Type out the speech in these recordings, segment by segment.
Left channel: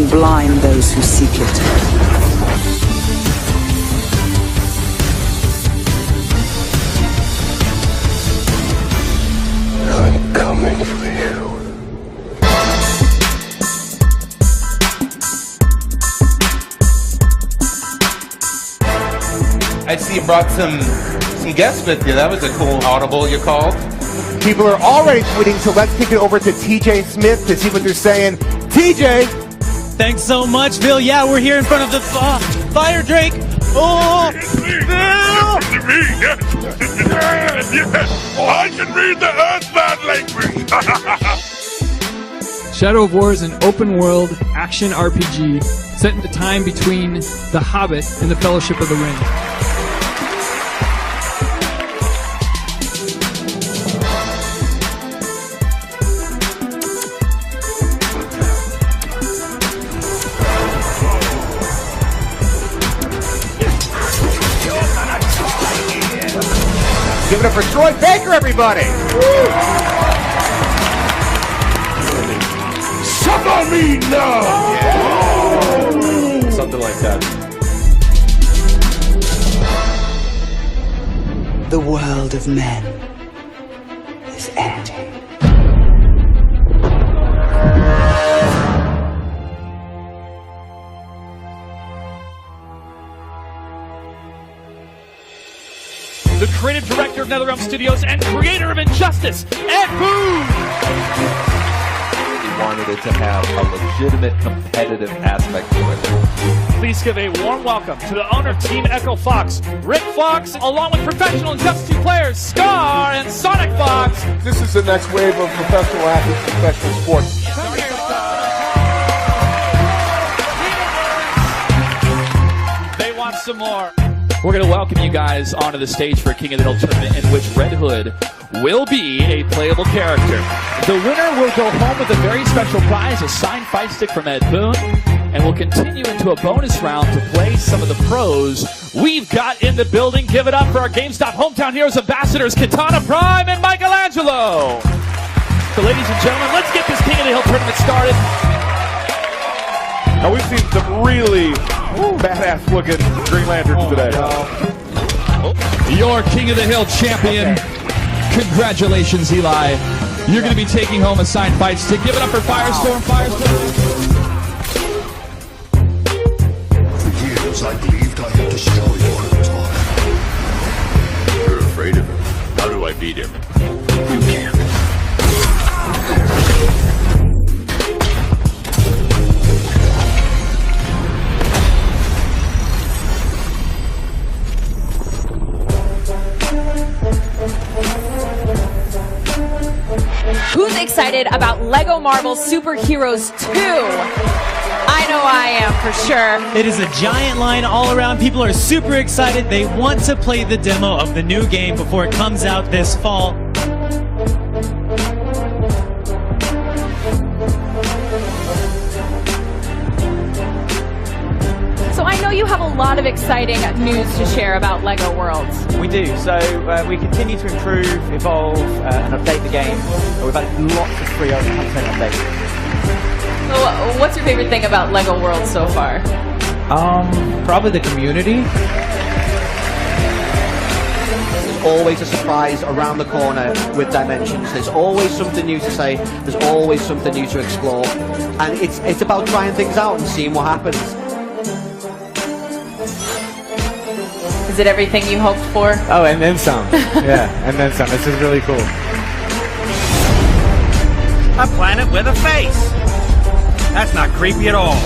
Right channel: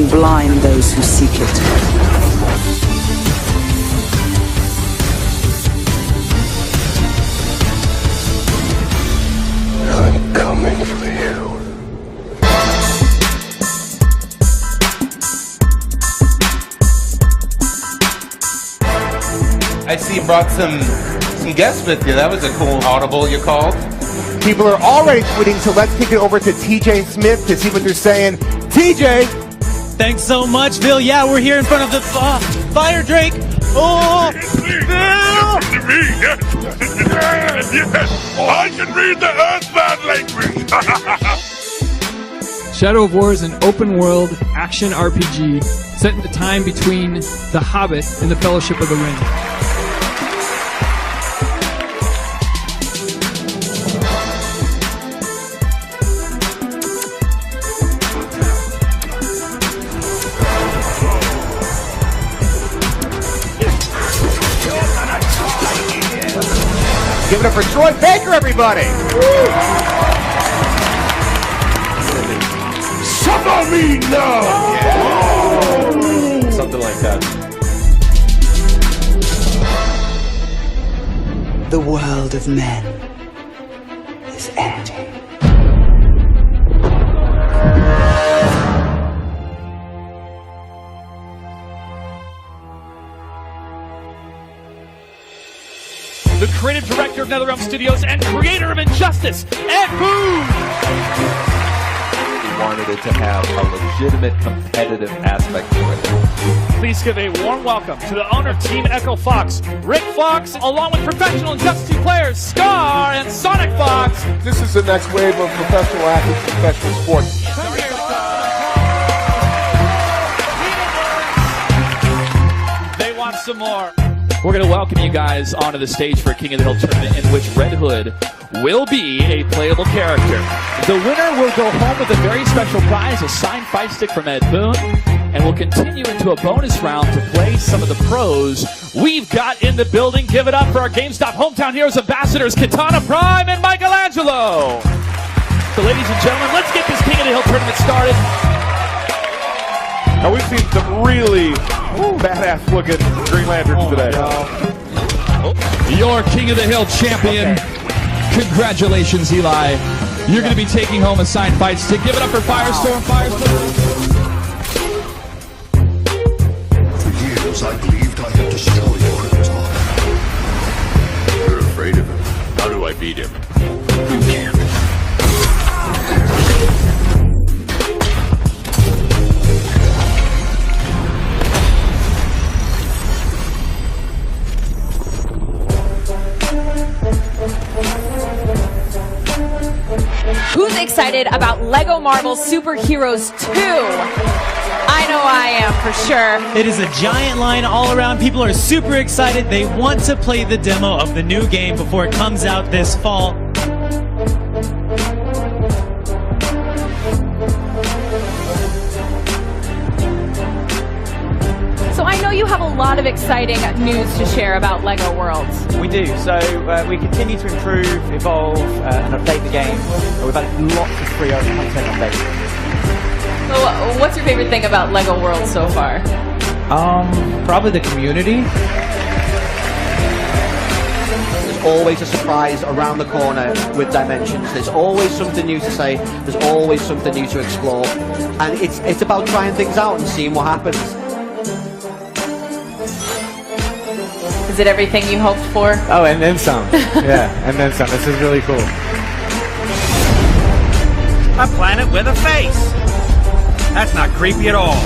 can blind those who seek it. I'm coming for you. I see you brought some guests with you. That was a cool audible you called. People are already tweeting, so let's kick it over to TJ Smith to see what they're saying. TJ! Thanks so much, Bill. Yeah, we're here in front of the Fire Drake. Oh, Bill! I can read the Earthbound language. Shadow of War is an open-world action RPG set in the time between The Hobbit and The Fellowship of the Ring. Give it up for Troy Baker, everybody! Suffer me now! Something like that. The world of men is ending. The creative director of NetherRealm Studios and creator of Injustice, Ed Boon! We wanted it to have a legitimate competitive aspect to it. Please give a warm welcome to the owner of Team Echo Fox, Rick Fox, along with professional Injustice 2 players, Scar and Sonic Fox. This is the next wave of professional athletes in professional sports. They want some more. We're going to welcome you guys onto the stage for a King of the Hill tournament in which Red Hood will be a playable character. The winner will go home with a very special prize, a signed fight stick from Ed Boon, and we'll continue into a bonus round to play some of the pros we've got in the building. Give it up for our GameStop Hometown Heroes ambassadors, Katana Prime and Michelangelo. So ladies and gentlemen, let's get this King of the Hill tournament started. Now we've seen some really badass looking Green Lanterns today. Your King of the Hill champion. Congratulations, Eli. You're going to be taking home a signed fight stick. Give it up for Firestorm. For years I believed I had destroyed Krypton. You're afraid of him. How do I beat him? You can't. Who's excited about Lego Marvel Superheroes 2? I know I am, for sure. It is a giant line all around. People are super excited. They want to play the demo of the new game before it comes out this fall. So I know you have a lot of exciting news to share about Lego Worlds. We do, so we continue to improve, evolve, and update the game. We've had lots of free content updates. So, what's your favorite thing about Lego Worlds so far? Probably the community. There's always a surprise around the corner with Dimensions. There's always something new to say. There's always something new to explore. And it's about trying things out and seeing what happens. Is it everything you hoped for? Oh, and then some. Yeah, and then some. This is really cool. A planet with a face. That's not creepy at all.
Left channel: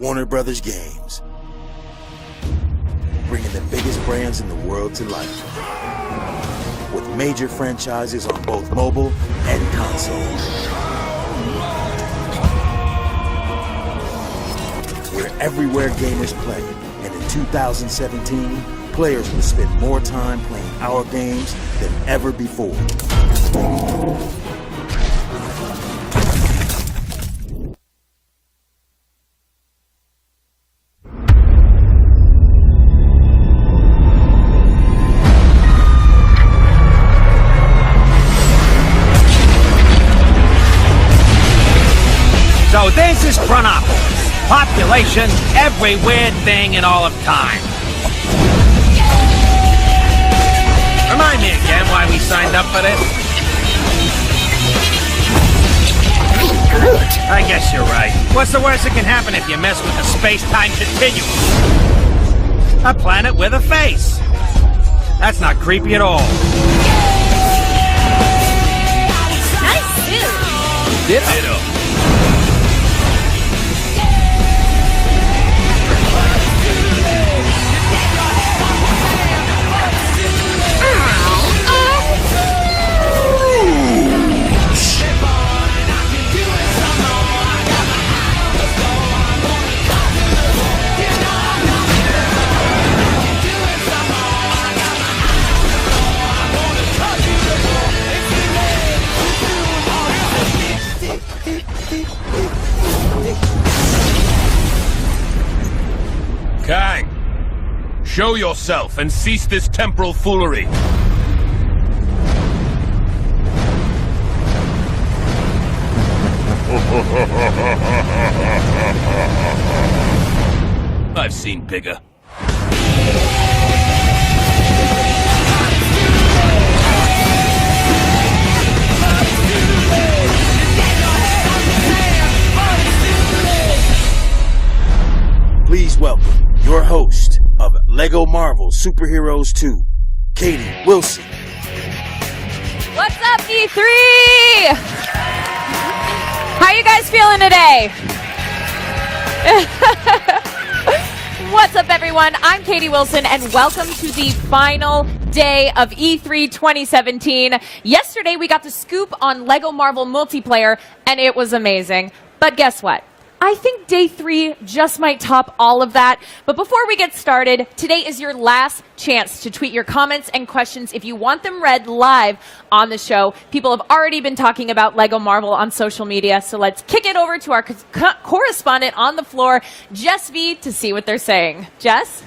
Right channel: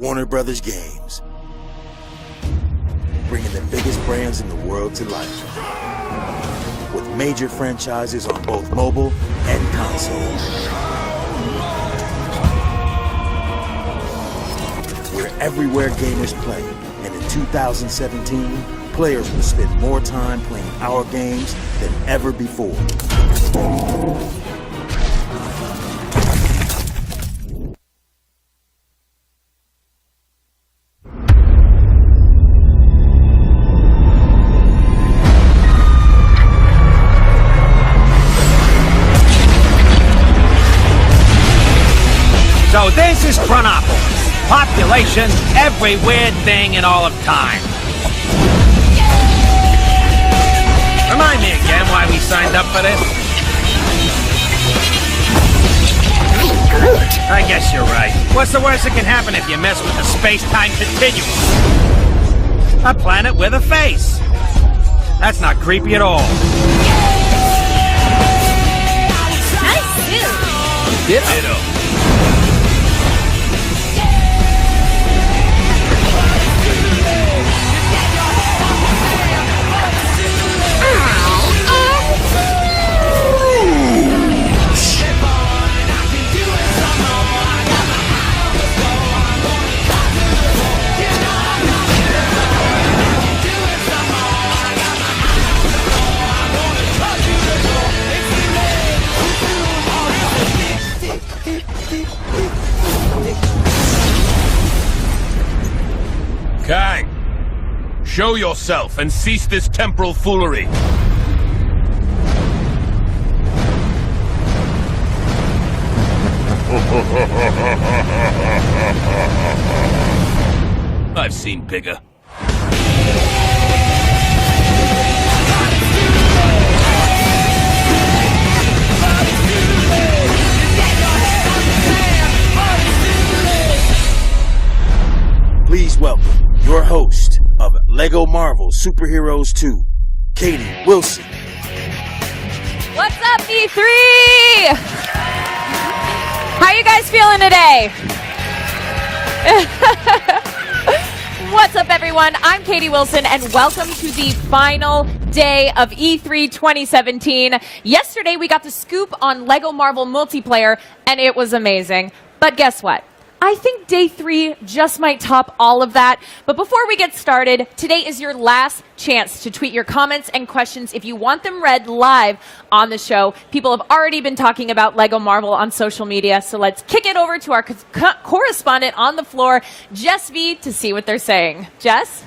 Warner Brothers Games. Bringing the biggest brands in the world to life. With major franchises on both mobile and console. We're everywhere gamers play, and in 2017, players will spend more time playing our games than ever before. So this is Chronopolis. Population, every weird thing in all of time. Remind me again why we signed up for this. I guess you're right. What's the worst that can happen if you mess with the space-time continuum? A planet with a face. That's not creepy at all. Nice suit. Ditto. Kang, show yourself and cease this temporal foolery. I've seen bigger. Please welcome your host of LEGO Marvel Superheroes 2, Katie Wilson. What's up, E3? How you guys feeling today? What's up, everyone? I'm Katie Wilson, and welcome to the final day of E3 2017. Yesterday, we got the scoop on LEGO Marvel multiplayer, and it was amazing. But guess what? I think day 3 just might top all of that. But before we get started, today is your last chance to tweet your comments and questions if you want them read live on the show. People have already been talking about LEGO Marvel on social media, so let's kick it over to our correspondent on the floor, Jess V, to see what they're saying. Jess?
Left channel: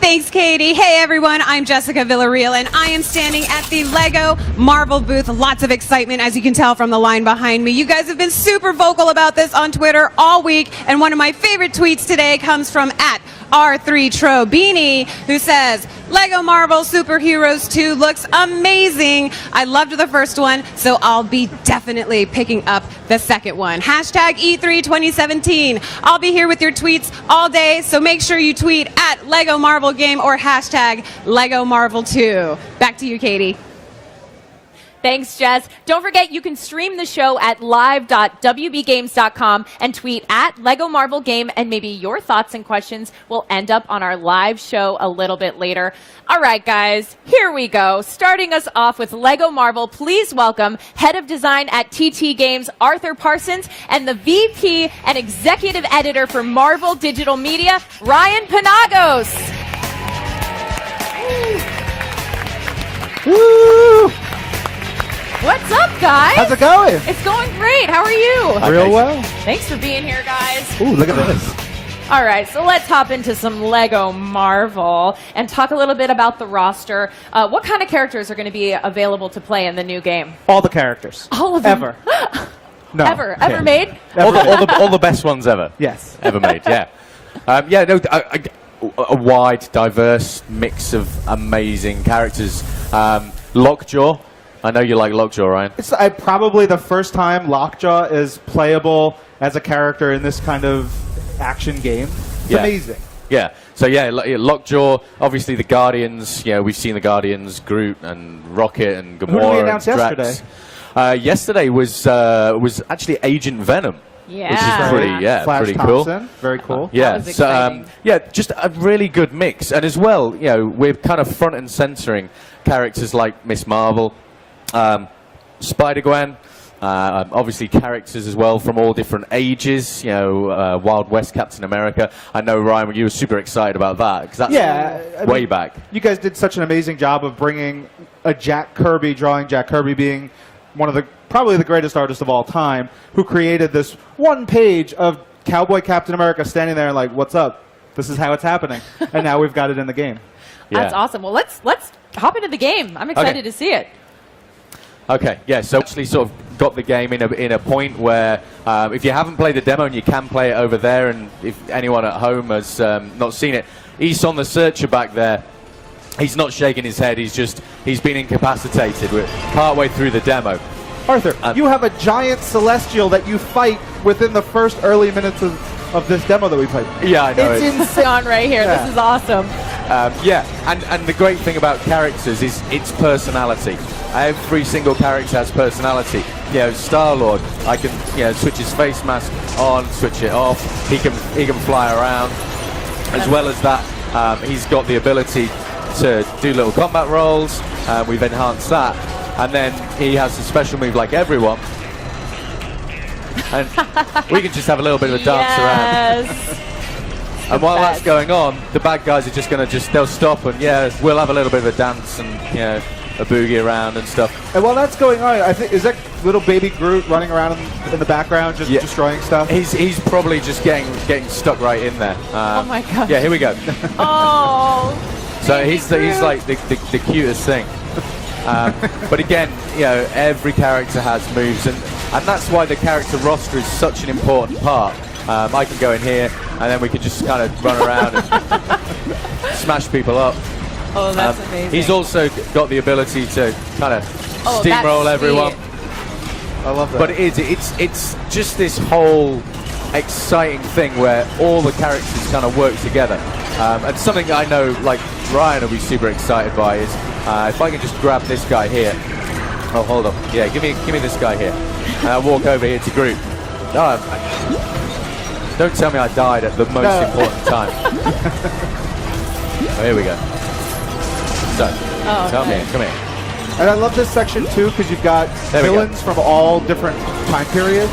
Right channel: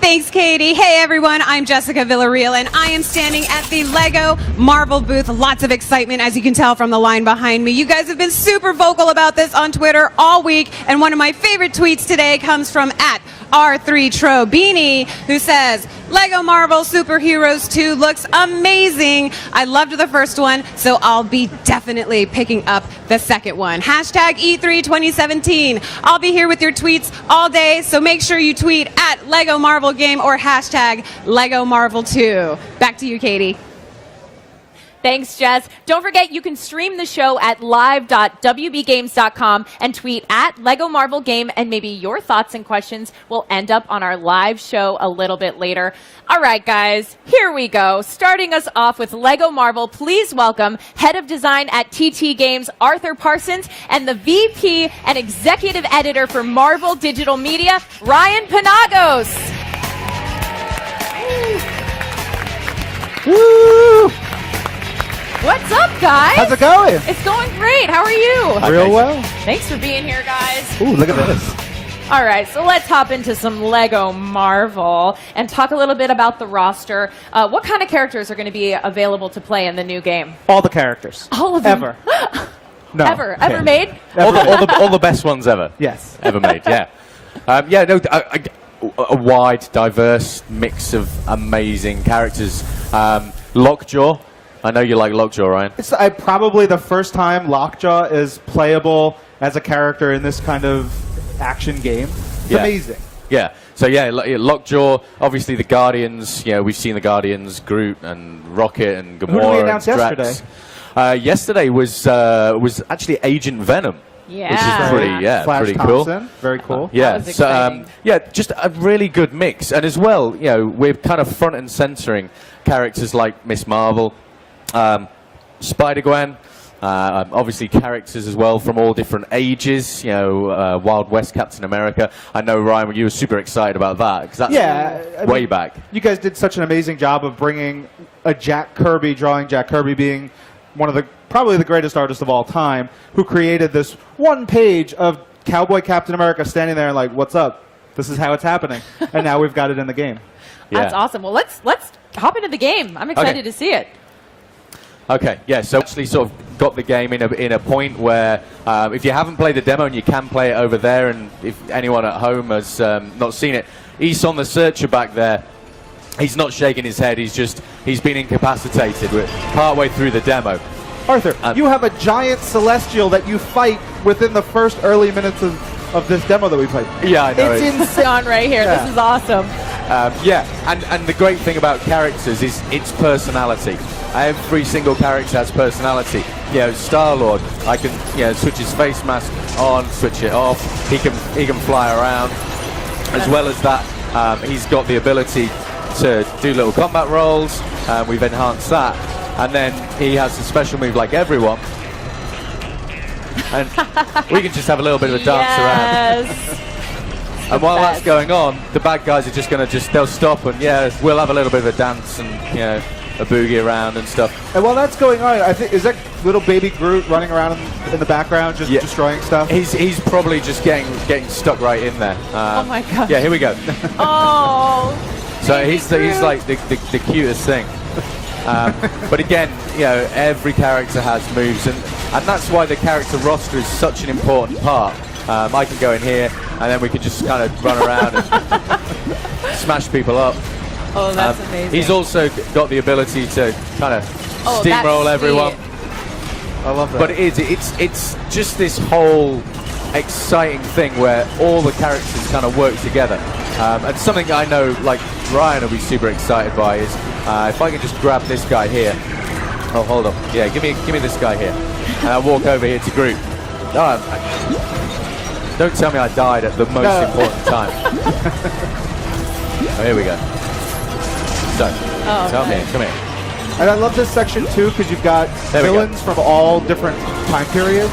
Thanks, Katie. Hey, everyone. I'm Jessica Villarreal, and I am standing at the LEGO Marvel booth. Lots of excitement, as you can tell from the line behind me. You guys have been super vocal about this on Twitter all week, and one of my favorite tweets today comes from @R3Trobini, who says, LEGO Marvel Superheroes 2 looks amazing. I loved the first one, so I'll be definitely picking up the second one. Hashtag E3 2017. I'll be here with your tweets all day, so make sure you tweet @LEGO Marvel Game or hashtag LEGO Marvel 2. Back to you, Katie. Thanks, Jess. Don't forget, you can stream the show at live.wbgames.com and tweet @LEGO Marvel Game, and maybe your thoughts and questions will end up on our live show a little bit later. All right, guys, here we go. Starting us off with LEGO Marvel, please welcome Head of Design at TT Games, Arthur Parsons, and the VP and Executive Editor for Marvel Digital Media, Ryan Panagos. Woo! What's up, guys? How's it going? It's going great. How are you? Real well. Thanks for being here, guys. Ooh, look at this. All right, so let's hop into some LEGO Marvel and talk a little bit about the roster. What kind of characters are going to be available to play in the new game? All the characters. All of them? Ever. No. Ever made? All the best ones ever. Yes. Ever made, yeah. A wide, diverse mix of amazing characters. Lockjaw. I know you like Lockjaw, Ryan. It's probably the first time Lockjaw is playable as a character in this kind of action game. It's amazing. Yeah. So yeah, Lockjaw. Obviously, the Guardians. You know, we've seen the Guardians, Groot and Rocket and Gamora. Who did we announce and Drax. yesterday? Yesterday was actually Agent Venom. Yeah. Which is Flash pretty Thompson. cool. Very cool. Yeah. So just a really good mix, and as well, you know, we're kind of front and centering characters like Miss Marvel, Spider-Gwen. Obviously characters as well from all different ages, you know, Wild West Captain America. I know, Ryan, you were super excited about that, because that's way back. You guys did such an amazing job of bringing a Jack Kirby, drawing Jack Kirby being one of the, probably the greatest artists of all time, who created this one page of Cowboy Captain America standing there and like, what's up? This is how it's happening. And now we've got it in the game. That's awesome. Well, let's hop into the game. I'm excited to see it. Okay, yeah, so actually sort of got the game in a point where if you haven't played the demo, and you can play it over there, and if anyone at home has not seen it, East on the Searcher back there, he's not shaking his head, he's been incapacitated. We're partway through the demo. Arthur, you have a giant celestial that you fight within the first early minutes of this demo that we played. Yeah, I know. It's insane on right here. Yeah. This is awesome. Yeah, and the great thing about characters is its personality. Every single character has personality. You know, Star-Lord, I can switch his face mask on, switch it off. He can fly around. As well as that, he's got the ability to do little combat rolls. We've enhanced that, and then he has a special move like everyone. And we can just have a little bit of a dance around. And while that's going on, the bad guys are just going to they'll stop and we'll have a little bit of a dance and a boogie around and stuff. And while that's going on, I think, is that little baby Groot running around in the background just destroying stuff? He's probably just getting stuck right in there. Oh my god. Yeah, here we go. Oh. So he's like the cutest thing. But again, every character has moves, and that's why the character roster is such an important part. I can go in here, and then we can just kind of run around and smash people up. Oh, that's amazing. He's also got the ability to kind of steamroll everyone. I love that. But it's just this whole exciting thing where all the characters kind of work together. And something I know, like Ryan will be super excited by is if I can just grab this guy here. Oh, hold on. Yeah, give me this guy here. And I'll walk over here to Groot. Don't tell me I died at the most important time. Oh, here we go. So, come here. And I love this section too because you've got villains from all different time periods.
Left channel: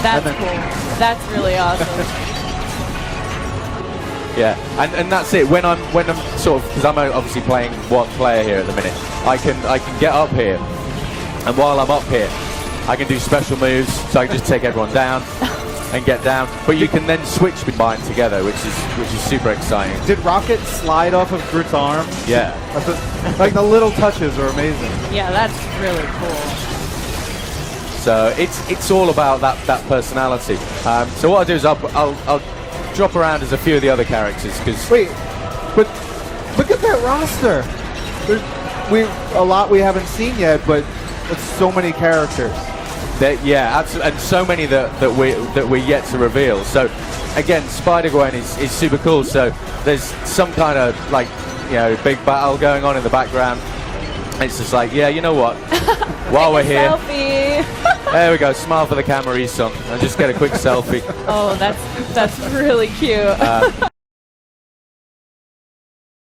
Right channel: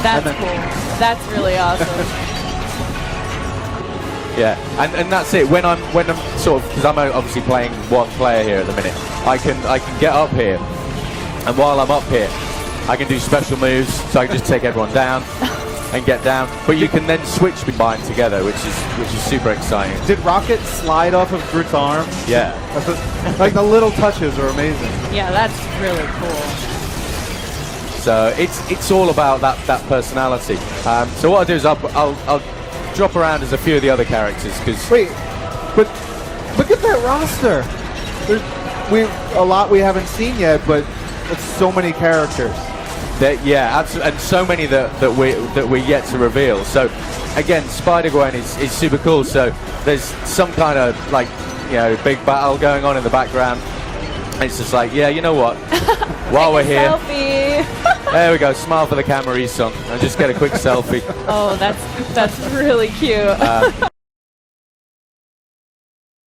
That's cool. That's really awesome. Yeah, and that's it. When I'm sort of, because I'm obviously playing one player here at the minute, I can get up here, and while I'm up here, I can do special moves. So I can just take everyone down and get down. But you can then switch combine together, which is super exciting. Did Rocket slide off of Groot's arm? Yeah. Like the little touches are amazing. Yeah, that's really cool. So it's all about that personality. So what I'll do is I'll drop around as a few of the other characters because but look at that roster. There's a lot we haven't seen yet, but it's so many characters. Yeah, absolutely, and so many that we're yet to reveal. So again, Spider-Gwen is super cool. So there's some kind of big battle going on in the background. It's just like, you know what? While we're here, there we go. Smile for the camera, Esong, and just get a quick selfie. Oh, that's really cute.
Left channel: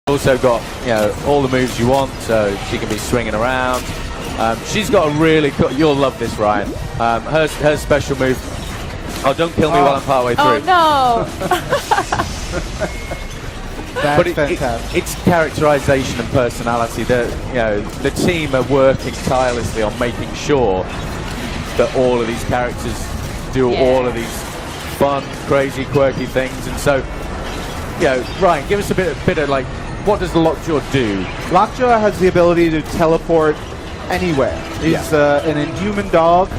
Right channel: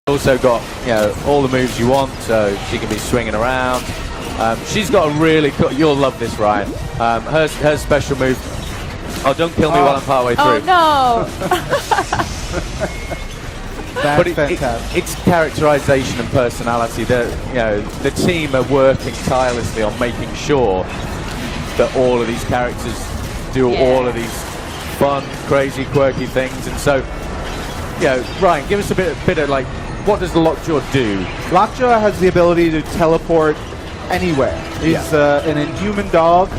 Also got all the moves you want, so she can be swinging around. She's got a really cool. You'll love this, Ryan. Her special move. Oh, don't kill me while I'm partway through. Oh no! But it's characterization and personality. The team are working tirelessly on making sure that all of these characters do all of these fun, crazy, quirky things. And so, Ryan, give us a bit of what does Lockjaw do? Lockjaw has the ability to teleport anywhere. He's an inhuman dog.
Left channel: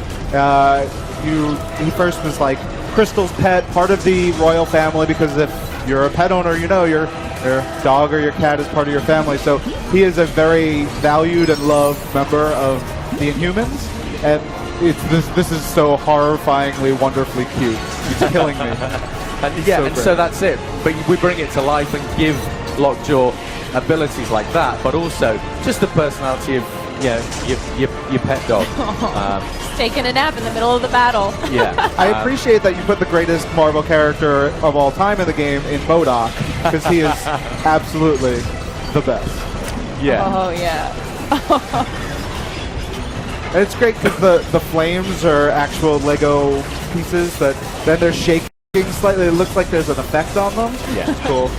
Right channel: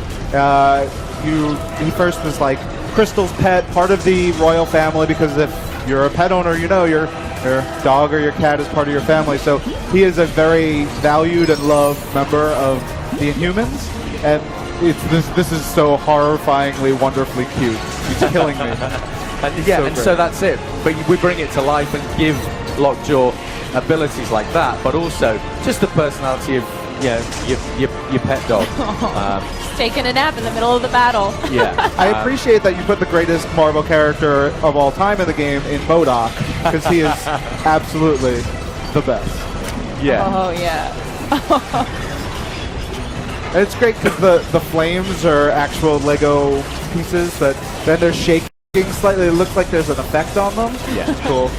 He first was like Crystal's pet, part of the royal family, because if you're a pet owner, your dog or your cat is part of your family. So he is a very valued and loved member of the Inhumans, and this is so horrifyingly, wonderfully cute. It's killing me. So that's it. But we bring it to life and give Lockjaw abilities like that, but also just the personality of your pet dog. Taking a nap in the middle of the battle. Yeah. I appreciate that you put the greatest Marvel character of all time in the game in MODOK, because he is absolutely the best. Yeah. Oh, yeah. And it's great because the flames are actual Lego pieces that then they're shaking slightly. It looks like there's an effect on them. Yeah. Cool.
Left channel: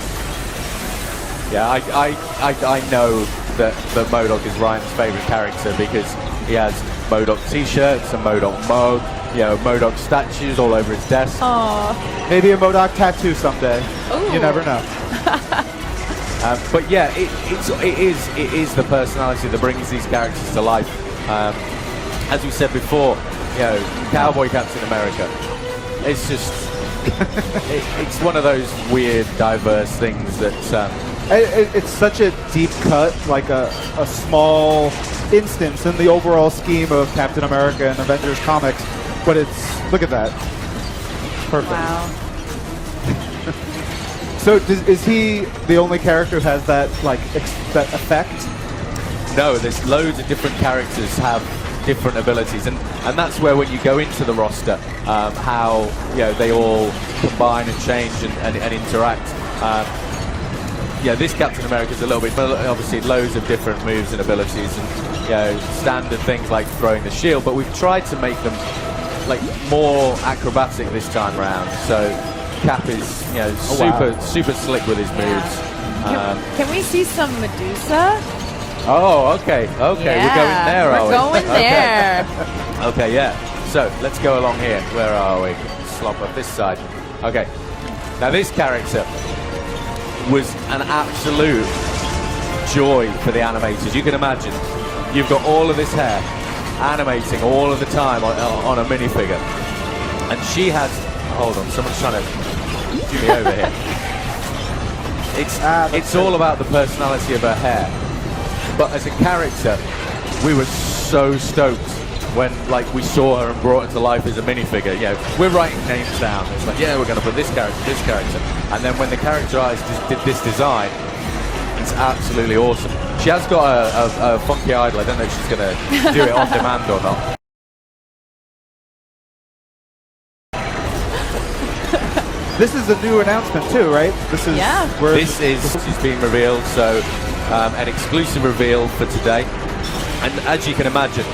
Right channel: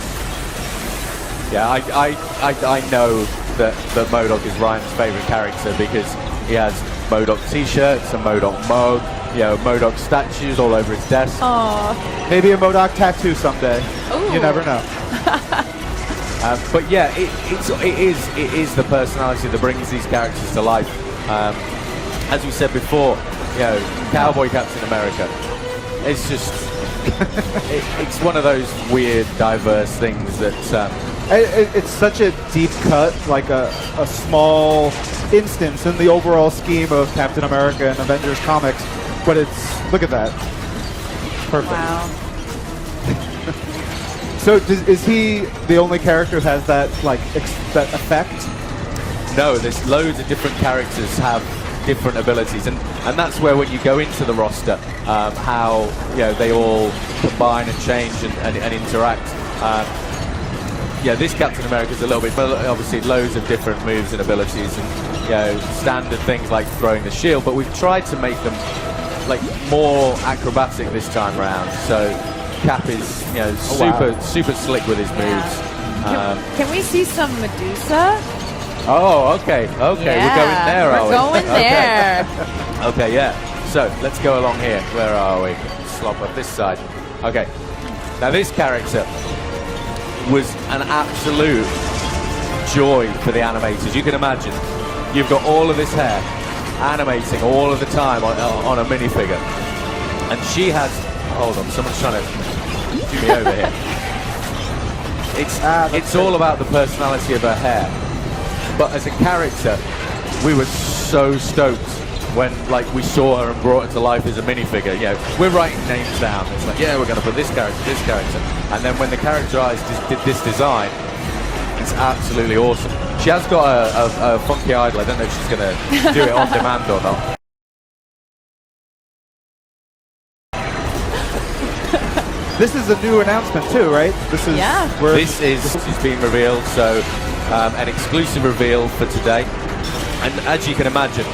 Yeah, I know that MODOK is Ryan's favorite character because he has MODOK t-shirts and MODOK mug, MODOK statues all over his desk. Aww. Maybe a MODOK tattoo someday. Ooh. You never know. But yeah, it is the personality that brings these characters to life. as we said before, you know, Cowboy Captain America. It's just, it's one of those weird, diverse things that. It's such a deep cut, like a small instance in the overall scheme of Captain America and Avengers comics. But it's, look at that. Perfect. Wow. So is he the only character who has that, like, that effect? No, there's loads of different characters have different abilities, and that's where when you go into the roster, how, you know, they all combine and change and interact. You know, this Captain America's a little bit, but obviously loads of different moves and abilities, and, you know, standard things like throwing the shield, but we've tried to make them like more acrobatic this time round. So Cap is, you know, super slick with his moves. Can we see some Medusa? Oh, okay, Yeah, we're going there, are we? We're going there. Okay, yeah. So let's go along here. Where are we? Slop up this side. Okay. Now this character was an absolute joy for the animators. You can imagine, you've got all of this hair animating all of the time on a minifigure, and she has. Hold on, someone's trying to do me over here. It's all about the personality of her hair. But as a character, we were so stoked when, like, we saw her and brought her to life as a minifigure. You know, we're writing names down. It's like, yeah, we're going to put this character, and then when the character did this design, it's absolutely awesome. She has got a funky idol. I don't know if she's going to do it on demand or not. This is a new announcement too, right? This is being revealed, so an exclusive reveal for today. And as you can imagine,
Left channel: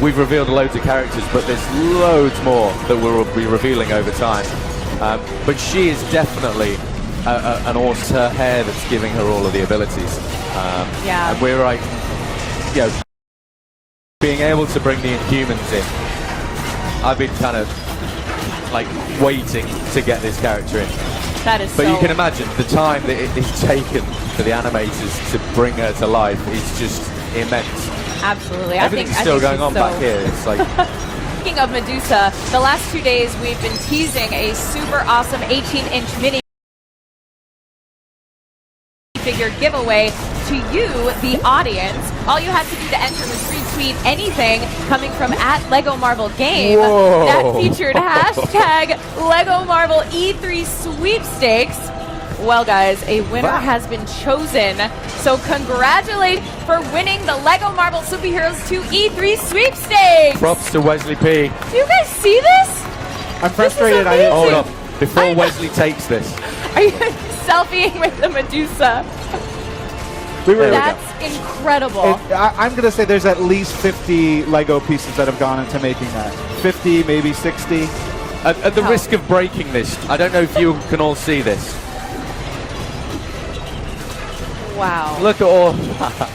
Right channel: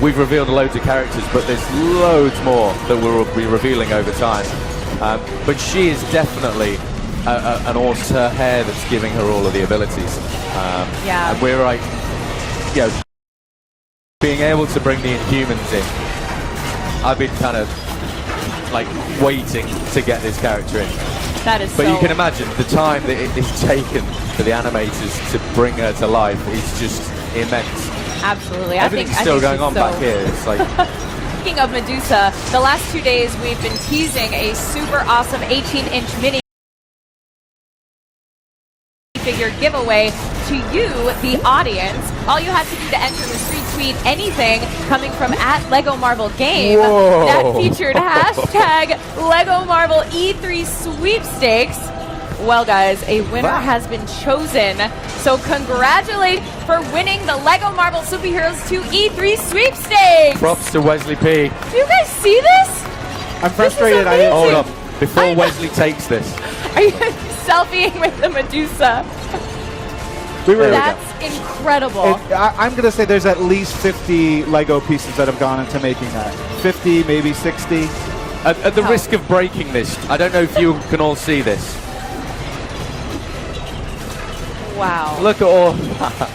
we've revealed loads of characters, but there's loads more that we'll be revealing over time. But she is definitely an awesome, her hair that's giving her all of the abilities. And we're like, you know, being able to bring the Inhumans in. I've been kind of like waiting to get this character in. That is But you can imagine the time that it is taken for the animators to bring her to life is just immense. Absolutely. Everything's still going on back here. It's like. Speaking of Medusa, the last 2 days we've been teasing a super awesome 18-inch mini figure giveaway to you, the audience. All you have to do to enter was retweet anything coming from @LegoMarvelGame that featured hashtag Lego Marvel E3 sweepstakes. Well, guys, a winner has been chosen. So congratulate for winning the Lego Marvel Superheroes 2 E3 sweepstakes. Props to Wesley P. Do you guys see this? I'm frustrated. I didn't hold up before Wesley takes this. Are you selfieing with the Medusa? That's incredible. I'm going to say there's at least 50 Lego pieces that have gone into making that. 50, maybe 60. At the risk of breaking this, I don't know if you can all see this. Wow. Look at all that.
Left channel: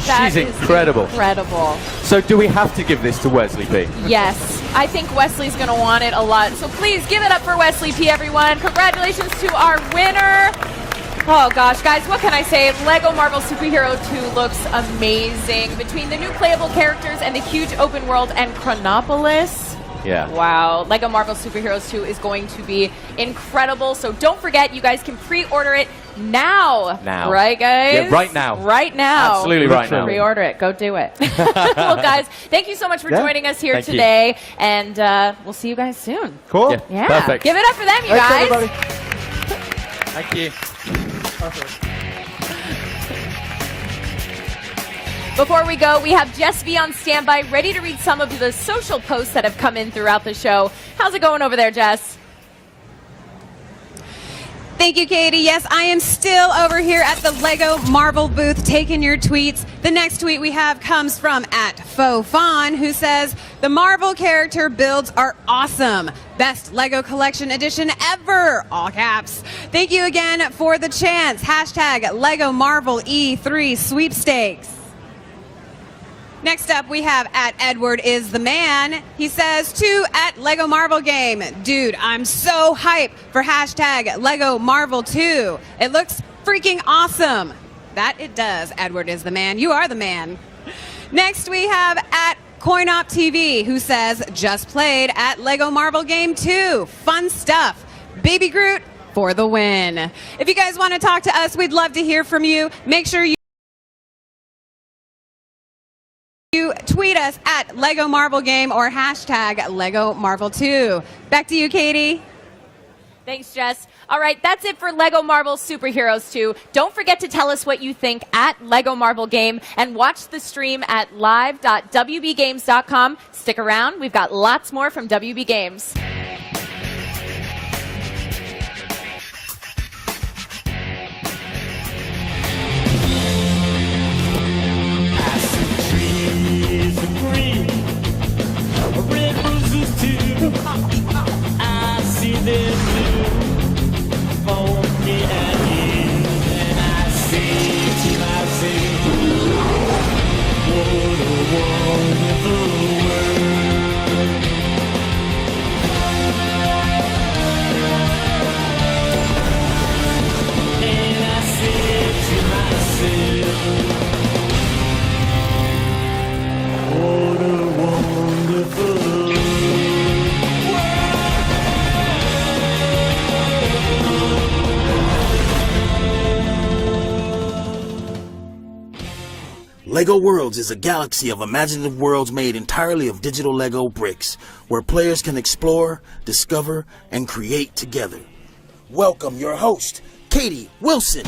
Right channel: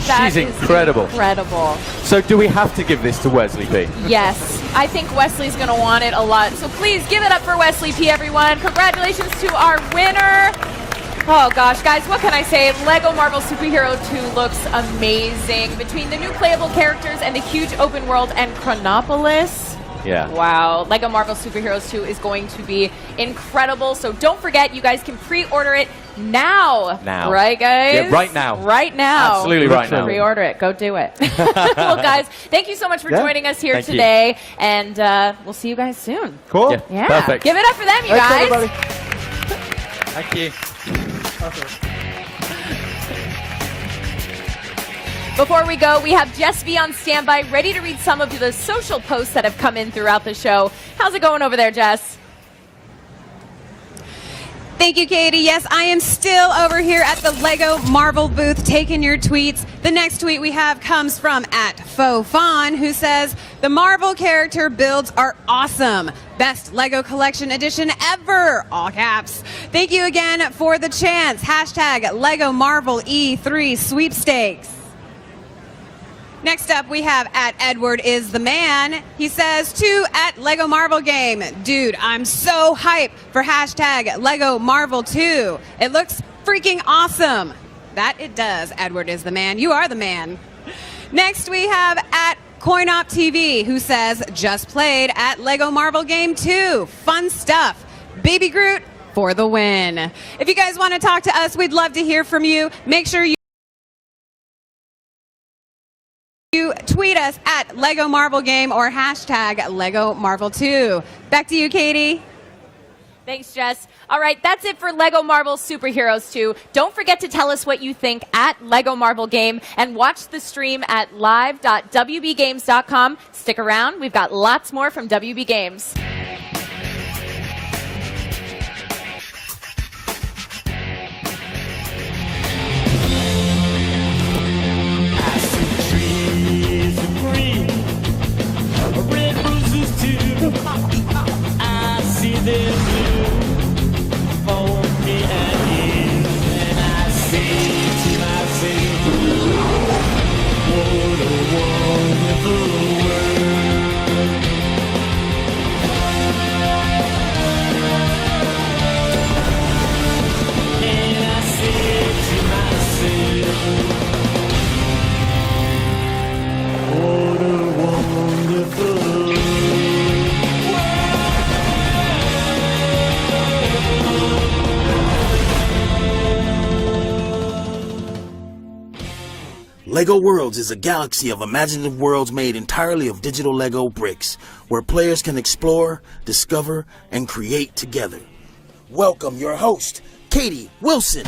She's incredible. Incredible. So do we have to give this to Wesley P? Yes. I think Wesley's going to want it a lot. So please give it up for Wesley P, everyone. Congratulations to our winner. Oh gosh, guys, what can I say? Lego Marvel Superhero 2 looks amazing. Between the new playable characters and the huge open world and Chronopolis. Yeah. Wow. Lego Marvel Superheroes 2 is going to be incredible. So don't forget, you guys can pre-order it now. Now. Right, guys? Yeah, right now. Right now. Absolutely right now. Pre-order it. Go do it. Well, guys, thank you so much for joining us here Thank you. today. And we'll see you guys soon. Cool. Yeah. Perfect. Give it up for them, you guys. Everybody. Thank you. Before we go, we have Jess V on standby, ready to read some of the social posts that have come in throughout the show. How's it going over there, Jess? Thank you, Katie. Yes, I am still over here at the Lego Marvel booth taking your tweets. The next tweet we have comes from @FauxFawn, who says, the Marvel character builds are awesome. Best Lego collection edition ever. All caps. Thank you again for the chance. Hashtag Lego Marvel E3 sweepstakes. Next up, we have @EdwardIsTheMan. He says, to @Lego Marvel Game. Dude, I'm so hyped for hashtag Lego Marvel 2. It looks freaking awesome. That it does, Edward is the man. You are the man. Next, we have CoinOp TV, who says, just played at Lego Marvel Game 2. Fun stuff. Baby Groot for the win. If you guys want to talk to us, we'd love to hear from you. Make sure you tweet us at Lego Marvel Game or hashtag Lego Marvel 2. Back to you, Katie. Thanks, Jess. All right, that's it for LEGO Marvel Superheroes 2. Don't forget to tell us what you think at LEGO Marvel Game and watch the stream at live.wbgames.com. Stick around. We've got lots more from WB Games. LEGO Worlds is a galaxy of imaginative worlds made entirely of digital LEGO bricks, where players can explore, discover, and create together. Welcome your host, Katie Wilson.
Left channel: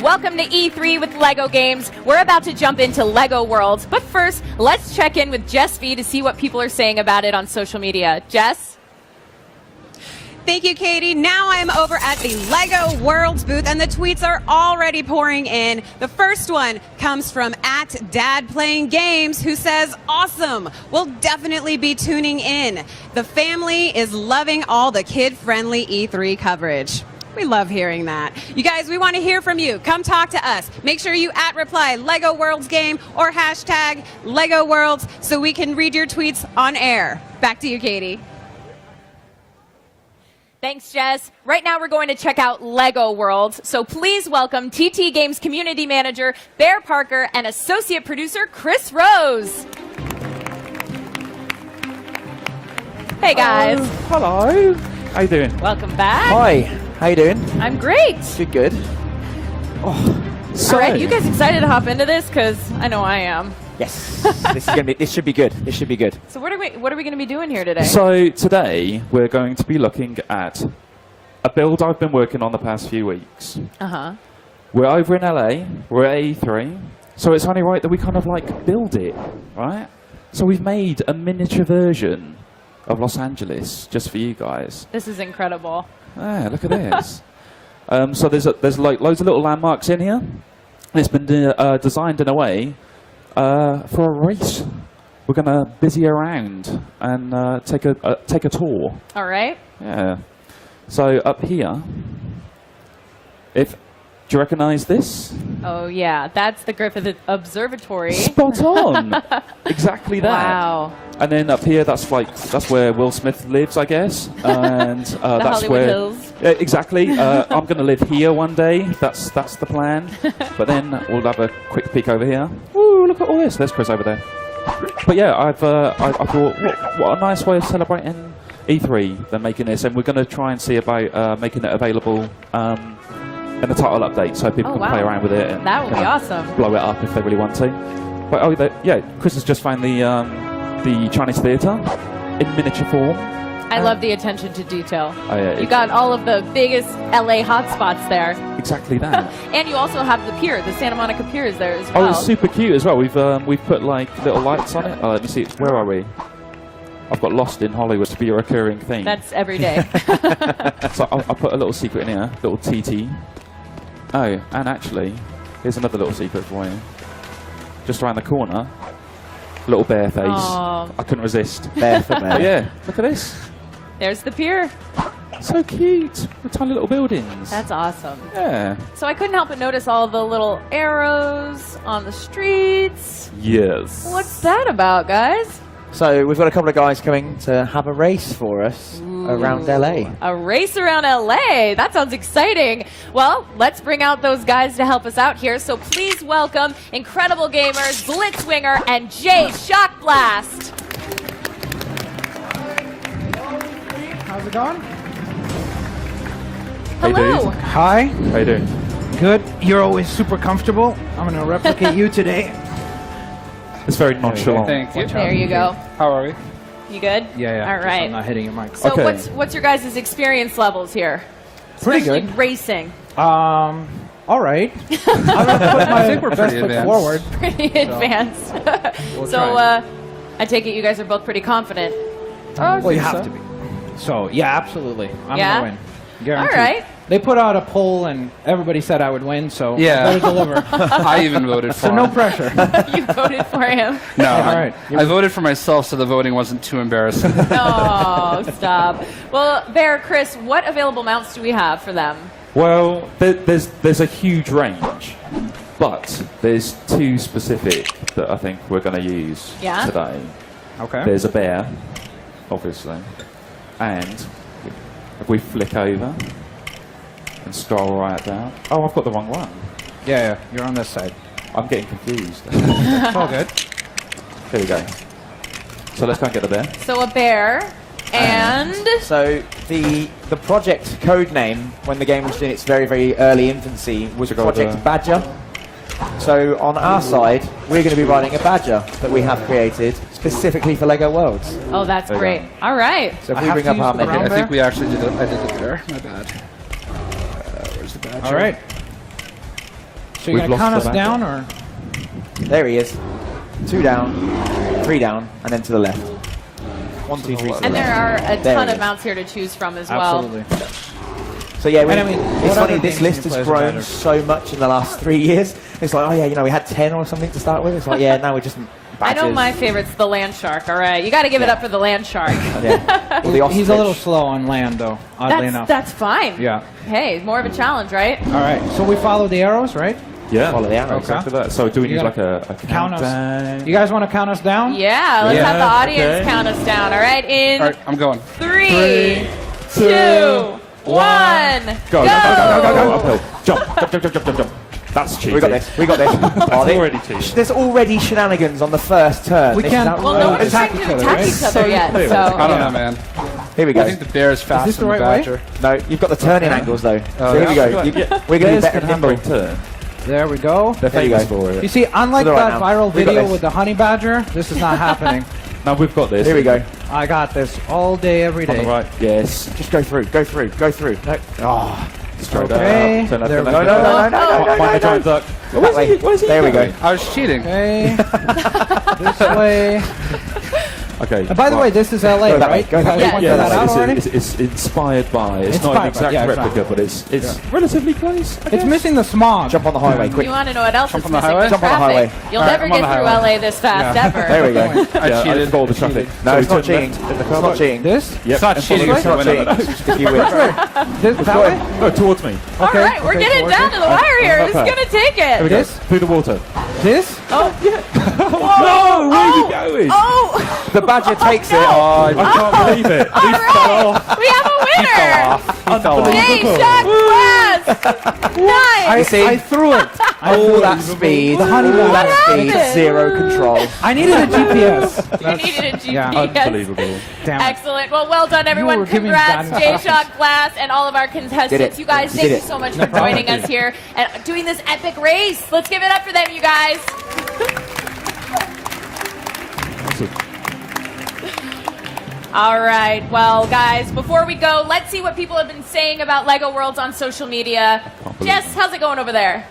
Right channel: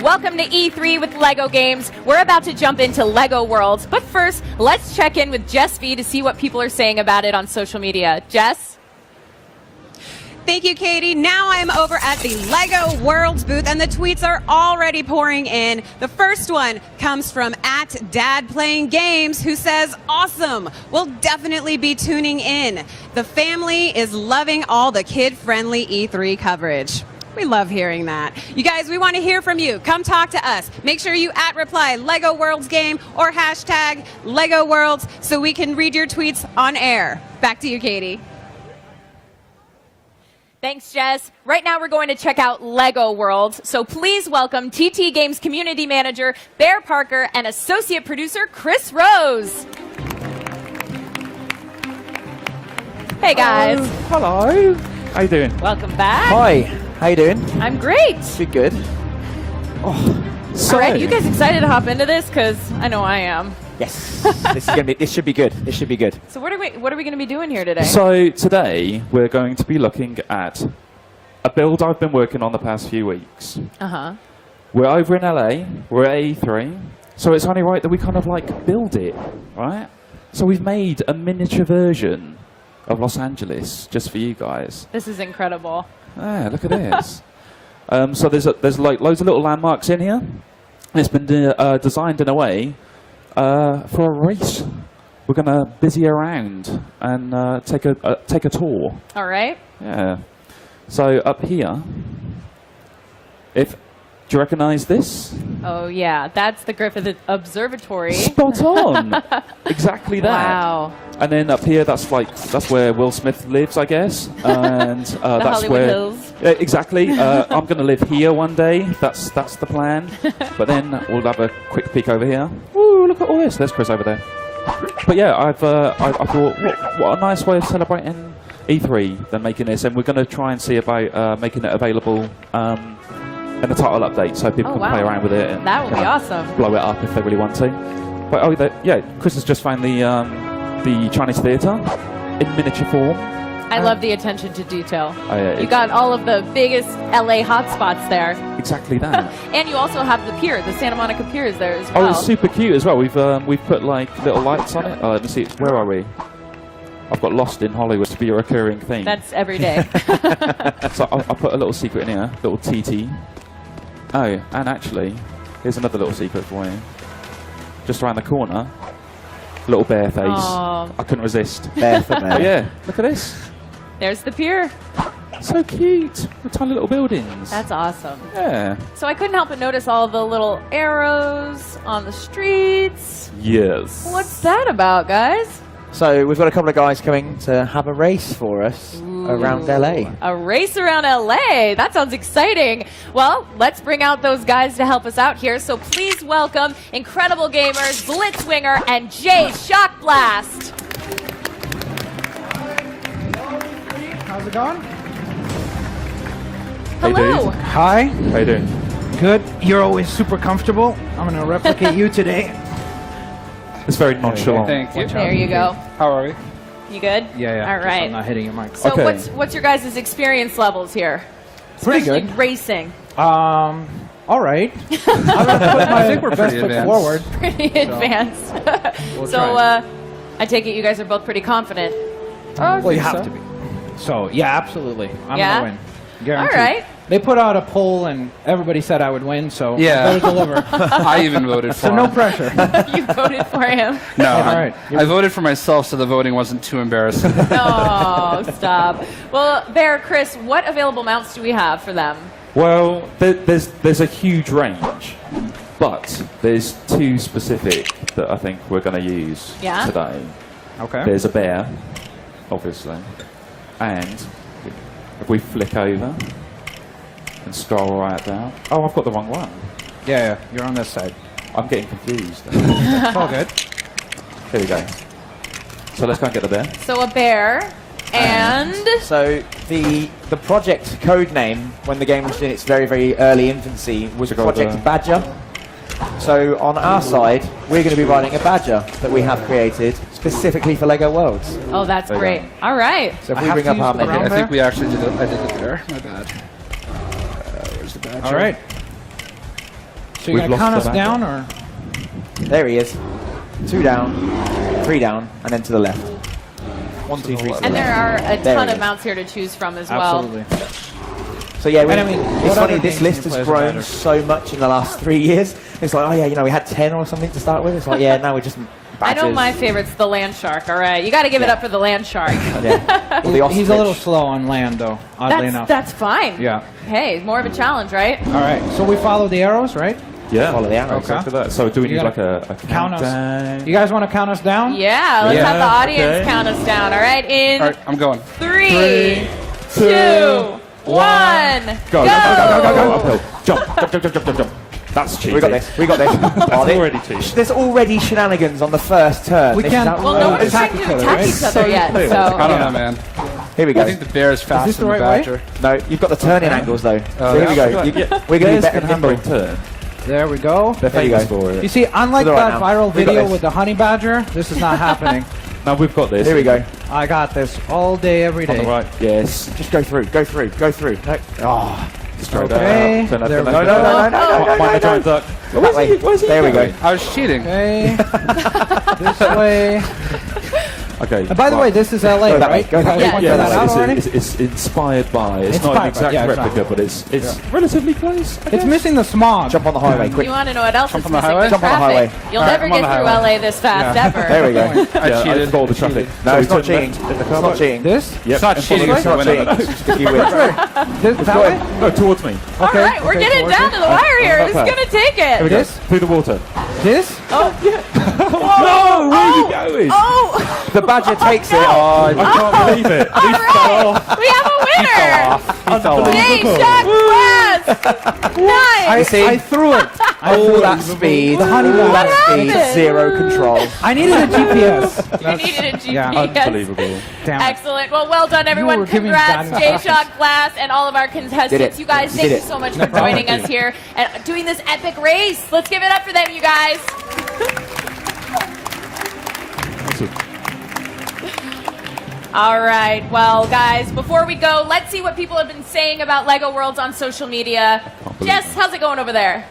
Welcome to E3 with LEGO Games. We're about to jump into LEGO Worlds, but first, let's check in with Jess V to see what people are saying about it on social media. Jess? Thank you, Katie. Now I'm over at the LEGO Worlds booth, and the tweets are already pouring in. The first one comes from @DadPlayingGames, who says, awesome. We'll definitely be tuning in. The family is loving all the kid-friendly E3 coverage. We love hearing that. You guys, we want to hear from you. Come talk to us. Make sure you @reply LEGO Worlds Game or hashtag LEGO Worlds so we can read your tweets on air. Back to you, Katie. Thanks, Jess. Right now we're going to check out LEGO Worlds. So please welcome TT Games Community Manager Bear Parker and Associate Producer Chris Rose. Hey, guys. Hello. How you doing? Welcome back. Hi. How you doing? I'm great. Good, good. Oh, so... All right, you guys excited to hop into this? Because I know I am. Yes. This should be good. This should be good. So what are we going to be doing here today? So today we're going to be looking at a build I've been working on the past few weeks. Uh-huh. We're over in LA. We're at E3. So it's only right that we kind of like build it, right? So we've made a miniature version of Los Angeles just for you guys. This is incredible. Ah, look at this. So there's like loads of little landmarks in here. It's been designed in a way for a race. We're gonna busy around and take a tour. All right. Yeah. So up here, do you recognise this? Oh yeah, that's the Griffith Observatory. Spot on. Exactly that. Wow. And then up here, that's where Will Smith lives, I guess. And the that's Hollywood where. Hills. Yeah, exactly. I'm going to live here one day. That's the plan. But then we'll have a quick peek over here. Ooh, look at all this. There's Chris over there. But yeah, I thought, what a nice way of celebrating E3 than making this, and we're going to try and see about making it available in the title update, so people can play around with it. And that would be awesome. Blow it up if they really want to. But yeah, Chris has just found the Chinese Theatre in miniature form. I love the attention to detail. Oh, yeah, you got all of the biggest LA hotspots there. Exactly that. And you also have the pier, the Santa Monica Pier is there as well. Oh, it's super cute as well. We've put like little lights on it. Let me see. Where are we? I've got lost in Hollywood to be a recurring theme. That's every day. So I'll put a little secret in here, little TT. Oh, and actually, here's another little secret for you. Just around the corner, little bear face. Aww. I couldn't resist. Bear for me. Yeah, look at this. There's the pier. So cute. With tiny little buildings. That's awesome. Yeah. So I couldn't help but notice all the little arrows on the streets. Yes. What's that about, guys? So we've got a couple of guys coming to have a race for us around LA. A race around LA. That sounds exciting. Well, let's bring out those guys to help us out here. So please welcome incredible gamers, Blitzwinger and Jay Shock Blast. How's it going? Hello. Hi. How you doing? Good. You're always super comfortable. I'm going to replicate you today. It's very nonchalant. Thank you. There you go. How are you? You good? Yeah. All Just right. I'm not hitting your mic. So what's your guys' experience levels here? Pretty Especially good. Racing. All right. I think we're best foot forward. Pretty advanced. So I take it you guys are both pretty confident. Well, you have to be. So, yeah, absolutely. I'm Yeah? going to win. Guaranteed. All right. They put out a poll and everybody said I would win, so Yeah. I'm going to deliver. I even voted for So him. no pressure. You voted for him. No, All right. I voted for myself, so the voting wasn't too embarrassing. Oh, stop. Well, Bear, Chris, what available mounts do we have for them? Well, there's a huge range, but there's two specific that I think we're going to use Yeah? today. Okay. There's a bear, obviously, and if we flick over and scroll right down. Oh, I've got the wrong one. Yeah, you're on this side. I'm getting confused. It's all good. Here we go. So let's go and get the bear. So a bear and... So the project code name when the game was in its very, very early infancy was Project Badger. So on our side, we're going to be riding a Badger that we have created specifically for LEGO Worlds. Oh, that's great. All right. So if we bring up our menu, I think we actually did it. I did it there. My bad. Where's the badge? All right. So you're going to count us down, or? There he is. 2 down, 3 down, and then to the left. 1, 2, 3 to the left. And there are a There ton he of is. mounts here to choose from as well. Absolutely. So yeah, And I mean, it's what funny, other this games list do you has play as a grown Badger? so much in the last 3 years. It's like, oh yeah, you know, we had 10 or something to start with. It's like, yeah, now we're just I know badgers. my favorite's the land shark. All right, you got to give it up for the land shark. Yeah. The He's a little ostrich. slow on land, though, oddly enough. That's fine. Yeah. Hey, more of a challenge, right? All right. So we follow the arrows, right? Yeah, Follow the arrows. exactly that. So do we You need gotta like a count us. countdown? You guys want to count us down? Yeah, let's have the audience count us down. All right, in All right, I'm going. 3, 2, 1, Go, go! go. Jump. That's cheating. We got this. We got this. That's already cheating. There's already shenanigans on the first turn. We This can't- is Well, no one's Attack trying each to other, attack right? each other yet, I so... don't know, man. Here we go. I think the bear is faster this the than the right way? badger. No, you've got the turning angles though. So here we go. We're going to be Bears better can handle handling. turn. There we go. They're There you famous go. for You it. see, unlike To the right that now. viral We got video this. with the honey badger, this is not happening. No, we've got this. Here we go. I got this all day, every On the day. right. Yes. Just go through. Go through. Go through. No. Oh. Straight Okay. out. Turn left, There turn we left. go. No. Find the giant duck. That way. There we go. I was cheating. Okay. This way. Okay. And by the way, this is LA, Go that way, right? go that way. You pointed that out already? It's inspired by. It's not an Inspired by, exact yeah, replica, but it's relatively close. I It's guess. missing the smog. Jump on the highway, quick. You want to know what else Jump is on the missing? highway? The Jump on the traffic. highway. You'll All right, never I'm on get the through highway. LA this fast, ever. There we go. I Yeah, cheated. I've called the traffic. No, So it's we not turn cheating. left in the It's car not park. cheating. This? Yep. It's not and cheating. follow It's not the cheating. traffic. Just if you win. This that way? No, towards me. All Okay, right, we're okay, getting towards down it. to the wire here. Who's Okay. going to take it? This? Through the water. This? Oh, yeah. No, where are you going? Oh, The badger takes it. I can't believe it. all right. We have a winner. Yay, shot glass. Nice. See? I threw it. All that speed. The honey All badger. that speed. happened? Zero control. I needed a GPS. You needed a GPS. Yeah, Unbelievable. Damn it. Excellent. Well, well done, everyone. were giving Congrats, bad Jay instructions. Shock Glass, and all of our Did contestants. it. You guys, You thank did you it. so much for joining us here and doing this epic race. Let's give it up for them, you guys. All right. Well, guys, before we go, let's see what people have been saying about LEGO Worlds on social media. Jess, how's it going over there?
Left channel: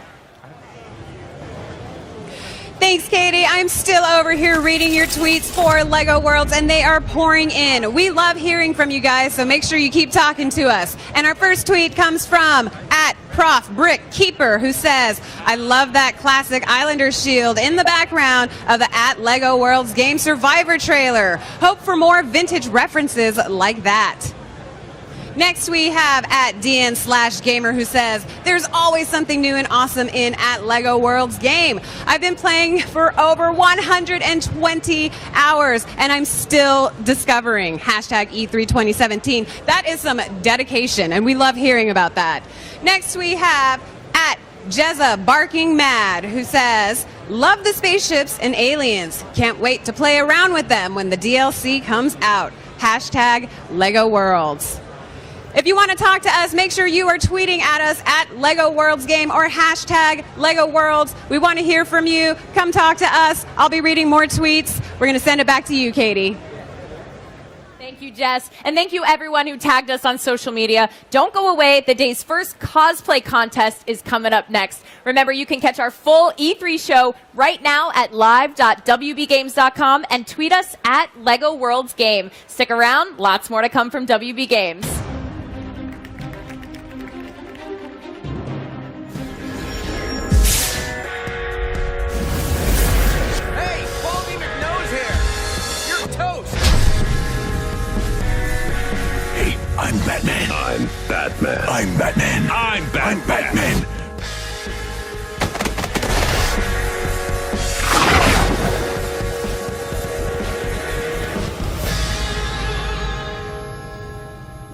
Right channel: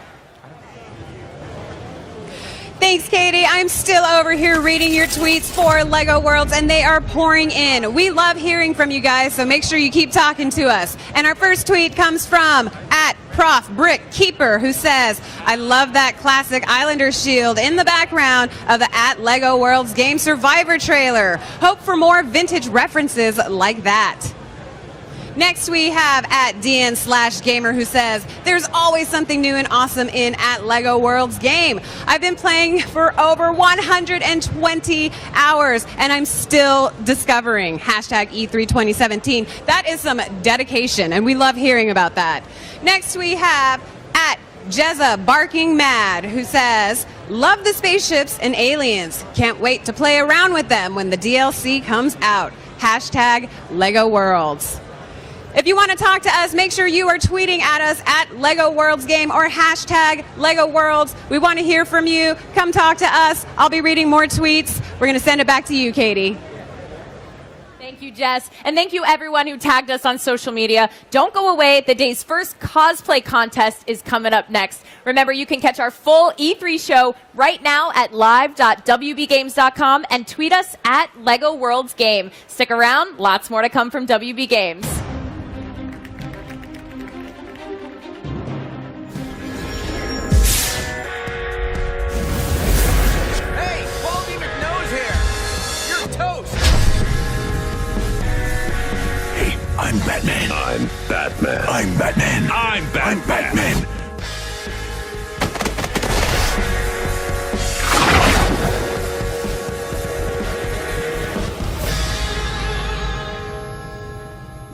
Thanks, Katie. I'm still over here reading your tweets for LEGO Worlds, and they are pouring in. We love hearing from you guys, so make sure you keep talking to us. And our first tweet comes from @ProfBrickKeeper, who says, I love that classic Islander shield in the background of the @LEGO Worlds Game Survivor trailer. Hope for more vintage references like that. Next, we have @DN/Gamer, who says, there's always always something new and awesome in at LEGO Worlds game. I've been playing for over 120 hours, and I'm still discovering. Hashtag E3 2017. That is some dedication, and we love hearing about that. Next we have at Jezza Barking Mad, who says, love the spaceships and aliens. Can't wait to play around with them when the DLC comes out. Hashtag LEGO Worlds. If you want to talk to us, make sure you are tweeting at us at LEGO Worlds Game or hashtag LEGO Worlds. We want to hear from you. Come talk to us. I'll be reading more tweets. We're going to send it back to you, Katie. Thank you, Jess. And thank you, everyone who tagged us on social media. Don't go away. The day's first cosplay contest is coming up next. Remember, you can catch our full E3 show right now at live.wbgames.com and tweet us at LEGO Worlds Game. Stick around. Lots more to come from WB Games. I'm Batman. I'm Batman. I'm Batman. I'm Batman. I'm Batman.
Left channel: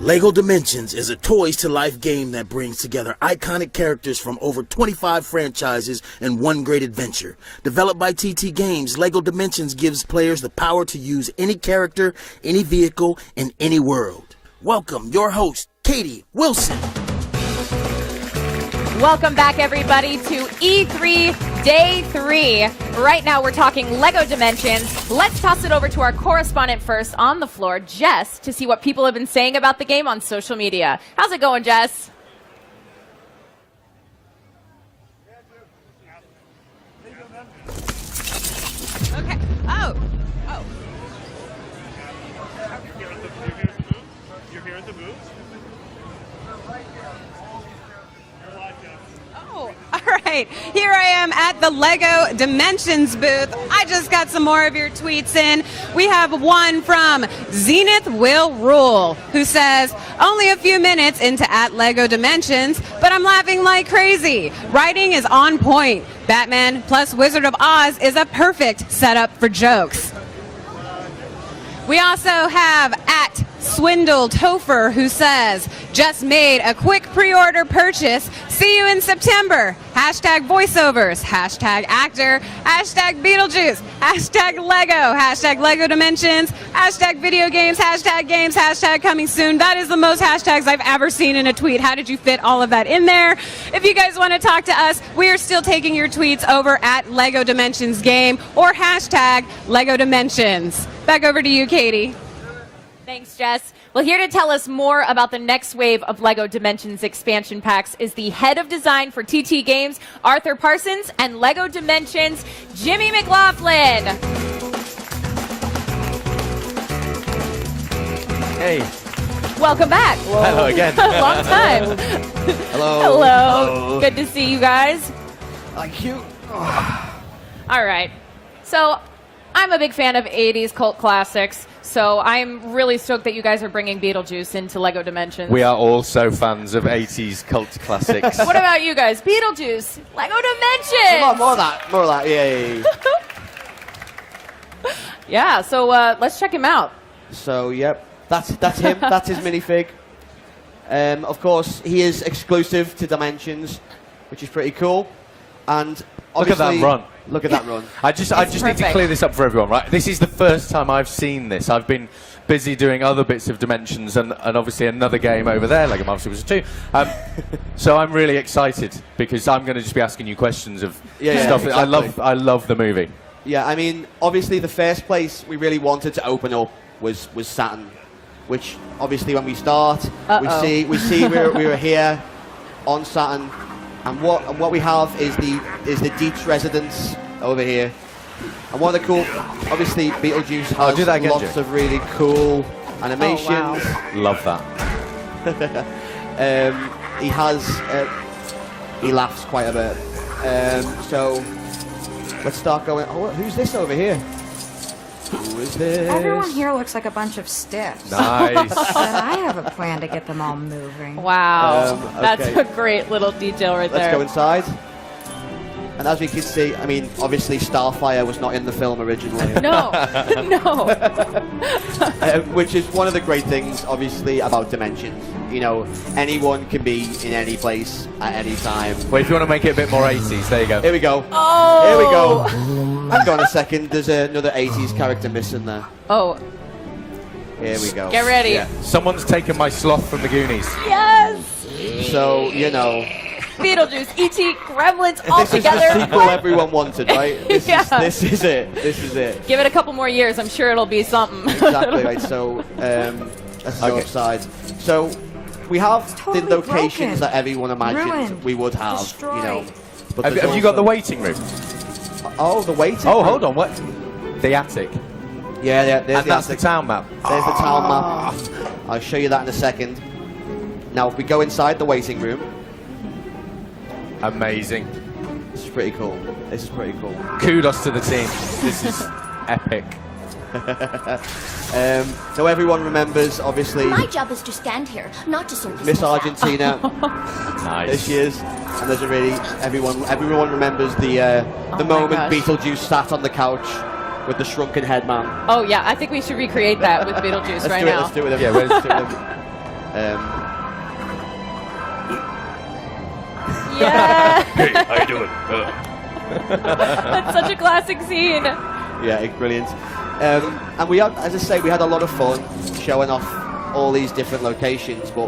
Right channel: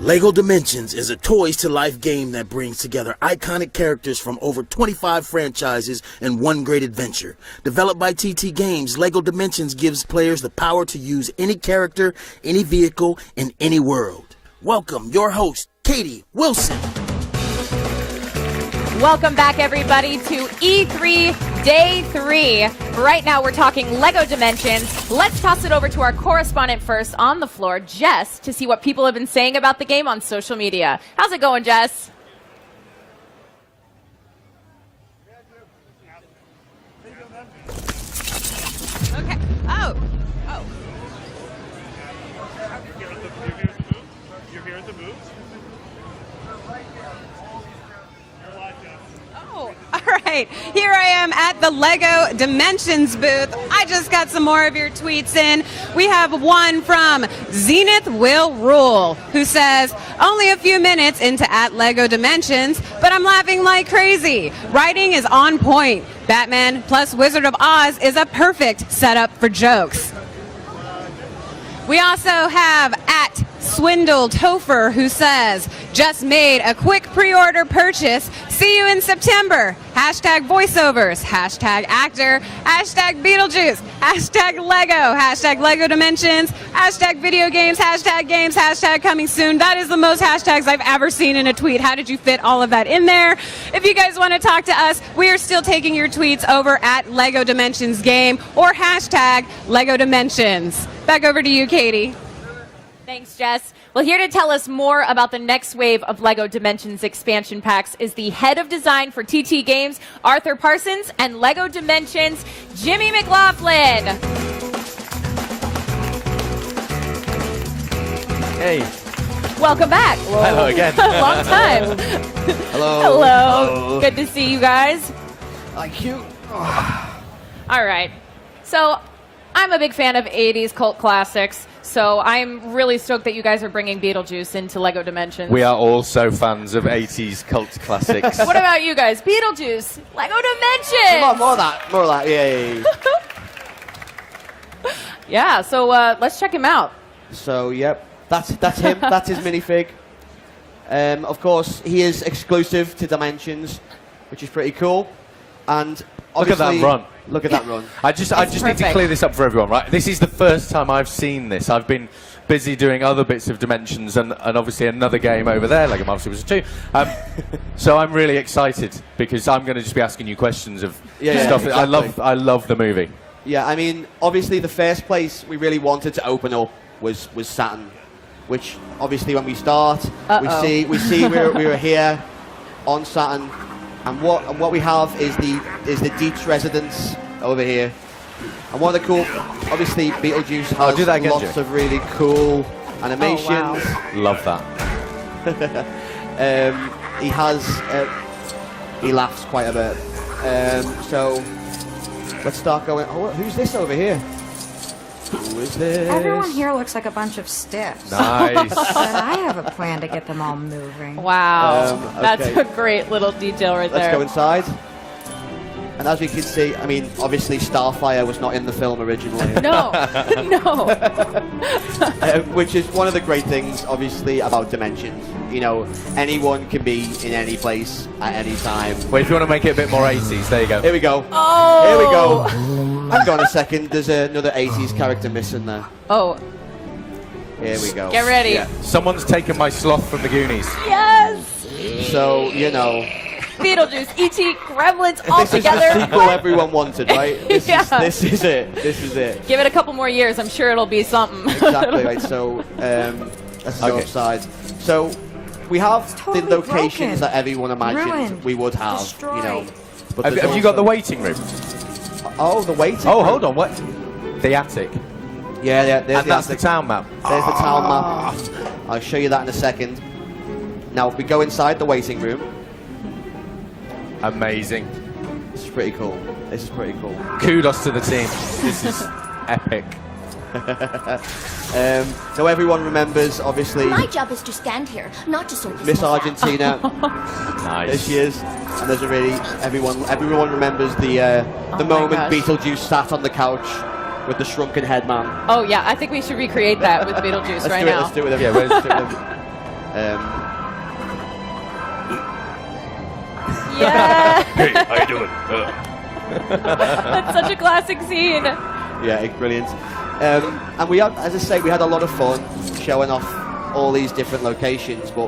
LEGO Dimensions is a toys-to-life game that brings together iconic characters from over 25 franchises in one great adventure. Developed by TT Games, LEGO Dimensions gives players the power to use any character, any vehicle, in any world. Welcome, your host, Katie Wilson. Welcome back, everybody, to E3 Day 3. Right now, we're talking LEGO Dimensions. Let's toss it over to our correspondent first on the floor, Jess, to see what people have been saying about the game on social media. How's it going, Jess? Okay. Oh. All right, here I am at the LEGO Dimensions booth. I just got some more of your tweets in. We have one from Zenith Will Rule, who says, only a few minutes into at LEGO Dimensions, but I'm laughing like crazy. Writing is on point. Batman plus Wizard of Oz is a perfect setup for jokes. We also have at Swindle Topher, who says, just made a quick pre-order purchase. See you in September. Hashtag voiceovers, hashtag actor, hashtag Beetlejuice, hashtag Lego, hashtag LEGO Dimensions, hashtag video games, hashtag coming soon. That is the most hashtags I've ever seen in a tweet. How did you fit all of that in there? If you guys want to talk to us, we are still taking your tweets over at LEGO Dimensions Game or hashtag LEGO Dimensions. Back over to you, Katie. Thanks, Jess. Well, here to tell us more about the next wave of LEGO Dimensions expansion packs is the head of design for TT Games, Arthur Parsons, and LEGO Dimensions, Jimmy McLaughlin. Hey. Welcome back. Hello again. Long time. Hello. Hello. Good to see you guys. Thank you. All right. So, I'm a big fan of 80s cult classics, so I'm really stoked that you guys are bringing Beetlejuice into LEGO Dimensions. We are also fans of 80s cult classics. What about you guys? Beetlejuice, LEGO Dimensions! Come on, more of that, yeah. Yeah, so let's check him out. So, yep, that's him, that's his minifig. Of course, he is exclusive to Dimensions, which is pretty cool. And look at that run. Look at that run. I just need to clear this up for everyone, right? This is the first time I've seen this. I've been busy doing other bits of Dimensions and obviously another game over there, LEGO Marvel Super 2. So I'm really excited because I'm going to just be asking you questions of stuff. Exactly. I love the movie. Yeah, I mean, obviously the first place we really wanted to open up was Saturn, which obviously when we start, we see we're here on Saturn. And what we have is the Dietz residence over here. And one of the cool, obviously Beetlejuice has lots of really cool animations. Oh, wow. Love that. He laughs quite a bit. So let's start going. Oh, who's this over here? Who is this? Everyone here looks like a bunch of stiffs. Nice. But I have a plan to get them all moving. Wow. Okay. That's a great little detail right Let's there. go inside. And as we can see, I mean, obviously Starfire was not in the film originally. No, no. Which is one of the great things, obviously, about Dimensions. You know, anyone can be in any place at any time. Well, if you want to make it a bit more 80s, there you go. Here we go. Oh! Here we go. Hang on a second, there's another 80s character missing there. Oh, Here we go. get ready. Yeah. Someone's taken my sloth from the Goonies. Yes! So, you know, Beetlejuice, E.T., Gremlins all this is together. the sequel everyone wanted, right? This, Yeah. this is it. This is it. Give it a couple more years. I'm sure it'll be something. Exactly right. So, let's go upside. So, we have totally the locations broken. that everyone imagined Ruined. we would have. Destroyed. You know. But Have there's you got also- the waiting room? Oh, the waiting. Oh, room. hold on. What? The attic. Yeah. There's And the that's attic. the town map. There's the town map. I'll show you that in a second. Now, if we go inside the waiting room, Amazing. this is pretty cool. This is pretty cool. Kudos to the team. This is epic. So everyone remembers, obviously, My job is to stand here, not to serve this Miss mishap. Argentina. Nice. This year's, and there's a really everyone remembers the my moment gosh. Beetlejuice sat on the couch with the shrunken head man. Oh, yeah. I think we should recreate that with Beetlejuice right now. Let's do it with him. Yeah, where's- Let's do it with him. Yeah. Hey, how you doing? That's such a classic scene. Yeah, it's brilliant. And we had, as I say, we had a lot of fun showing off all these different locations. But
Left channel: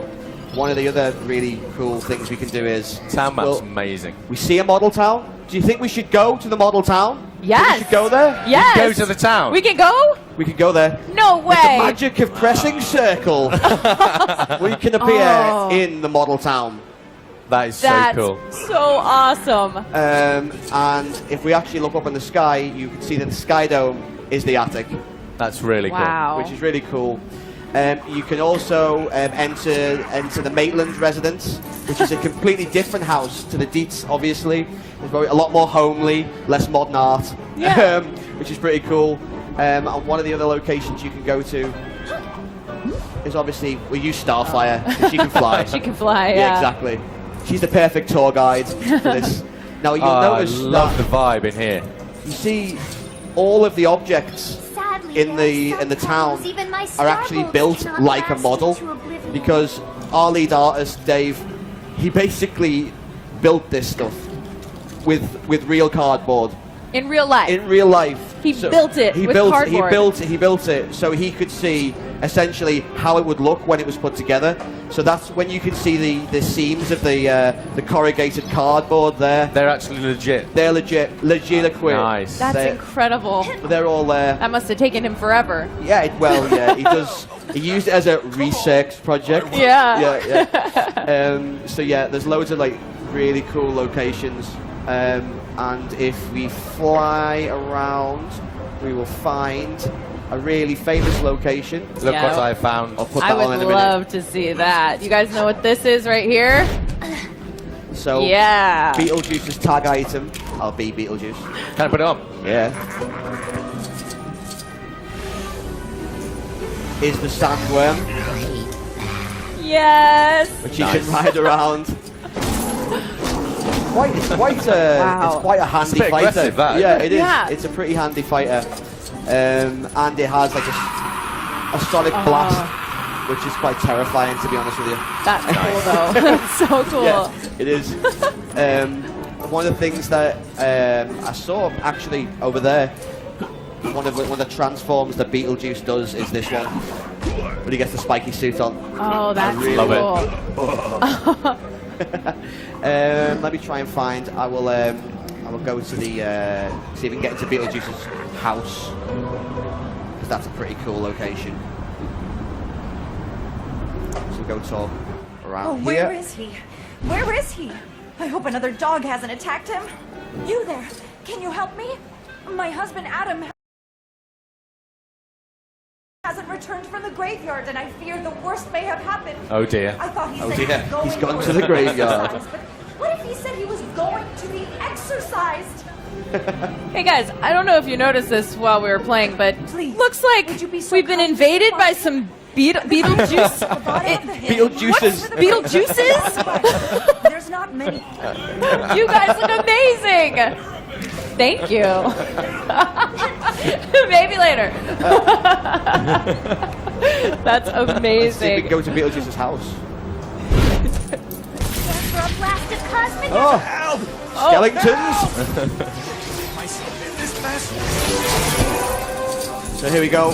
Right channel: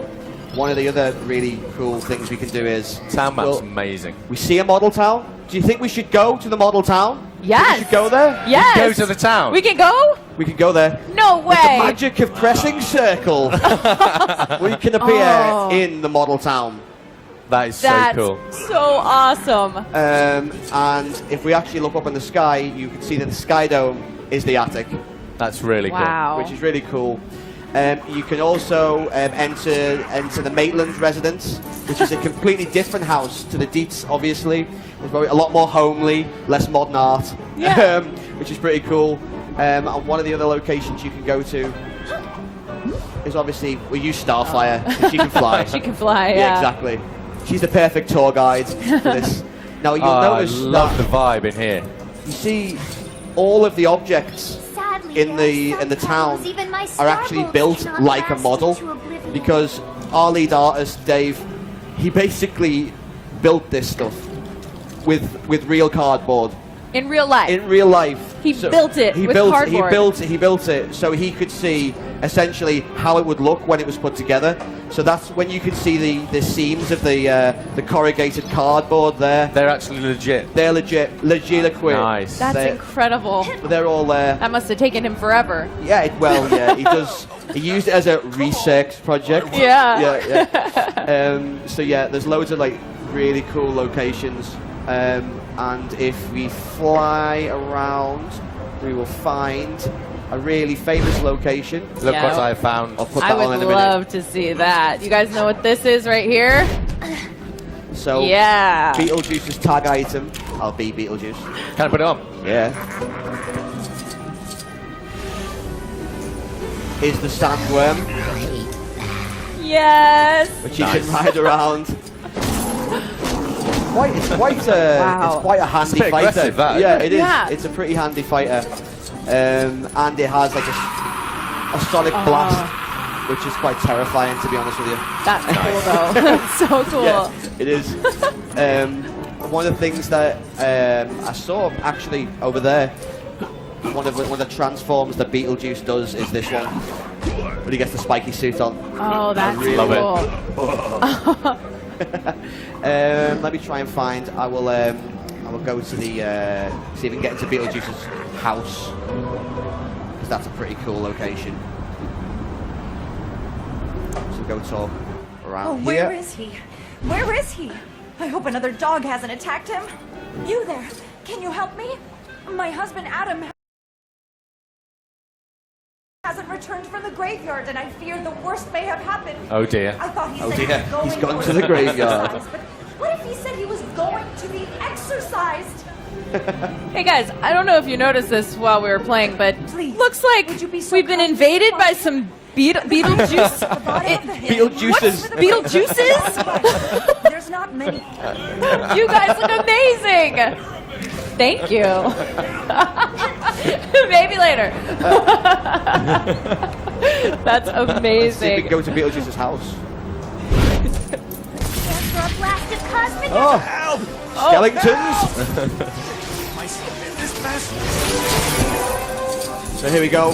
one of the other really cool things we can do is Town map's amazing. we see a model town. Do you think we should go to the model town? Yes. Think we should go there. Yes. Go to the town. We can go? We can go there. No With the way. magic of pressing circle, we can appear Oh. in the model town. That is That's so cool. so awesome. And if we actually look up in the sky, you can see that the Sky Dome is the attic, That's really Wow. which is really cool. You can also enter the Maitland residence, which is a completely different house to the Dietz, obviously. It's a lot more homely, less modern art, Yeah. which is pretty cool. And one of the other locations you can go to is obviously, we use Starfire, 'cause she can fly. She can fly, Yeah, yeah. exactly. She's the perfect tour guide for this. Now, you'll I notice love that the vibe in here. you see all of the objects Sadly, in the town even my are actually starbolts built cannot like a last model, into oblivion. because our lead artist Dave, he basically built this stuff with real cardboard. In real life. In real life, He built it with cardboard. He built it so he could see essentially how it would look when it was put together. So that's when you can see the seams of the corrugated cardboard there. They're actually legit. They're legit. Nice. That's incredible. They're all there. That must have taken him forever. Yeah, yeah, he does. He used it as a research project. Yeah. Yeah. So yeah, there's loads of like really cool locations. And if we fly around, we will find a really famous location. Look Yeah. what I found. I'll put I that would on in a minute. love to see that. You guys know what this is right here? So Yeah. Beetlejuice's tag item. I'll be Beetlejuice. Can I put it on? Yeah. Is the sandworm, Yes. which you can ride around. It's quite a handy It's a bit fighter. aggressive, that, Yeah, isn't it is. Yeah. It's a pretty handy fighter, and it has like a sonic blast, which is quite terrifying, to be honest with you. That's cool though. That's so cool. Yeah, it is. One of the things that I saw actually over there, one of the transforms that Beetlejuice does is this one, when he gets the spiky suit on. Oh, that's really cool. Let me try and find. I will go to the see if we can get into Beetlejuice's house, because that's a pretty cool location. So we'll go talk around Where here. is he? Where is he? I hope another dog hasn't attacked him. You there? Can you help me? My husband Adam hasn't returned from the graveyard, and I fear the worst may have happened. Oh dear. I thought he Oh said dear, he was he's going gone to the graveyard. exercise, but what if he said he was going to be exercised? Hey guys, I don't know if you noticed this while we were playing, but looks like we've been invaded by some Beetlejuice. Beetlejuices. Beetlejuices? There's not many. You guys look amazing. Thank you. Maybe later. That's amazing. See if we can go to Beetlejuice's house. For a blast of cosmic Skeletons. So here we go.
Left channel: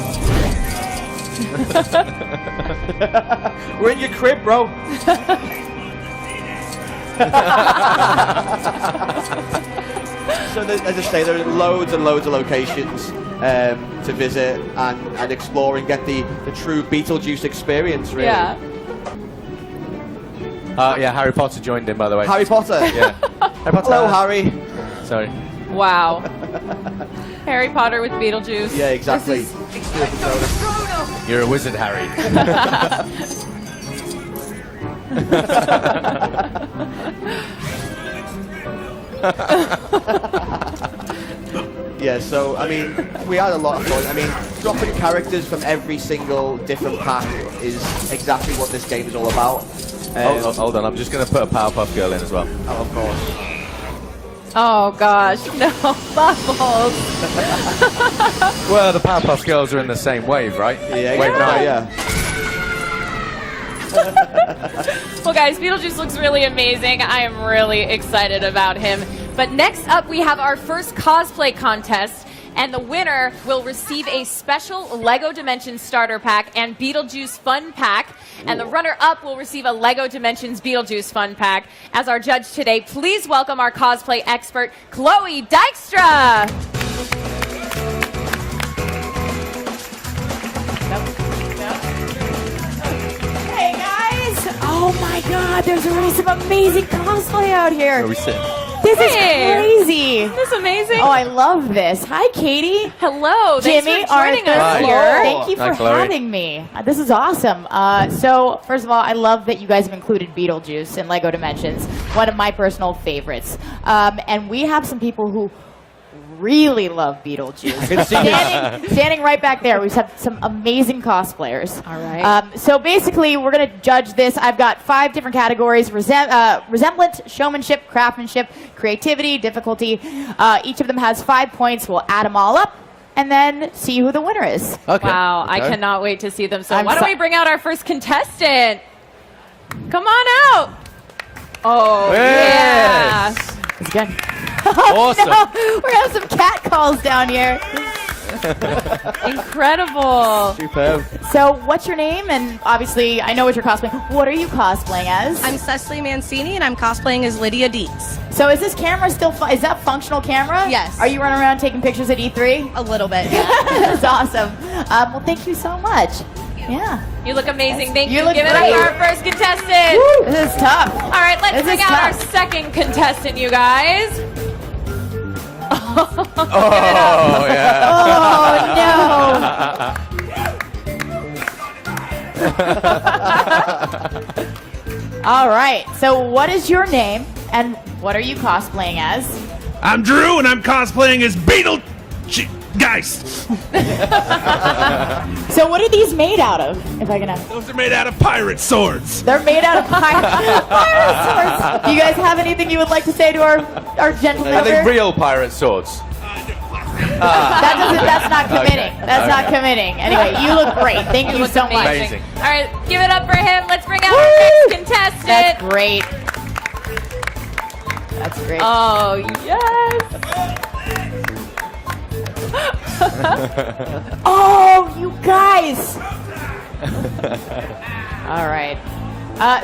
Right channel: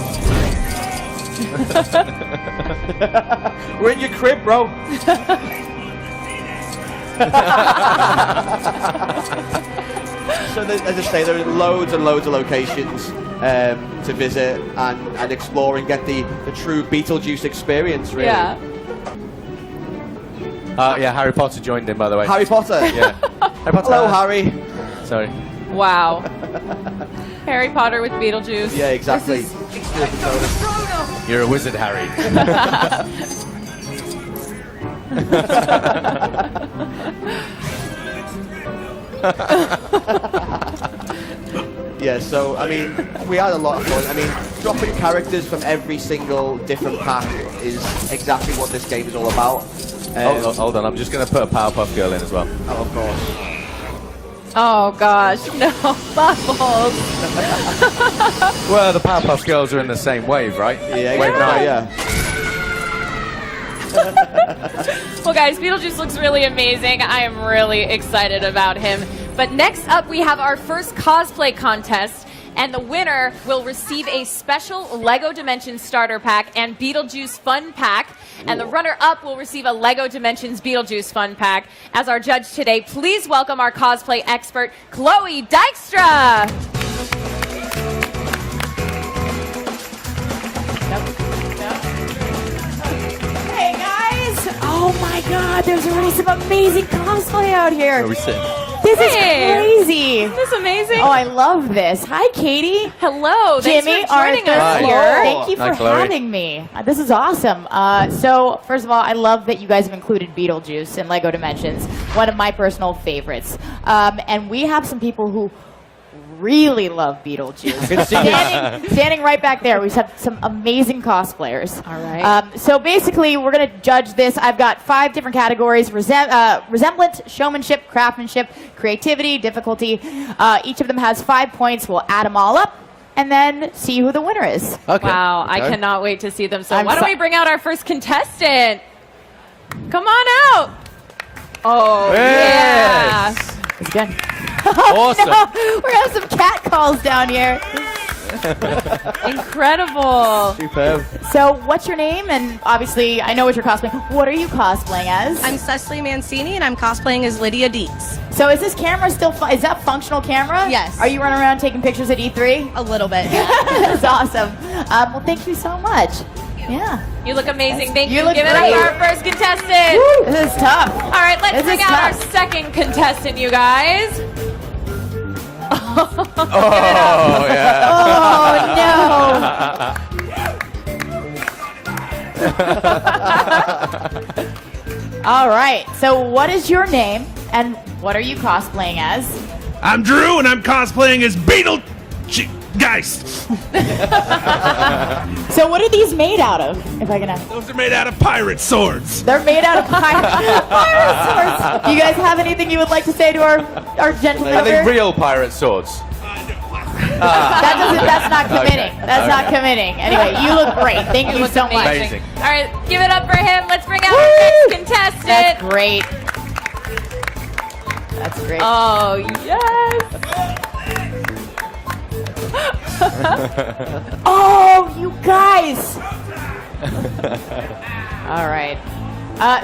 We're in your crib, bro. So as I say, there are loads and loads of locations to visit and explore and get the true Beetlejuice experience, really. Yeah. Yeah, Harry Potter joined in, by the way. Harry Potter? Yeah. Harry Potter. Hello, Harry. Sorry. Wow. Harry Potter with Beetlejuice. Yeah, exactly. You're a wizard, Harry. Yeah, so, I mean, we had a lot of fun. I mean, dropping characters from every single different pack is exactly what this game is all about. Hold on, I'm just going to put a Powerpuff Girl in as well. Oh, of course. Oh gosh, no. Bubbles. Well, the Powerpuff Girls are in the same wave, right? Yeah, Wave 9. yeah. Well guys, Beetlejuice looks really amazing. I am really excited about him. But next up we have our first cosplay contest, and the winner will receive a special LEGO Dimensions starter pack and Beetlejuice fun pack, and the runner-up will receive a LEGO Dimensions Beetlejuice fun pack. As our judge today, please welcome our cosplay expert, Chloe Dykstra. Hey guys! Oh my god, there's already some amazing cosplay out here. Where are we sitting? This is crazy. This is amazing. Oh, I love this. Hi, Katie. Hello. Thanks Jimmy, for joining us Arthur. here. Thank you for having me. This is awesome. So, first of all, I love that you guys have included Beetlejuice in LEGO Dimensions, one of my personal favorites. And we have some people who really love Beetlejuice. Standing right back there, we have some amazing cosplayers. All right. So basically, we're going to judge this. I've got 5 different categories: resemblance, showmanship, craftsmanship, creativity, difficulty. Each of them has 5 points. We'll add them all up and then see who the winner is. Okay. Wow, I cannot wait to see them. So why don't we bring out our first contestant? Come on out. Oh, yeah. It's good. Awesome. No, we're having some cat calls down here. Incredible. Superb. So, what's your name? And obviously, I know what you're cosplaying. What are you cosplaying as? I'm Cecily Mancini, and I'm cosplaying as Lydia Dietz. So, is this camera still? Is that functional camera? Yes. Are you running around taking pictures at E3? A little bit, yeah. That's awesome. Well, thank you so much. Yeah. You look amazing. Thank You you. look Give it great. up for our first contestant. This is tough. All right, let's This bring is out our tough. second contestant, you guys. Oh, yeah. Oh, no. All right. So, what is your name, and what are you cosplaying as? I'm Drew, and I'm cosplaying as Beetlegeist. So, what are these made out of? If I can ask. Those are made out of pirate swords. They're made out of pirate swords. Do you guys have anything you would like to say to our gentleman? Are they here? real pirate swords? That's not committing. That's not committing. Anyway, you look great. Thank you so much. Amazing. All right, give it up for him. Let's bring out our next contestant. That's great. That's great. Oh, yes. Oh, you guys. All right.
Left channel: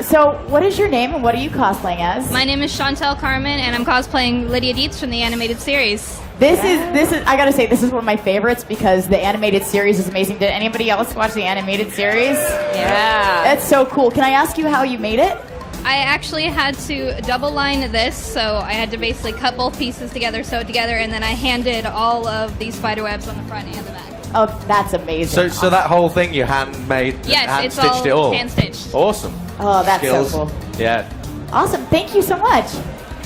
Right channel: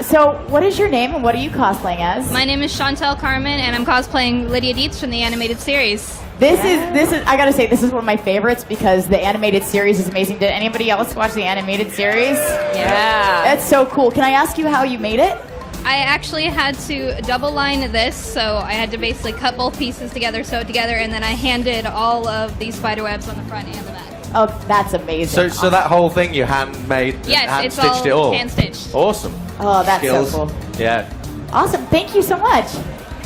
So, what is your name and what are you cosplaying as? My name is Chantel Carmen, and I'm cosplaying Lydia Dietz from the animated series. This is. I gotta say, this is one of my favorites because the animated series is amazing. Did anybody else watch the animated series? Yeah. That's so cool. Can I ask you how you made it? I actually had to double line this, so I had to basically cut both pieces together, sew it together, and then I handed all of these spider webs on the front and the back. Oh, that's amazing. So that whole thing you handmade, Yes, it's hand-stitched it all? hand-stitched. Awesome. Oh, that's Skills. so cool. Yeah. Awesome. Thank you so much.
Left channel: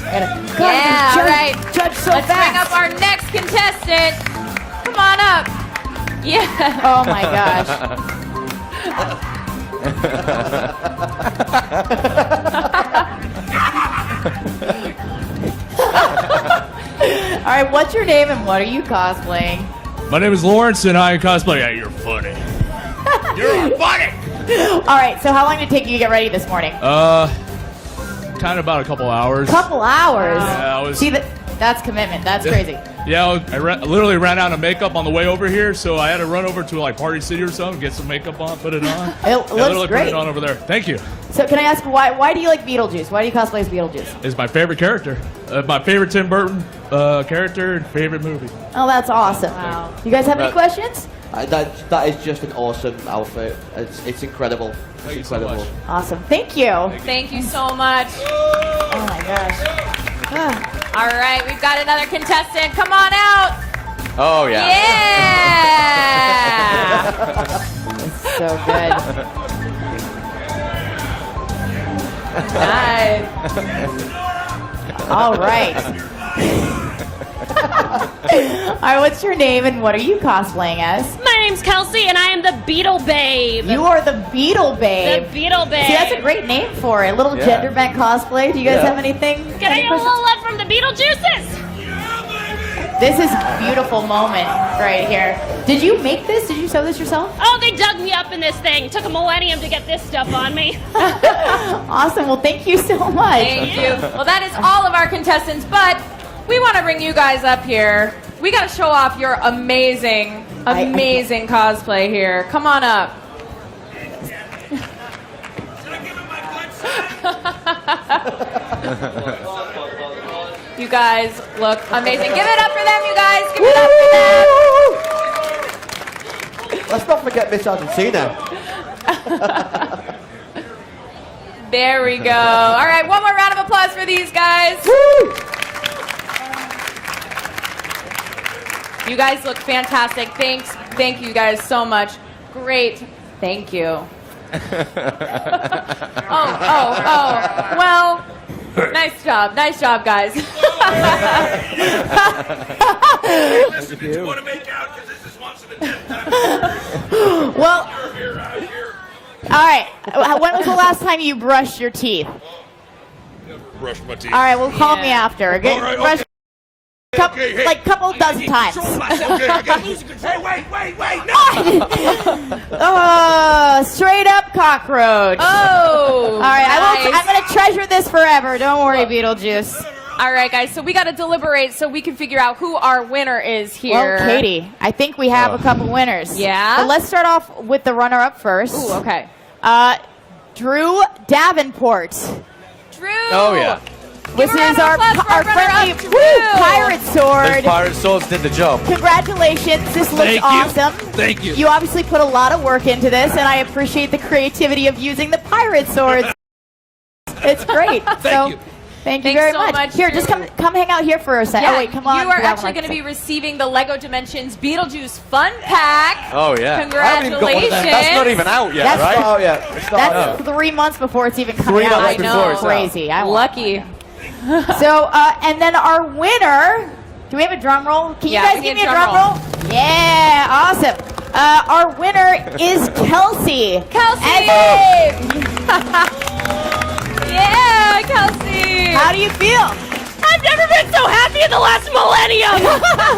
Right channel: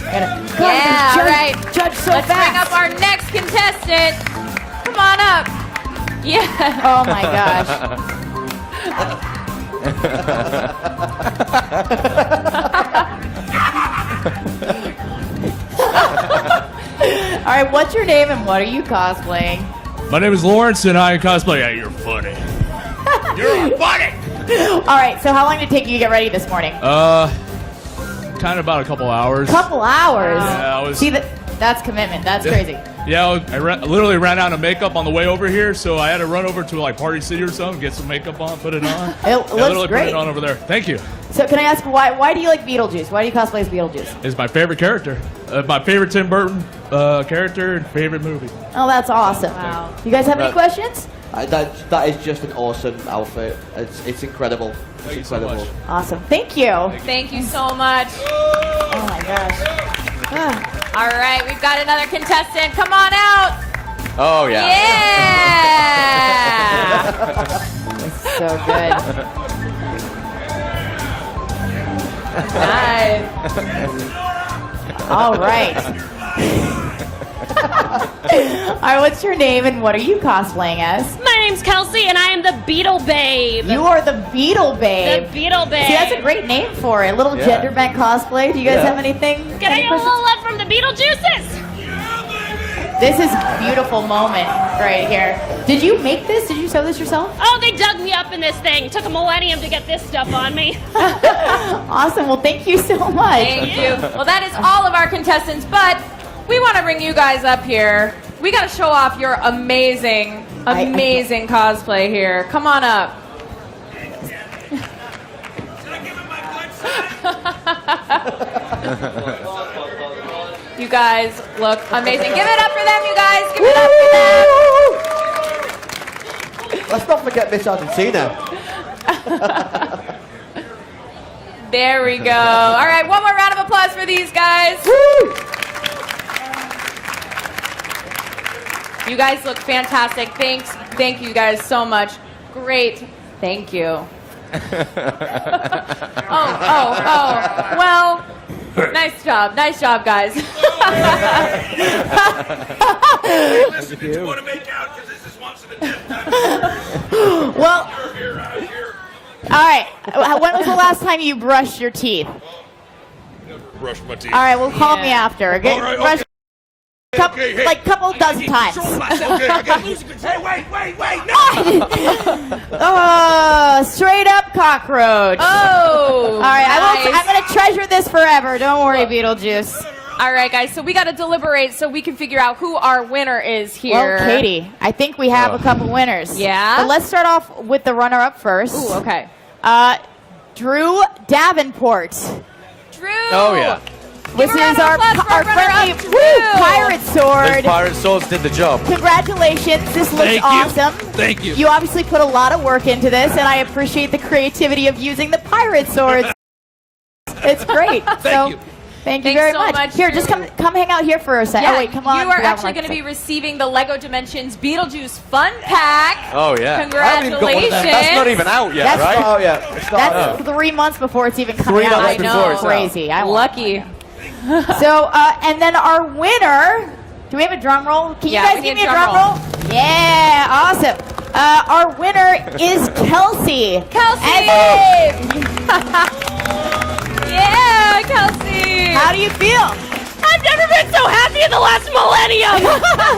Yeah, all right. Judge so Let's fast. bring up our next contestant. Come on up. Yeah. Oh my gosh. All right, what's your name and what are you cosplaying? My name is Lawrence, and I cosplay. Yeah, you're funny. You're funny. All right, so how long did it take you to get ready this morning? Kind of about a couple hours. Couple hours. Yeah, I was. See, that's commitment. That's crazy. Yeah, I literally ran out of makeup on the way over here, so I had to run over to like Party City or something, get some makeup on, put it on. It looks literally great. put it on over there. Thank you. So can I ask why do you like Beetlejuice? Why do you cosplay as Beetlejuice? It's my favorite character. My favorite Tim Burton character and favorite movie. Oh, that's awesome. Wow. You guys have any questions? That is just an awesome outfit. It's incredible. It's incredible. Awesome. Thank you. Thank you so much. Oh my gosh. Yeah. All right, we've got another contestant. Come on out. Oh, yeah. Yeah. So good. Nice. All right. All right, what's your name and what are you cosplaying as? My name's Kelsey, and I am the Beetle Babe. You are the Beetle Babe. The Beetle Babe. See, that's a great name for it. A little gender bent cosplay. Do you guys have anything? Can I any get a questions? little love from the Beetlejuices? This is a beautiful moment right here. Did you make this? Did you sew this yourself? Oh, they dug me up in this thing. It took a millennium to get this stuff on me. Awesome. Well, thank you so much. Thank you. Well, that is all of our contestants, but we want to bring you guys up here. We got to show off your amazing cosplay here. Come on up. You guys look amazing. Give it up for them, you guys. Give it up for them. Let's not forget Miss Argentina. There we go. All right, one more round of applause for these guys. You guys look fantastic. Thank you guys so much. Great. Thank you. Oh. Well, nice job, guys. Well, all right. When was the last time you brushed your teeth? Brush my teeth. All right, well, call me after. Okay? All right, Brush like a couple dozen times. Hey, wait, no! Straight up cockroach. Oh, all right. nice. I'm gonna treasure this forever. Don't worry, Beetlejuice. All right, guys. So we got to deliberate so we can figure out who our winner is here. Well, Katie, I think we have a couple winners. Yeah? But let's start off with the runner-up first. Ooh, okay. Drew Davenport. Drew. Oh, yeah. This is our friendly pirate sword. Those pirate swords did the job. Congratulations. This looks awesome. Thank you. You obviously put a lot of work into this, and I appreciate the creativity of using the pirate swords. It's great. Thank you. Thank you Thanks very so much. much. Here, just come hang out here for a second. Yeah, Oh, wait, come on. you are actually going to be receiving the LEGO Dimensions Beetlejuice Fun Pack. Oh, yeah. Congratulations. That's not even out yet, That's right? not out yet. It's not out. That's 3 months before it's even coming 3 out. months before That's it's crazy. I Lucky. So, and then our winner, do we have a drum roll? Can you Yeah, guys we give need me a a drum drum roll? Yeah, awesome. Our winner is Kelsey. Kelsey! Yeah, Kelsey! How do you feel? I've never been so happy in the last millennium.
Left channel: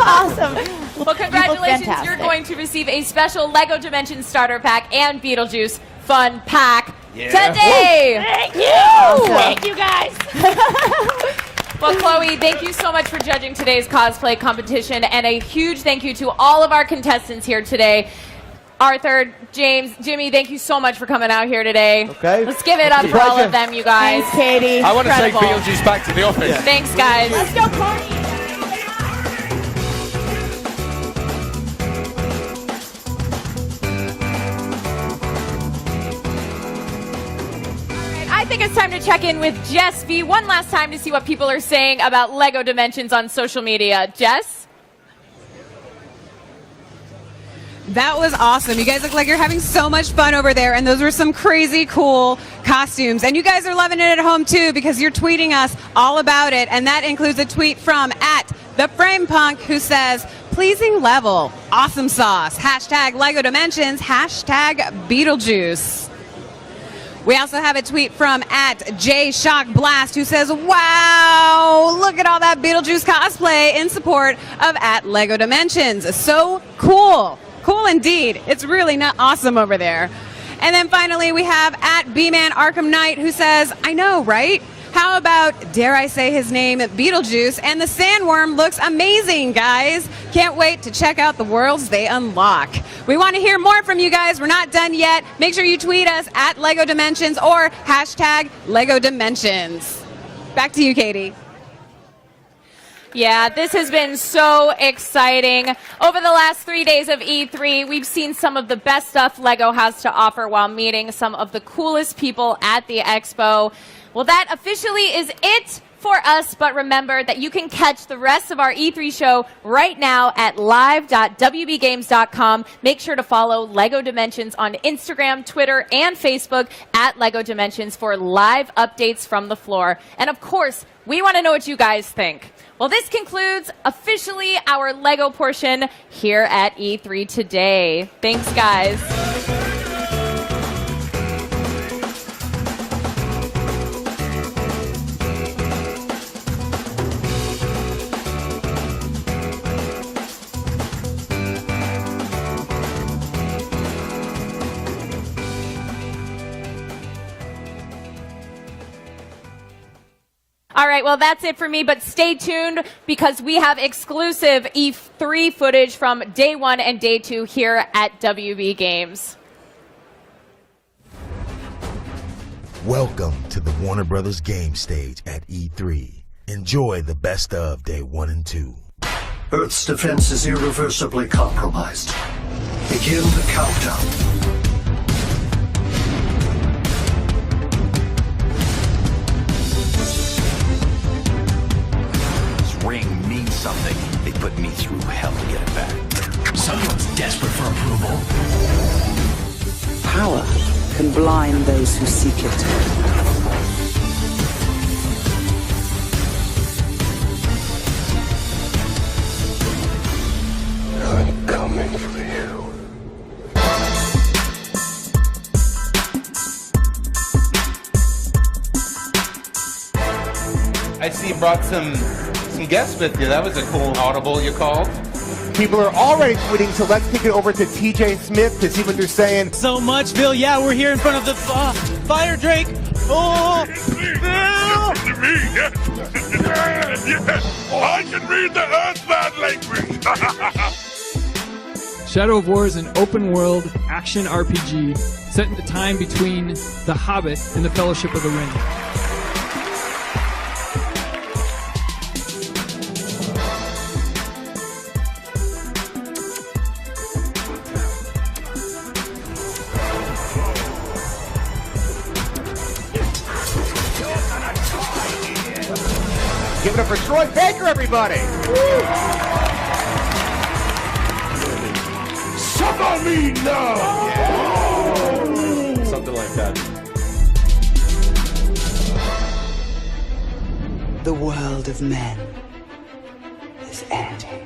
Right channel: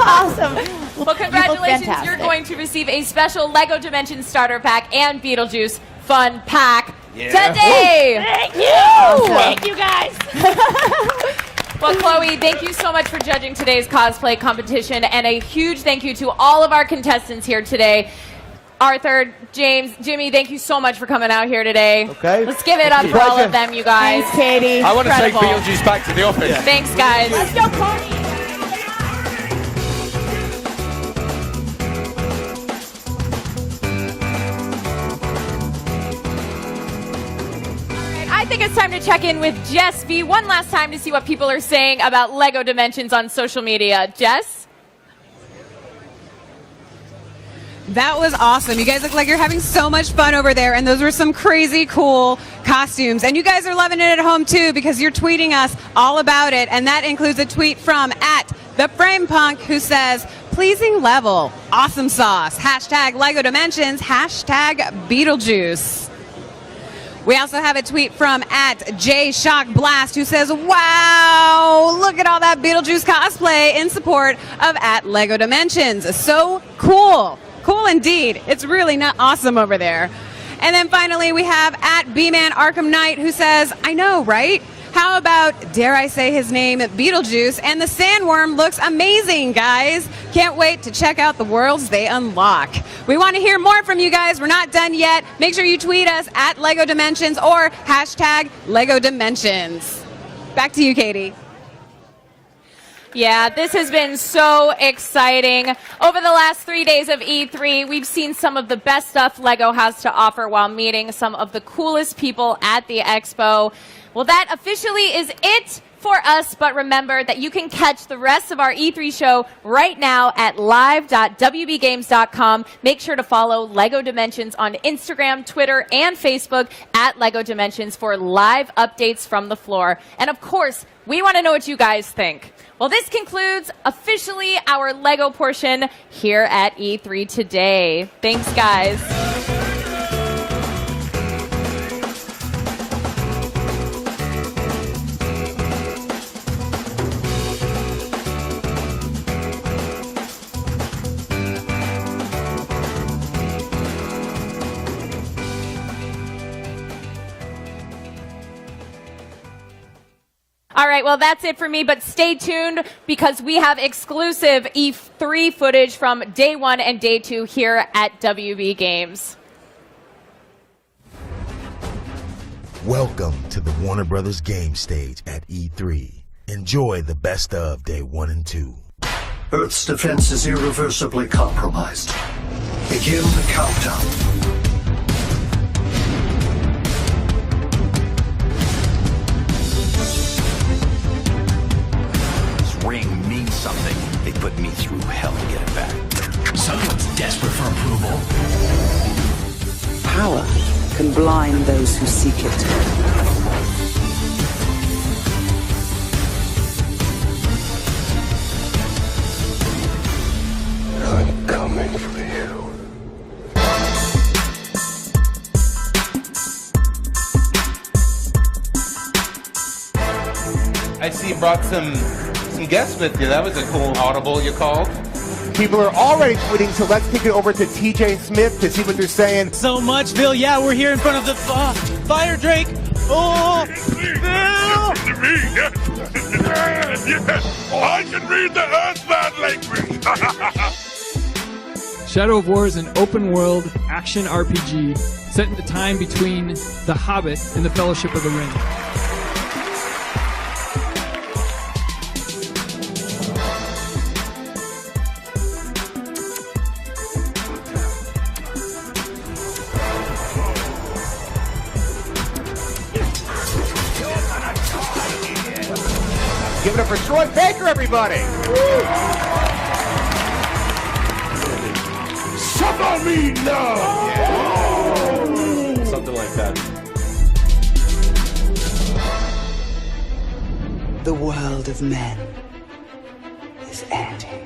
Awesome. Well, congratulations. You're fantastic. going to receive a special LEGO Dimensions starter pack and Beetlejuice Fun Pack today. Thank you. Awesome. Thank you, guys. Well, Chloe, thank you so much for judging today's cosplay competition, and a huge thank you to all of our contestants here today. Arthur, James, Jimmy, thank you so much for coming out here today. Okay. Let's give it up for all of them, you guys. Thanks, Katie. I want to take Incredible. Beetlejuice back to the office. Thanks, guys. Let's go, Connie. I think it's time to check in with Jess V one last time to see what people are saying about LEGO Dimensions on social media. Jess? That was awesome. You guys look like you're having so much fun over there, and those were some crazy cool costumes. And you guys are loving it at home too, because you're tweeting us all about it, and that includes a tweet from @TheFramePunk, who says, "Pleasing level, awesome sauce, #LEGO Dimensions, #Beetlejuice." We also have a tweet from @JShockBlast, who says, "Wow, look at all that Beetlejuice cosplay," in support of @LEGO Dimensions. So cool. Cool indeed. It's really not awesome over there. And then finally we have @BMan Arkham Knight, who says, "I know, right? How about, dare I say his name, Beetlejuice, and the sandworm looks amazing, guys. Can't wait to check out the worlds they unlock." We want to hear more from you guys. We're not done yet. Make sure you tweet us @LEGO Dimensions or #LEGO Dimensions. Back to you, Katie. Yeah, this has been so exciting. Over the last 3 days of E3, we've seen some of the best stuff LEGO has to offer while meeting some of the coolest people at the expo. Well, that officially is it for us, but remember that you can catch the rest of our E3 show right now at live.wbgames.com. Make sure to follow LEGO Dimensions on Instagram, Twitter, and Facebook @LEGO Dimensions for live updates from the floor. And of course, we want to know what you guys think. Well, this concludes officially our LEGO portion here at E3 today. Thanks, guys. All right, well, that's it for me, but stay tuned because we have exclusive E3 footage from day 1 and day 2 here at WB Games. Welcome to the Warner Brothers game stage at E3. Enjoy the best of day 1 and 2. Earth's defense is irreversibly compromised. Begin the countdown. Ring means something. They put me through hell to get it back. Someone's desperate for approval. Power can blind those who seek it. I'm coming for you. I see you brought some guests with you. That was a cool audible you called. People are already tweeting, so let's kick it over to TJ Smith to see what they're saying. So much, Bill. Yeah, we're here in front of the Fire Drake. Oh, Bill! I can read the Earthbound language. Shadow of War is an open-world action RPG set in the time between The Hobbit and The Fellowship of the Ring. Give it up for Troy Baker, everybody. Summon me now. Something like that. The world of men is ending.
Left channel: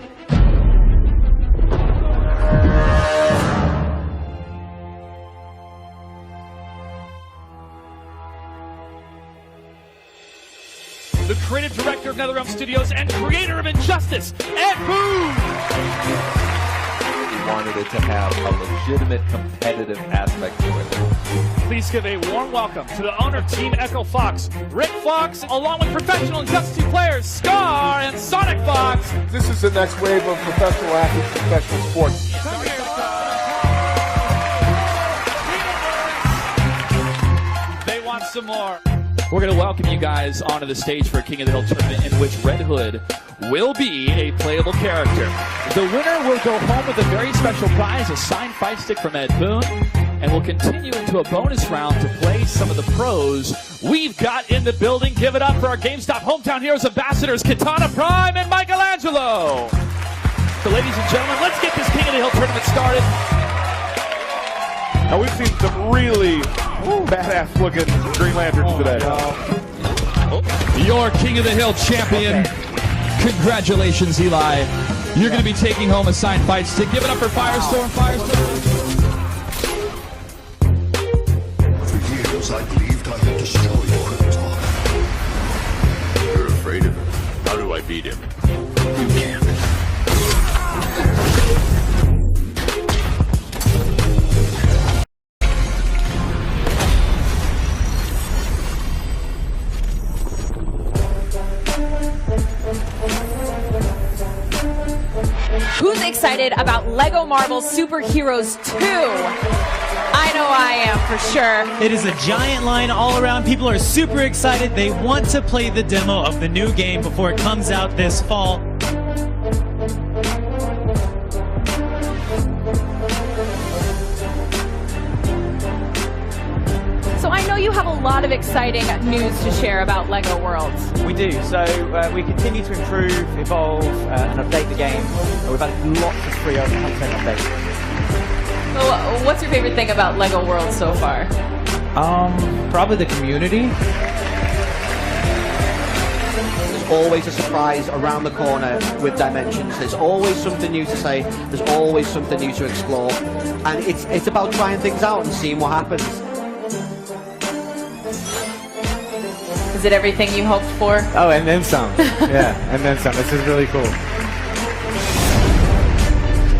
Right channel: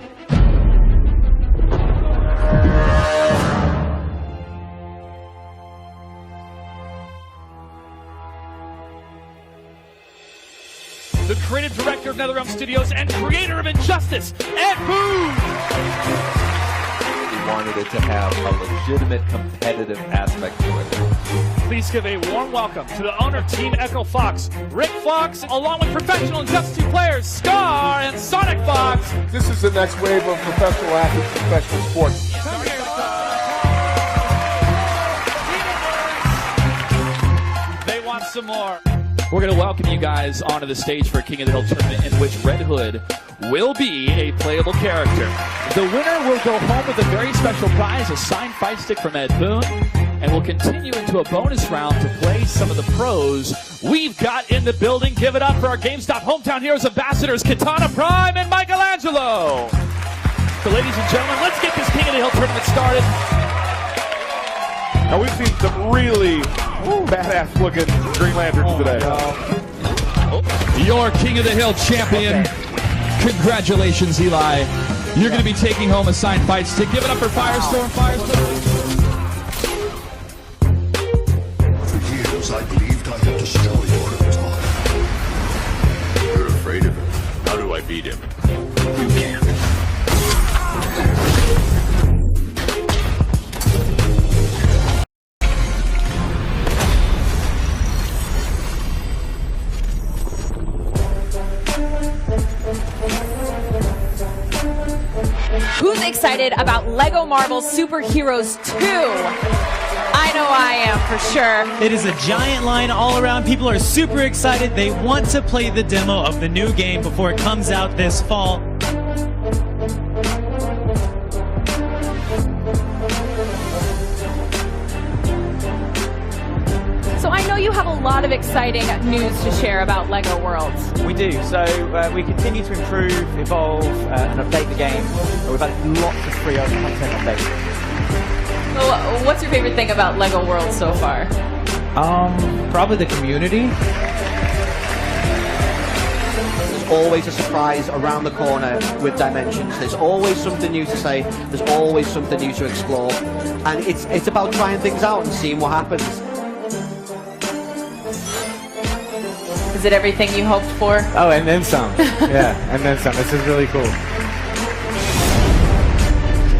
The creative director of NetherRealm Studios and creator of Injustice, Ed Boon! We wanted it to have a legitimate competitive aspect to it. Please give a warm welcome to the owner of Team Echo Fox, Rick Fox, along with professional Injustice 2 players, Star and Sonic Fox. This is the next wave of professional athletes in professional sports. They want some more. We're going to welcome you guys onto the stage for a King of the Hill tournament in which Red Hood will be a playable character. The winner will go home with a very special prize, a signed fight stick from Ed Boon, and we'll continue into a bonus round to play some of the pros we've got in the building. Give it up for our GameStop Hometown Heroes ambassadors, Katana Prime and Michelangelo. So ladies and gentlemen, let's get this King of the Hill tournament started. Now we've seen some really badass looking Green Lanterns today. Your King of the Hill champion. Congratulations, Eli. You're going to be taking home a signed fight stick. Give it up for Firestorm. For years, I believed I could destroy your empire. You're afraid of him. How do I beat him? You can't. Who's excited about Lego Marvel Superheroes 2? I know I am, for sure. It is a giant line all around. People are super excited. They want to play the demo of the new game before it comes out this fall. So I know you have a lot of exciting news to share about Lego Worlds. We do. So we continue to improve, evolve, and update the game. We've had lots of free content updates. What's your favorite thing about Lego Worlds so far? Probably the community. There's always a surprise around the corner with Dimensions. There's always something new to say. There's always something new to explore. And it's about trying things out and seeing what happens. Is it everything you hoped for? Oh, and then some. Yeah, and then some. This is really cool.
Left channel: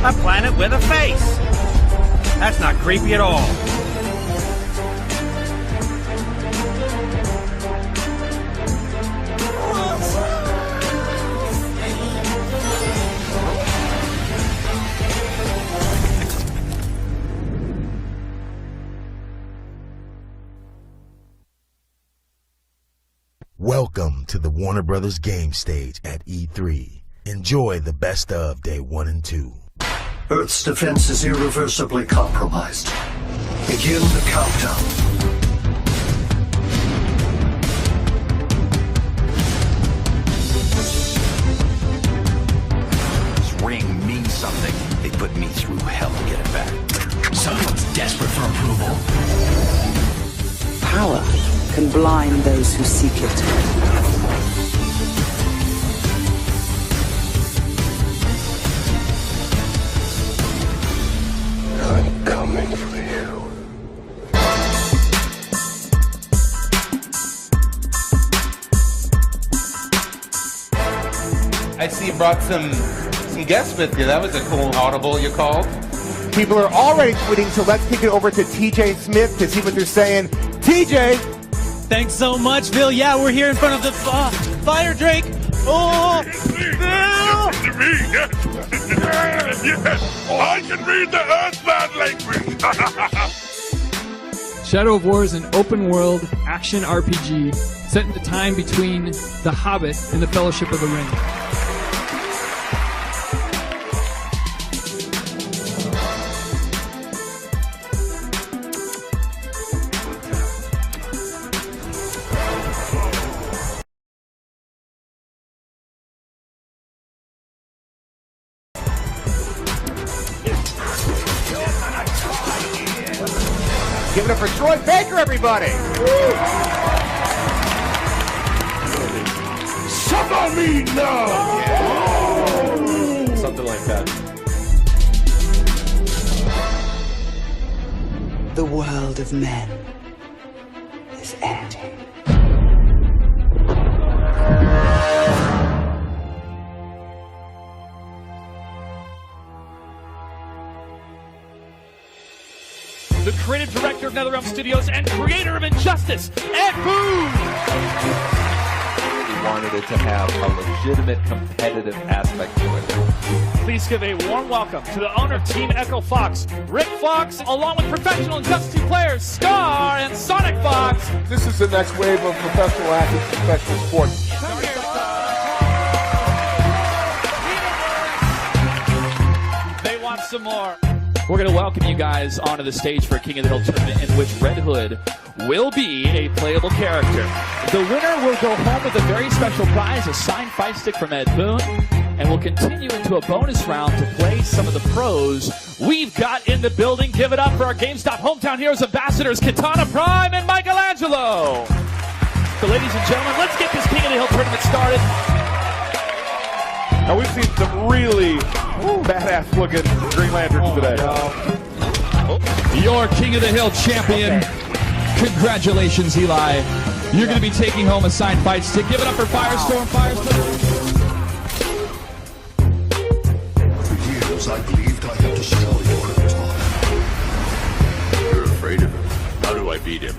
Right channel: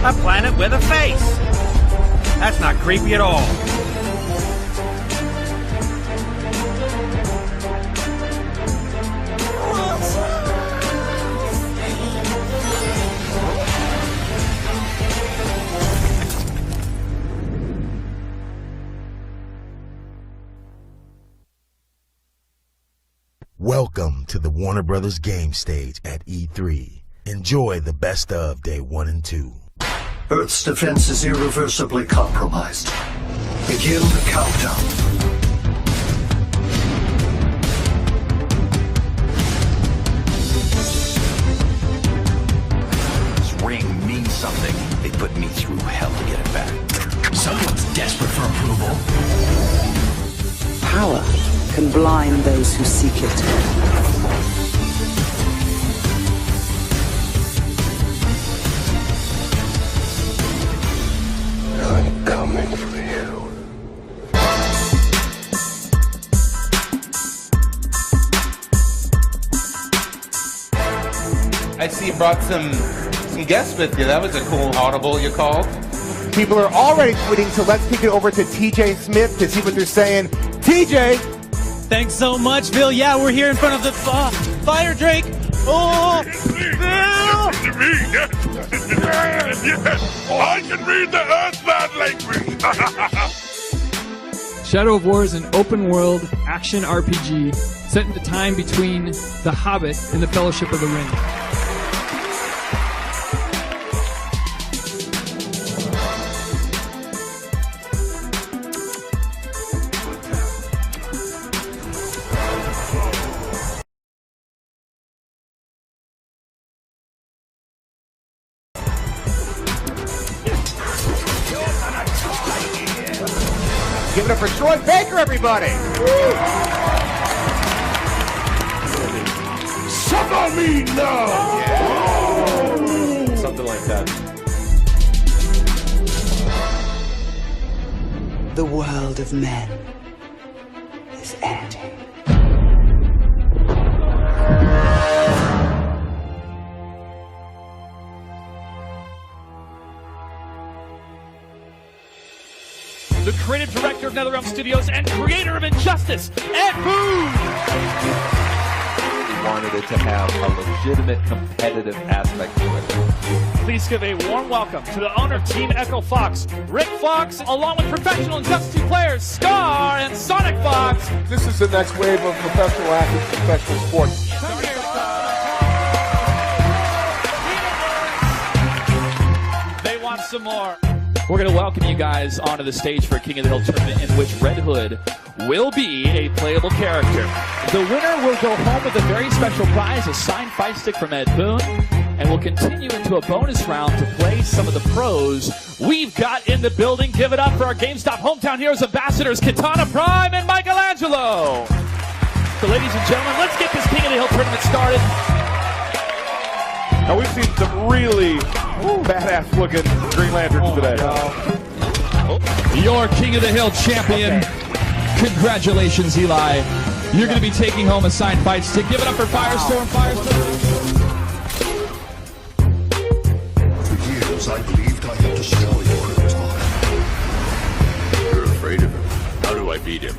A planet with a face. That's not creepy at all. Welcome to the Warner Brothers game stage at E3. Enjoy the best of Day 1 and 2. Earth's defense is irreversibly compromised. Begin the countdown. This ring means something. They put me through hell to get it back. Someone's desperate for approval. Power can blind those who seek it. I'm coming for you. I see you brought some guests with you. That was a cool audible you called. People are already tweeting, so let's kick it over to TJ Smith to see what they're saying. TJ! Thanks so much, Bill. Yeah, we're here in front of the Fire Drake. Oh, Bill! I can read the Earthbound language. Shadow of War is an open-world action RPG set in the time between The Hobbit and the Fellowship of the Ring. Give it up for Troy Baker, everybody! Suffer me now! Something like that. The world of men is ending. The creative director of NetherRealm Studios and creator of Injustice, Ed Boon! We wanted it to have a legitimate competitive aspect to it. Please give a warm welcome to the owner of Team Echo Fox, Rick Fox, along with professional Injustice 2 players, Scar and Sonic Fox. This is the next wave of professional athletes and professional sports. They want some more. We're going to welcome you guys onto the stage for a King of the Hill tournament in which Red Hood will be a playable character. The winner will go home with a very special prize, a signed fight stick from Ed Boon, and will continue into a bonus round to play some of the pros we've got in the building. Give it up for our GameStop Hometown Heroes ambassadors, Katana Prime and Michelangelo. So ladies and gentlemen, let's get this King of the Hill tournament started. Now we've seen some really badass looking Green Lanterns today. Your King of the Hill champion. Congratulations, Eli. You're going to be taking home a signed fight stick. Give it up for Firestorm. For years, I believed I had destroyed Krypton. You're afraid of him. How do I beat him?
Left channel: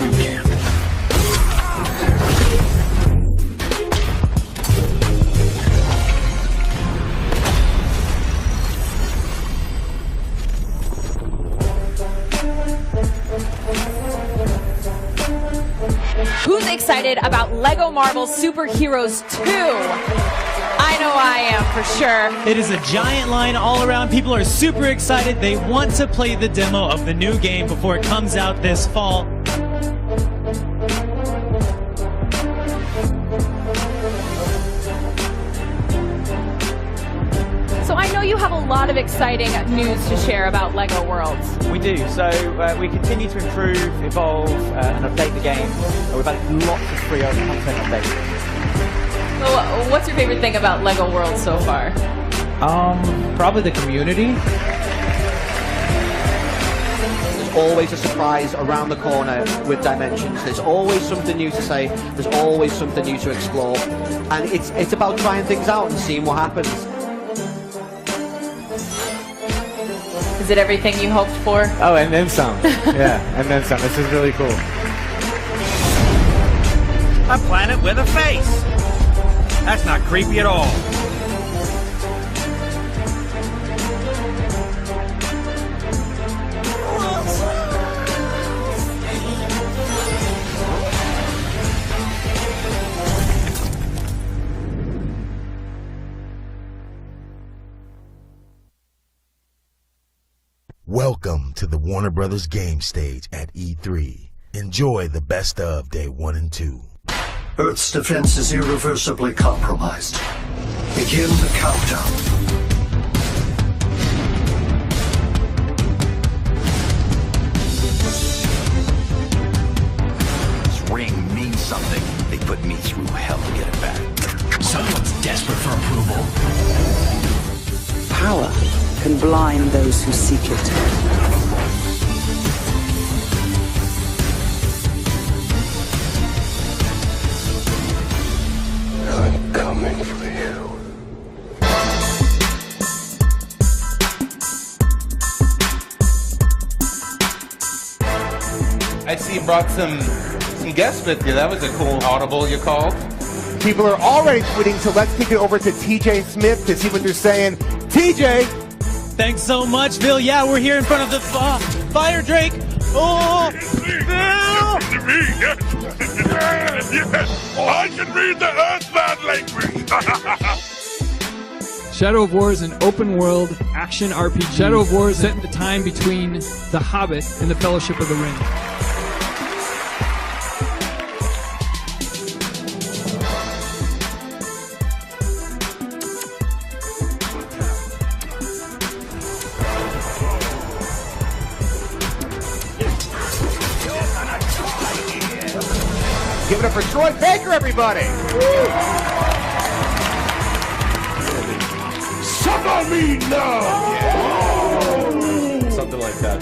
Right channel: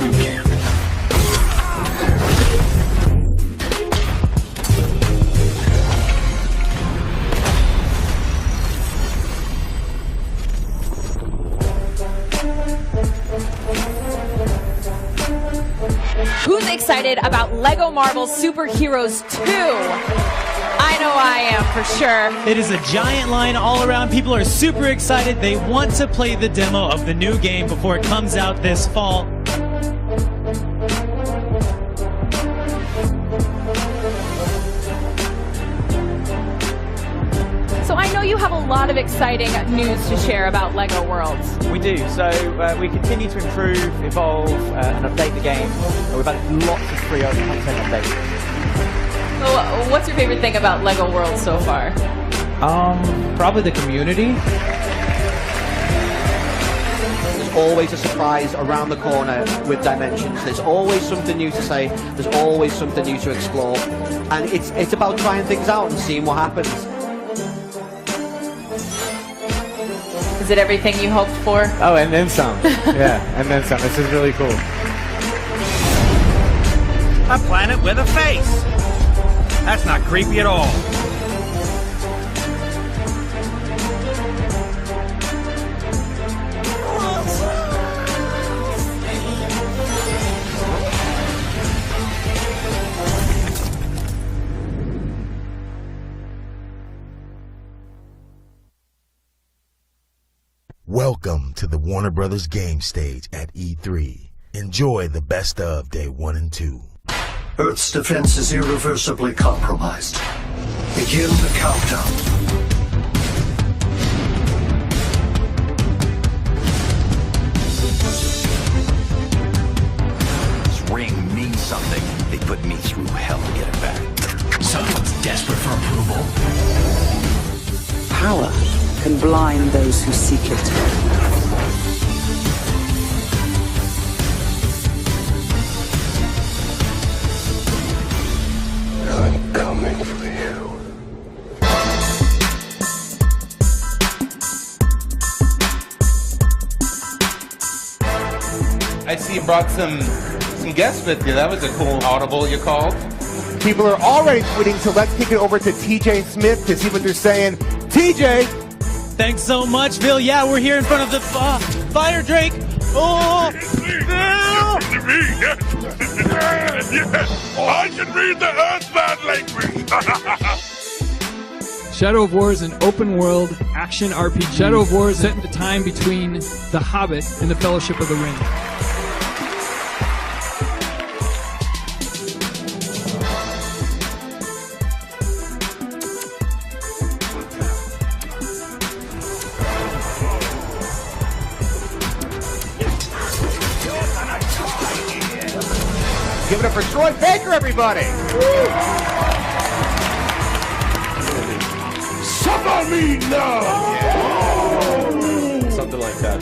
You can't. Who's excited about Lego Marvel Superheroes 2? I know I am, for sure. It is a giant line all around. People are super excited. They want to play the demo of the new game before it comes out this fall. So I know you have a lot of exciting news to share about Lego Worlds. We do. So we continue to improve, evolve, and update the game. We've had lots of free content updates. What's your favorite thing about Lego Worlds so far? Probably the community. There's always a surprise around the corner with Dimensions. There's always something new to say. There's always something new to explore. And it's about trying things out and seeing what happens. Is it everything you hoped for? Oh, and then some. Yeah, and then some. This is really cool. A planet with a face. That's not creepy at all. Welcome to the Warner Brothers game stage at E3. Enjoy the best of day 1 and 2. Earth's defense is irreversibly compromised. Begin the countdown. This ring means something. They put me through hell to get it back. Someone's desperate for approval. Power can blind those who seek it. I'm coming for you. I see you brought some guests with you. That was a cool audible you called. People are already tweeting, so let's kick it over to TJ Smith to see what they're saying. TJ! Thanks so much, Bill. Yeah, we're here in front of the Fire Drake. Oh, Bill! I can read the Earthbound language. Shadow of War is an open world action RPG. Shadow of War is set in the time between The Hobbit and the Fellowship of the Ring. Give it up for Troy Baker, everybody! Suffer me now! Something like that.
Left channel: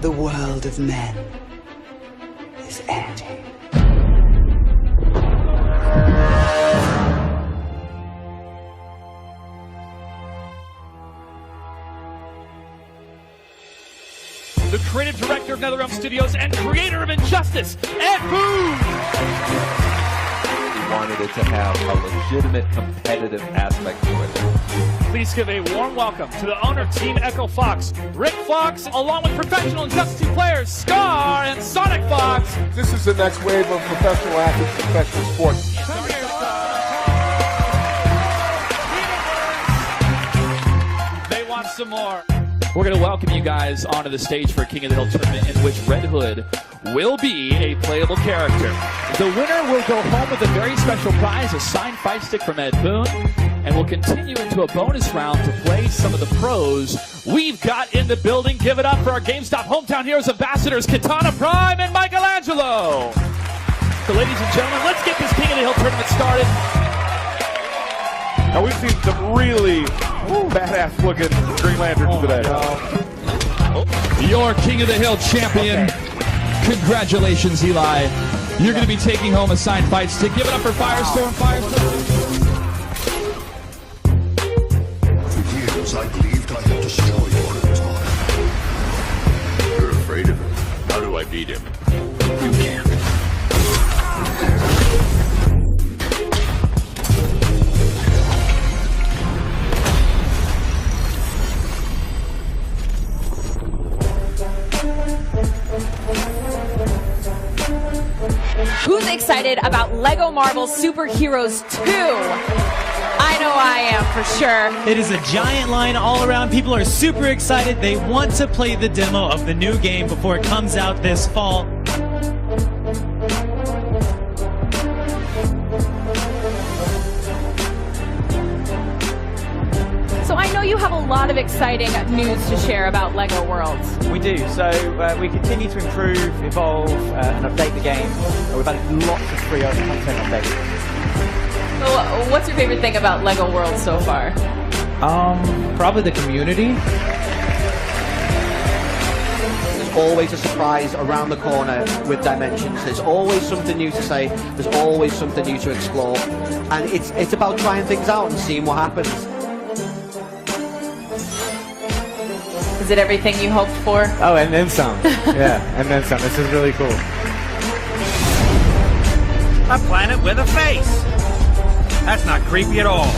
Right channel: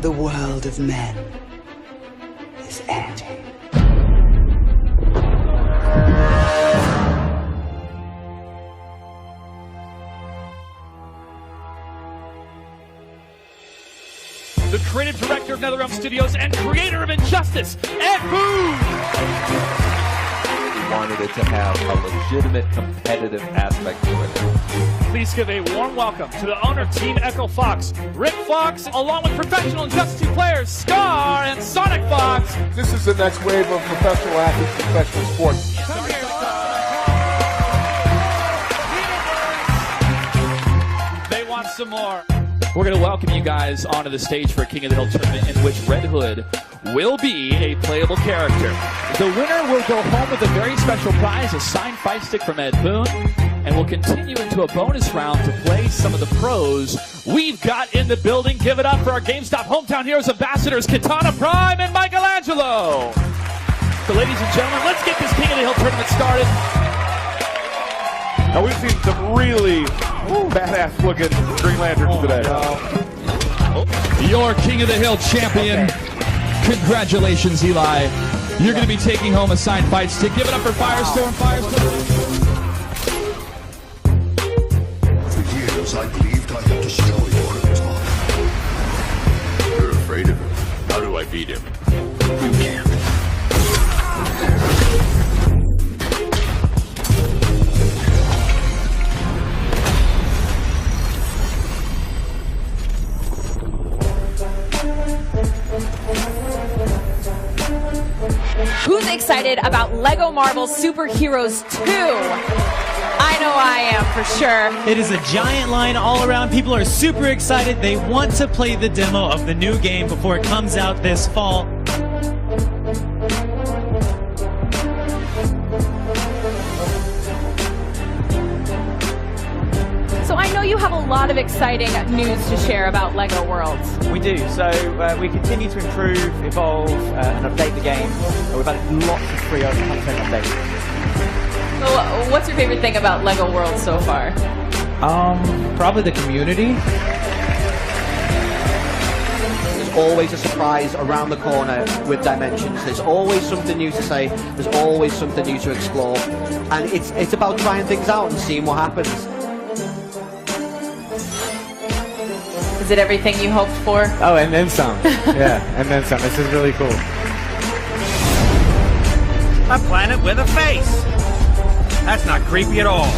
The world of men is ending. The creative director of NetherRealm Studios and creator of Injustice, Ed Boon! We wanted it to have a legitimate competitive aspect to it. Please give a warm welcome to the owner of Team Echo Fox, Rick Fox, along with professional Injustice 2 players, Scar and Sonic Fox. This is the next wave of professional athletes and professional sports. They want some more. We're going to welcome you guys onto the stage for a King of the Hill tournament in which Red Hood will be a playable character. The winner will go home with a very special prize, a signed fight stick from Ed Boon. and we'll continue into a bonus round to play some of the pros we've got in the building. Give it up for our GameStop Hometown Heroes ambassadors, Katana Prime and Michelangelo. So ladies and gentlemen, let's get this King of the Hill tournament started. Now we've seen some really badass looking Green Lanterns today. Your King of the Hill champion. Congratulations, Eli. You're going to be taking home a signed fight stick. Give it up for Firestorm. For years, I believed I had destroyed Orbital. You're afraid of him. How do I beat him? You can't. Who's excited about Lego Marvel Superheroes 2? I know I am, for sure. It is a giant line all around. People are super excited. They want to play the demo of the new game before it comes out this fall. So I know you have a lot of exciting news to share about Lego Worlds. We do. So we continue to improve, evolve, and update the game. We've added lots of free content updates. What's your favorite thing about Lego Worlds so far? Probably the community. There's always a surprise around the corner with Dimensions. There's always something new to say. There's always something new to explore. And it's about trying things out and seeing what happens. Is it everything you hoped for? Oh, and then some. Yeah, and then some. This is really cool. A planet with a face. That's not creepy at all.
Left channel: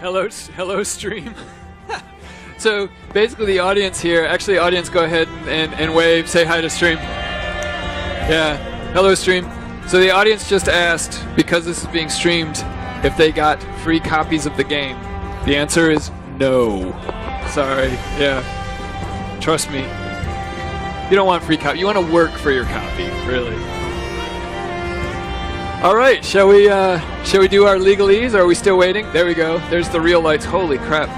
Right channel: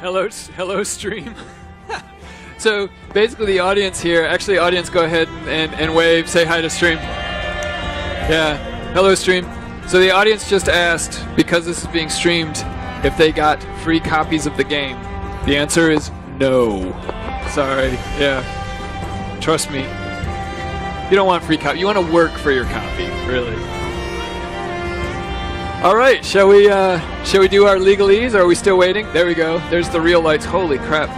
Hello, stream. So basically, the audience here, actually, audience, go ahead and wave, say hi to stream. Yeah, hello, stream. So the audience just asked, because this is being streamed, if they got free copies of the game. The answer is no. Sorry. Yeah. Trust me. You don't want free copy. You want to work for your copy, really. All right, shall we do our legalese? Or are we still waiting? There we go. There's the real lights. Holy crap.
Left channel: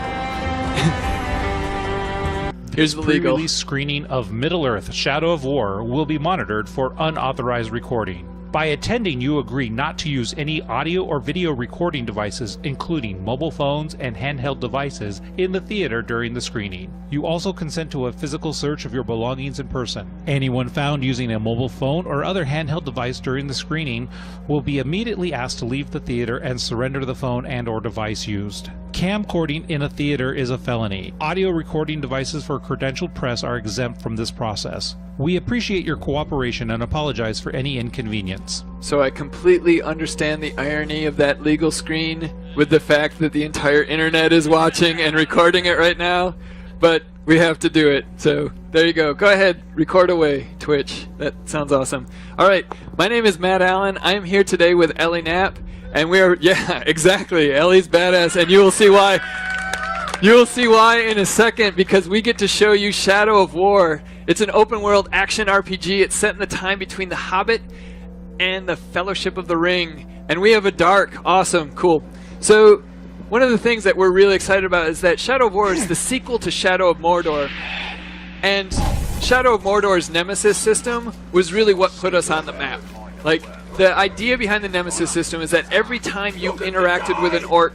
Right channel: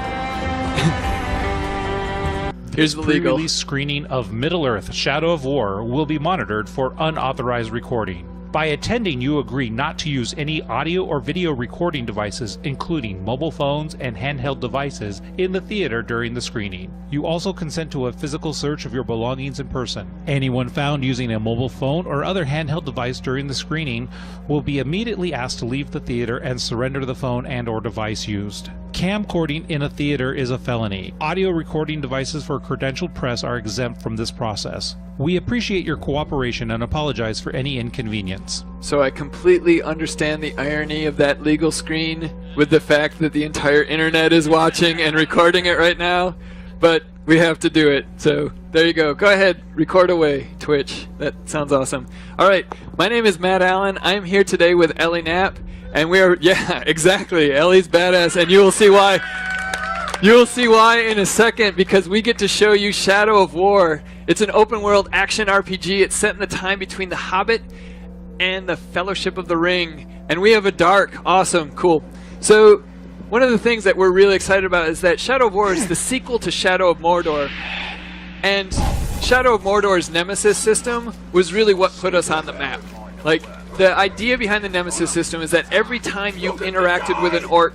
Here's the legal. Pre-release screening of Middle-earth: Shadow of War will be monitored for unauthorized recording. By attending, you agree not to use any audio or video recording devices, including mobile phones and handheld devices, in the theater during the screening. You also consent to a physical search of your belongings in person. Anyone found using a mobile phone or other handheld device during the screening will be immediately asked to leave the theater and surrender the phone and/or device used. Camcording in a theater is a felony. Audio recording devices for credentialed press are exempt from this process. We appreciate your cooperation and apologize for any inconvenience. So I completely understand the irony of that legal screen with the fact that the entire internet is watching and recording it right now, but we have to do it. So there you go. Go ahead, record away, Twitch. That sounds awesome. All right, my name is Matt Allen. I am here today with Ellie Knapp, and we're, yeah, exactly, Ellie's badass, and you'll see why. You'll see why in a second, because we get to show you Shadow of War. It's an open-world action RPG. It's set in the time between The Hobbit and The Fellowship of the Ring. And we have a dark, awesome, cool. So one of the things that we're really excited about is that Shadow of War is the sequel to Shadow of Mordor. And Shadow of Mordor's Nemesis system was really what put us on the map. Like, the idea behind the Nemesis system is that every time you interacted with an orc,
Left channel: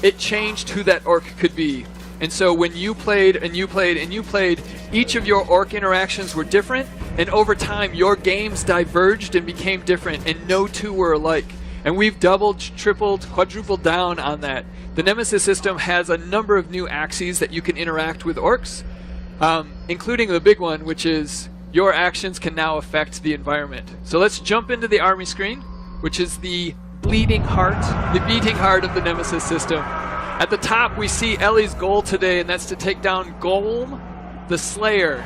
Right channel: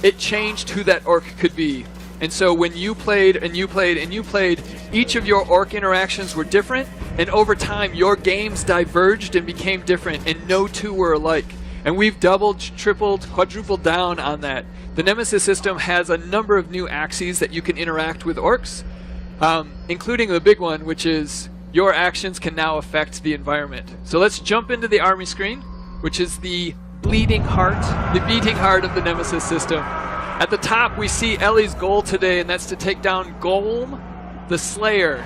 it changed who that orc could be. And so when you played and you played and you played, each of your orc interactions were different, and over time your games diverged and became different, and no two were alike. And we've doubled, tripled, quadrupled down on that. The Nemesis system has a number of new axes that you can interact with orcs, including the big one, which is your actions can now affect the environment. So let's jump into the army screen, which is the bleeding heart, the beating heart of the Nemesis system. At the top, we see Ellie's goal today, and that's to take down Golem, the Slayer.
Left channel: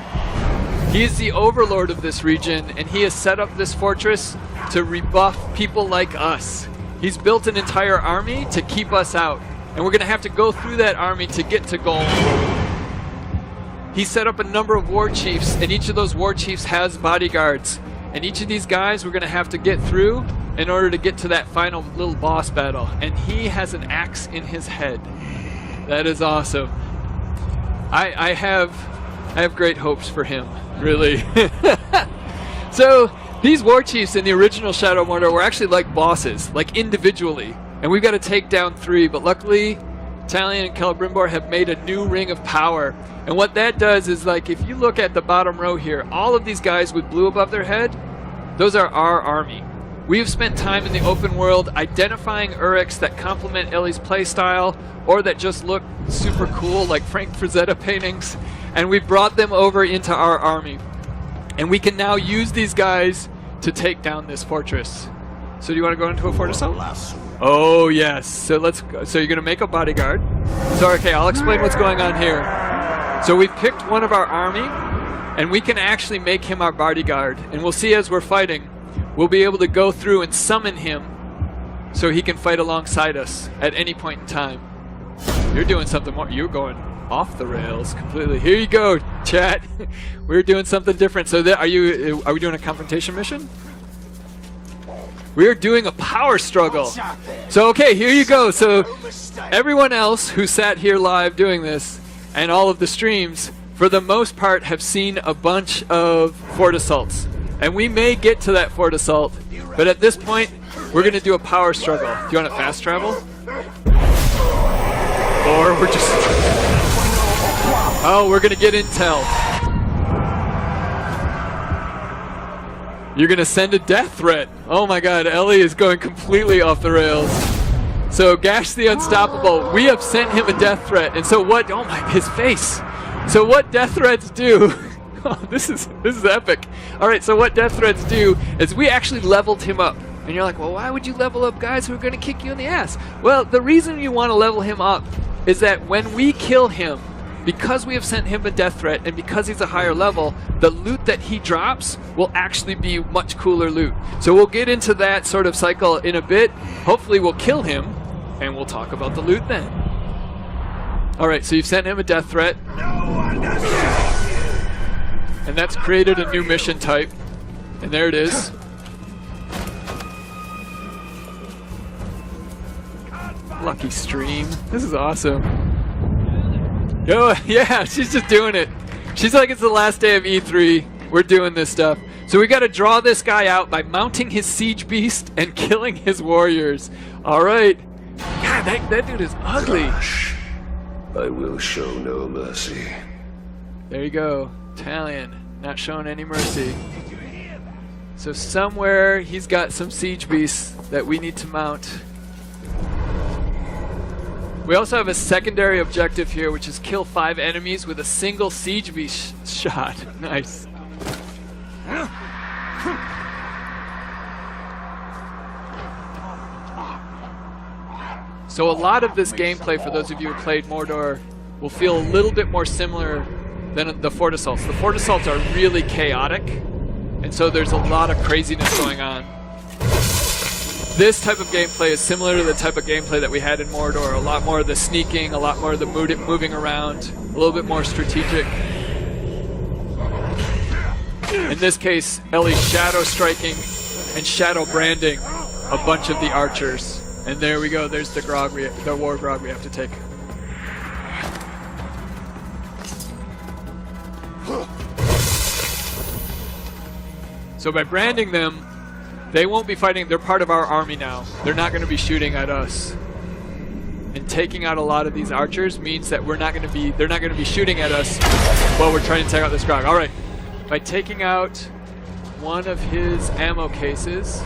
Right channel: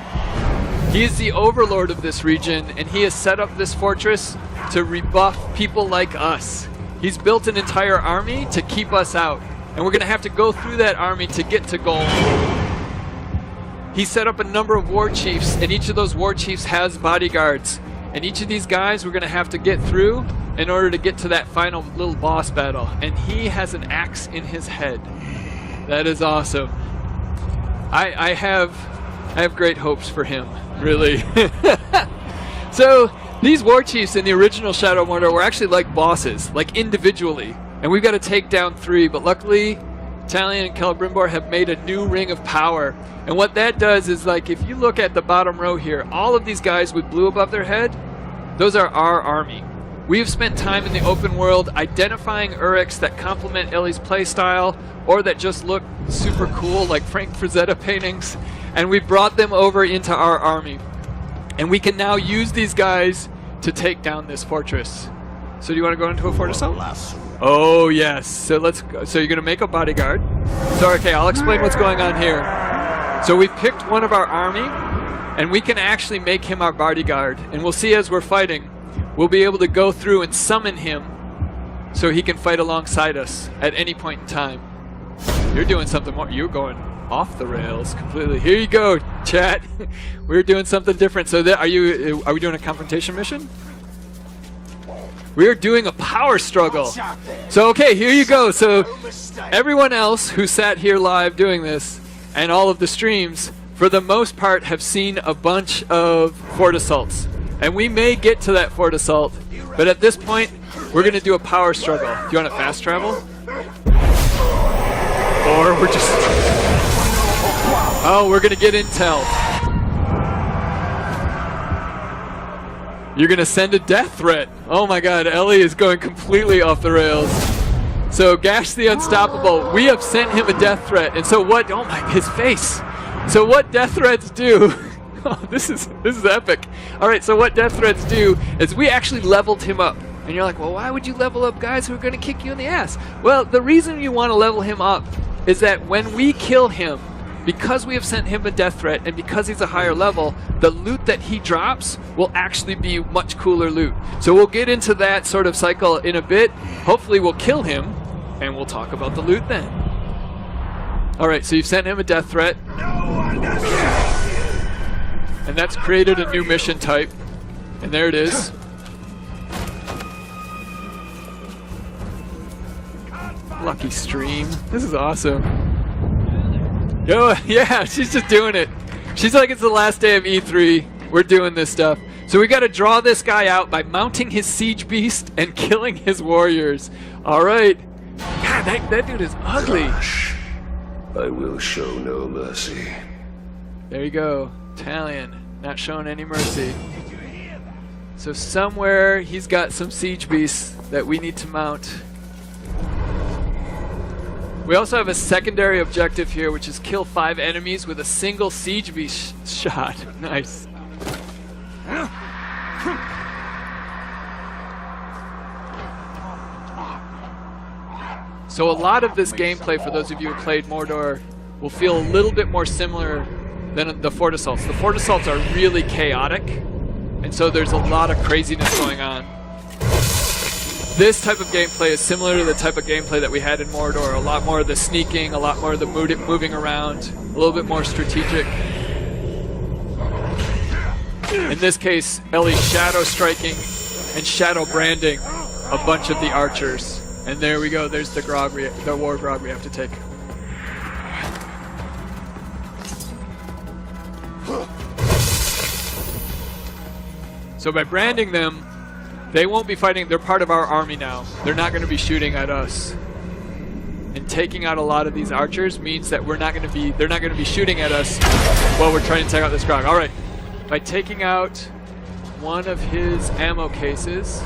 He is the overlord of this region, and he has set up this fortress to rebuff people like us. He's built an entire army to keep us out, and we're going to have to go through that army to get to Golem. He set up a number of war chiefs, and each of those war chiefs has bodyguards. And each of these guys we're going to have to get through in order to get to that final little boss battle. And he has an axe in his head. That is awesome. I have great hopes for him, really. So these war chiefs in the original Shadow of Mordor were actually like bosses, like individually. And we've got to take down 3, but luckily Talion and Celebrimbor have made a new ring of power. And what that does is, like, if you look at the bottom row here, all of these guys with blue above their head, those are our army. We've spent time in the open world identifying Uruks that complement Ellie's playstyle or that just look super cool, like Frank Frazetta paintings, and we brought them over into our army. And we can now use these guys to take down this fortress. So do you want to go into a fort assault? Oh, yes. So let's go. So you're going to make a bodyguard. So, okay, I'll explain what's going on here. So we picked one of our army, and we can actually make him our bodyguard. And we'll see as we're fighting, we'll be able to go through and summon him so he can fight alongside us at any point in time. You're doing something more. You're going off the rails completely. Here you go, chat. We're doing something different. So are we doing a confrontation mission? We're doing a power struggle. So, okay, here you go. So everyone else who sat here live doing this and all of the streams, for the most part, have seen a bunch of fort assaults. And we may get to that fort assault, but at this point, we're going to do a power struggle. Do you want to fast travel? Or we're just... Oh, we're going to get intel. You're going to send a death threat. Oh my god, Ellie is going completely off the rails. So Gash the Unstoppable, we have sent him a death threat. And so what, oh my, his face. So what death threats do, oh, this is epic. All right, so what death threats do is we actually leveled him up. And you're like, well, why would you level up guys who are going to kick you in the ass? Well, the reason you want to level him up is that when we kill him, because we have sent him a death threat and because he's a higher level, the loot that he drops will actually be much cooler loot. So we'll get into that sort of cycle in a bit. Hopefully we'll kill him and we'll talk about the loot then. All right, so you've sent him a death threat. And that's created a new mission type. And there it is. Lucky stream. This is awesome. Yo, yeah, she's just doing it. She's like, it's the last day of E3. We're doing this stuff. So we got to draw this guy out by mounting his siege beast and killing his warriors. All right. God, that dude is ugly. I will show no mercy. There you go. Italian, not showing any mercy. So somewhere he's got some siege beasts that we need to mount. We also have a secondary objective here, which is kill 5 enemies with a single siege beast shot. Nice. So a lot of this gameplay, for those of you who played Mordor, will feel a little bit more similar than the Fort Assaults. The Fort Assaults are really chaotic, and so there's a lot of craziness going on. This type of gameplay is similar to the type of gameplay that we had in Mordor. A lot more of the sneaking, a lot more of the moving around, a little bit more strategic. In this case, Ellie's shadow striking and shadow branding a bunch of the archers. And there we go, there's the grog, the war grog we have to take. So by branding them, they won't be fighting, they're part of our army now. They're not going to be shooting at us. And taking out a lot of these archers means that they're not going to be shooting at us while we're trying to take out this grog. All right, by taking out one of his ammo cases,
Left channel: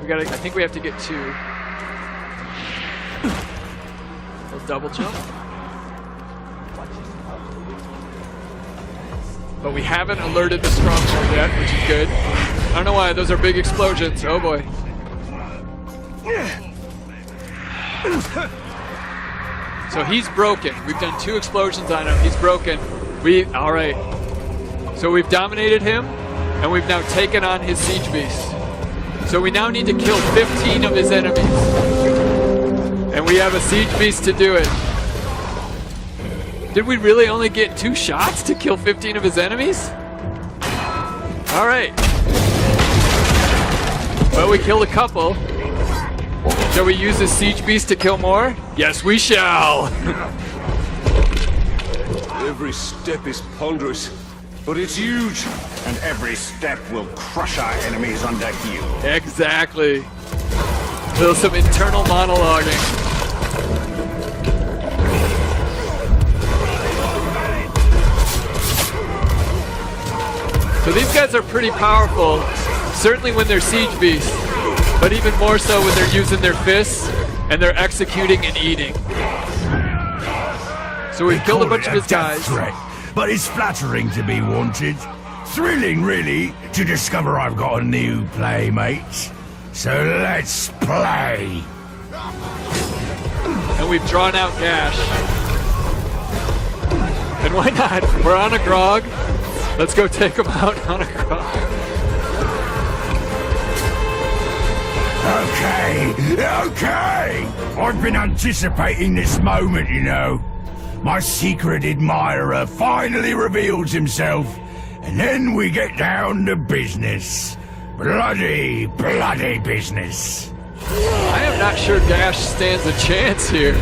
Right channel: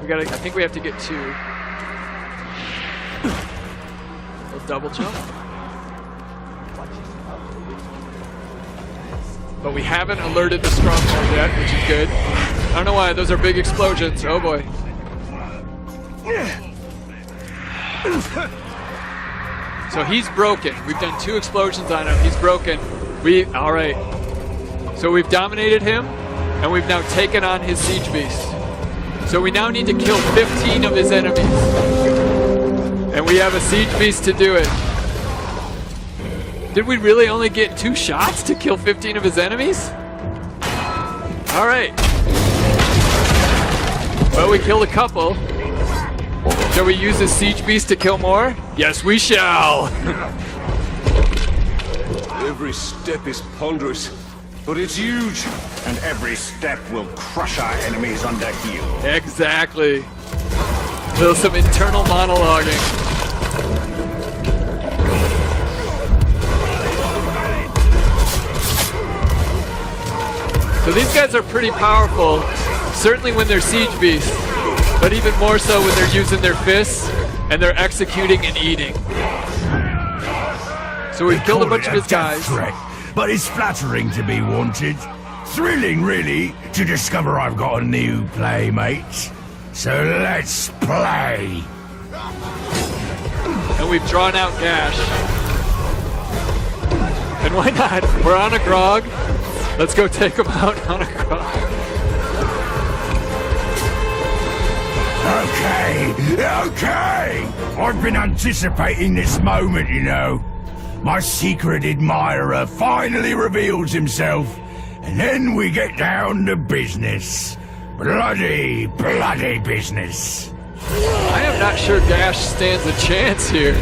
I think we have to get 2. We'll double jump. But we haven't alerted the stronghold yet, which is good. I don't know why, those are big explosions. Oh boy. So he's broken. We've done 2 explosions on him. He's broken. All right. So we've dominated him, and we've now taken on his siege beast. So we now need to kill 15 of his enemies. And we have a siege beast to do it. Did we really only get 2 shots to kill 15 of his enemies? All right. Well, we killed a couple. Shall we use the siege beast to kill more? Yes, we shall. Every step is ponderous, but it's huge. And every step will crush our enemies under heel. Exactly. Feel some internal monologuing. So these guys are pretty powerful, certainly when they're siege beasts, but even more so when they're using their fists and they're executing and eating. So we've killed a bunch of his guys. Threat, but it's flattering to be wanted. Thrilling, really, to discover I've got a new playmate. So let's play. And we've drawn out Gash. And why not? We're on a grog. Let's go take him out on a grog. Okay. I've been anticipating this moment, you know. My secret admirer finally reveals himself. And then we get down to business. Bloody business. I am not sure Dash stands a chance here.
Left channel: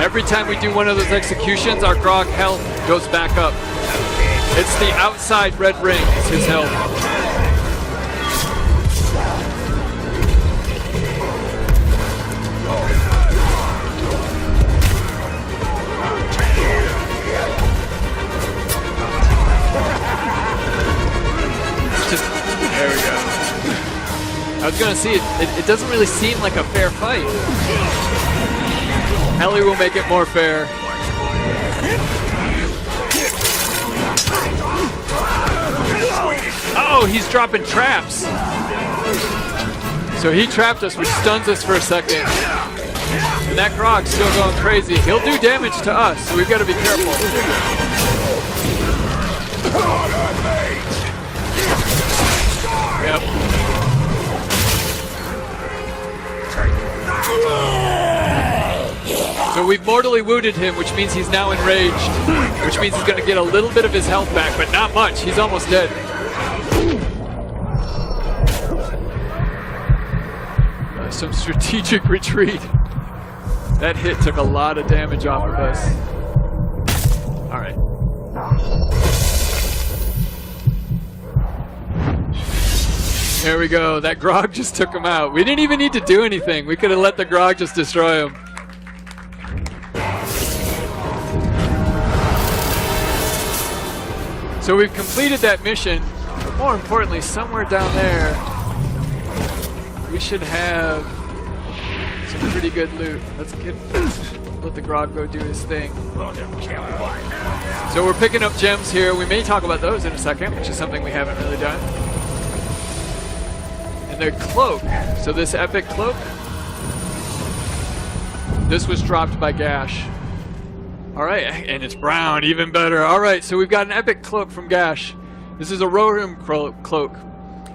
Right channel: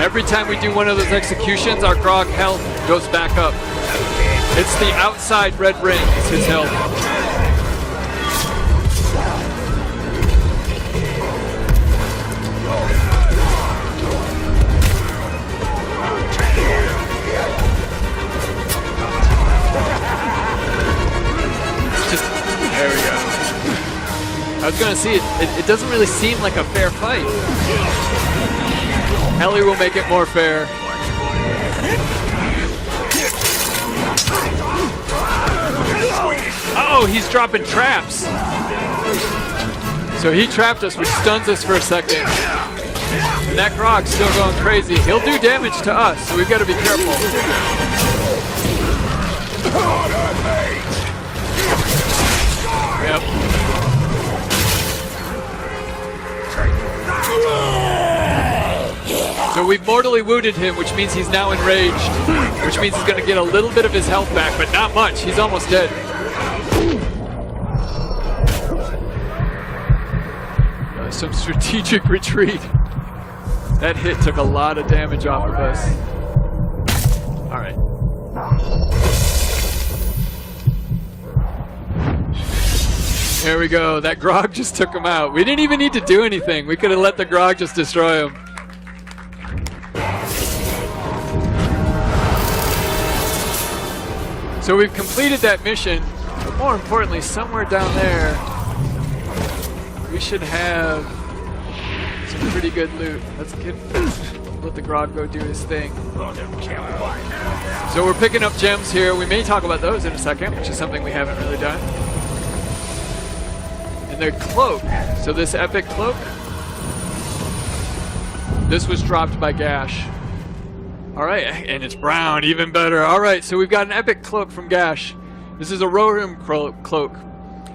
Every time we do one of those executions, our grog health goes back up. It's the outside red ring, is his health. There we go. I was gonna see it doesn't really seem like a fair fight. Heli will make it more fair. Oh, he's dropping traps. So he trapped us, which stuns us for a second. And that Grog's still going crazy. He'll do damage to us, so we've got to be careful. Yep. So we've mortally wounded him, which means he's now enraged, which means he's going to get a little bit of his health back, but not much. He's almost dead. Some strategic retreat. That hit took a lot of damage off of us. All right. There we go. That Grog just took him out. We didn't even need to do anything. We could have let the Grog just destroy him. So we've completed that mission, but more importantly, somewhere down there, we should have some pretty good loot. Let's let the Grog go do his thing. So we're picking up gems here. We may talk about those in a second, which is something we haven't really done. And their cloak. So this epic cloak, this was dropped by Gash. All right, and it's brown, even better. All right, so we've got an epic cloak from Gash. This is a Rohirrim cloak.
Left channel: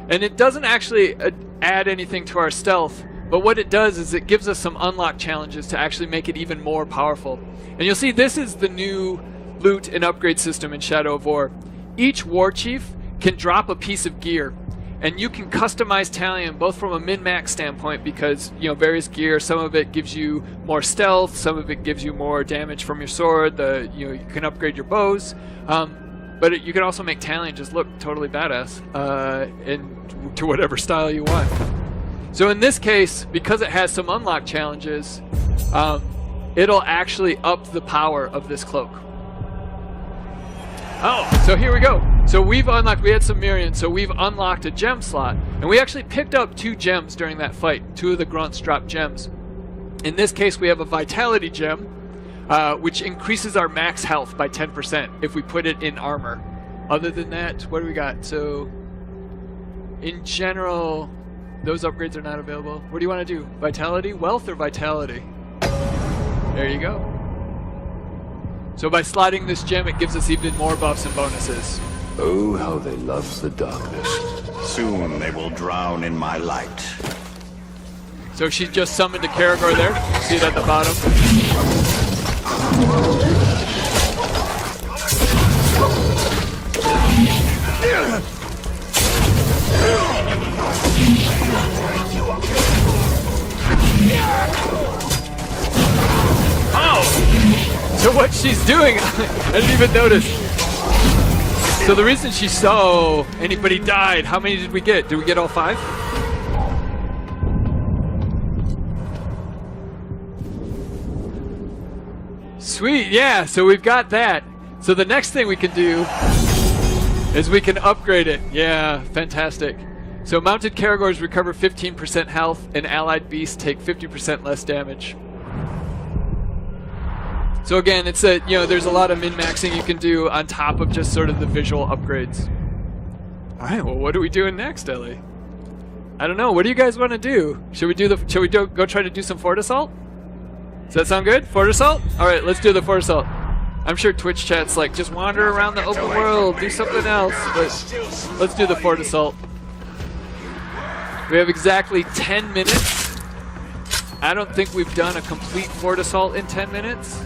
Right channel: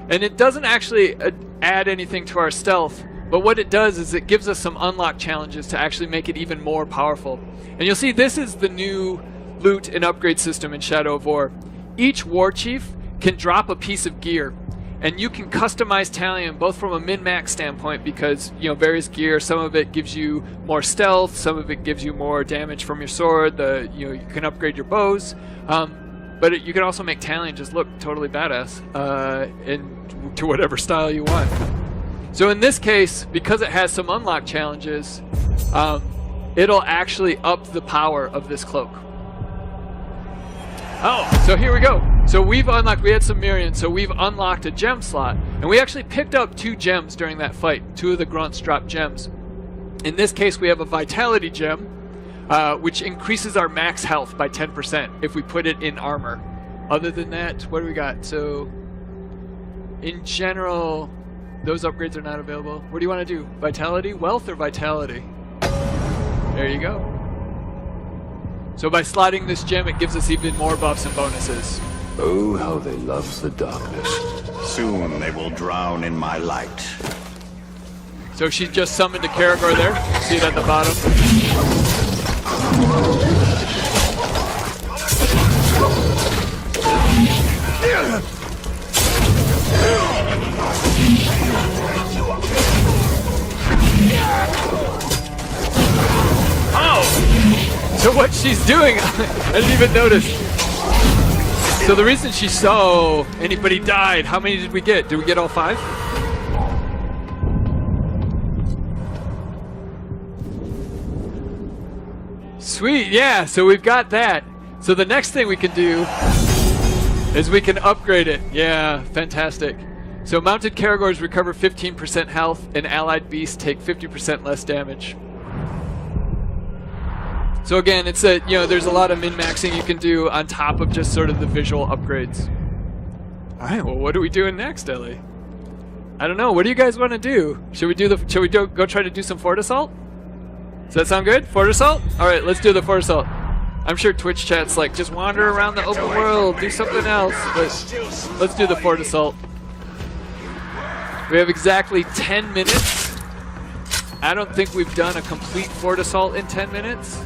And it doesn't actually add anything to our stealth, but what it does is it gives us some unlock challenges to actually make it even more powerful. And you'll see this is the new loot and upgrade system in Shadow of War. Each war chief can drop a piece of gear, and you can customize Talion both from a min-max standpoint because, you know, various gear, some of it gives you more stealth, some of it gives you more damage from your sword, you can upgrade your bows, but you can also make Talion just look totally badass to whatever style you want. So in this case, because it has some unlock challenges, it'll actually up the power of this cloak. Oh, so here we go. So we had some Mirians, so we've unlocked a gem slot, and we actually picked up 2 gems during that fight. 2 of the grunts dropped gems. In this case, we have a vitality gem, which increases our max health by 10% if we put it in armor. Other than that, what do we got? So, in general, those upgrades are not available. What do you want to do? Vitality, wealth, or vitality? There you go. So by slotting this gem, it gives us even more buffs and bonuses. Oh, how they love the darkness. Soon they will drown in my light. So she just summoned a Caragor there. See it at the bottom. Oh! So what she's doing, I didn't even notice. So the reason she saw anybody died, how many did we get? Did we get all 5? Sweet, yeah, so we've got that. So the next thing we can do is we can upgrade it. Yeah, fantastic. So mounted Caragors recover 15% health, and allied beasts take 50% less damage. So again, it's there's a lot of min-maxing you can do on top of just sort of the visual upgrades. All right, well, what are we doing next, Ellie? I don't know. What do you guys want to do? Should we go try to do some Fort Assault? Does that sound good? Fort Assault? All right, let's do the Fort Assault. I'm sure Twitch chat's like, just wander around the open world, do something else. But let's do the Fort Assault. We have exactly 10 minutes. I don't think we've done a complete Fort Assault in 10 minutes.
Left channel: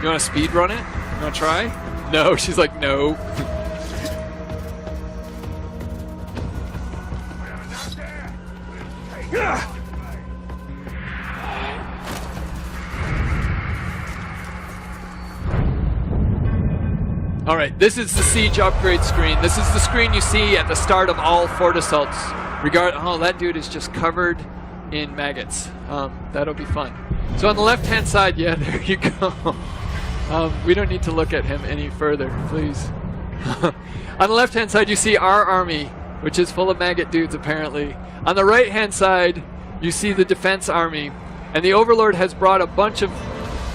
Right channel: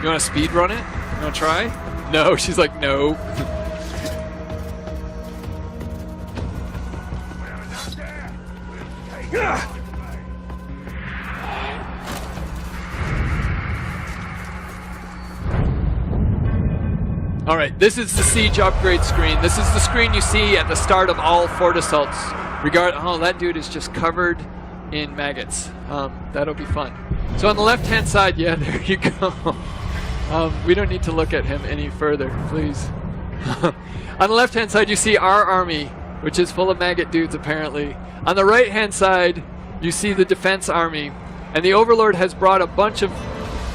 You want to speed run it? You want to try? No, she's like, no. All right, this is the Siege upgrade screen. This is the screen you see at the start of all Fort Assaults. Oh, that dude is just covered in maggots. That'll be fun. So on the left-hand side, yeah, there you go. We don't need to look at him any further, please. On the left-hand side, you see our army, which is full of maggot dudes, apparently. On the right-hand side, you see the defense army, And the Overlord has brought a bunch of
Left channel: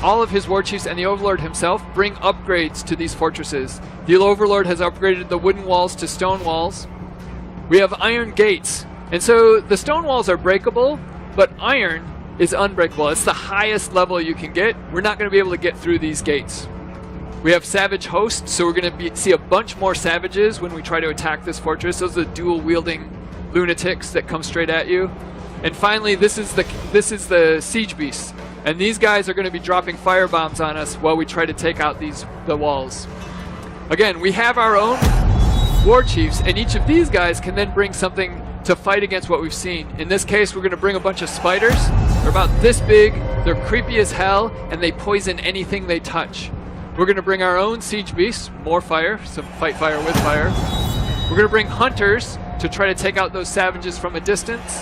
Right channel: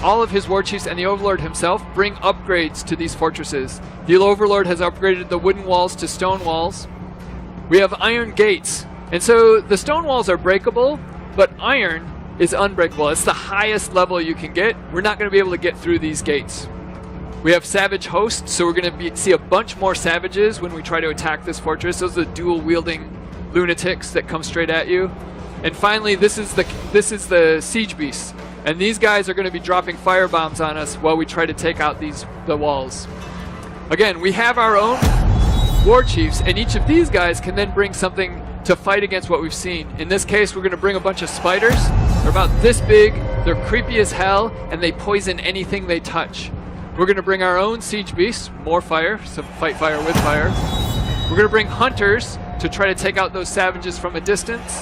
all of his war chiefs, and the Overlord himself bring upgrades to these fortresses. The Overlord has upgraded the wooden walls to stone walls. We have iron gates. And so the stone walls are breakable, but iron is unbreakable. It's the highest level you can get. We're not going to be able to get through these gates. We have savage hosts, so we're going to see a bunch more savages when we try to attack this fortress. Those are the dual-wielding lunatics that come straight at you. And finally, this is the siege beasts. And these guys are going to be dropping fire bombs on us while we try to take out the walls. Again, we have our own war chiefs, and each of these guys can then bring something to fight against what we've seen. In this case, we're going to bring a bunch of spiders. They're about this big, they're creepy as hell, and they poison anything they touch. We're going to bring our own siege beasts, more fire, so fight fire with fire. We're going to bring hunters to try to take out those savages from a distance.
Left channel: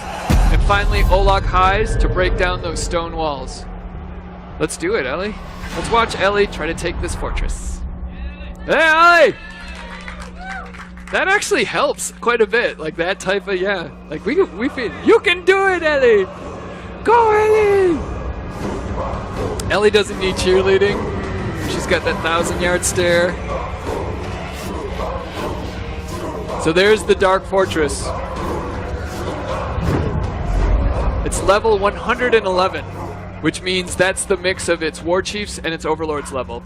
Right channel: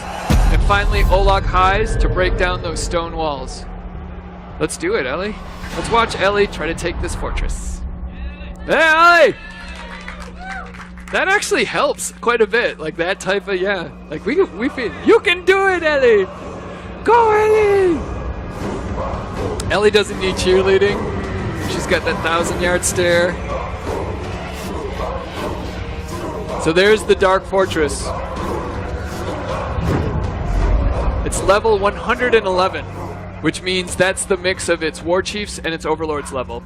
And finally, Olag Highs to break down those stone walls. Let's do it, Ellie. Let's watch Ellie try to take this fortress. Hey, Ellie! That actually helps quite a bit. Like that type of, yeah. Like we feel, you can do it, Ellie! Go, Ellie! Ellie doesn't need cheerleading. She's got that 1,000-yard stare. So there's the Dark Fortress. It's level 111, which means that's the mix of its war chiefs and its overlords level.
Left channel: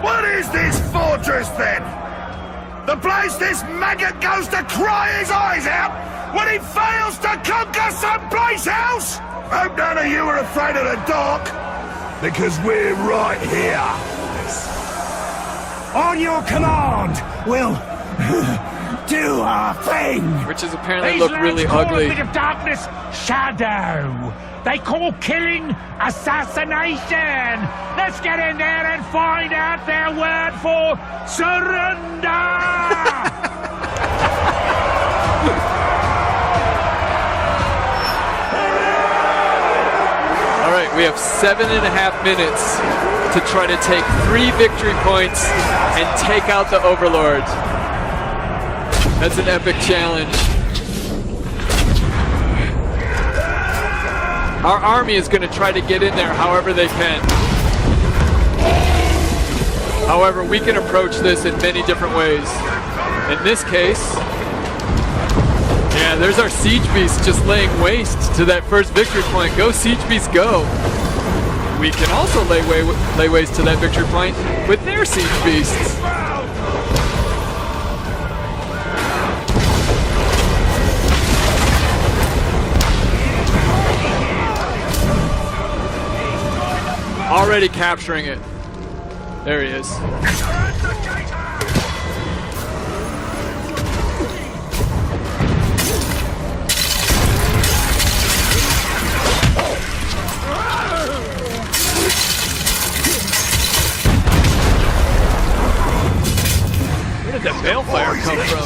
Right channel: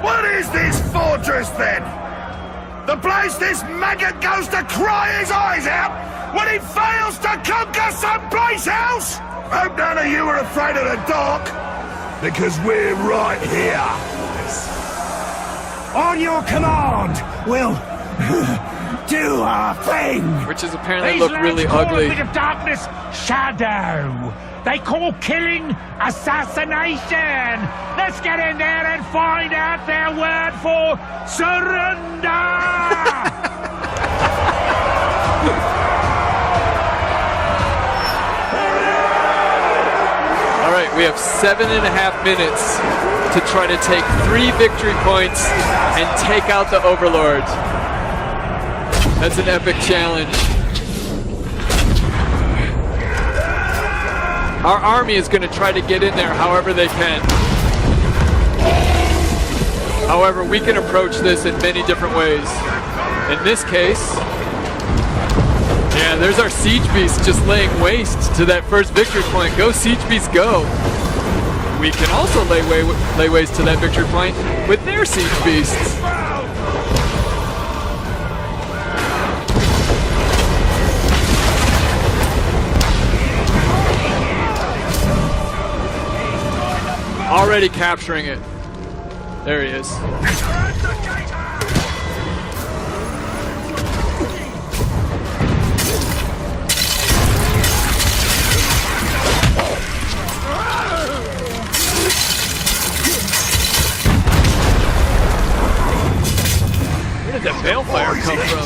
What is this fortress, then? The place this maggot goes to cry his eyes out when he fails to conquer someplace else? Hope none of you are afraid of the dark, because we're right here. On your command, we'll do our thing. Which is apparently look really ugly. A bit of darkness, shadow. They call killing assassination. Let's get in there and find out their word for surrender. All right, we have 7.5 minutes to try to take 3 victory points and take out the Overlord. That's an epic challenge. Our army is going to try to get in there however they can. However, we can approach this in many different ways. In this case, yeah, there's our siege beasts just laying waste to that first victory point. Go, siege beasts, go. We can also lay waste to that victory point with their siege beasts. Already capturing it. There he is. Where did that balefire come from?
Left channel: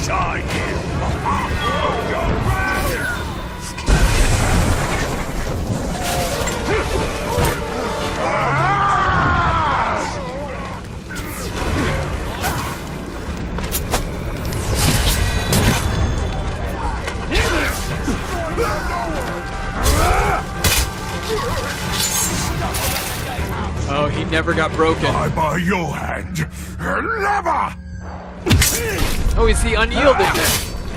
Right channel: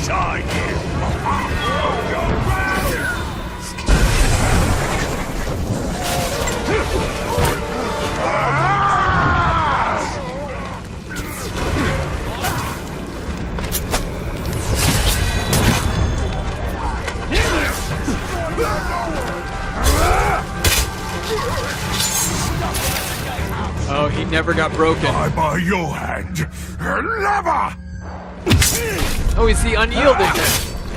Oh, he never got broken. I'm by your hand, lover! Oh, he's the unyielding.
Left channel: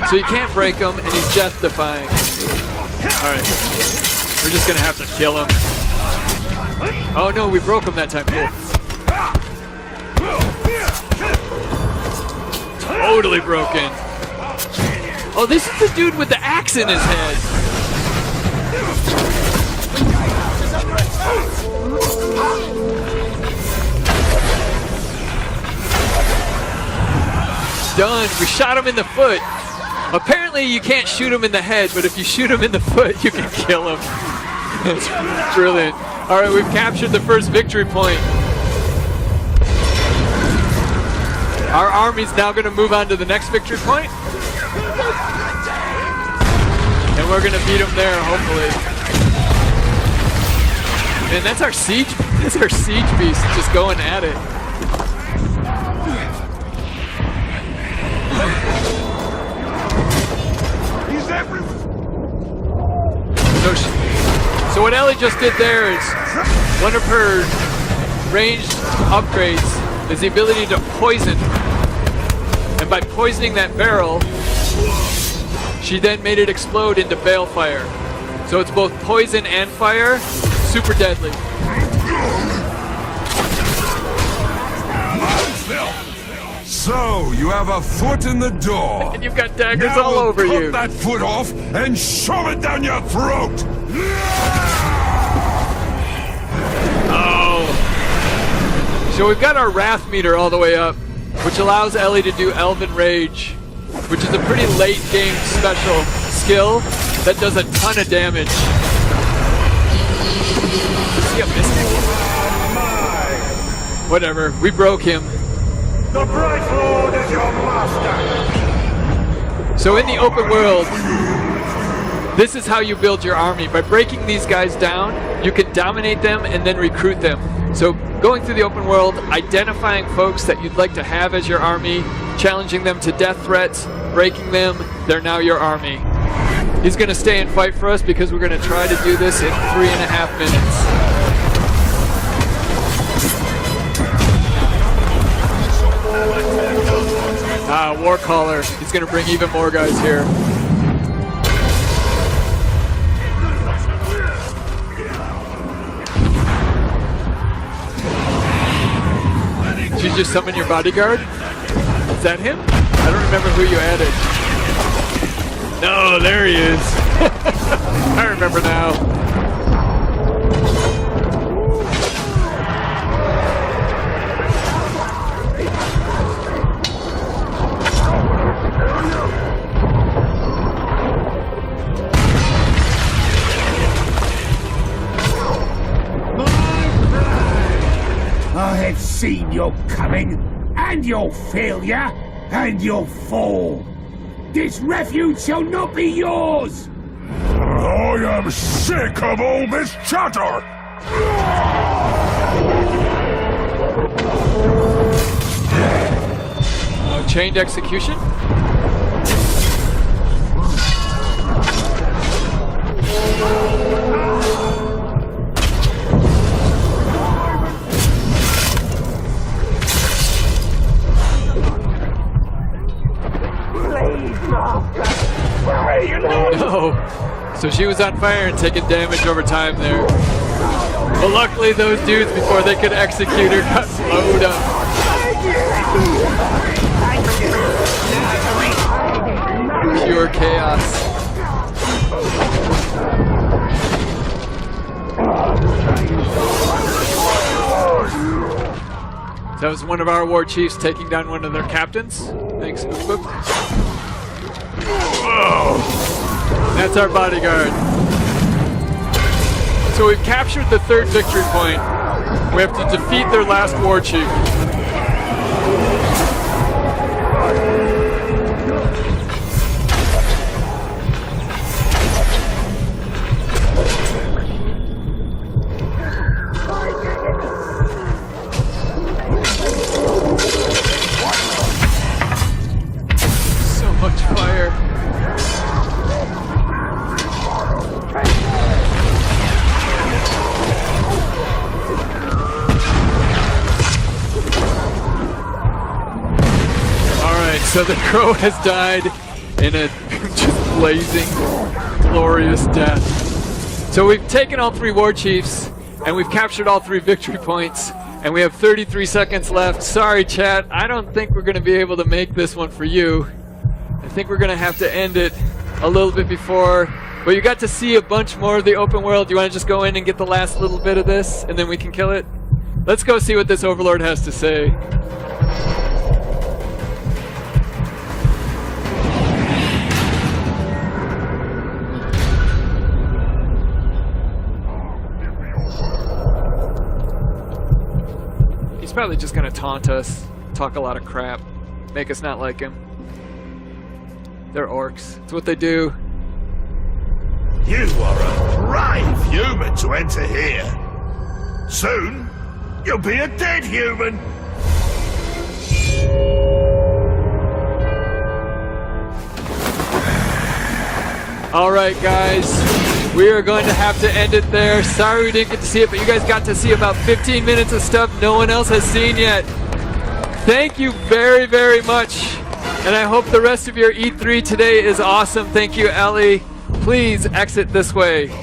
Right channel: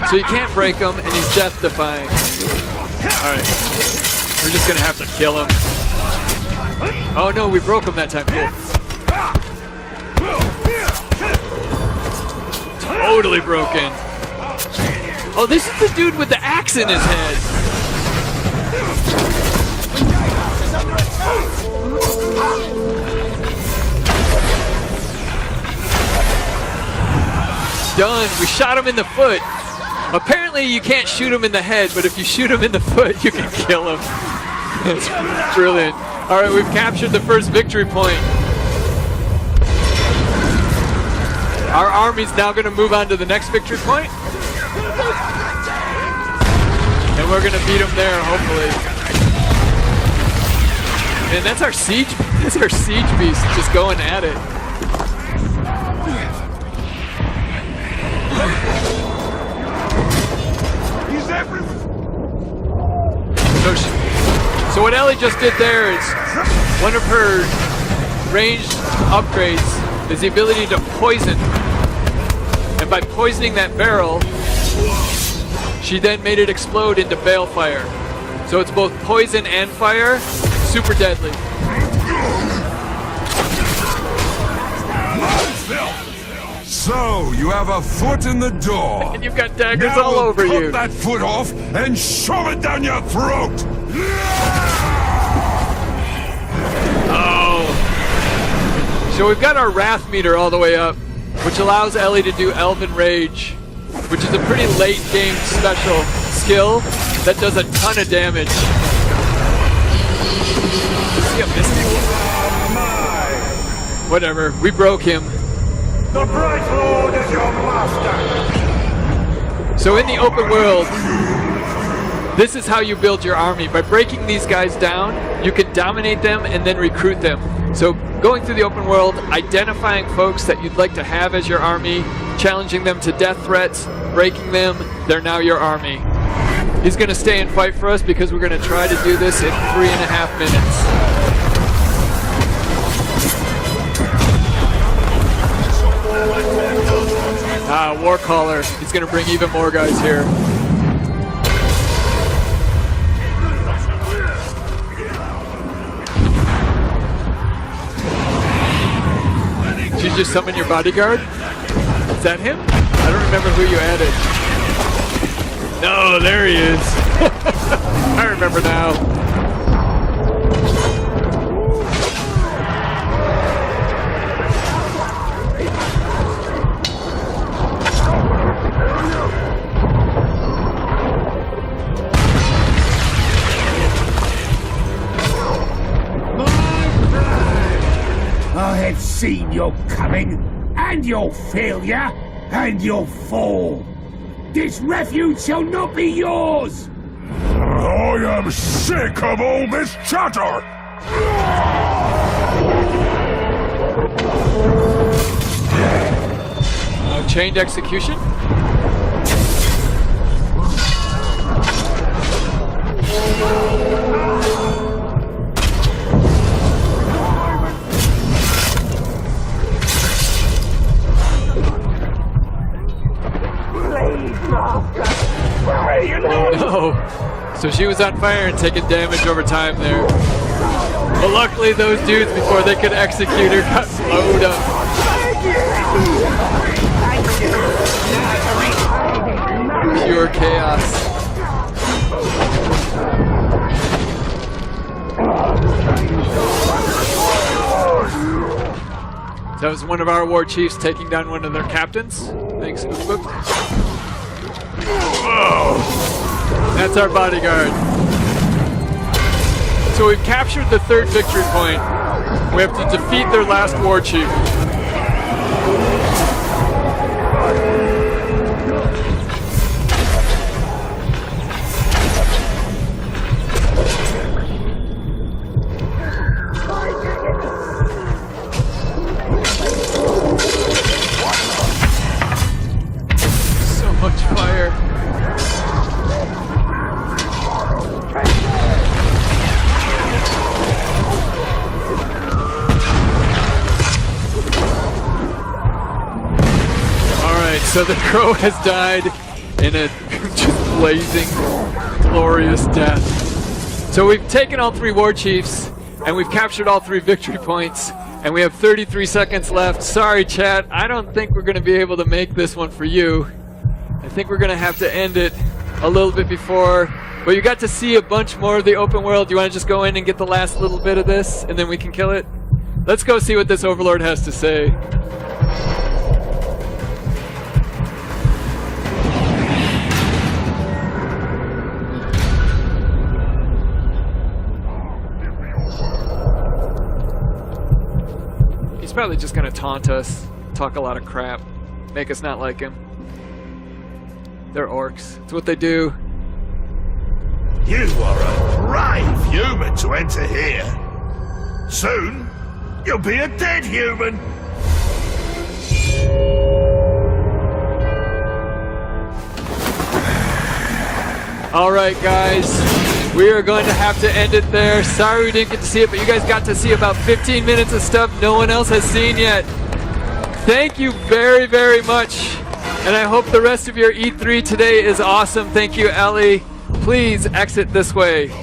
So you can't break him, and he's death-defying. Alright. We're just gonna have to kill him. Oh no, we broke him that time. Totally broken. Oh, this is the dude with the axe in his head. Done. We shot him in the foot. Apparently you can't shoot him in the head, but if you shoot him in the foot, you can kill him. That's brilliant. All right, we've captured the first victory point. Our army's now going to move on to the next victory point. And we're going to beat them there, hopefully. And that's our siege beast just going at it. He's everywhere. what Ellie just did there is one of her ranged upgrades is the ability to poison. And by poisoning that barrel, she then made it explode into balefire. So it's both poison and fire, super deadly. So, you have a foot in the door. And you've got daggers now all over cut you. that foot off and shove it down your throat. Oh. So we've got our wrath meter all the way up, which allows Ellie to do Elven Rage, which is a pretty late game special skill that does a ton of damage. See a Mystic? Whatever, we broke him. The Bright Lord is your master. So in the open world, this is how you build your army. By breaking these guys down, you can dominate them and then recruit them. So going through the open world, identifying folks that you'd like to have as your army, challenging them to death threats, breaking them, they're now your army. He's going to stay and fight for us because we're going to try to do this in 3.5 minutes. Warcaller, he's going to bring even more guys here. Did you just summon your bodyguard? Is that him? I don't remember who you added. No, there he is. I remember now. I have seen your coming, and your failure, and your fall. This refuge shall not be yours! I am sick of all this chatter! Chained execution? Oh, so she was on fire and taking damage over time there. Well, luckily those dudes, before they could execute her, got blowed up. Pure chaos. That was one of our war chiefs taking down one of their captains. Thanks, Spook. Whoa! That's our bodyguard. So we've captured the third victory point. We have to defeat their last war chief. So much fire. So the crow has died in a just blazing, glorious death. So we've taken all 3 war chiefs, and we've captured all 3 victory points, and we have 33 seconds left. Sorry, chat, I don't think we're going to be able to make this one for you. I think we're going to have to end it a little bit before. But you got to see a bunch more of the open world. Do you want to just go in and get the last little bit of this, and then we can kill it? Let's go see what this Overlord has to say. He's probably just gonna taunt us, talk a lot of crap, make us not like him. They're orcs. It's what they do. You are a brave human to enter here. Soon, you'll be a dead human. All right, guys. we are going to have to end it there. Sorry we didn't get to see it, but you guys got to see about 15 minutes of stuff no one else has seen yet. Thank you very, very much. And I hope the rest of your E3 today is awesome. Thank you, Ellie. Please exit this way.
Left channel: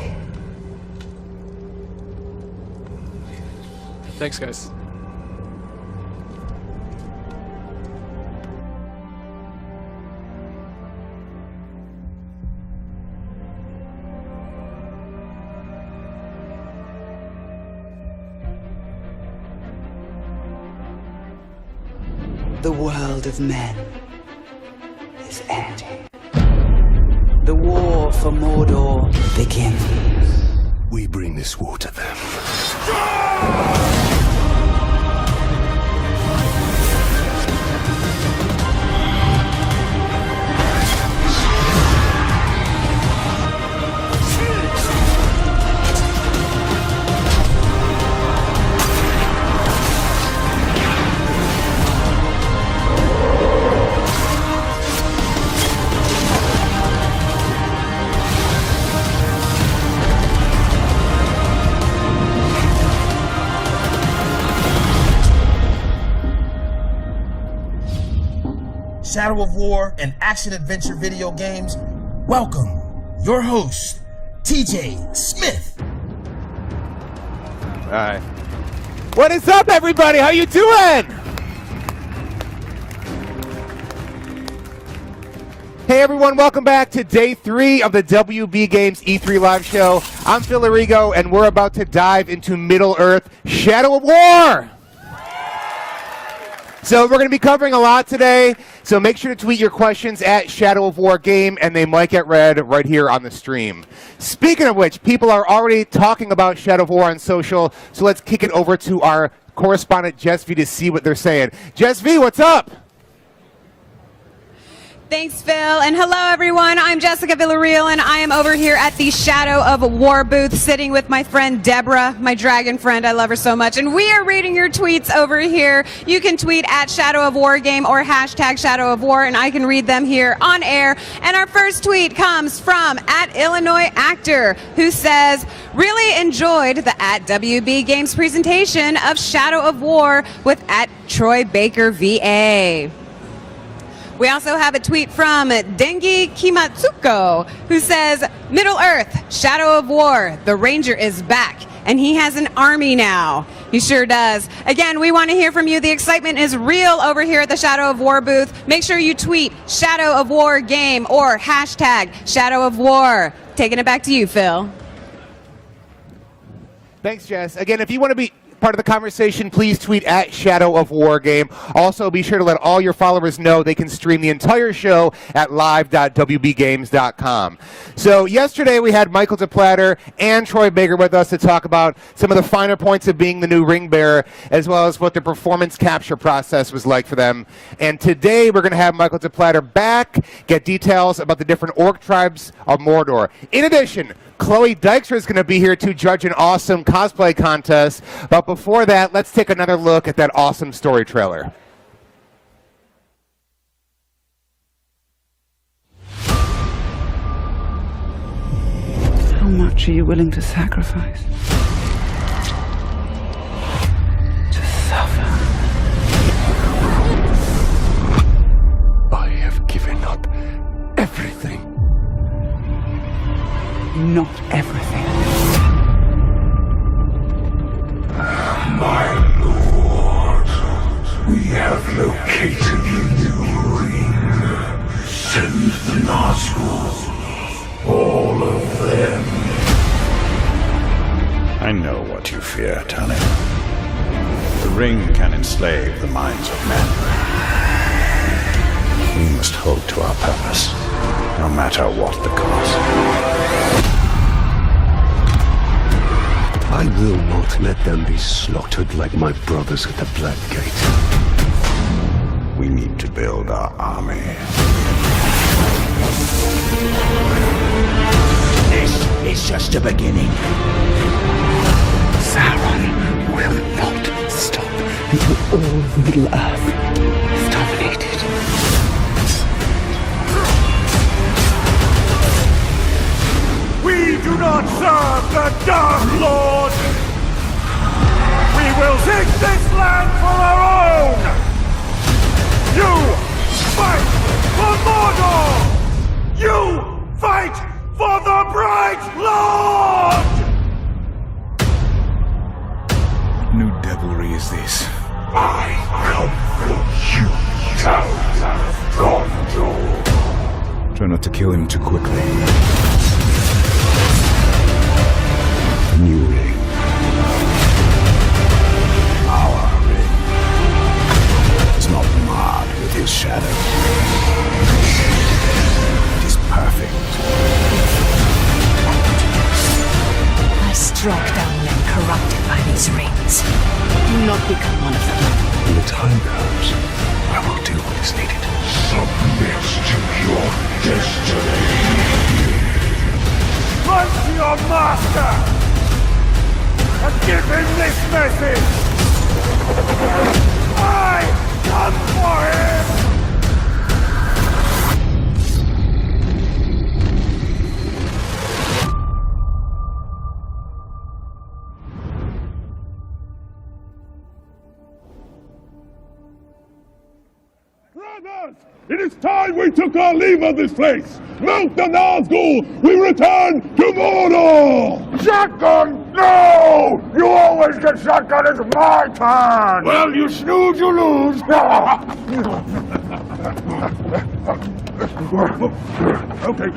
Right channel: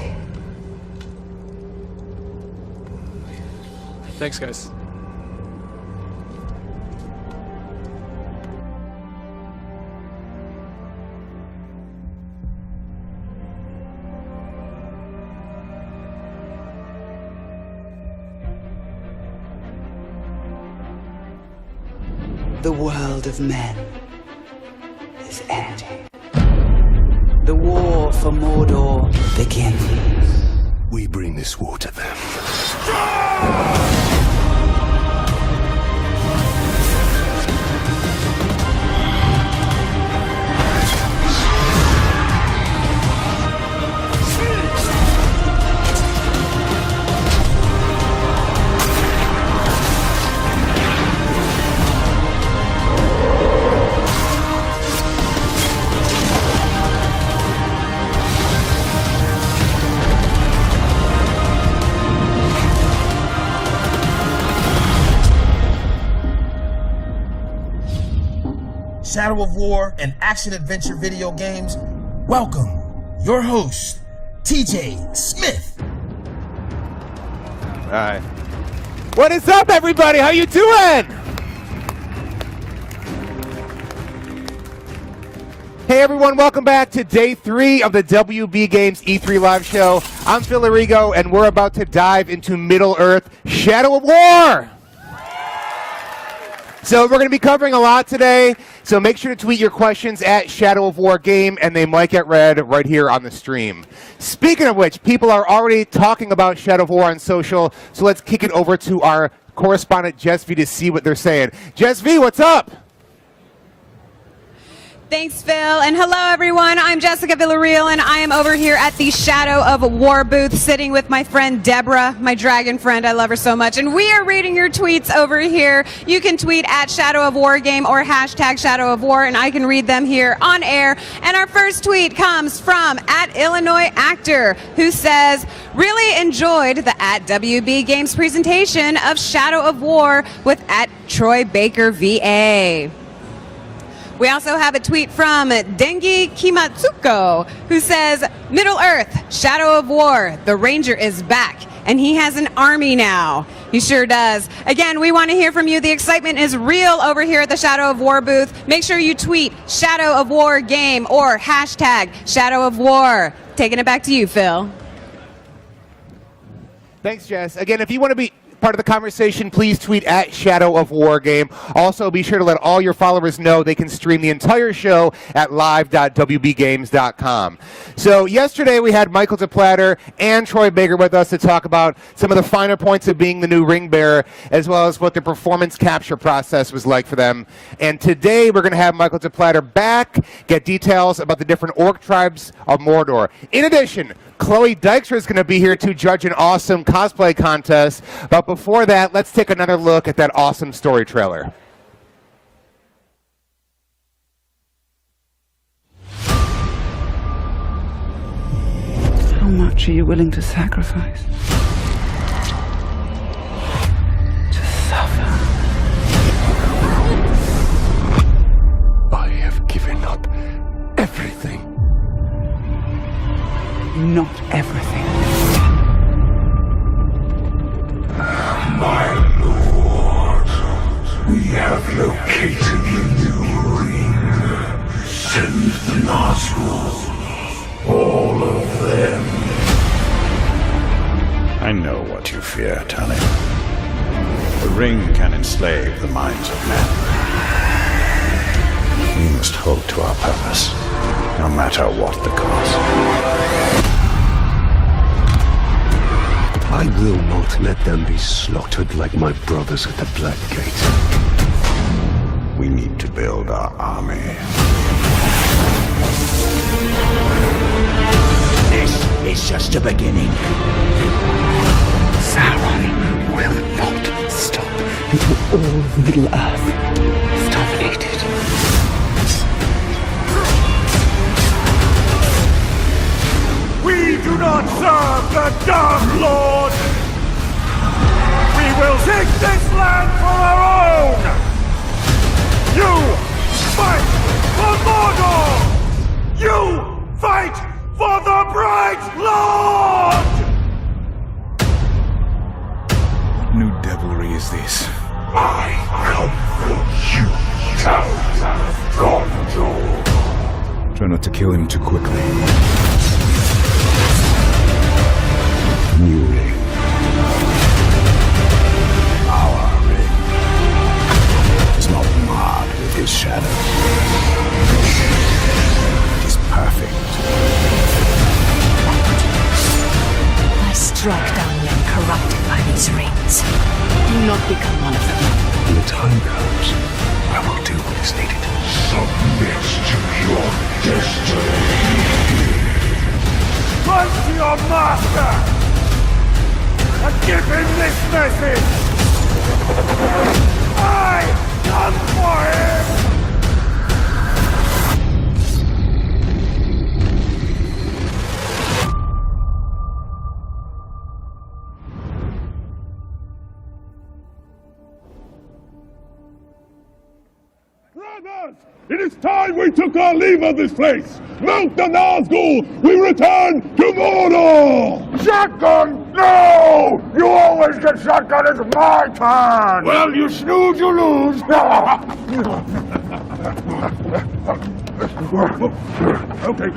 Thanks, guys. The world of men is ending. The war for Mordor begins. We bring this war to them. Shadow of War and action-adventure video games, welcome your host, TJ Smith. All right. What is up, everybody? How you doing? Hey, everyone. Welcome back to day 3 of the WB Games E3 live show. I'm Phil Arrigo, and we're about to dive into Middle-earth Shadow of War. So we're going to be covering a lot today, so make sure to tweet your questions at Shadow of War Game, and they might get read right here on the stream. Speaking of which, people are already talking about Shadow of War on social, so let's kick it over to our correspondent Jess V to see what they're saying. Jess V, what's up? Thanks, Phil, and hello, everyone. I'm Jessica Villarreal, and I am over here at the Shadow of War booth, sitting with my friend Deborah, my dragon friend. I love her so much, and we are reading your tweets over here. You can tweet at Shadow of War Game or hashtag Shadow of War, and I can read them here on air. And our first tweet comes from at Illinois Actor, who says, really enjoyed the at WB Games presentation of Shadow of War with at Troy Baker VA. We also have a tweet from Dengi Kimatsuko, who says, Middle-earth, Shadow of War, the Ranger is back, and he has an army now. He sure does. Again, we want to hear from you. The excitement is real over here at the Shadow of War booth. Make sure you tweet Shadow of War Game or hashtag Shadow of War. Taking it back to you, Phil. Thanks, Jess. Again, if you want to be part of the conversation, please tweet at Shadow of War Game. Also, be sure to let all your followers know they can stream the entire show at live.wbgames.com. So yesterday we had Michael DePlatter and Troy Baker with us to talk about some of the finer points of being the new ring bearer, as well as what the performance capture process was like for them. And today we're going to have Michael DePlatter back, get details about the different orc tribes of Mordor. In addition, Chloe Dykstra is going to be here to judge an awesome cosplay contest. But before that, let's take another look at that awesome story trailer. How much are you willing to sacrifice? To suffer? I have given up everything. Not everything. My lord, we have located the new ring. Send the Nazgûl, all of them. I know what you fear, Tali. The ring can enslave the minds of men. We must hold to our purpose, no matter what the cost. I will not let them be slaughtered like my brothers at the Black Gate. We need to build our army. This is just a beginning. Sauron will not stop until all of Middle-earth is dominated. We do do not serve the Dark Lord! We will take this land for our own! You fight for Mordor! You fight for the Bright Lord! What new devilry is this? I come for you, Town of Gondor. Try not to kill him too quickly. New ring. Our ring is not marred with his shadow. It is perfect. I struck down men corrupted by these rings. Do not become one of them. When the time comes, I will do what is needed. Submit to your destiny. Run to your master! And give him this message! I come for him! Brothers, it is time we took our leave of this place. Mount the Nazgul, we return to Mordor! Shotgun! No! You always get shotgun, it's my turn! Well, you snooze, you lose. Okay,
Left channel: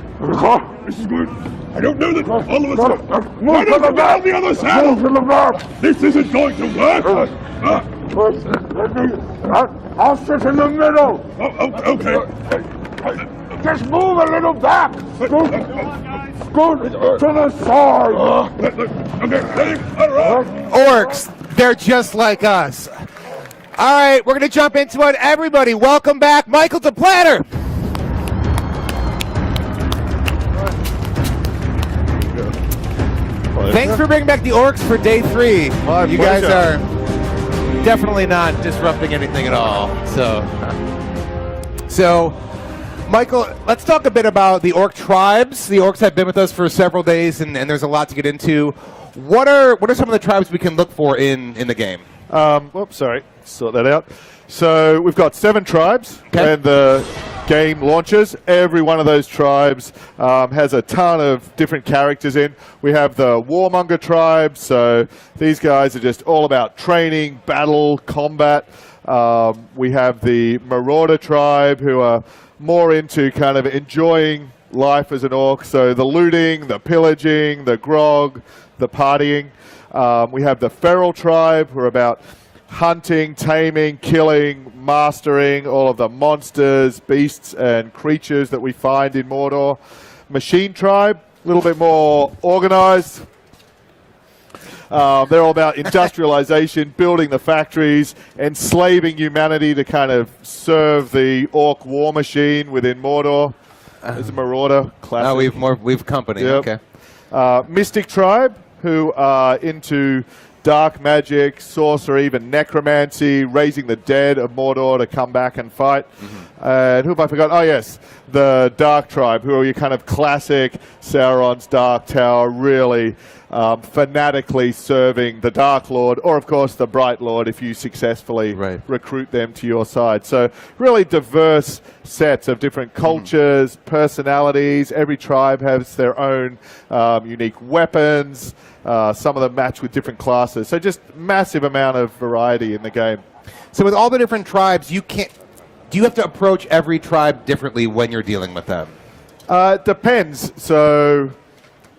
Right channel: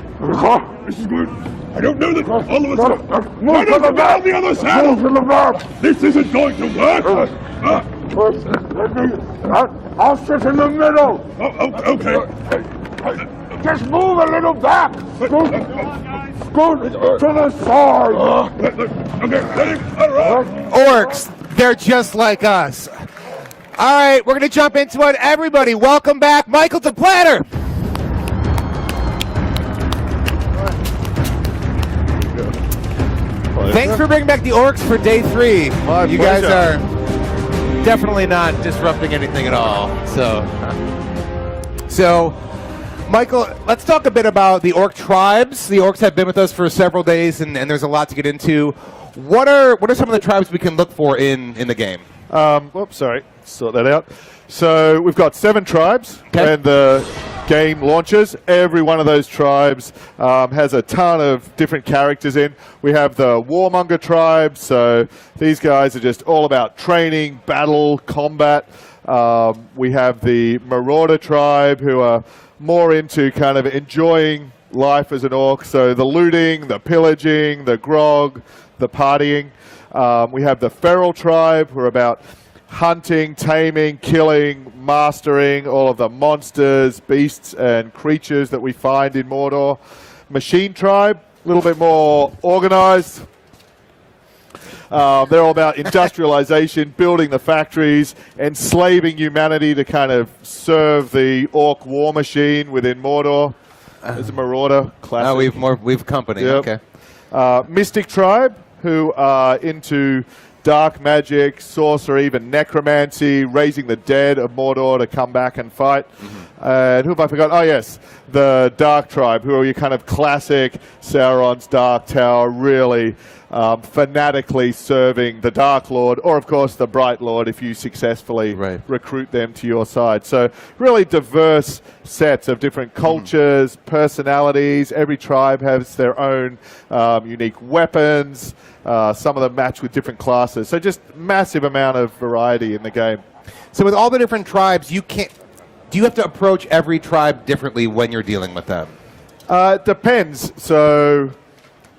this is good. I don't know that all of us are... Run up and down the other side! This isn't going to work! I'll sit in the middle! Okay. Just move a little back! Scoot to the side! Orcs, they're just like us. All right, we're going to jump into it. Everybody, welcome back, Michael the Planner. Thanks for bringing back the Orcs for day 3. You guys are definitely not disrupting anything at all. So, Michael, let's talk a bit about the Orc tribes. The Orcs have been with us for several days, and there's a lot to get into. What are some of the tribes we can look for in the game? Whoops, sorry. Sort that out. So we've got 7 tribes, and the game launches. Every one of those tribes has a ton of different characters in. We have the Warmonger tribe, so these guys are just all about training, battle, combat. We have the Marauder tribe, who are more into kind of enjoying life as an orc, so the looting, the pillaging, the grog, the partying. We have the Feral tribe, who are about hunting, taming, killing, mastering all of the monsters, beasts, and creatures that we find in Mordor. Machine tribe, a little bit more organized. They're all about industrialization, building the factories, enslaving humanity to kind of serve the orc war machine within Mordor. There's a Marauder, classic. We've company, Yep. okay. Mystic tribe, who are into dark magic, sorcery, even necromancy, raising the dead of Mordor to come back and fight. And who have I forgotten? Oh, yes, the Dark tribe, who are your kind of classic Sauron's Dark Tower, really fanatically serving the Dark Lord, or of course the Bright Lord if you successfully recruit them to your side. So really diverse sets of different cultures, personalities. Every tribe has their own unique weapons. Some of them match with different classes. So just massive amount of variety in the game. So with all the different tribes, do you have to approach every tribe differently when you're dealing with them? Depends. So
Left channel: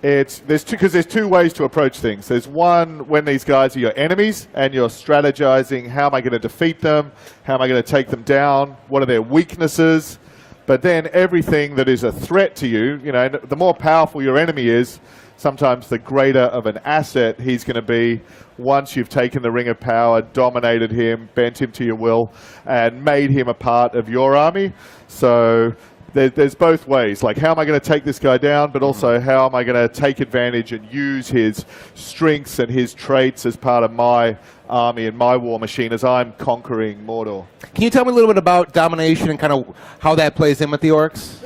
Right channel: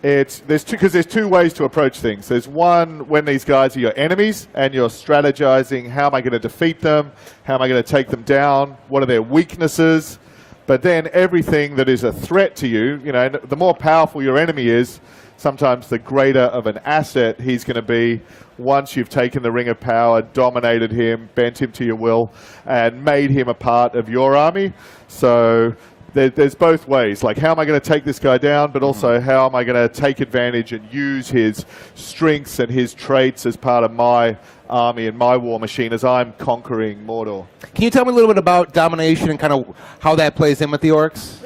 there's two ways to approach things. There's one when these guys are your enemies and you're strategizing, how am I going to defeat them? How am I going to take them down? What are their weaknesses? But then everything that is a threat to you, the more powerful your enemy is, sometimes the greater of an asset he's going to be once you've taken the Ring of Power, dominated him, bent him to your will, and made him a part of your army. So there's both ways. Like, how am I going to take this guy down, but also how am I going to take advantage and use his strengths and his traits as part of my army and my war machine as I'm conquering Mordor. Can you tell me a little bit about domination and kind of how that plays in with the orcs?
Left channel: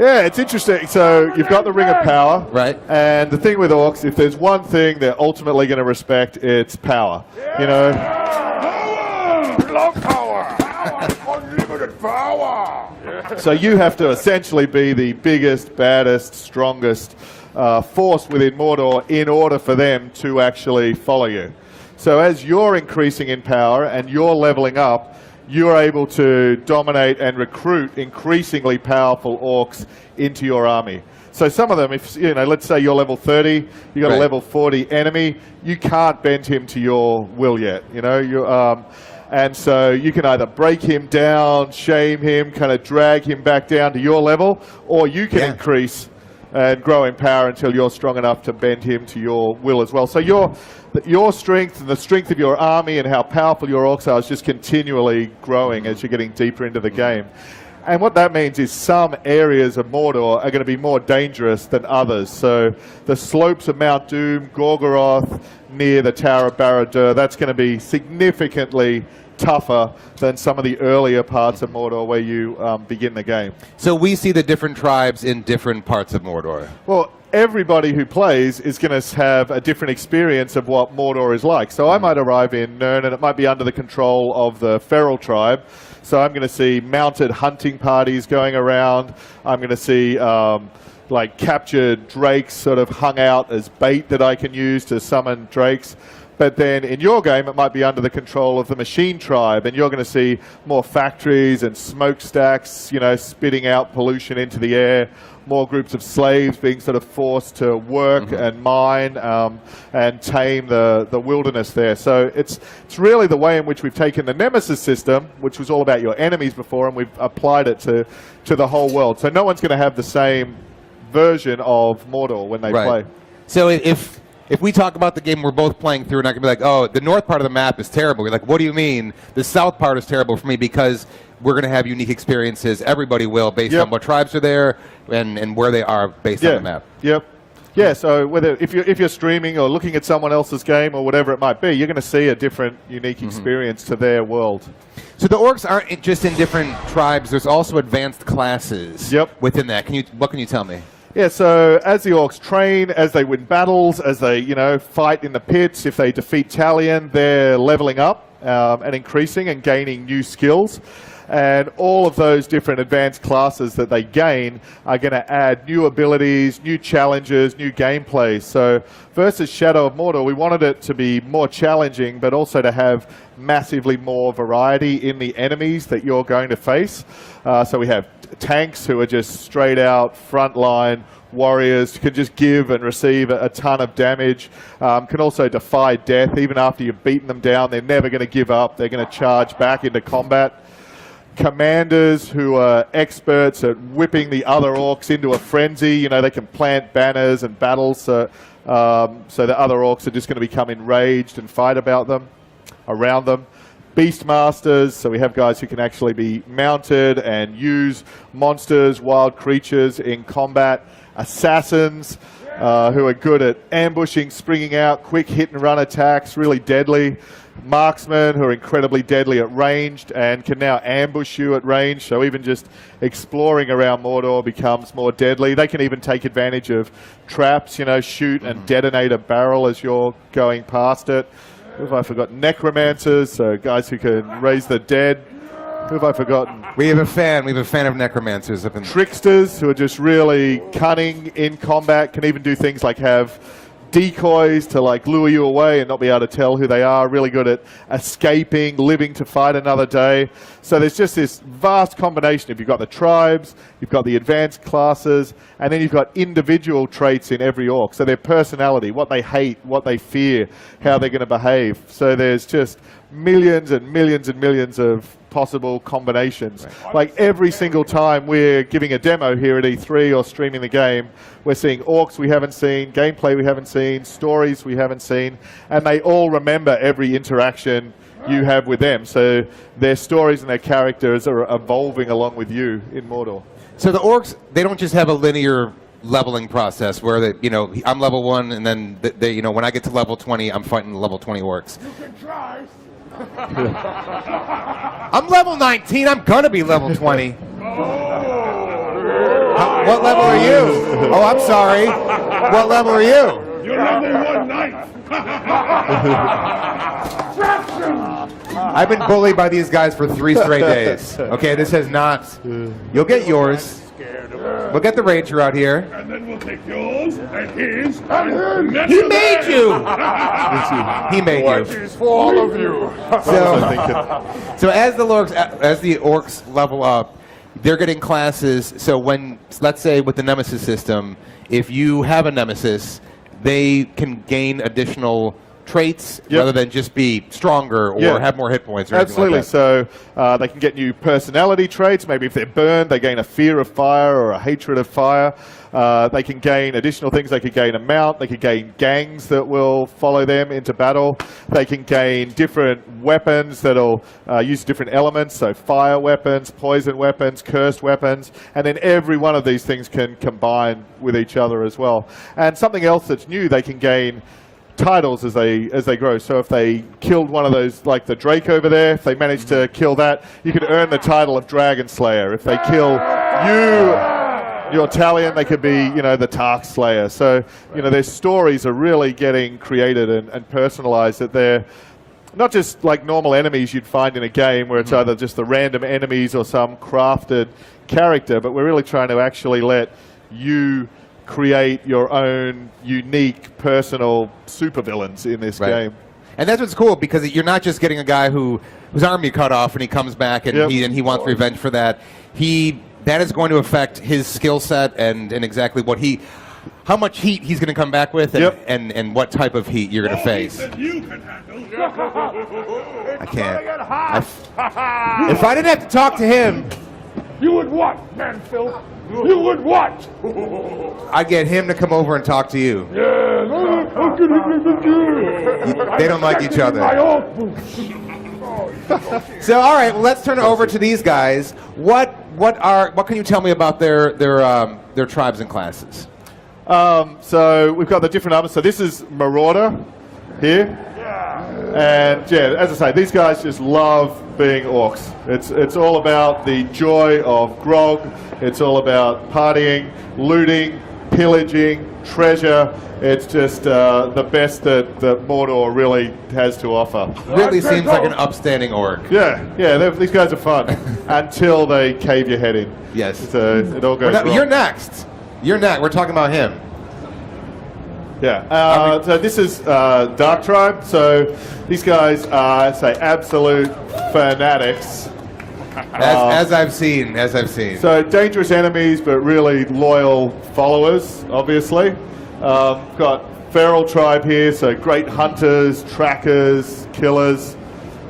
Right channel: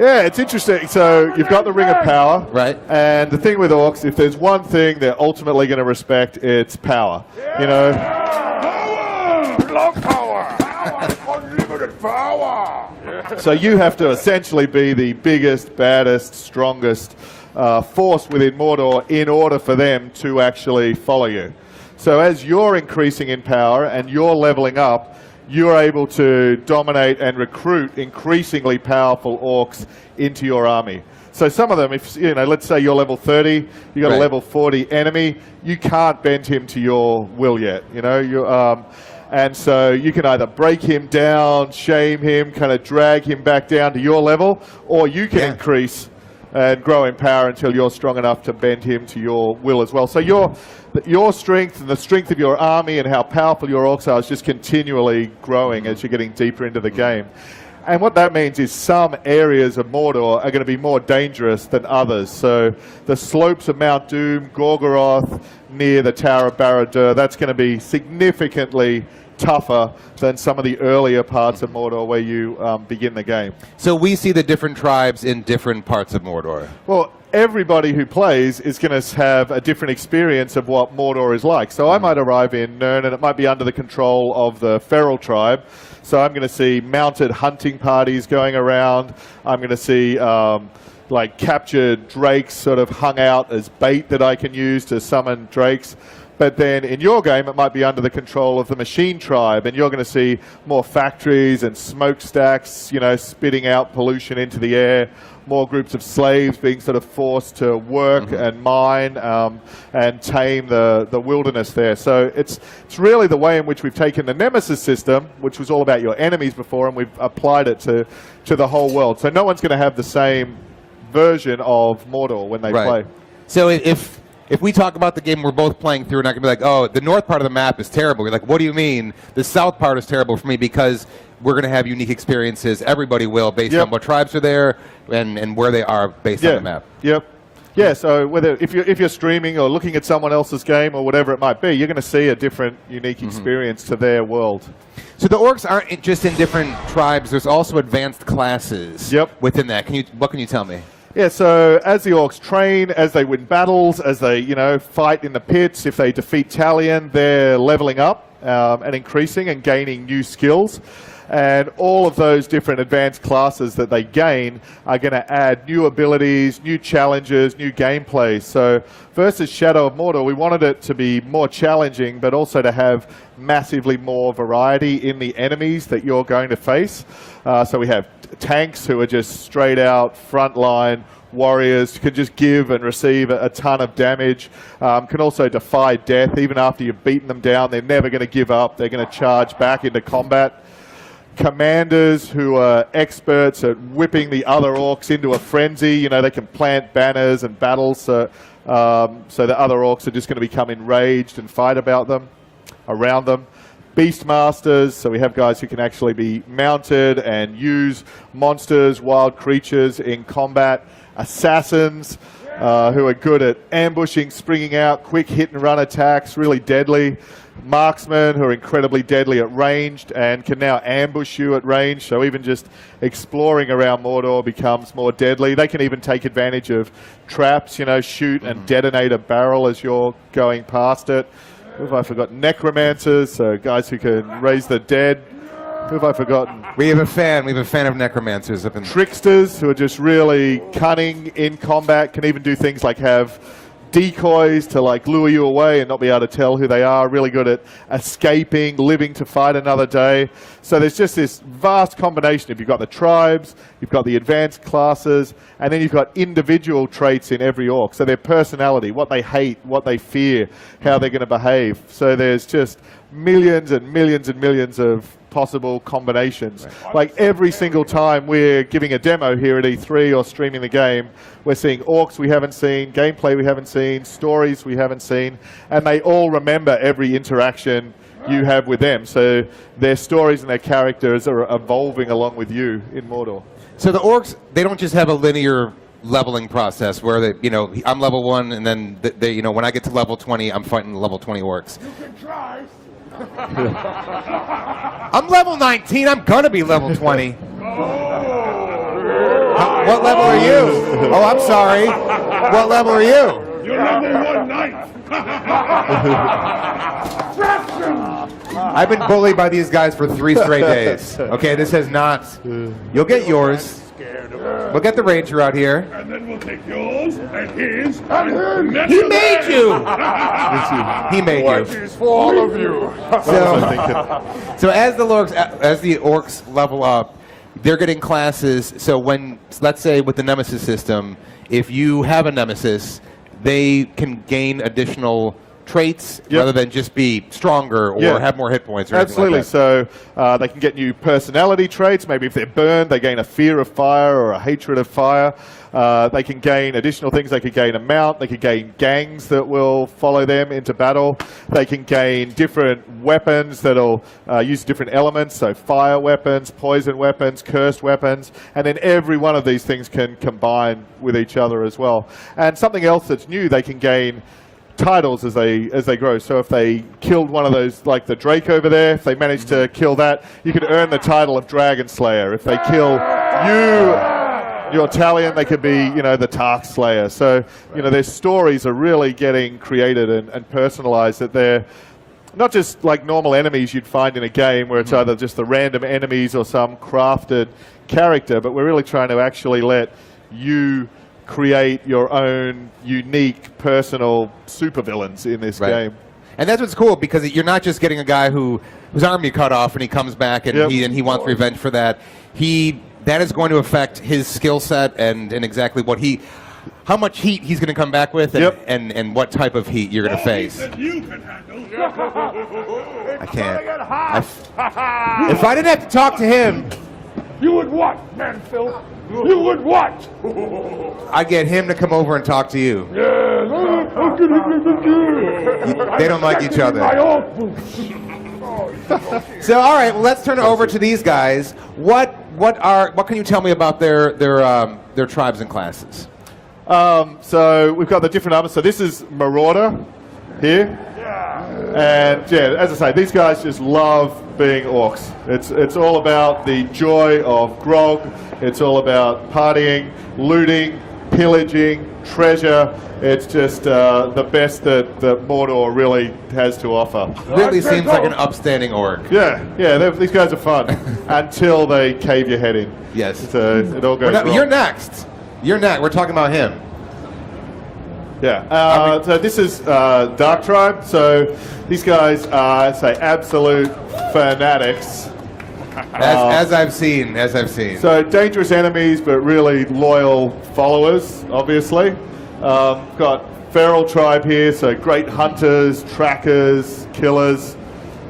Yeah, it's interesting. So you've got the Ring of Power. Right. And the thing with orcs, if there's one thing they're ultimately going to respect, it's power. You know? Block power! Unlimited power! So you have to essentially be the biggest, baddest, strongest force within Mordor in order for them to actually follow you. So as you're increasing in power and you're leveling up, you're able to dominate and recruit increasingly powerful orcs into your army. So some of them, if you know, let's say you're level 30, you got a level 40 enemy, you can't bend him to your will yet. You know, and so you can either break him down, shame him, kind of drag him back down to your level, or you can increase and grow in power until you're strong enough to bend him to your will as well. So your strength and the strength of your army and how powerful your orcs are is just continually growing as you're getting deeper into the game. And what that means is some areas of Mordor are going to be more dangerous than others. So the slopes of Mount Doom, Gorgoroth, near the Tower of Barad-dûr, that's going to be significantly tougher than some of the earlier parts of Mordor where you begin the game. So we see the different tribes in different parts of Mordor. Well, everybody who plays is going to have a different experience of what Mordor is like. So I might arrive in Nirn and it might be under the control of the Feral tribe. So I'm going to see mounted hunting parties going around. I'm going to see like captured drakes sort of hung out as bait that I can use to summon drakes. But then in your game, it might be under the control of the Machine Tribe, and you're going to see more factories and smokestacks, you know, spitting out pollution into the air, more groups of slaves being sort of forced to work and mine and tame the wilderness there. So it's really the way in which we've taken the Nemesis system, which was all about your enemies before, and we've applied it to the whole world. So no one's going to have the same version of Mordor when they play. So if we talk about the game we're both playing through, and I can be like, oh, the north part of the map is terrible. You're like, what do you mean? The south part is terrible for me because we're going to have unique experiences. Everybody will, based on what tribes are there and where they are based on the map. Yep. Yeah, so whether if you're streaming or looking at someone else's game or whatever it might be, you're going to see a different, unique experience to their world. So the orcs aren't just in different tribes. There's also advanced classes within that. What can you tell me? Yeah, so as the orcs train, as they win battles, as they, fight in the pits, if they defeat Talion, they're leveling up and increasing and gaining new skills. And all of those different advanced classes that they gain are going to add new abilities, new challenges, new gameplay. So versus Shadow of Mordor, we wanted it to be more challenging, but also to have massively more variety in the enemies that you're going to face. So we have tanks who are just straight out frontline warriors, can just give and receive a ton of damage, can also defy death. Even after you've beaten them down, they're never going to give up. They're going to charge back into combat. Commanders who are experts at whipping the other orcs into a frenzy. They can plant banners and battles, so the other orcs are just going to become enraged and fight around them. Beastmasters, so we have guys who can actually be mounted and use monsters, wild creatures in combat. Assassins, who are good at ambushing, springing out, quick hit and run attacks, really deadly. Marksmen, who are incredibly deadly at ranged and can now ambush you at range, so even just exploring around Mordor becomes more deadly. They can even take advantage of traps, shoot and detonate a barrel as you're going past it. Who have I forgotten? Necromancers, so guys who can raise the dead. Who have I forgotten? We have a fan of necromancers. Tricksters, who are just really cunning in combat, can even do things like have decoys to lure you away and not be able to tell who they are. Really good at escaping, living to fight another day. So there's just this vast combination. If you've got the tribes, you've got the advanced classes, and then you've got individual traits in every orc. So their personality, what they hate, what they fear, how they're going to behave. So there's just millions and millions and millions of possible combinations. Like every single time we're giving a demo here at E3 or streaming the game, we're seeing orcs we haven't seen, gameplay we haven't seen, stories we haven't seen, and they all remember every interaction you have with them. So their stories and their characters are evolving along with you in Mordor. So the orcs, they don't just have a linear leveling process where I'm level 1 and then they when I get to level 20, I'm fighting level 20 orcs. You can try. I'm level 19. I'm gonna be level 20. What level are you? Oh, I'm sorry. What level are you? You're level 1/9. I've been bullied by these guys for 3 straight days. Okay, this has not. You'll get yours. We'll get the Ranger out here. And then we'll take yours and his and his. He made you! He made you. Watches for all of you. So as the orcs level up, they're getting classes. So when, let's say with the Nemesis system, if you have a Nemesis, they can gain additional traits rather than just be stronger or have more hit points. Or Absolutely. Like so they can get new personality traits. Maybe if they're burned, they gain a fear of fire or a hatred of fire. They can gain additional things. They could gain a mount. They could gain gangs that will follow them into battle. They can gain different weapons that'll use different elements. So fire weapons, poison weapons, cursed weapons. And then every one of these things can combine with each other as well. And something else that's new, they can gain titles as they grow. So if they killed one of those, like the Drake over there, if they managed to kill that, you could earn the title of Dragon Slayer. If they kill your Talion, they could be, the Tark Slayer. So, their stories are really getting created and personalized, that they're not just like normal enemies you'd find in a game where it's either just the random enemies or some crafted character, but we're really trying to actually let you create your own unique personal supervillains in this game. And that's what's cool, because you're not just getting a guy whose arm you cut off and he comes back and he wants revenge for that. That is going to affect his skill set and exactly how much heat he's going to come back with and what type of heat you're going to face. I can't. If I didn't have to talk to him, You would what, man, Phil? You would what? I'd get him to come over and talk to you. They don't like each other. So, all right, well, let's turn it over to these guys. What can you tell me about their tribes and classes? So we've got the different armors. So this is Marauder here. And as I say, these guys just love being orcs. It's all about the joy of grog. It's all about partying, looting, pillaging, treasure. It's just the best that Mordor really has to offer. Really seems like an upstanding orc. Yeah, these guys are fun until they cave your head in. Yes. It all goes wrong. You're next. We're talking about him. Yeah. So this is Dark Tribe. So these guys are, absolute fanatics. As I've seen. So dangerous enemies, but really loyal followers, obviously. Got Feral Tribe here, so great hunters, trackers, killers.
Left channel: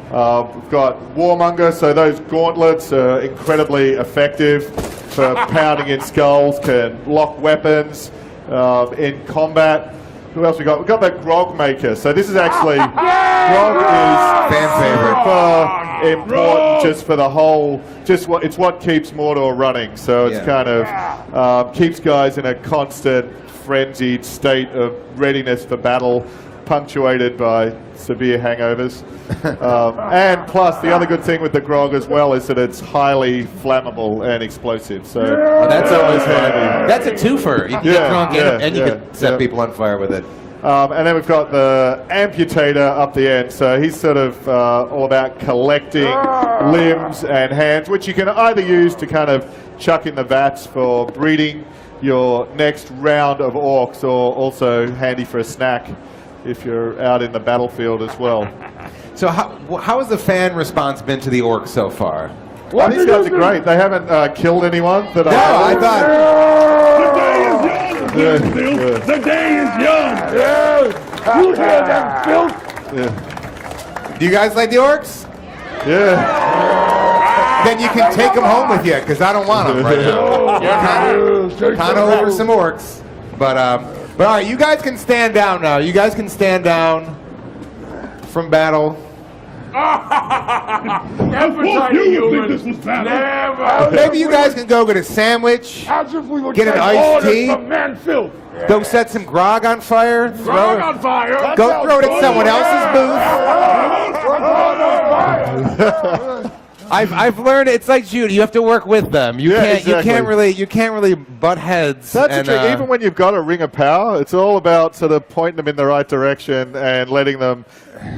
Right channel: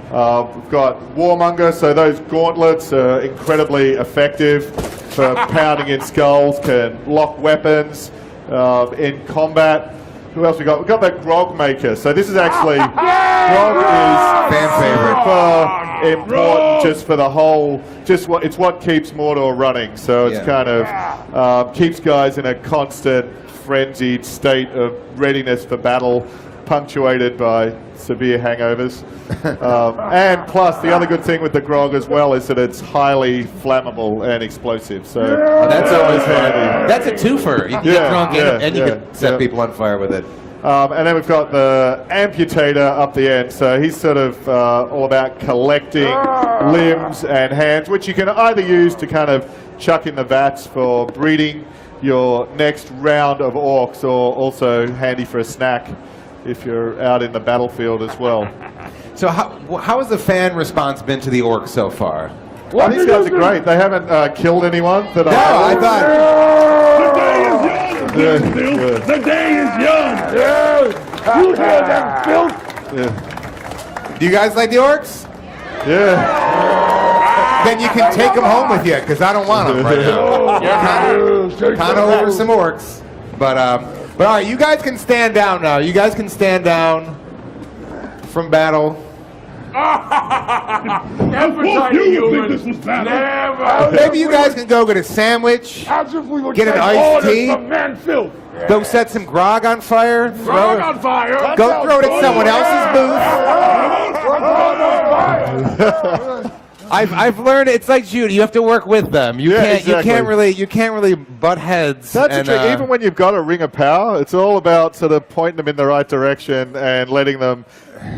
We've got Warmonger, so those gauntlets are incredibly effective for pounding in skulls, can lock weapons in combat. Who else we got? We've got the Grog Maker. So this is actually, Grog is fan favorite. Important just for the whole, it's what keeps Mordor running. So it's kind of keeps guys in a constant frenzied state of readiness for battle, punctuated by severe hangovers. And plus, the other good thing with the grog as well is that it's highly flammable and explosive. So that's always handy. That's a twofer. You can get drunk and you can set people on fire with it. And then we've got the amputator up the end. So he's sort of all about collecting limbs and hands, which you can either use to kind of chuck in the vats for breeding your next round of orcs, or also handy for a snack if you're out in the battlefield as well. So how has the fan response been to the orcs so far? Well, these guys are great. They haven't killed anyone that I The thought. day is young, The day is young. You hear that, Phil? Yeah. Do you guys like the orcs? Yeah. Then you can take them home with you, because I don't want them right now. Kind of over some orcs. But all right, you guys can stand down now. You guys can stand down from battle. Maybe you guys can go get a sandwich, get an iced tea, go set some grog on fire, go throw it in someone else's booth. I've learned it's like Judy. You have to work with them. You can't really butt heads. That's the trick. Even when you've got a ring of power, it's all about sort of pointing them in the right direction and letting them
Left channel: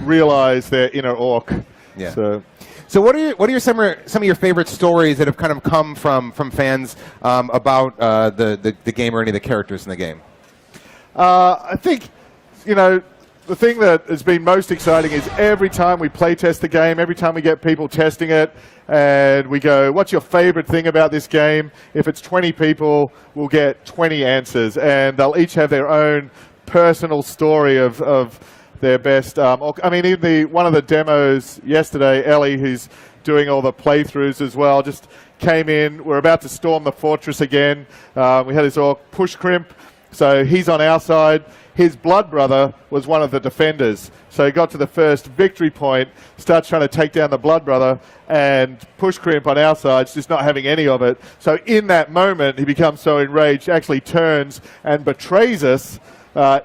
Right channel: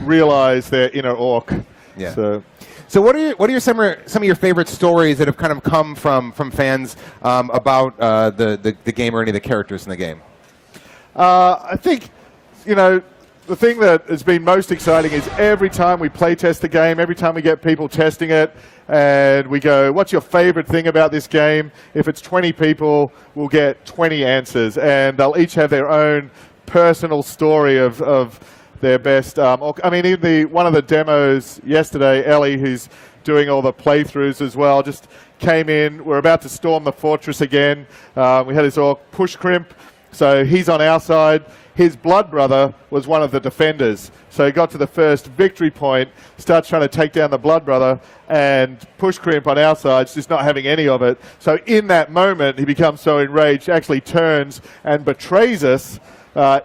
realize their inner orc. Yeah. So what are some of your favorite stories that have kind of come from fans about the game or any of the characters in the game? I think, the thing that has been most exciting is every time we play test the game, every time we get people testing it, and we go, what's your favorite thing about this game? If it's 20 people, we'll get 20 answers, and they'll each have their own personal story of their best. Even one of the demos yesterday, Ellie, who's doing all the playthroughs as well, just came in. We're about to storm the fortress again. We had his orc push crimp, so he's on our side. His blood brother was one of the defenders. So he got to the first victory point, starts trying to take down the blood brother, and push crimp on our side, just not having any of it. So in that moment, he becomes so enraged, actually turns and betrays us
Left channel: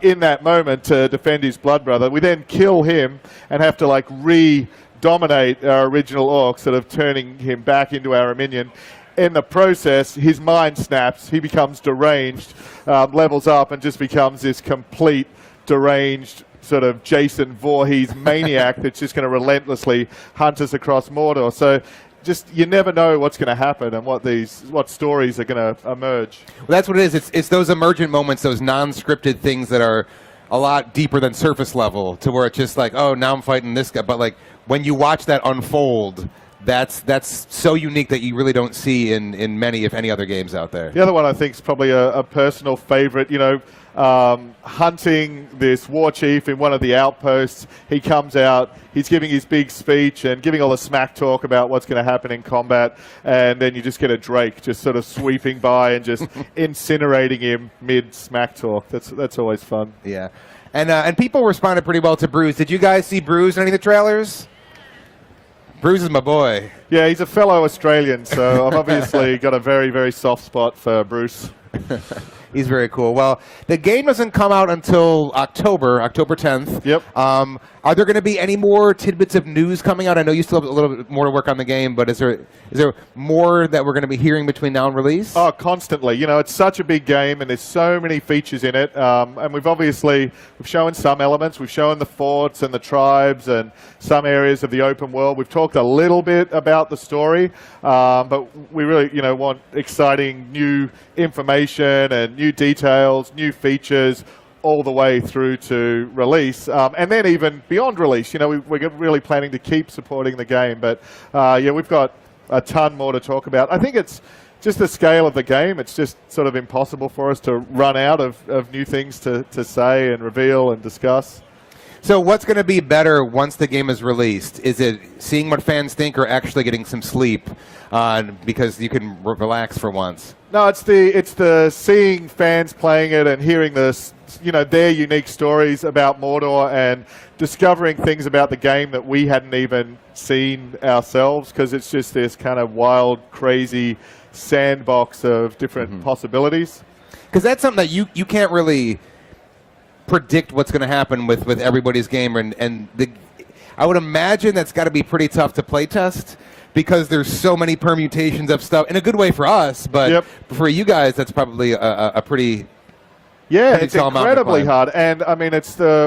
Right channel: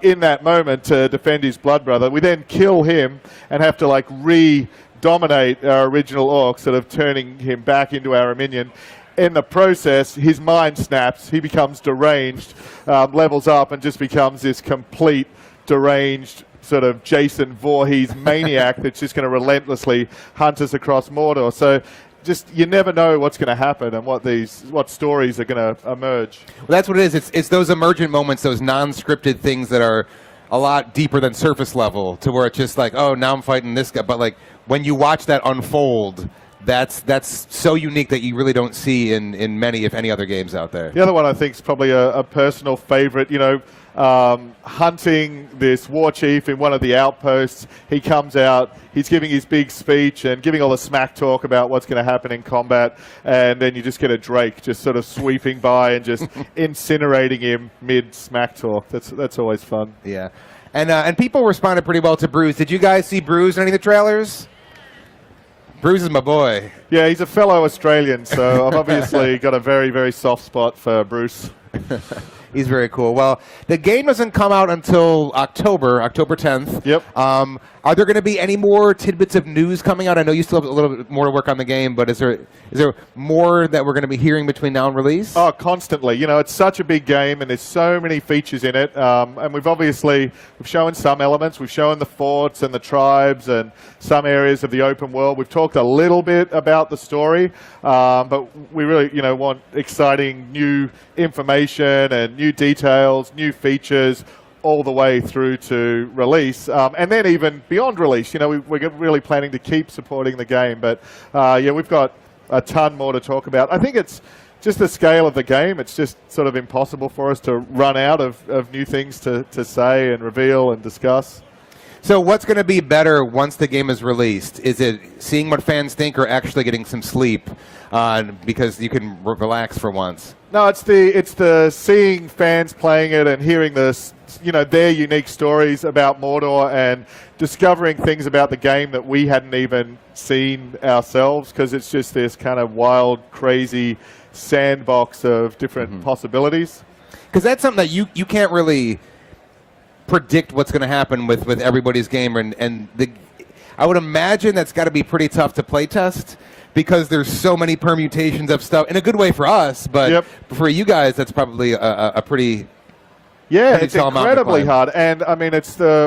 in that moment to defend his blood brother. We then kill him and have to re-dominate our original orc, sort of turning him back into our minion. In the process, his mind snaps, he becomes deranged, levels up, and just becomes this complete deranged sort of Jason Voorhees maniac that's just going to relentlessly hunt us across Mordor. So just, you never know what's going to happen and what stories are going to emerge. Well, that's what it is. It's those emergent moments, those non-scripted things that are a lot deeper than surface level, to where it's just like, oh, now I'm fighting this guy. But when you watch that unfold, that's so unique that you really don't see in many, if any, other games out there. The other one I think is probably a personal favorite, hunting this war chief in one of the outposts. He comes out, he's giving his big speech and giving all the smack talk about what's going to happen in combat, and then you just get a Drake just sort of sweeping by and just incinerating him mid-smack talk. That's always fun. Yeah. And people responded pretty well to Bruce. Did you guys see Bruce in any of the trailers? Bruce is my boy. Yeah, he's a fellow Australian, so I've obviously got a very, very soft spot for Bruce. He's very cool. Well, the game doesn't come out until October 10th. Yep. Are there going to be any more tidbits of news coming out? I know you still have a little bit more to work on the game, but is there more that we're going to be hearing between now and release? Oh, constantly. It's such a big game, and there's so many features in it. And we've shown some elements. We've shown the forts and the tribes and some areas of the open world. We've talked a little bit about the story, but we really, want exciting new information and new details, new features, all the way through to release, and then even beyond release. We're really planning to keep supporting the game, but we've got a ton more to talk about. I think it's just the scale of the game. It's just sort of impossible for us to run out of new things to say and reveal and discuss. So what's going to be better once the game is released? Is it seeing what fans think, or actually getting some sleep because you can relax for once? No, it's the seeing fans playing it and hearing this, their unique stories about Mordor and discovering things about the game that we hadn't even seen ourselves, because it's just this kind of wild, crazy sandbox of different possibilities. Because that's something that you can't really predict what's going to happen with everybody's game, and I would imagine that's got to be pretty tough to play test, because there's so many permutations of stuff, in a good way for us, but for you guys, that's probably a pretty... Yeah, it's incredibly hard, and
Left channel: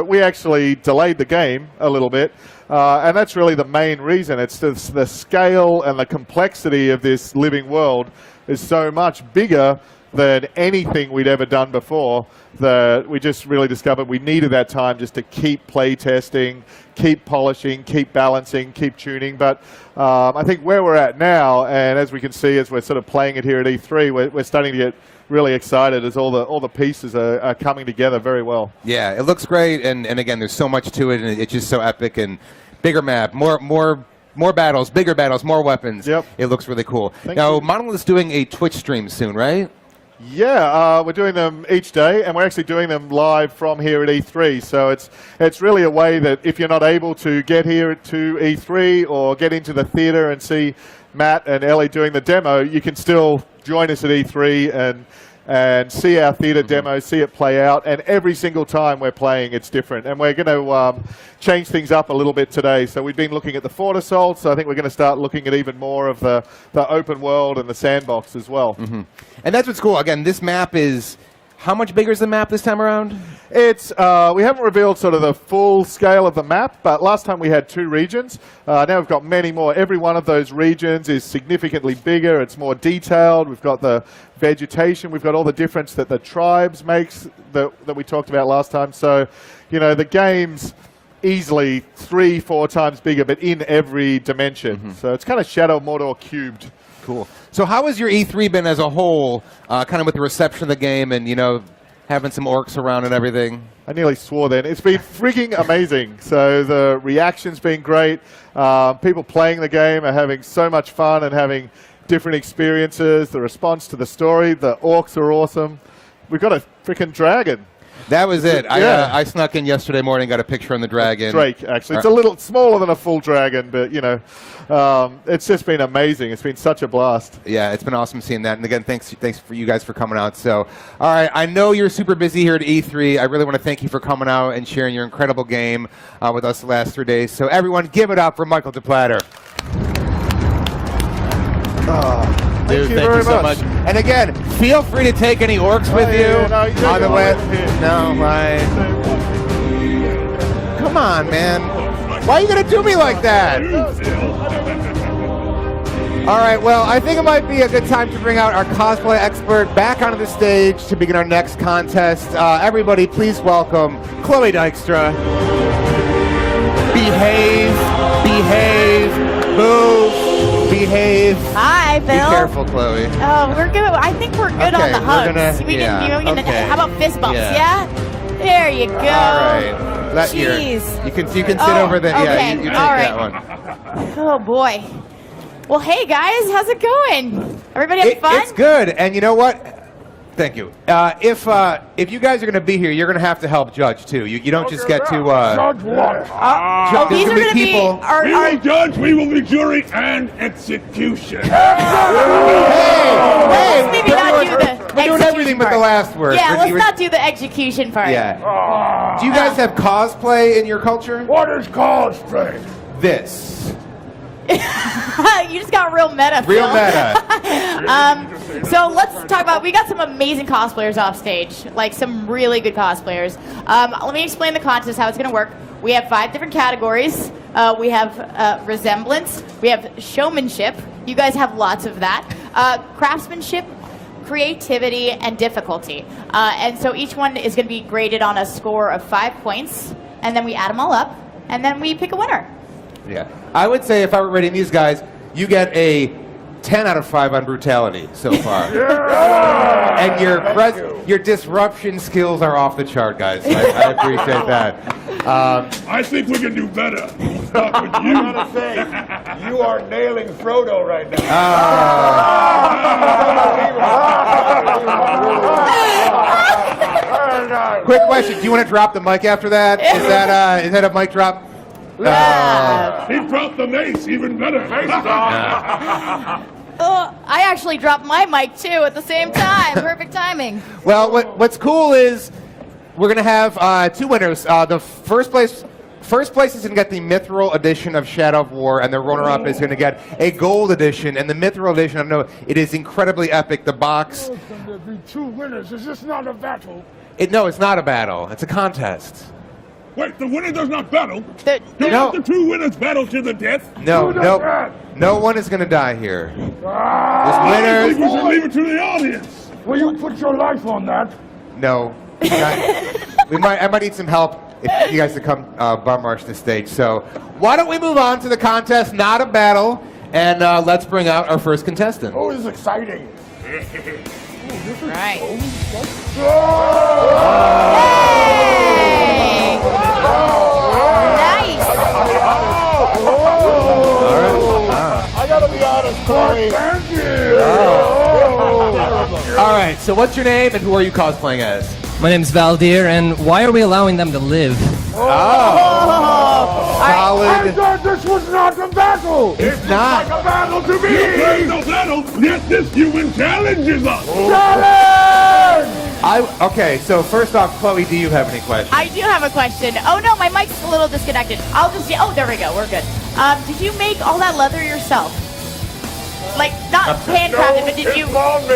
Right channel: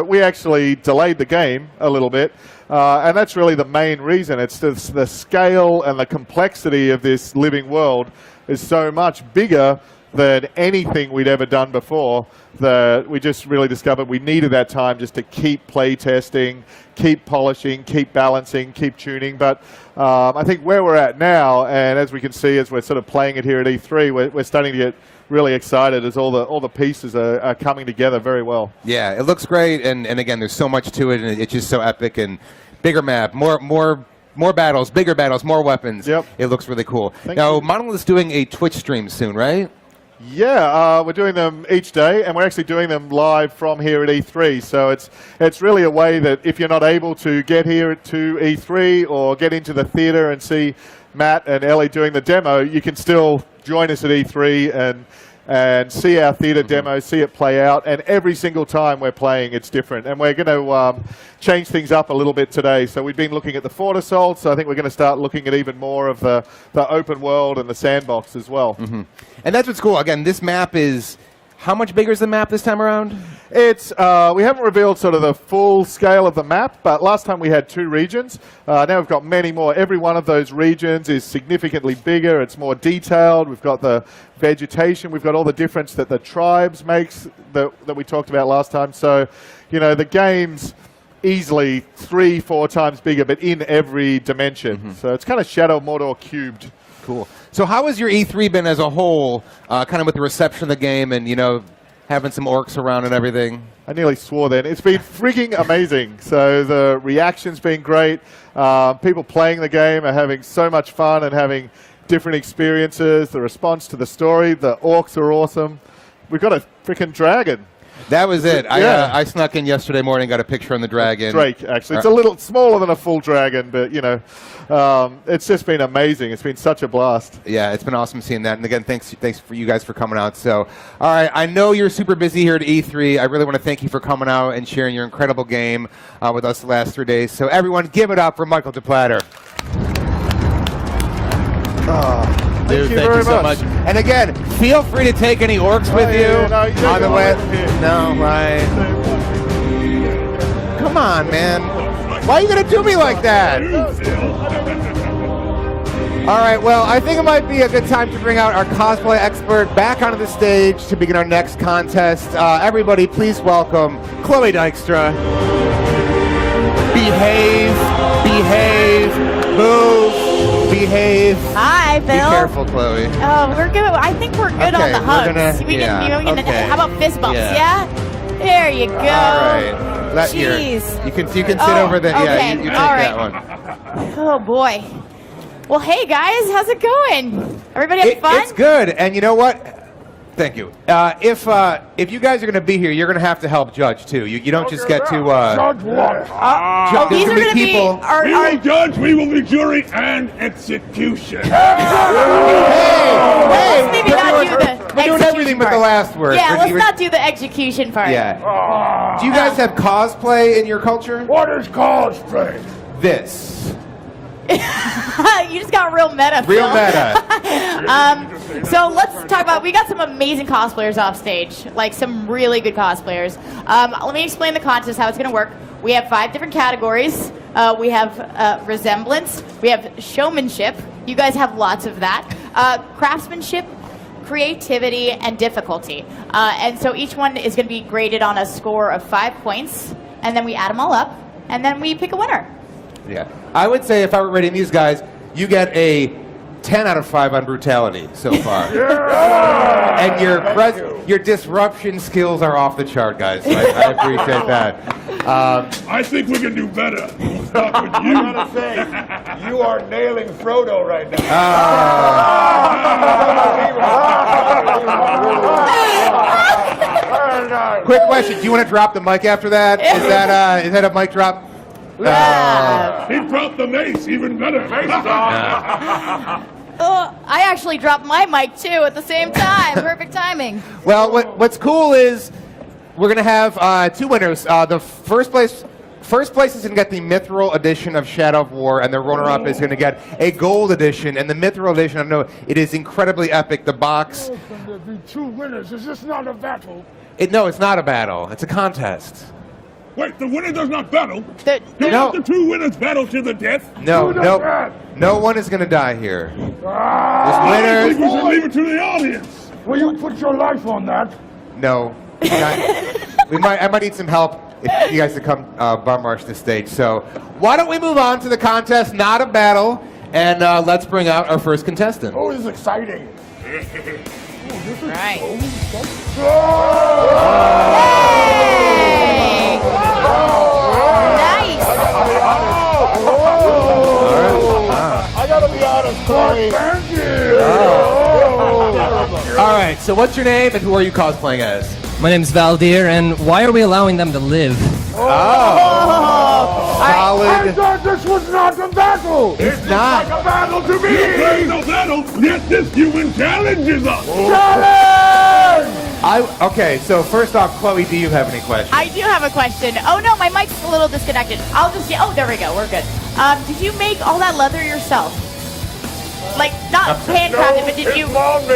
we actually delayed the game a little bit, and that's really the main reason. It's the scale and the complexity of this living world is so much bigger than anything we'd ever done before, that we just really discovered we needed that time just to keep play testing, keep polishing, keep balancing, keep tuning. But I think where we're at now, and as we can see as we're sort of playing it here at E3, we're starting to get really excited as all the pieces are coming together very well. Yeah, it looks great, and again, there's so much to it, and it's just so epic, and bigger map, more battles, bigger battles, more weapons. Yep. It looks really cool. Now, Monolith's doing a Twitch stream soon, right? Yeah, we're doing them each day, and we're actually doing them live from here at E3. So it's really a way that if you're not able to get here to E3 or get into the theater and see Matt and Ellie doing the demo, you can still join us at E3 and and see our theater demo, see it play out. And every single time we're playing, it's different. And we're going to change things up a little bit today. So we've been looking at the Fort Assault, so I think we're going to start looking at even more of the open world and the sandbox as well. And that's what's cool. Again, this map is... How much bigger is the map this time around? It's we haven't revealed sort of the full scale of the map, but last time we had 2 regions. Now we've got many more. Every one of those regions is significantly bigger. It's more detailed. We've got the vegetation. We've got all the difference that the tribes makes that we talked about last time. So, you know, the game's easily 3-4 times bigger, but in every dimension. So it's kind of Shadow of Mordor cubed. Cool. So how has your E3 been as a whole, kind of with the reception of the game and, you know, having some orcs around and everything? I nearly swore then. It's been freaking amazing. So the reaction's been great. People playing the game are having so much fun and having different experiences. The response to the story, the orcs are awesome. We've got a freaking dragon. That was it. Yeah. I snuck in yesterday morning, got a picture on the dragon. Drake, actually. It's a little smaller than a full dragon, but, you know, it's just been amazing. It's been such a blast. Yeah, it's been awesome seeing that. And again, thanks for you guys for coming out. So, all right, I know you're super busy here at E3. I really want to thank you for coming out and sharing your incredible game with us the last 3 days. So everyone, give it up for Michael DePlatter. Thank you very much. And again, feel free to take any orcs with you on the land. No, right. Come on, man. Why are you going to do me like that? All right, well, I think it might be a good time to bring out our cosplay expert back onto the stage to begin our next contest. Everybody, please welcome Chloe Dykstra. Behave, move, behave. Hi, Phil. Be careful, Chloe. We're good. I think we're good on the hugs. We can, how about fist bumps? Yeah. There you go. All right. Jeez. You can sit over there. Okay. Yeah, you take that one. Oh boy. Well, hey guys, how's it going? Everybody having fun? It's good. And you know what? Thank you. If you guys are going to be here, you're going to have to help judge too. You don't just get to Judge what? These are going to be our We will judge, we will be jury and execution. Let's maybe not do the We're doing everything but the last word. Yeah, let's not do the execution part. Yeah. Do you guys have cosplay in your culture? What is cosplay? This. You just got real meta. Real Phil. meta. So let's talk about, we got some amazing cosplayers off stage, like some really good cosplayers. Let me explain the contest, how it's going to work. We have 5 different categories. We have resemblance, we have showmanship, you guys have lots of that, craftsmanship, creativity, and difficulty. And so each one is going to be graded on a score of 5 points, and then we add them all up, and then we pick a winner. Yeah. I would say if I were rating these guys, you get a 10 out of 5 on brutality so far. And your disruption skills are off the chart, guys. I appreciate that. I think we can do better. Start with you. I gotta say, you are nailing Frodo right now. Quick question: do you want to drop the mic after that? Is that a mic drop? He dropped the mace, even better. I actually dropped my mic too at the same time. Perfect timing. Well, what's cool is we're gonna have 2 winners. The first place is gonna get the Mithril edition of Shadow of War, and the runner-up is gonna get a gold edition. And the Mithril edition, I know it is incredibly epic. The box. There's gonna be 2 winners. Is this not a battle? No, it's not a battle. It's a contest. Wait, the winner does not battle? No. Not the 2 winners battle to the death? No, Who does that? no one is gonna die here. I think we should leave it to the audience. Will you put your life on that? No. I might need some help if you guys to come bum rush the stage. So why don't we move on to the contest, not a battle, and let's bring out our first contestant. Oh, this is exciting. Right. I gotta be honest, Corey. Thank you. All right, so what's your name and who are you cosplaying as? My name's Valdir, and why are we allowing them to live? I thought this was not a battle. It's not. Like a battle to me. You played the battle, yet this human challenges us. Challenge! Okay, so first off, Chloe, do you have any questions? I do have a question. Oh no, my mic's a little disconnected. I'll just oh, there we go. We're good. Did you make all that leather yourself? Like not handcrafted, but did you? Mommy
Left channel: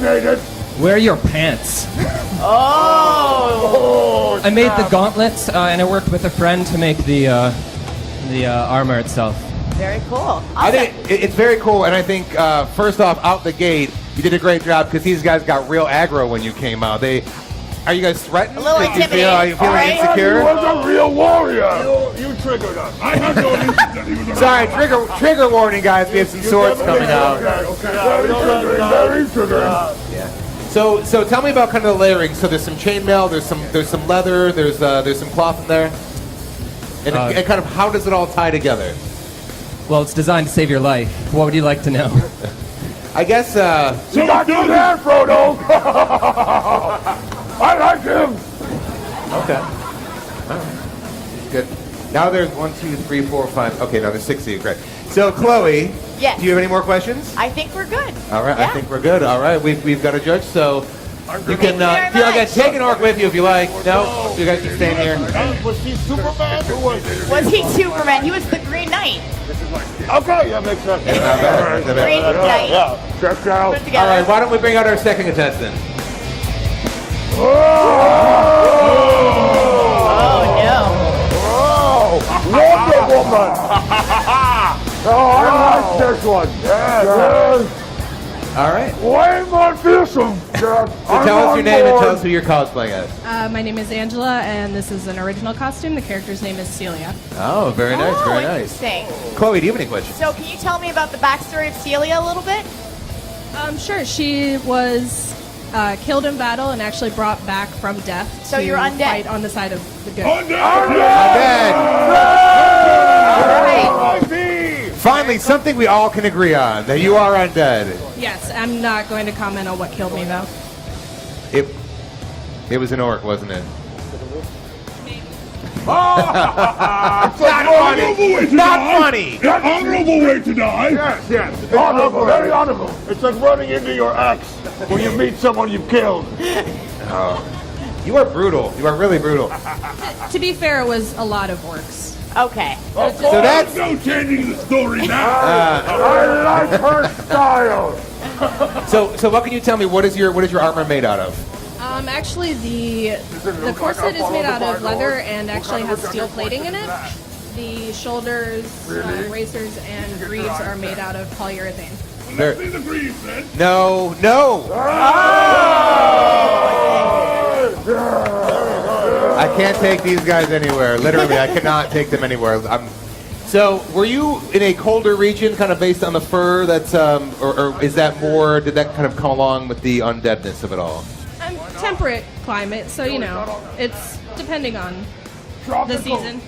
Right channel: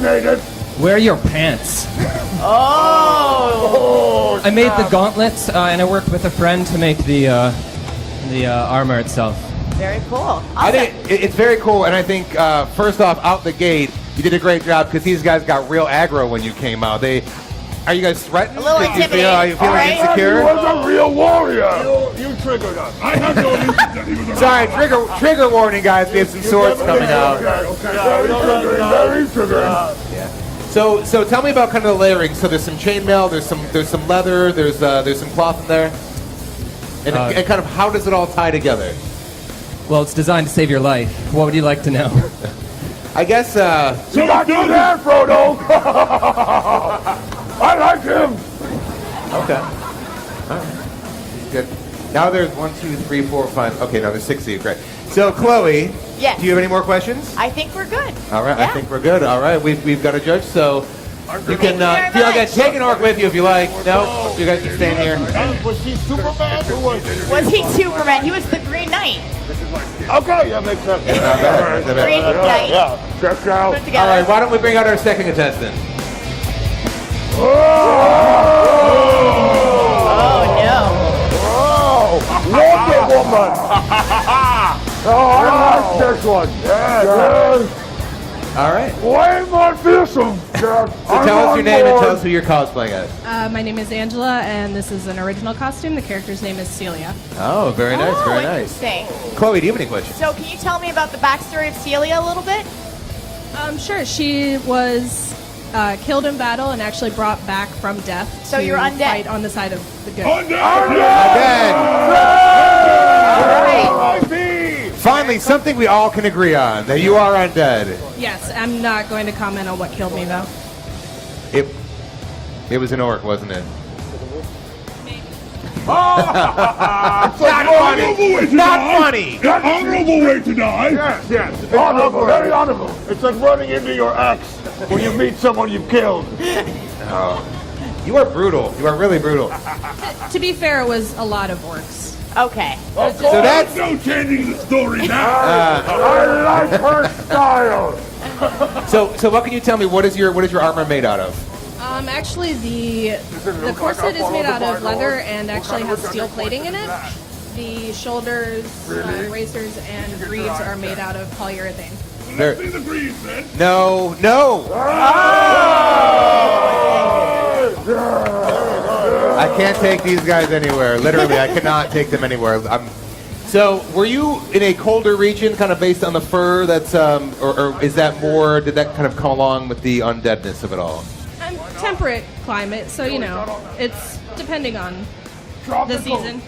made it. Where are your pants? Oh. I made the gauntlets, and I worked with a friend to make the armor itself. Very cool. I think it's very cool, and I think first off, out the gate, you did a great job because these guys got real aggro when you came out. Are you guys threatened? A little intimidating. Are you feeling insecure? You was a real warrior. You triggered us. I have no reason. Sorry, trigger warning, guys. We have some swords coming out. So tell me about kind of the layering. So there's some chainmail, there's some leather, there's some cloth in there, and kind of how does it all tie together? Well, it's designed to save your life. What would you like to know? I guess. You got good hair, Frodo. I like him. Okay. All right. Good. Now there's 1, 2, 3, 4, 5. Okay, now there's 6 of you. Great. So Chloe, yes. Do you have any more questions? I think we're good. All right, yeah. I think we're good. All right, we've got a judge, so you can feel like take an orc with you if you like. No, you guys can stay here. Was he Superman or was he? Was he Superman? He was the Green Knight. Okay, that makes sense. Green Knight. Yeah, check out. All right, why don't we bring out our second contestant? Oh no. Wonder Woman. Oh, I like this one. All right. Way more fearsome. So tell us your name and tell us who you're cosplaying as. My name is Angela, and this is an original costume. The character's name is Celia. Oh, very nice, very nice. Interesting. Chloe, do you have any questions? So can you tell me about the backstory of Celia a little bit? Sure. She was killed in battle and actually brought back from death So to you're undead. fight on the side of the good. Finally, something we all can agree on, that you are undead. Yes, I'm not going to comment on what killed me, though. It was an orc, wasn't it? Not funny. Not funny. An honorable way to die. Yes. Honorable, very honorable. It's like running into your ex when you meet someone you've killed. Oh. You are brutal. You are really brutal. To be fair, it was a lot of orcs. Okay. So that's no changing the story now. I like her style. So what can you tell me? What is your armor made out of? Actually, the corset is made out of leather and actually has steel plating in it. The shoulders, racers, and greaves are made out of polyurethane. Let's see the greaves, then. No. I can't take these guys anywhere. Literally, I cannot take them anywhere. So, were you in a colder region, kind of based on the fur? That's or is that more? Did that kind of come along with the undeadness of it all? Temperate climate, so it's depending on the season.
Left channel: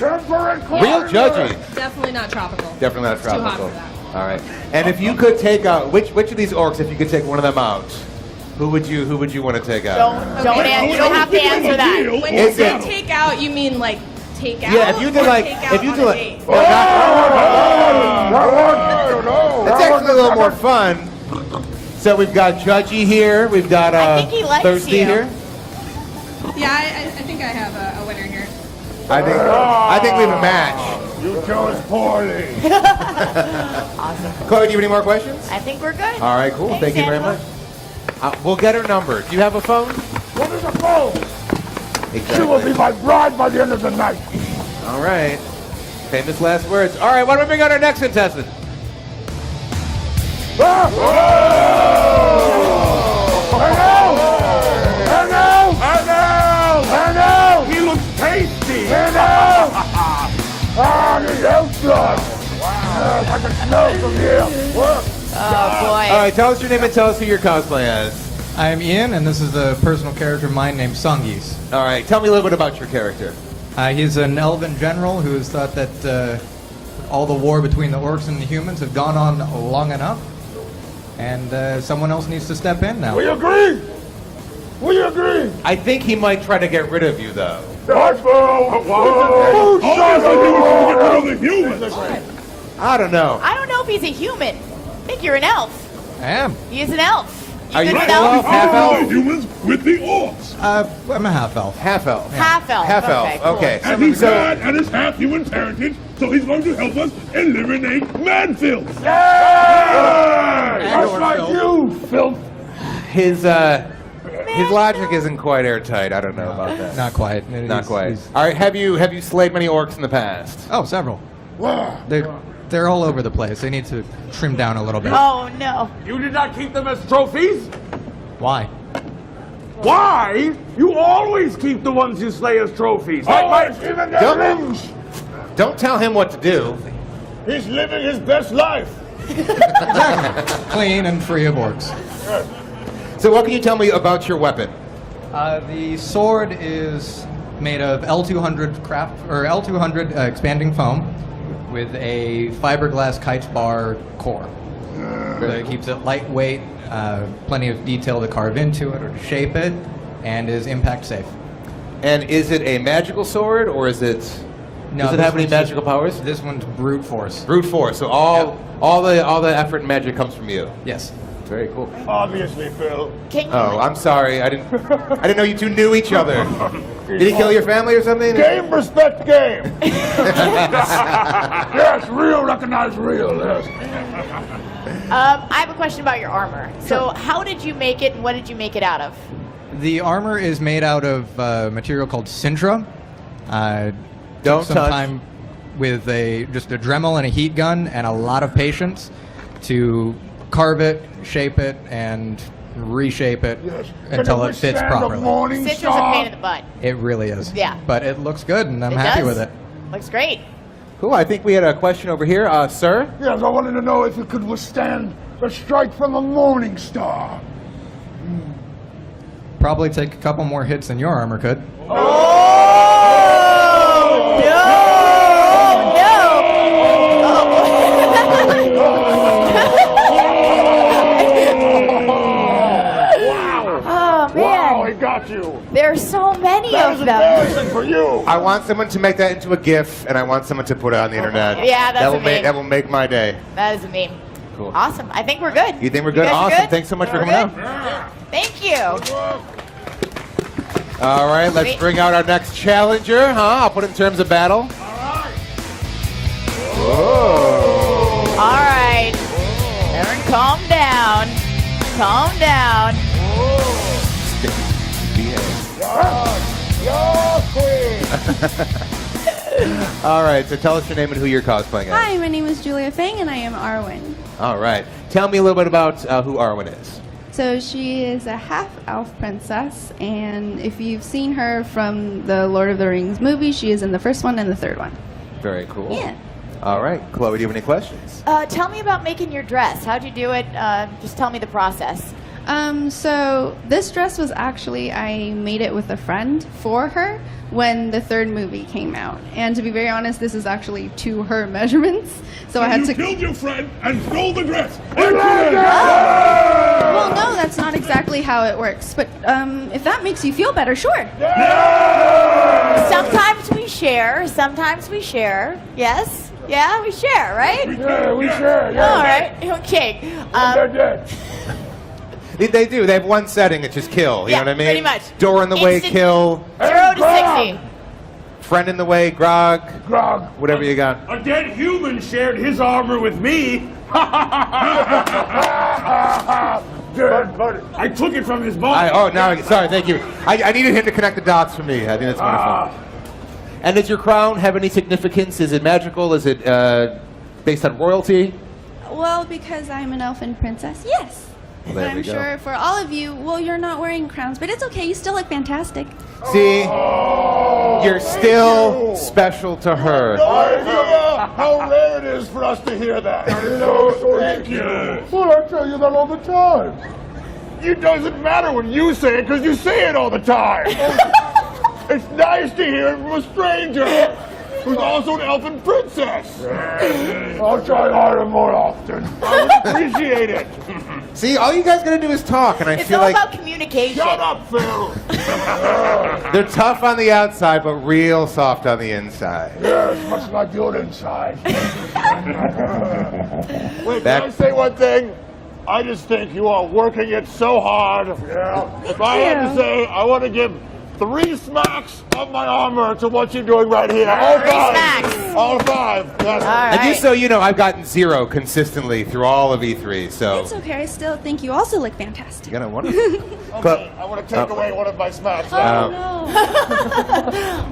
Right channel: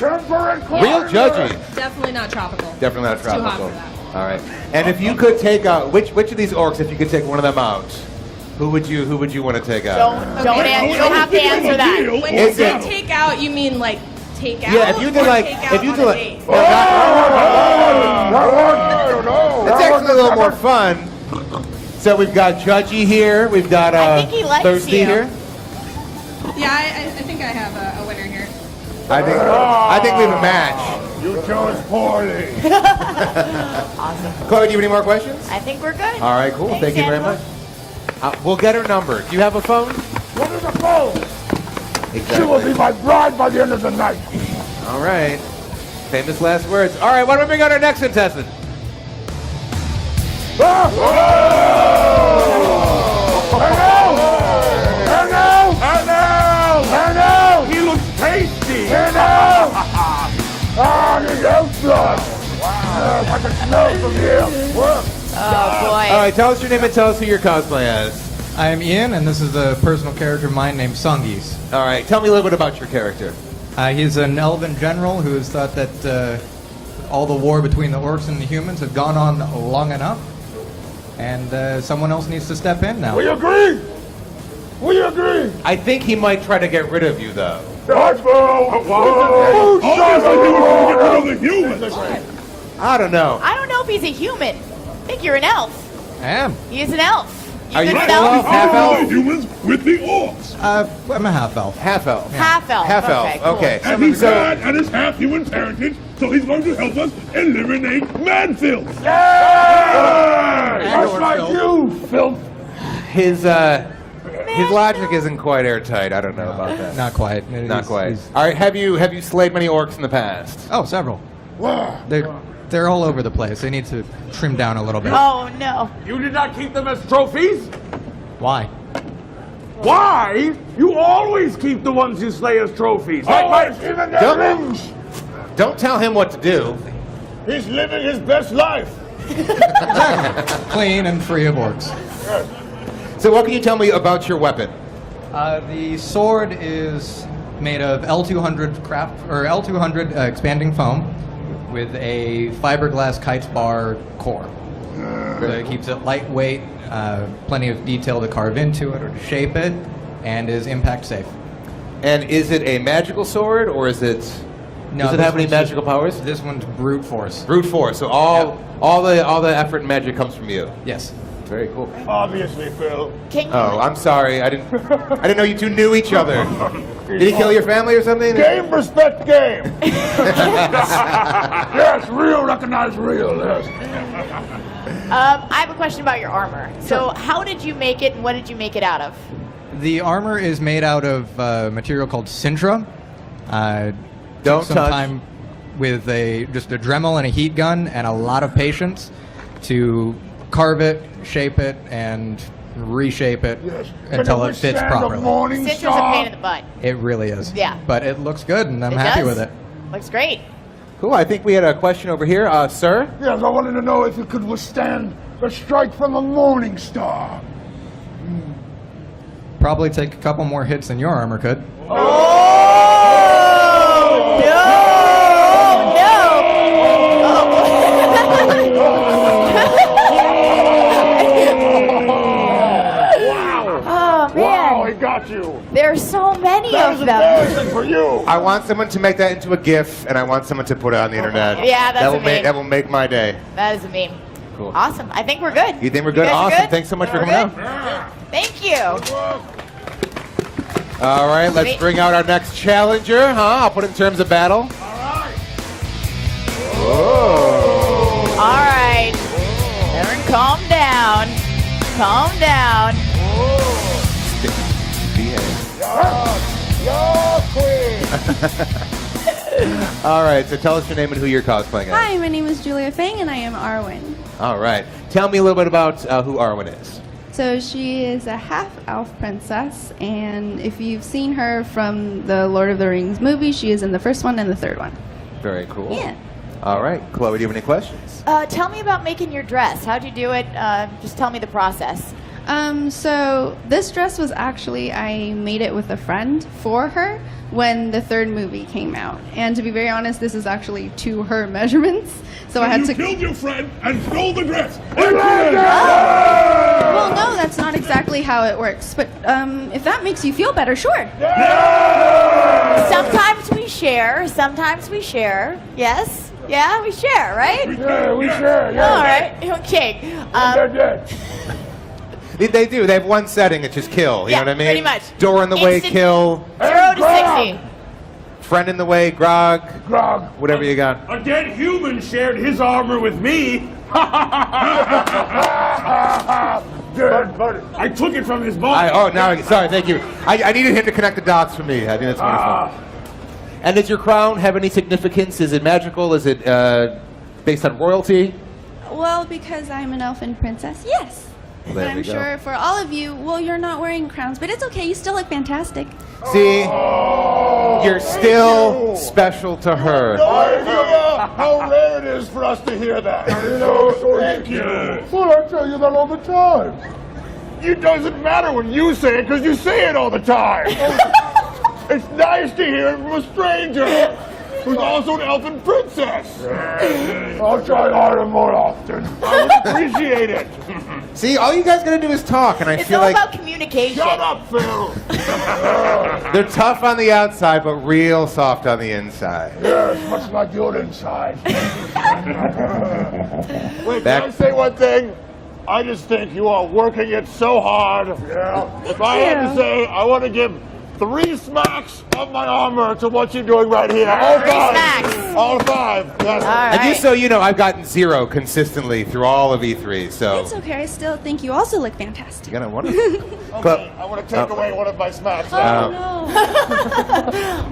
Real judgy. Definitely not tropical. Definitely not It's too hot tropical. for that. All right. And if you could take out which of these orcs, if you could take one of them out, who would you want to take out? You don't have to answer that. When you say take out, you mean like take out? Yeah, if you did like, take if you out did on a like, date? it's actually a little more fun. So we've got Judgy here, we've got I think he likes Thirsty you. here. Yeah, I think I have a winner here. I think we have a match. You chose poorly. Awesome. Chloe, do you have any more questions? I think we're good. All right, cool. Thanks, Thank you very Angela. much. We'll get her number. Do you have a phone? What is a phone? She will be my bride by the end of the night. All right. Famous last words. All right, why don't we bring out our next contestant? Hello! He looks tasty! Hello! The outside! I can smell from here! Oh boy. All right, tell us your name and tell us who you're cosplaying as. I'm Ian, and this is a personal character of mine named Sungis. All right, tell me a little bit about your character. He's an elven general who has thought that all the war between the orcs and the humans have gone on long enough, and someone else needs to step in now. We agree! We agree! I think he might try to get rid of you, though. Who says I do want to get rid of the humans? I don't know. I don't know if he's a human. I think you're an elf. I am. He's an elf. Are you good with full elves? elf, half elf? humans with the orcs. I'm a half elf. Half elf. Half elf. Half Okay, elf. cool. Okay. And he's bad and is half human heritage, so he's going to help us eliminate Manfield. Just like you, filth. His logic isn't quite airtight. I don't know about that. Not quite. Not quite. All right. Have you slayed many orcs in the past? Oh, several. Wow. They're all over the place. They need to trim down a little bit. Oh no. You did not keep them as trophies? Why? Why? You always keep the ones you slay as trophies. Don't tell him what to do. He's living his best life. Clean and free of orcs. So what can you tell me about your weapon? The sword is made of L200 L200 expanding foam with a fiberglass kite's bar core. So it keeps it lightweight, plenty of detail to carve into it or to shape it, and is impact safe. And is it a magical sword, or is it? No, does it this have any one's magical powers? This one's brute force. Brute force. So all the effort and magic comes from you. Yes. Very cool. Obviously, Phil. Oh, I'm sorry. I didn't know you two knew each other. Did he kill your family or something? Game, respect game. Yes, real recognize real. Yes. I have a question about your armor. So how did you make it, and what did you make it out of? The armor is made out of material called Sintra. Don't took some touch. time with just a Dremel and a heat gun and a lot of patience to carve it, shape it, and reshape it until it fits properly. Citra's a pain in the butt. It really is. Yeah. But it looks good, and I'm It happy does. with it. Looks great. Cool. I think we had a question over here, sir. Yes, I wanted to know if you could withstand a strike from a morning star. Probably take a couple more hits than your armor could. Oh man. Wow, he got you. There are so many That of is them. embarrassing for you. I want someone to make that into a GIF, and I want someone to put it on the internet. Yeah, that's that will make my day. That is a meme. Cool. Awesome. I think we're good. You think we're good? You guys are Awesome. good? Thanks so much for We're coming good? out. Thank you. All right, let's Sweet. bring out our next challenger. I'll put it in terms of battle. All right. Aaron, calm down. Calm down. All right, so tell us your name and who you're cosplaying as. Hi, my name is Julia Fang, and I am Arwen. All right, tell me a little bit about who Arwen is. So she is a half-elf princess, and if you've seen her from the Lord of the Rings movie, she is in the first one and the third one. Very cool. Yeah. All right, Chloe, do you have any questions? Tell me about making your dress. How'd you do it? Just tell me the process. So this dress was actually, I made it with a friend for her when the third movie came out. And to be very honest, this is actually to her measurements. So I had to... killed your friend and stole the dress. Well, no, that's not exactly how it works. But if that makes you feel better, sure. Sometimes we share. Sometimes we share. Yes? Yeah, we share, right? We share. Yeah. All right. Okay. They do. They have one setting, it's just kill. You Yeah, know what I mean? pretty much. Door in the way, Instant- kill. 0 to 60. Friend in the way, grog. Grog. Whatever you got. A dead human shared his armor with me. I took it from his body. Sorry, thank you. I needed him to connect the dots for me. I think that's wonderful. And does your crown have any significance? Is it magical? Is it based on royalty? Well, because I'm an elfin princess, yes. Well, But there I'm we go. sure for all of you, well, you're not wearing crowns, but it's okay. You still look fantastic. See, you're still special to her. How rare it is for us to hear that. Thank you. Well, I tell you that all the time. It doesn't matter when you say it, because you say it all the time. It's nice to hear it from a stranger who's also an elfin princess. I'll try harder more often. I would appreciate it. See, all you guys gotta do is talk, and I It's feel all like about communication. Shut up, Phil. they're tough on the outside, but real soft on the inside. Yes, much like your inside. Wait, can I say one thing? I just think you are working it so hard. Yeah. If I had to say, I want to give 3 smacks of my armor to what you're doing right here. All 3 5. smacks. All 5. Yes. And just so you know, I've gotten 0 consistently through all of E3, so... It's okay, I still think you also look fantastic. You know, wonderful. Okay, I want to take away one of my smacks. No.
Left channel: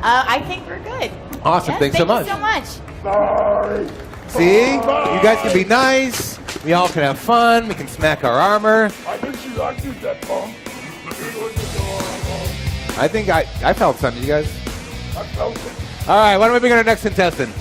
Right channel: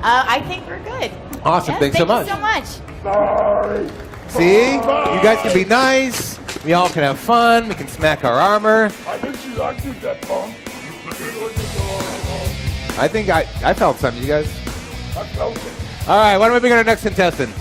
I think we're good. Awesome, Yes, thanks so much. Thank you so much. See? You guys can be nice. We all can have fun. We can smack our armor. I think that bomb. I think I felt something, you guys. I felt it. All right, why don't we bring on our next contestant?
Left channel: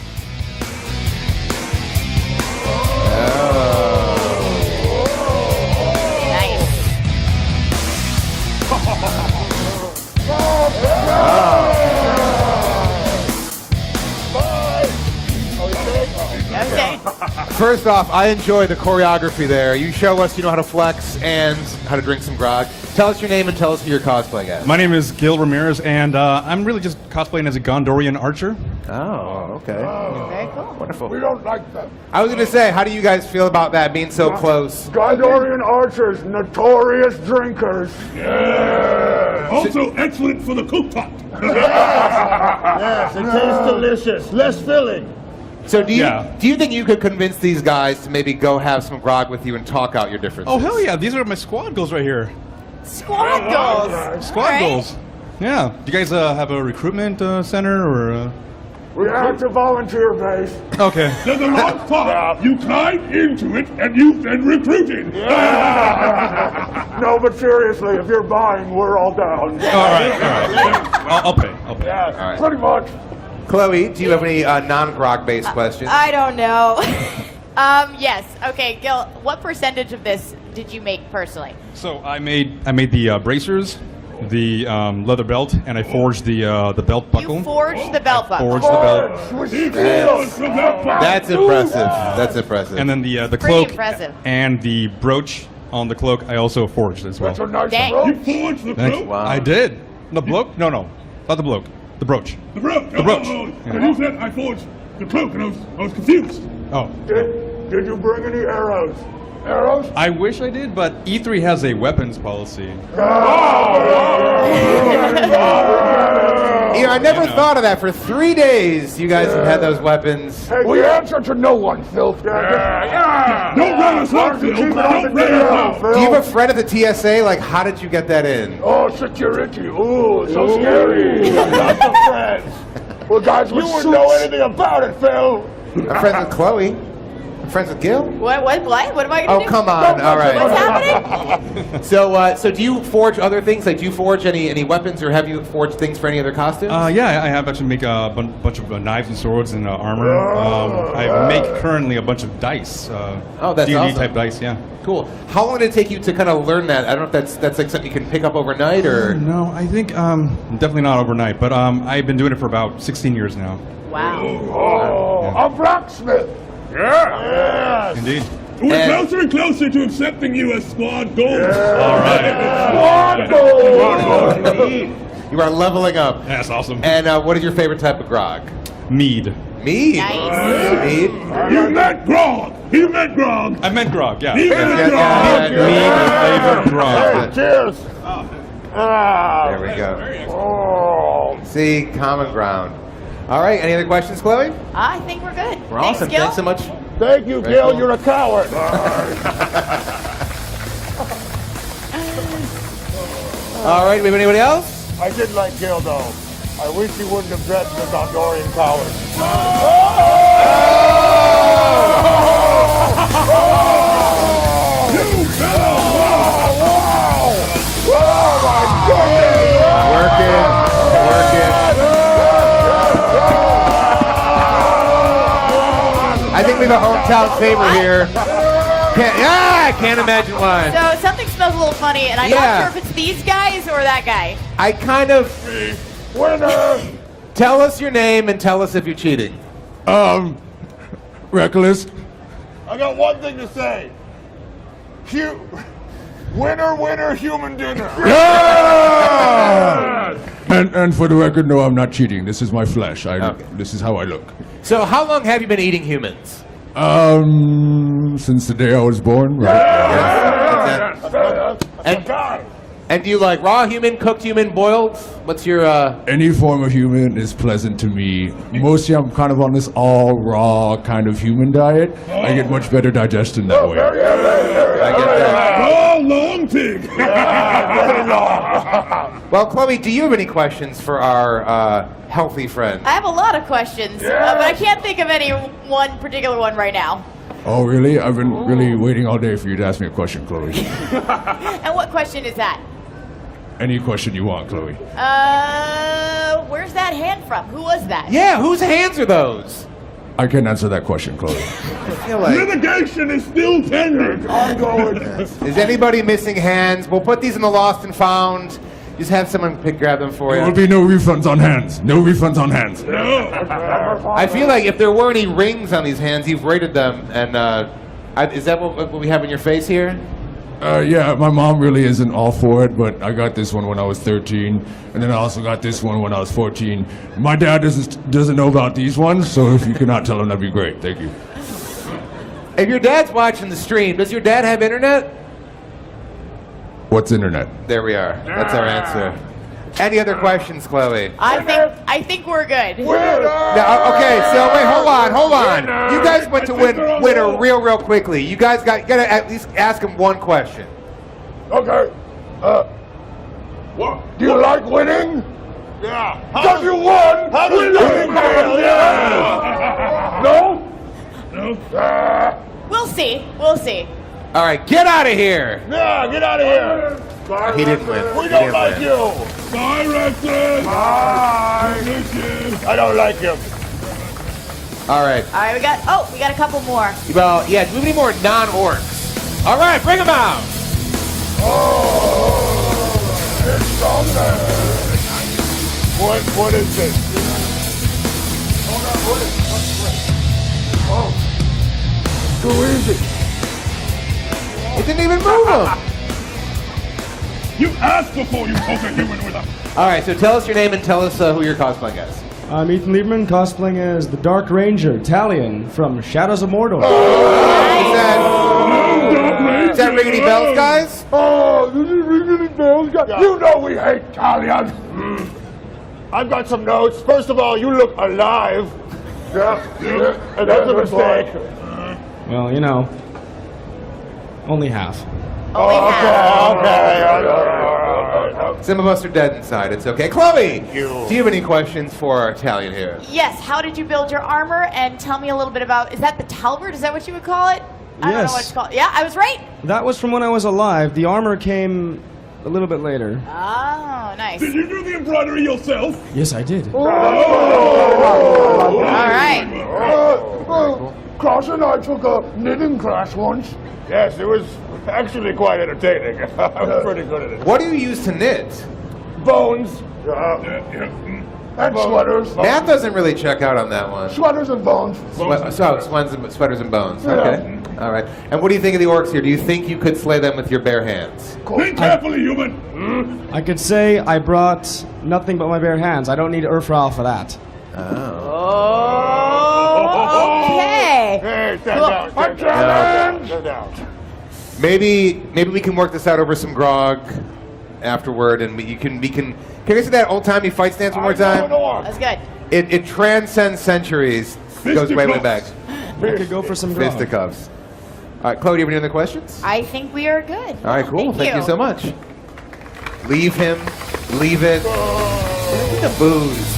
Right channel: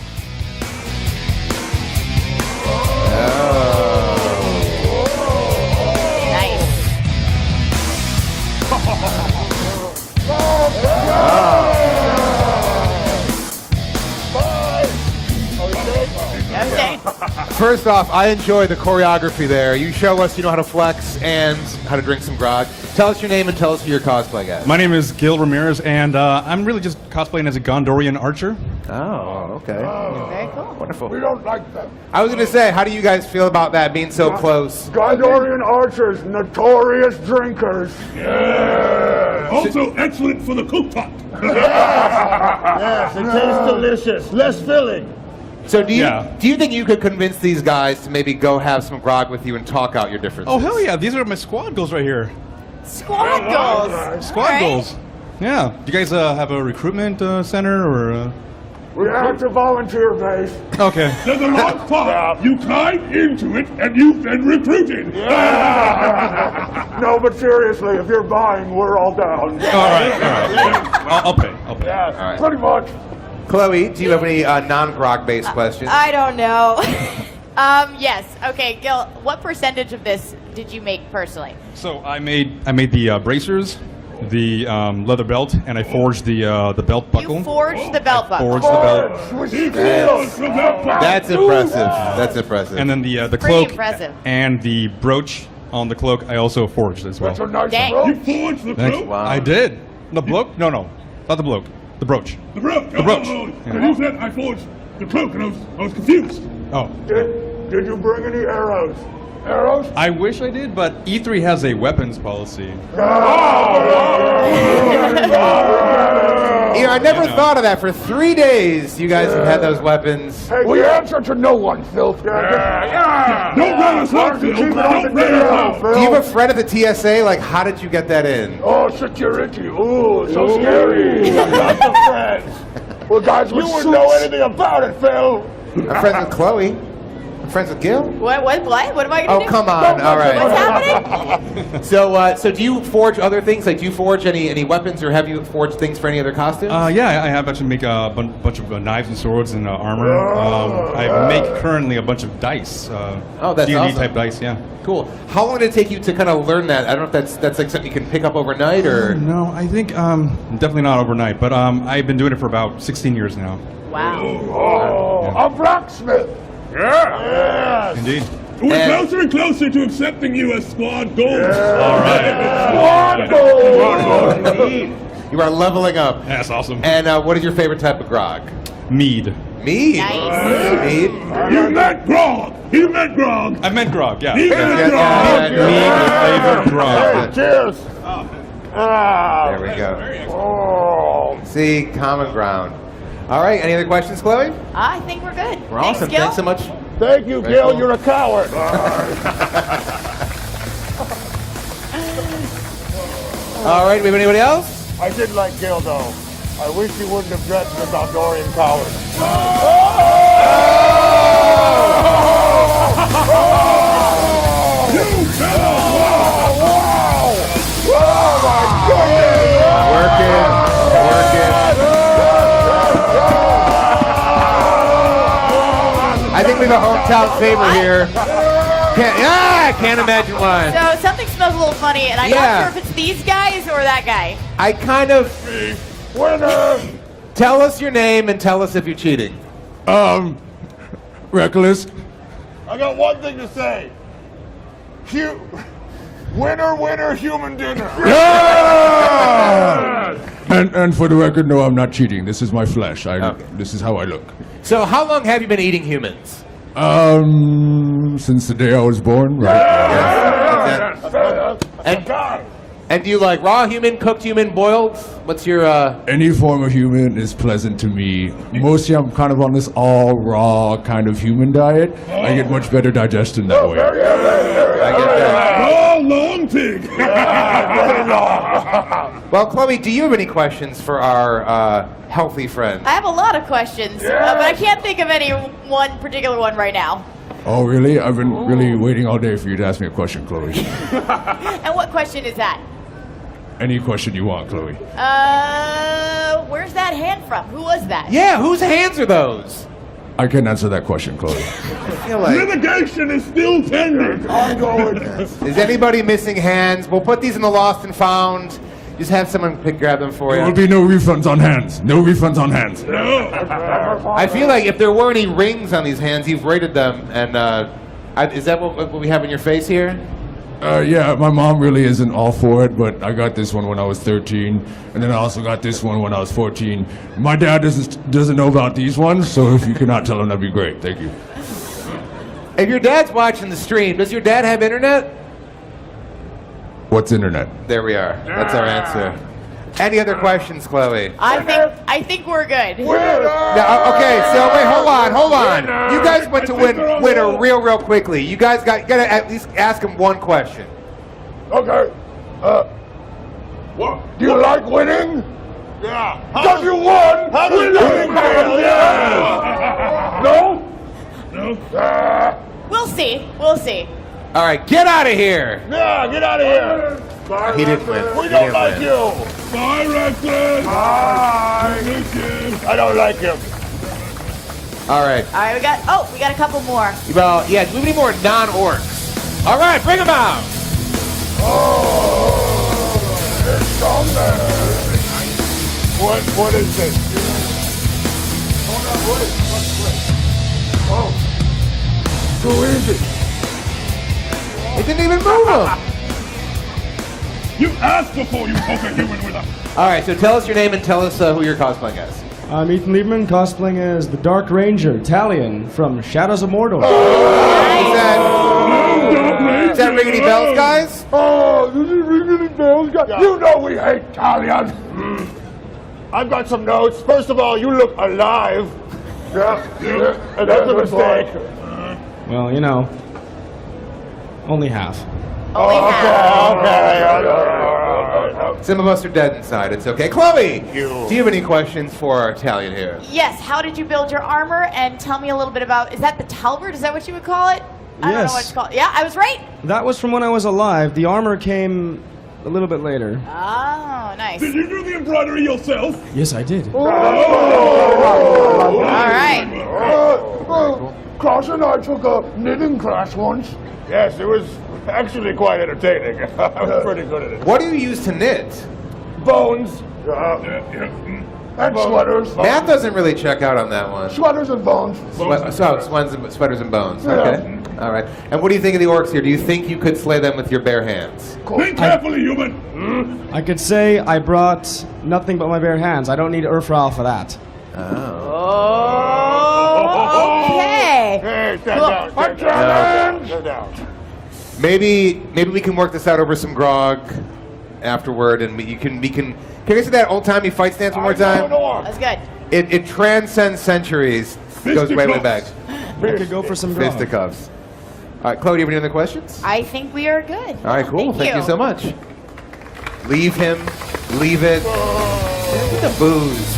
First off, I enjoy the choreography there. You show us you know how to flex and how to drink some grog. Tell us your name and tell us who you're cosplaying as. My name is Gil Ramirez, and I'm really just cosplaying as a Gondorian archer. Oh, okay. Very cool. Wonderful. We don't like them. I was going to say, how do you guys feel about that being so close? Gondorian archers, notorious drinkers. Yeah. Also excellent for the cooktop. Yes, it tastes delicious. Less filling. So do you think you could convince these guys to maybe go have some grog with you and talk out your differences? Oh, hell yeah. These are my squad goals right here. Squad goals. Squad goals. Yeah. Do you guys have a recruitment center or... We're active volunteer base. Okay. Then the hot part, you climb into it and you've been recruited. Yeah. No, but seriously, if you're buying, we're all down. All right. I'll pay. Yes, All right. pretty much. Chloe, do you have any non-grog-based questions? I don't know. Yes. Okay, Gil, what percentage of this did you make personally? So I made the bracers, the leather belt, and I forged the belt buckle. You forged the belt buckle. Forged the belt. That's impressive. That's impressive. And then the Pretty cloak impressive. and the brooch on the cloak I also forged as well. That's a nice Dang. brooch. You forged the Thanks. cloak? Wow. I did. The bloke? No, not the bloke. The brooch. The brooch. The brooch. And you said I forged the cloak and I was confused. Oh. Did you bring any arrows? Arrows? I wish I did, but E3 has a weapons policy. You know, I never thought of that. For 3 days, you guys have had those weapons. Hey, we answer to no one, Phil. Don't run us off, Phil. Don't run us off. Do you have a friend at the TSA? Like, how did you get that in? Oh, security. Ooh, so scary. Lots of friends. Well, guys, you wouldn't know anything about it, Phil. I'm friends with Chloe. I'm friends with Gil. What am I going to do? Oh, come on. All right. What's happening? So do you forge other things? Like, do you forge any weapons, or have you forged things for any other costumes? Yeah, I have actually make a bunch of knives and swords and armor. I make currently a bunch of dice. That's D&D awesome. type dice, yeah. Cool. How long did it take you to kind of learn that? I don't know if that's like something you can pick up overnight, or... No, I think definitely not overnight, but I've been doing it for about 16 years now. Wow. A blacksmith. Yeah. Indeed. We're closer and closer to accepting you as squad gold. All right. Squad gold. You are leveling up. That's awesome. And what is your favorite type of grog? Mead. Mead? Nice. Mead? You meant grog. He meant grog. I meant grog, yeah. He meant grog. Mead flavored grog. Cheers. There we go. See, common ground. All right, any other questions, Chloe? I think we're good. We're awesome. Gil. Thanks so much. Thank you, Very Gil. cool. You're a coward. All right, we have anybody else? I did like Gil, though. I wish he wouldn't have dressed as a Gondorian coward. You I think we're the hometown favorite here. I can't imagine why. So something smells a little funny, and I'm Yeah. not sure if it's these guys or that guy. I kind of... Winner! Tell us your name and tell us if you're cheating. Reckless. I got one thing to say. Winner, winner, human dinner. Yeah! And for the record, no, I'm not cheating. This is my flesh. This is how I look. So how long have you been eating humans? Since the day I was born, right? And do you like raw human, cooked human, boiled? What's your, Any form of human is pleasant to me. Mostly I'm kind of on this all raw kind of human diet. I get much better digestion that way. I get that. Oh, long pig! Well, Chloe, do you have any questions for our healthy friend? I have a lot of questions, but I can't think of any one particular one right now. Oh, really? I've been really waiting all day for you to ask me a question, Chloe. And what question is that? Any question you want, Chloe. Where's that hand from? Who was that? Yeah, whose hands are those? I can answer that question, Chloe. Litigation is still pending. Is anybody missing hands? We'll put these in the lost and found. Just have someone grab them for There you. will be no refunds on hands. No refunds on hands. I feel like if there were any rings on these hands, you've rated them. And is that what we have in your face here? Yeah, my mom really isn't all for it, but I got this one when I was 13, and then I also got this one when I was 14. My dad doesn't know about these ones, so if you could not tell him, that'd be great. Thank you. If your dad's watching the stream, does your dad have internet? What's internet? There we are. That's our answer. Any other questions, Chloe? I think we're good. Yeah, okay, so wait, hold on. You guys went to winner real quickly. You guys gotta at least ask him one question. Okay. What? Do you like winning? Yeah. Because you won! How do you No? No? We'll see. All right, get out of here. Yeah, get out of here. He didn't win. We He don't didn't like win. you. Bye, Reckless. Bye. I don't like him. All right. All right, we got a couple more. Well, yeah, do we need more non-orcs? All right, bring them out. What is this? Hold on, what is this? Who is it? It didn't even move him. You asked before you poke a human with a... All right, so tell us your name and tell us who you're cosplaying as. I'm Ethan Liebman, cosplaying as the Dark Ranger, Talion, from Shadows of Mordor. Is that ring any bells, guys? Oh, this is ringing bells, guys. You know we hate Talion. I've got some notes. First of all, you look alive. Yeah. And that's a mistake. Well, you know, only half. Okay. Some of us are dead inside. It's okay. Chloe, do you have any questions for our Italian here? Yes. How did you build your armor? And tell me a little bit about. Is that the talbert? Is that what you would call it? I don't know what it's called. Yeah, I was right. That was from when I was alive. The armor came a little bit later. Oh, nice. Did you do the embroidery yourself? Yes, I did. All right. Cross and I took a knitting class once. Yes, it was actually quite entertaining. I'm pretty good at it. What do you use to knit? Bones. And sweaters. Math doesn't really check out on that one. Sweaters and bones. Sweaters and bones. Yeah. Okay. All right. And what do you think of the orcs here? Do you think you could slay them with your bare hands? Think carefully, human. I could say I brought nothing but my bare hands. I don't need Urfral for that. Okay. Maybe we can work this out over some grog afterward, and can you say that old-timey fight stance one more time? That's good. It transcends centuries. It goes way back. I could go for some grog. Fisticuffs. All right, Chloe, do you have any other questions? I think we are good. All right, cool. Thank you so much. Leave him. Leave it. Get the booze.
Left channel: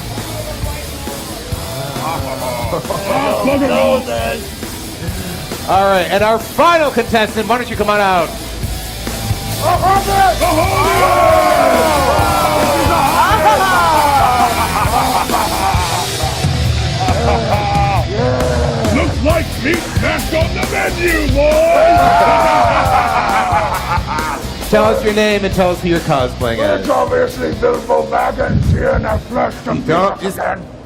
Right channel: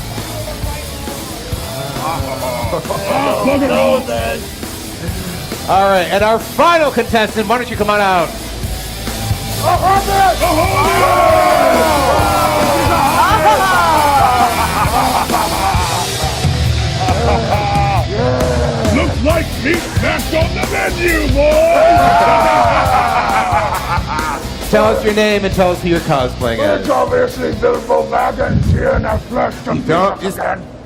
All right, and our final contestant, why don't you come on out? Looks like meat snacked on the menu, boys! Tell us your name and tell us who you're cosplaying as. It's obviously Bilbo Baggins here in the flesh to Don't just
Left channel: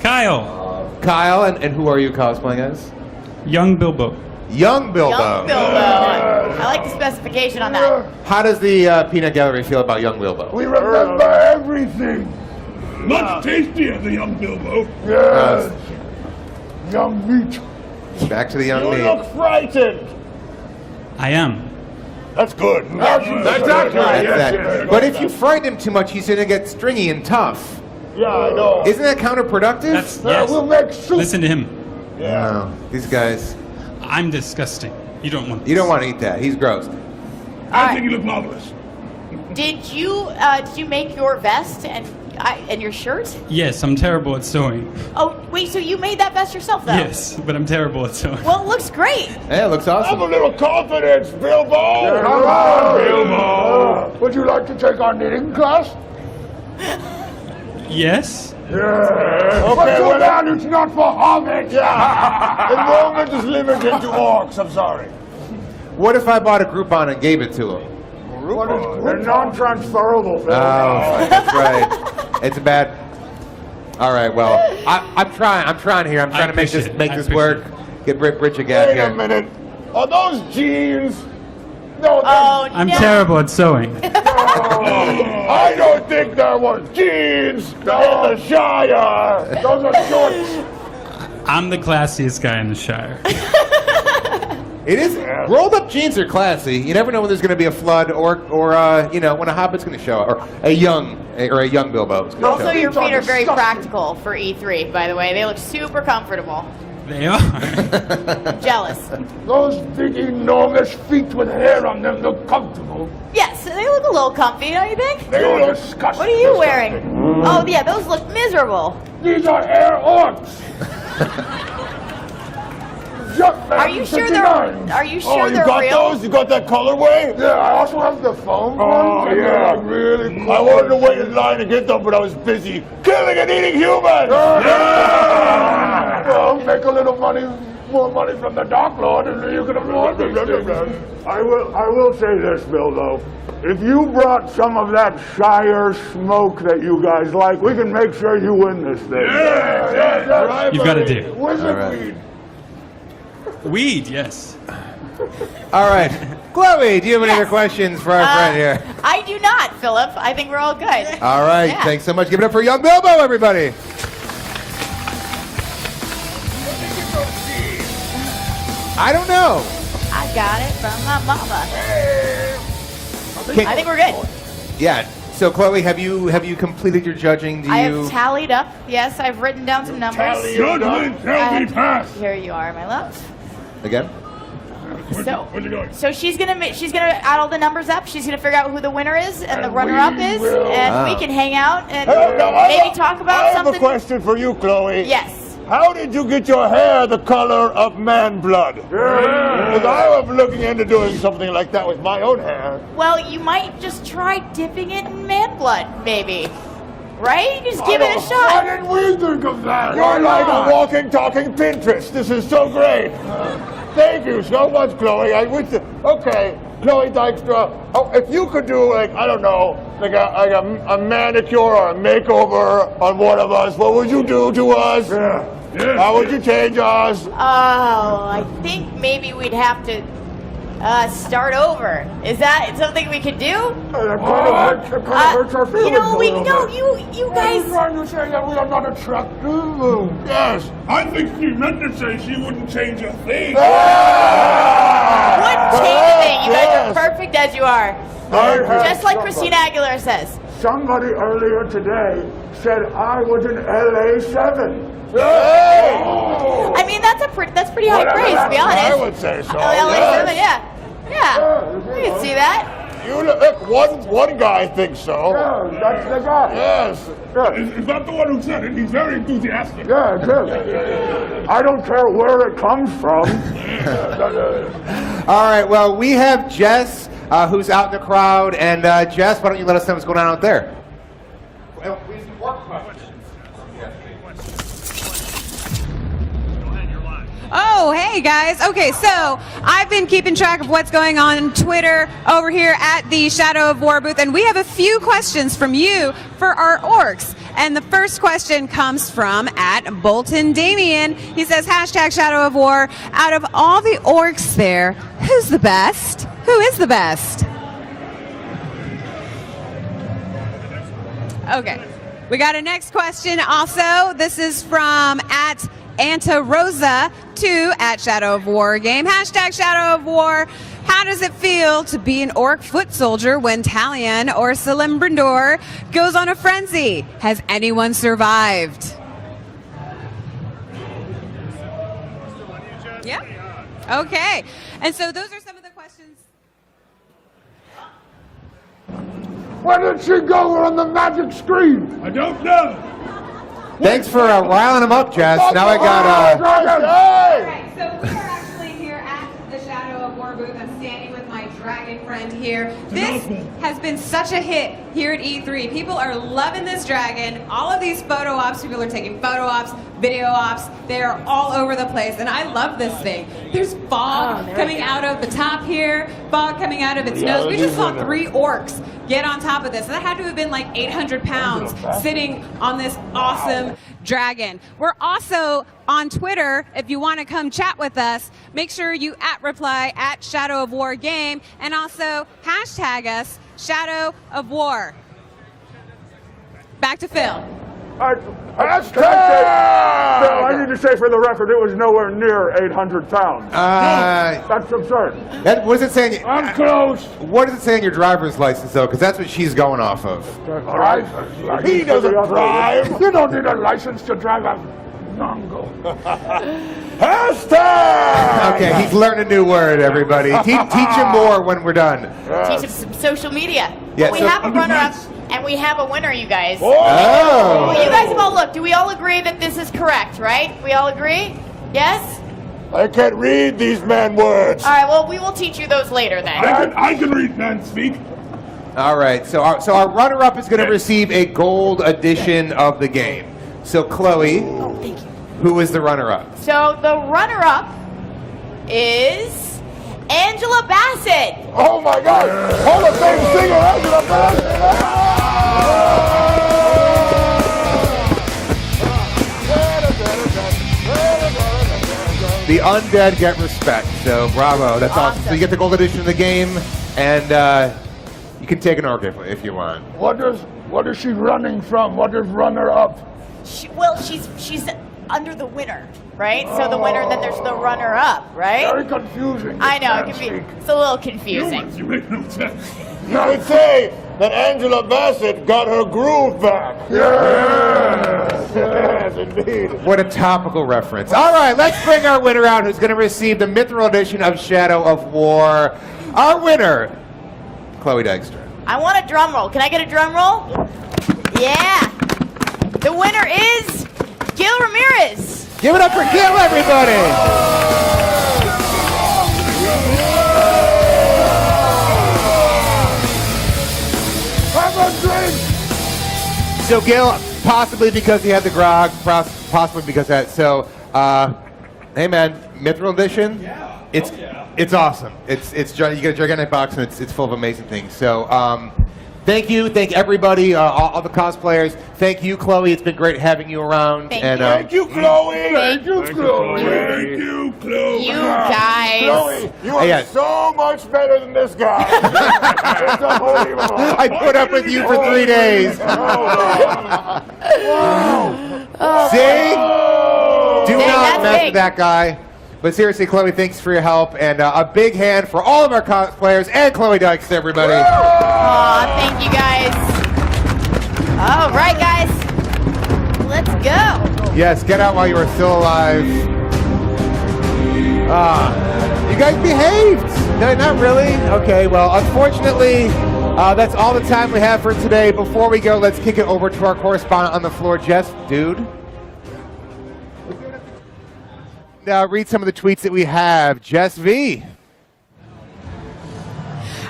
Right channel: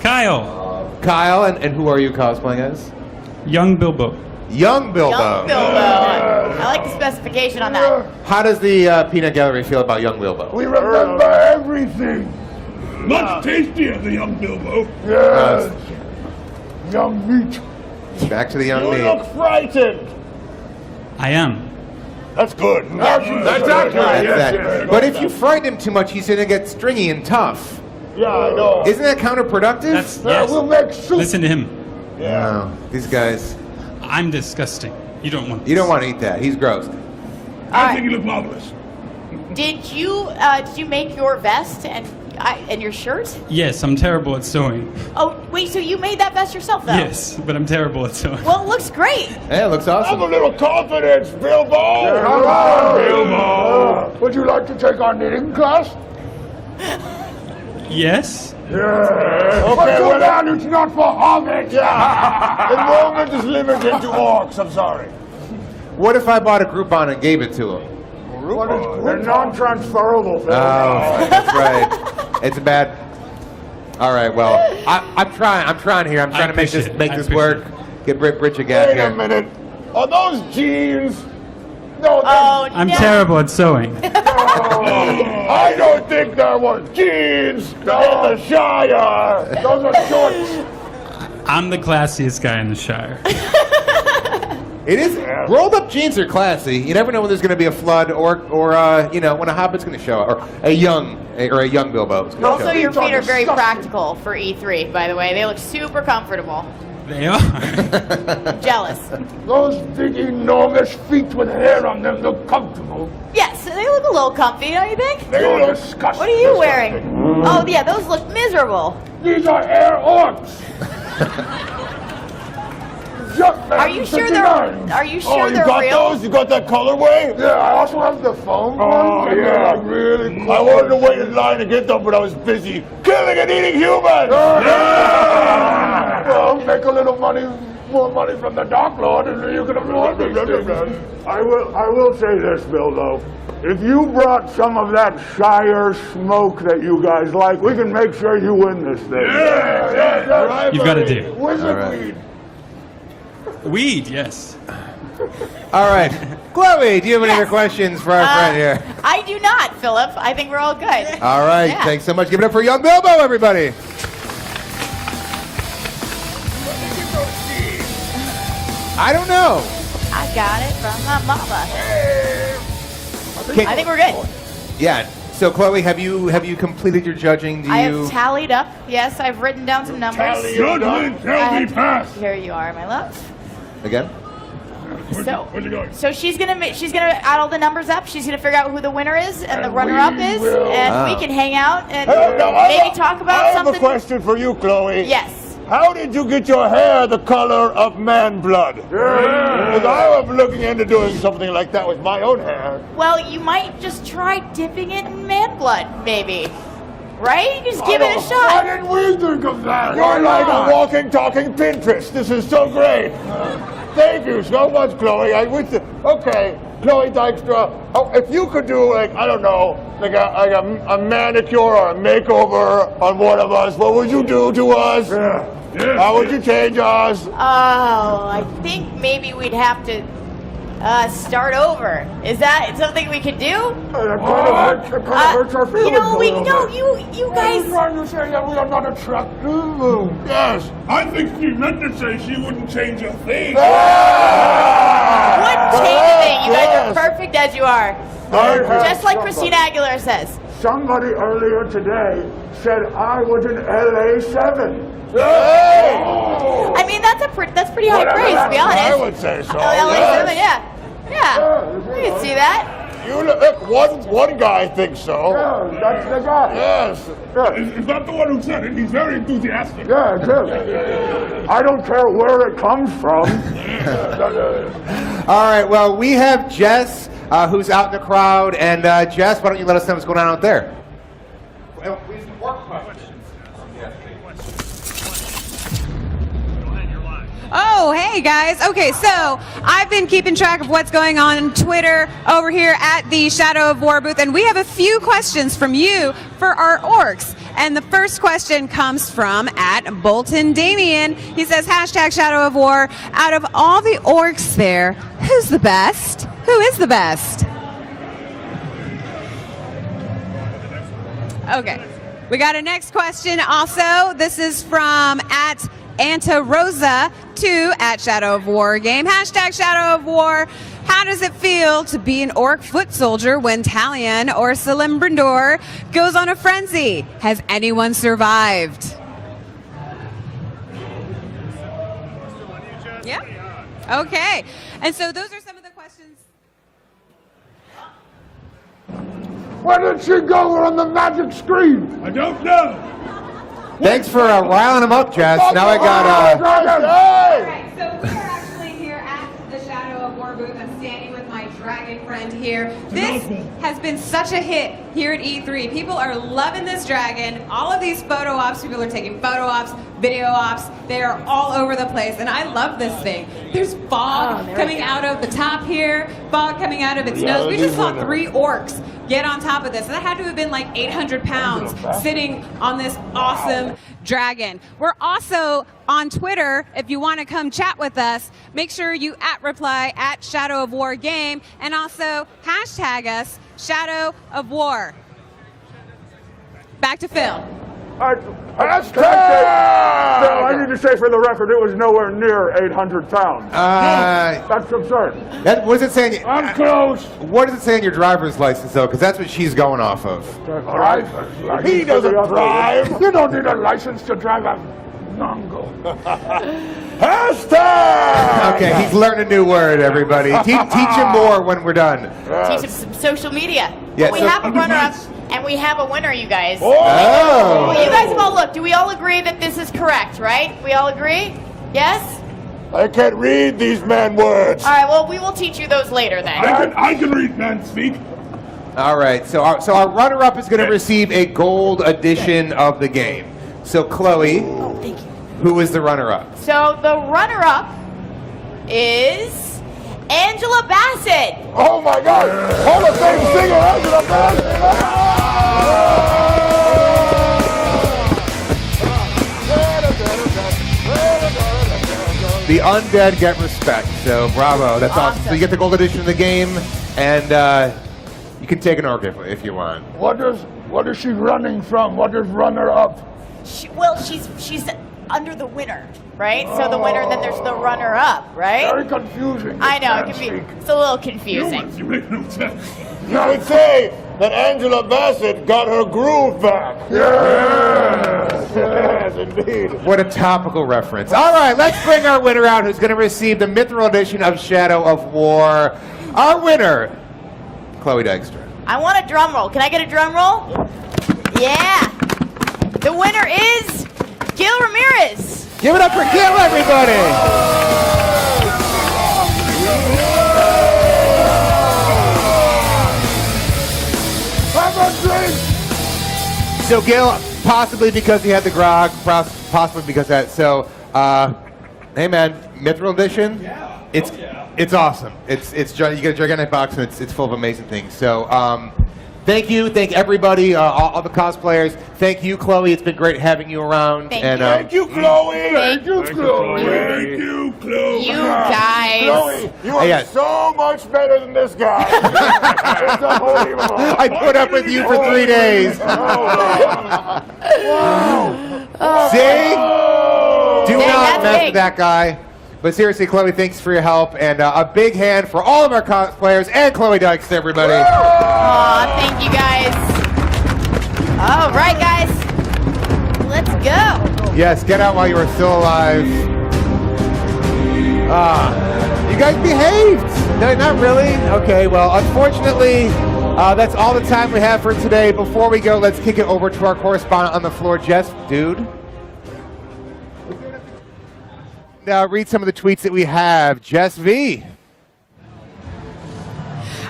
Kyle. Kyle, and who are you cosplaying as? Young Bilbo. Young Bilbo. Young Bilbo. I like the specification on that. How does the peanut gallery feel about Young Bilbo? We remember everything. Much tastier than young Bilbo. Yes. Young meat. Back to the young You meat. look frightened. I am. That's good. But if you frighten him too much, he's going to get stringy and tough. Yeah, I know. Isn't that counterproductive? Yes. We'll make soup. Listen to him. Yeah. These guys. I'm disgusting. You don't want this. You don't want to eat that. He's gross. I think you look marvelous. Did you make your vest and your shirt? Yes, I'm terrible at sewing. Oh, wait, so you made that vest yourself, though? Yes, but I'm terrible at sewing. Well, it looks great. Yeah, it looks awesome. Have a little confidence, Bilbo. Come on, Bilbo. Would you like to take our knitting class? Yes? Yeah. Okay, well, then it's not for hobbits. Enrollment is limited to orcs, I'm sorry. What if I bought a Groupon and gave it to him? They're non-transferable. Oh, that's right. It's bad. All right, well, I'm trying here. I'm trying to make this work. Get rich again Wait here. a minute. Are those jeans? No, I'm terrible at sewing. I don't think there was jeans in the Shire. Those are shorts. I'm the classiest guy in the Shire. It is. Rolled up jeans are classy. You never know when there's going to be a flood or you know, when a hobbit's going to show up, or a young Bilbo is going to show Also, up. your feet are very practical for E3, by the way. They look super comfortable. They are. I'm jealous. Those big, enormous feet with hair on them look comfortable. Yes, they look a little comfy, don't you think? They're disgusting. What are you wearing? Oh, yeah, those look miserable. These are air orcs. Are you sure they're got real? those? You got that colorway? Yeah, I also have the foam. Oh, yeah, really cool. I wanted to wait in line to get them, but I was busy killing and eating humans. Well, make a little more money from the Dark Lord, and you can afford these things. I will say this, Bilbo. If you brought some of that Shire smoke that you guys like, we can make sure you win this thing. Yeah. You've got to do. Wizard weed. Weed, yes. All right. Chloe, do you have any other questions for our friend here? I do not, Philip. I think we're all good. All right. Yeah. Thanks so much. Give it up for young Bilbo, everybody. I don't know. I got it from my mama. I think we're good. Yeah. So, Chloe, have you completed your judging? I have tallied up. Yes, I've written down some numbers. Here you are, my love. Again? So she's gonna add all the numbers up. She's gonna figure out who the winner is and the runner-up is, and we can hang out and maybe talk about something. I have a question for you, Chloe. Yes. How did you get your hair the color of man blood? Because I was looking into doing something like that with my own hair. Well, you might just try dipping it in man blood, maybe. Right? Just give it a shot. Why didn't we think of that? You're like a walking, talking Pinterest. This is so great. Thank you so much, Chloe. Okay, Chloe Dykstra. Oh, if you could do, like, I don't know, like a manicure or a makeover on one of us, what would you do to us? Yeah. How would you change us? Oh, I think maybe we'd have to start over. Is that something we could do? You know, you guys. I'm trying to say that we are not attractive. Yes, I think she meant to say she wouldn't change a thing. Wouldn't change a thing. You guys are perfect as you are. Just like Christina Aguilera says. Somebody earlier today said I was an LA7. I mean, that's pretty high praise, to be honest. I would say so. LA7, yeah. You can see that. You look, one guy thinks so. Yeah, that's the guy. Yes. Is that the one who said it? He's very enthusiastic. Yeah, it is. I don't care where it comes from. All right. Well, we have Jess, who's out in the crowd, and Jess, why don't you let us know what's going on out there? Oh, hey guys. Okay, so I've been keeping track of what's going on Twitter over here at the Shadow of War booth, and we have a few questions from you for our orcs. And the first question comes from @Bolton Damien. He says, #Shadow of War. Out of all the orcs there, who's the best? Who is the best? Okay. We got a next question also. This is from @Anta Rosa to @Shadow of War game. #Shadow of War. How does it feel to be an orc foot soldier when Talion or Celebrimbor goes on a frenzy? Has anyone survived? Yeah? Okay. And so those are some of the questions. Where did she go on the magic screen? I don't know. Thanks for riling him up, Jess. Now I got. Alright, so we are actually here at the Shadow of War booth. I'm standing with my dragon friend here. This has been such a hit here at E3. People are loving this dragon. All of these photo ops, people are taking photo ops, video ops. They are all over the place, and I love this thing. There's fog coming out of the top here, fog coming out of its nose. We just saw 3 orcs get on top of this. That had to have been like 800 pounds sitting on this awesome dragon. We're also on Twitter. If you want to come chat with us, make sure you @reply @Shadow of War Game, and also hashtag us Shadow of War. Back to Phil. Hashtag! I need to say for the record, it was nowhere near 800 pounds. That's absurd. What does it say? I'm close. What does it say in your driver's license, though? Because that's what she's going off of. He doesn't drive. You don't need a license to drive a Nongo. Hashtag! Okay, he's learned a new word, everybody. Teach him more when we're done. Teach him some social media. Yeah, we so- have a runner-up, and we have a winner, you guys. Oh! You guys have all looked. Do we all agree that this is correct, right? We all agree? Yes? I can't read these man words. All right, well, we will teach you those later then. I can read man speak. All right, so our runner-up is going to receive a gold edition of the game. So, Chloe, who is the runner-up? So the runner-up is Angela Bassett. Oh my God! Hall of Fame singer Angela Bassett! The undead get respect, so bravo. That's awesome. So you get the gold edition of the game, and you can take an orc if you want. What is she running from? What is runner-up? She's under the winner, right? So the winner, and then there's the runner-up, right? Very confusing. I know, it's a little confusing. You could say that Angela Bassett got her groove back. Yes, indeed. What a topical reference. All right, let's bring our winner out, who's going to receive the Mithril edition of Shadow of War. Our winner, Chloe Dykstra. I want a drum roll. Can I get a drum roll? Yeah. The winner is Gil Ramirez. Give it up for Gil, everybody. So Gil, possibly because he had the grog, possibly because of that. So, hey man, Mithril edition. Yeah. It's awesome. You get a gigantic box and it's full of amazing things. So, thank you, thank everybody, all the cosplayers. Thank you, Chloe. It's been great having you around. Thank you, Chloe. Thank you, Chloe. Thank you, Chloe. You guys. Chloe, you are so much better than this guy. It's unbelievable. I put up with you for 3 days. See? Do not mess with that guy. But seriously, Chloe, thanks for your help, and a big hand for all of our cosplayers and Chloe Dykes, everybody. Aw, thank you guys. All right, guys, let's go. Yes, get out while you are still alive. You guys behaved. No, not really. Okay, well, unfortunately, that's all the time we have for today. Before we go, let's kick it over to our correspondent on the floor, Jess, dude. Now read some of the tweets that we have. Jess V.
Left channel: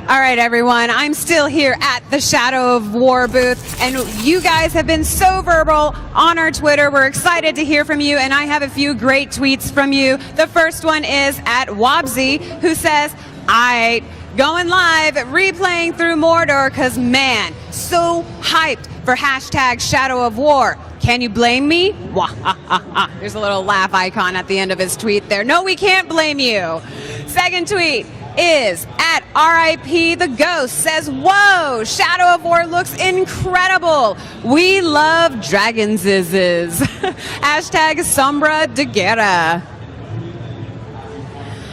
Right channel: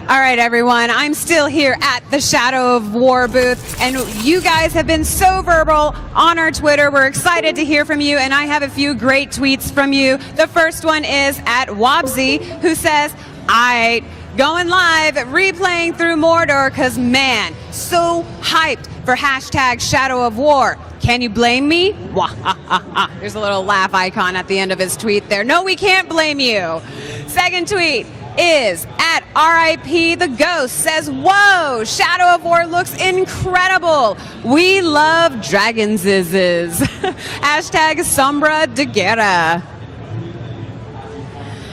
All right, everyone. I'm still here at the Shadow of War booth, and you guys have been so verbal on our Twitter. We're excited to hear from you, and I have a few great tweets from you. The first one is at Wobsy, who says, "I going live, replaying through Mordor, cause man, so hyped for hashtag Shadow of War. Can you blame me?" There's a little laugh icon at the end of his tweet there. No, we can't blame you. Second tweet is at RIP the Ghost, says, "Whoa, Shadow of War looks incredible. We love dragons." Hashtag Sombra de Guerra.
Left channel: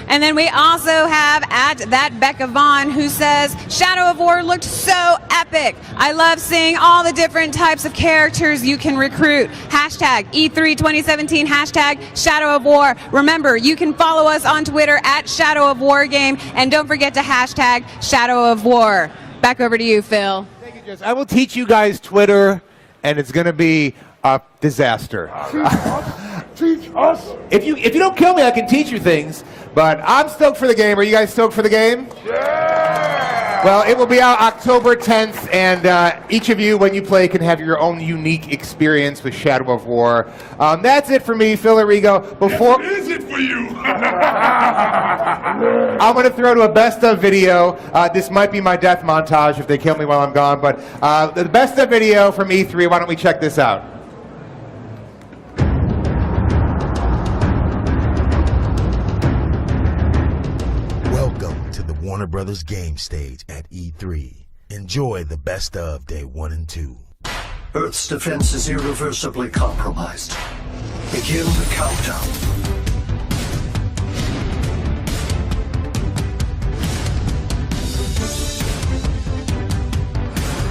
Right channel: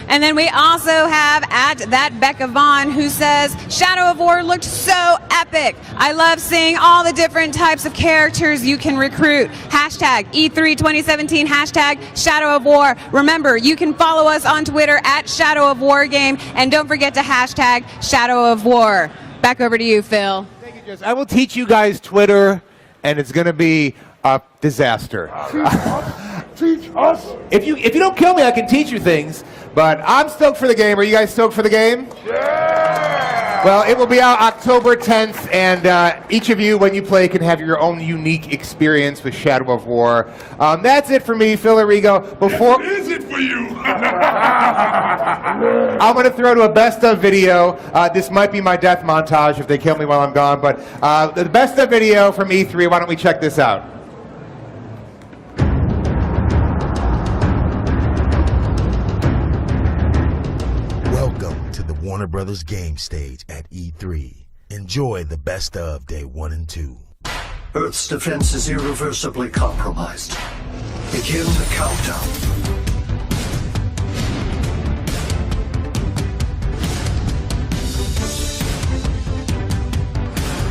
And then we also have at that Becca Vaughn who says, Shadow of War looked so epic. I love seeing all the different types of characters you can recruit. Hashtag E3 2017, hashtag Shadow of War. Remember, you can follow us on Twitter at Shadow of War Game, and don't forget to hashtag Shadow of War. Back over to you, Phil. Thank you, Jess. I will teach you guys Twitter, and it's going to be a disaster. Teach us. If you don't kill me, I can teach you things. But I'm stoked for the game. Are you guys stoked for the game? Yeah! Well, it will be out October 10th, and each of you, when you play, can have your own unique experience with Shadow of War. That's it for me, Phil Arrigo. Before What is it for you? I'm going to throw to a best of video. This might be my death montage if they kill me while I'm gone, but the best of video from E3. Why don't we check this out? Warner Brothers game stage at E3. Enjoy the best of day 1 and 2. Earth's defense is irreversibly compromised. Begin the countdown.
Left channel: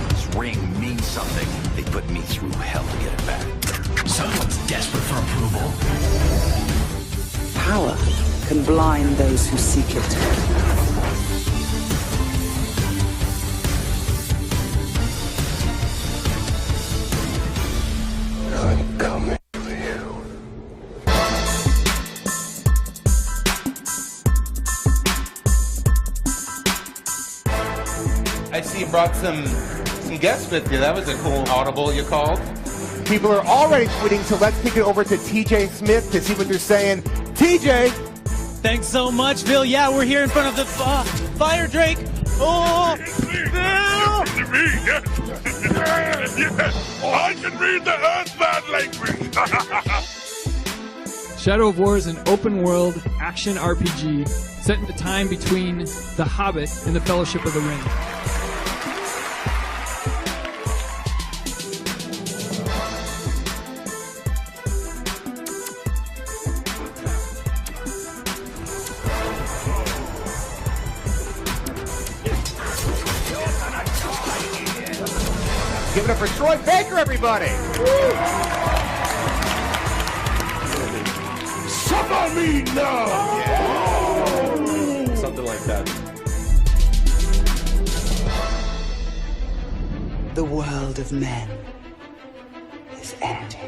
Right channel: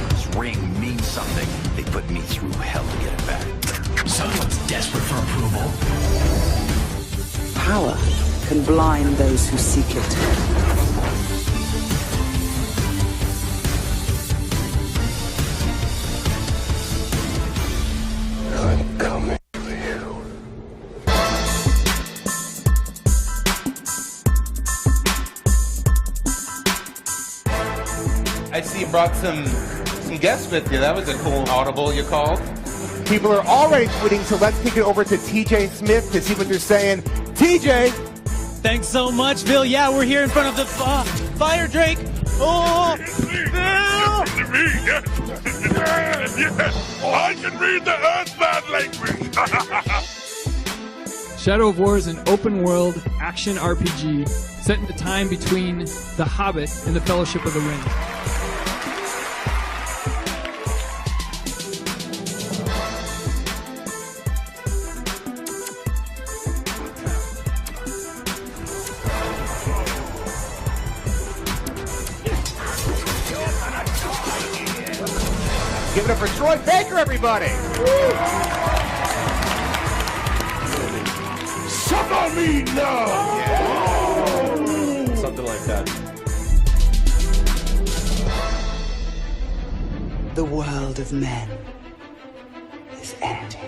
This ring means something. They put me through hell to get it back. Someone's desperate for approval. Power can blind those who seek it. I'm coming for you. I see you brought some guests with you. That was a cool audible you called. People are already tweeting, so let's kick it over to TJ Smith to see what they're saying. TJ! Thanks so much, Bill. Yeah, we're here in front of the Fire Drake. Oh, Bill! I can read the Earthbound language. Shadow of War is an open-world action RPG set in the time between The Hobbit and The Fellowship of the Ring. Give it up for Troy Baker, everybody! Suffer me now! Yeah. Something like that. The world of men is empty.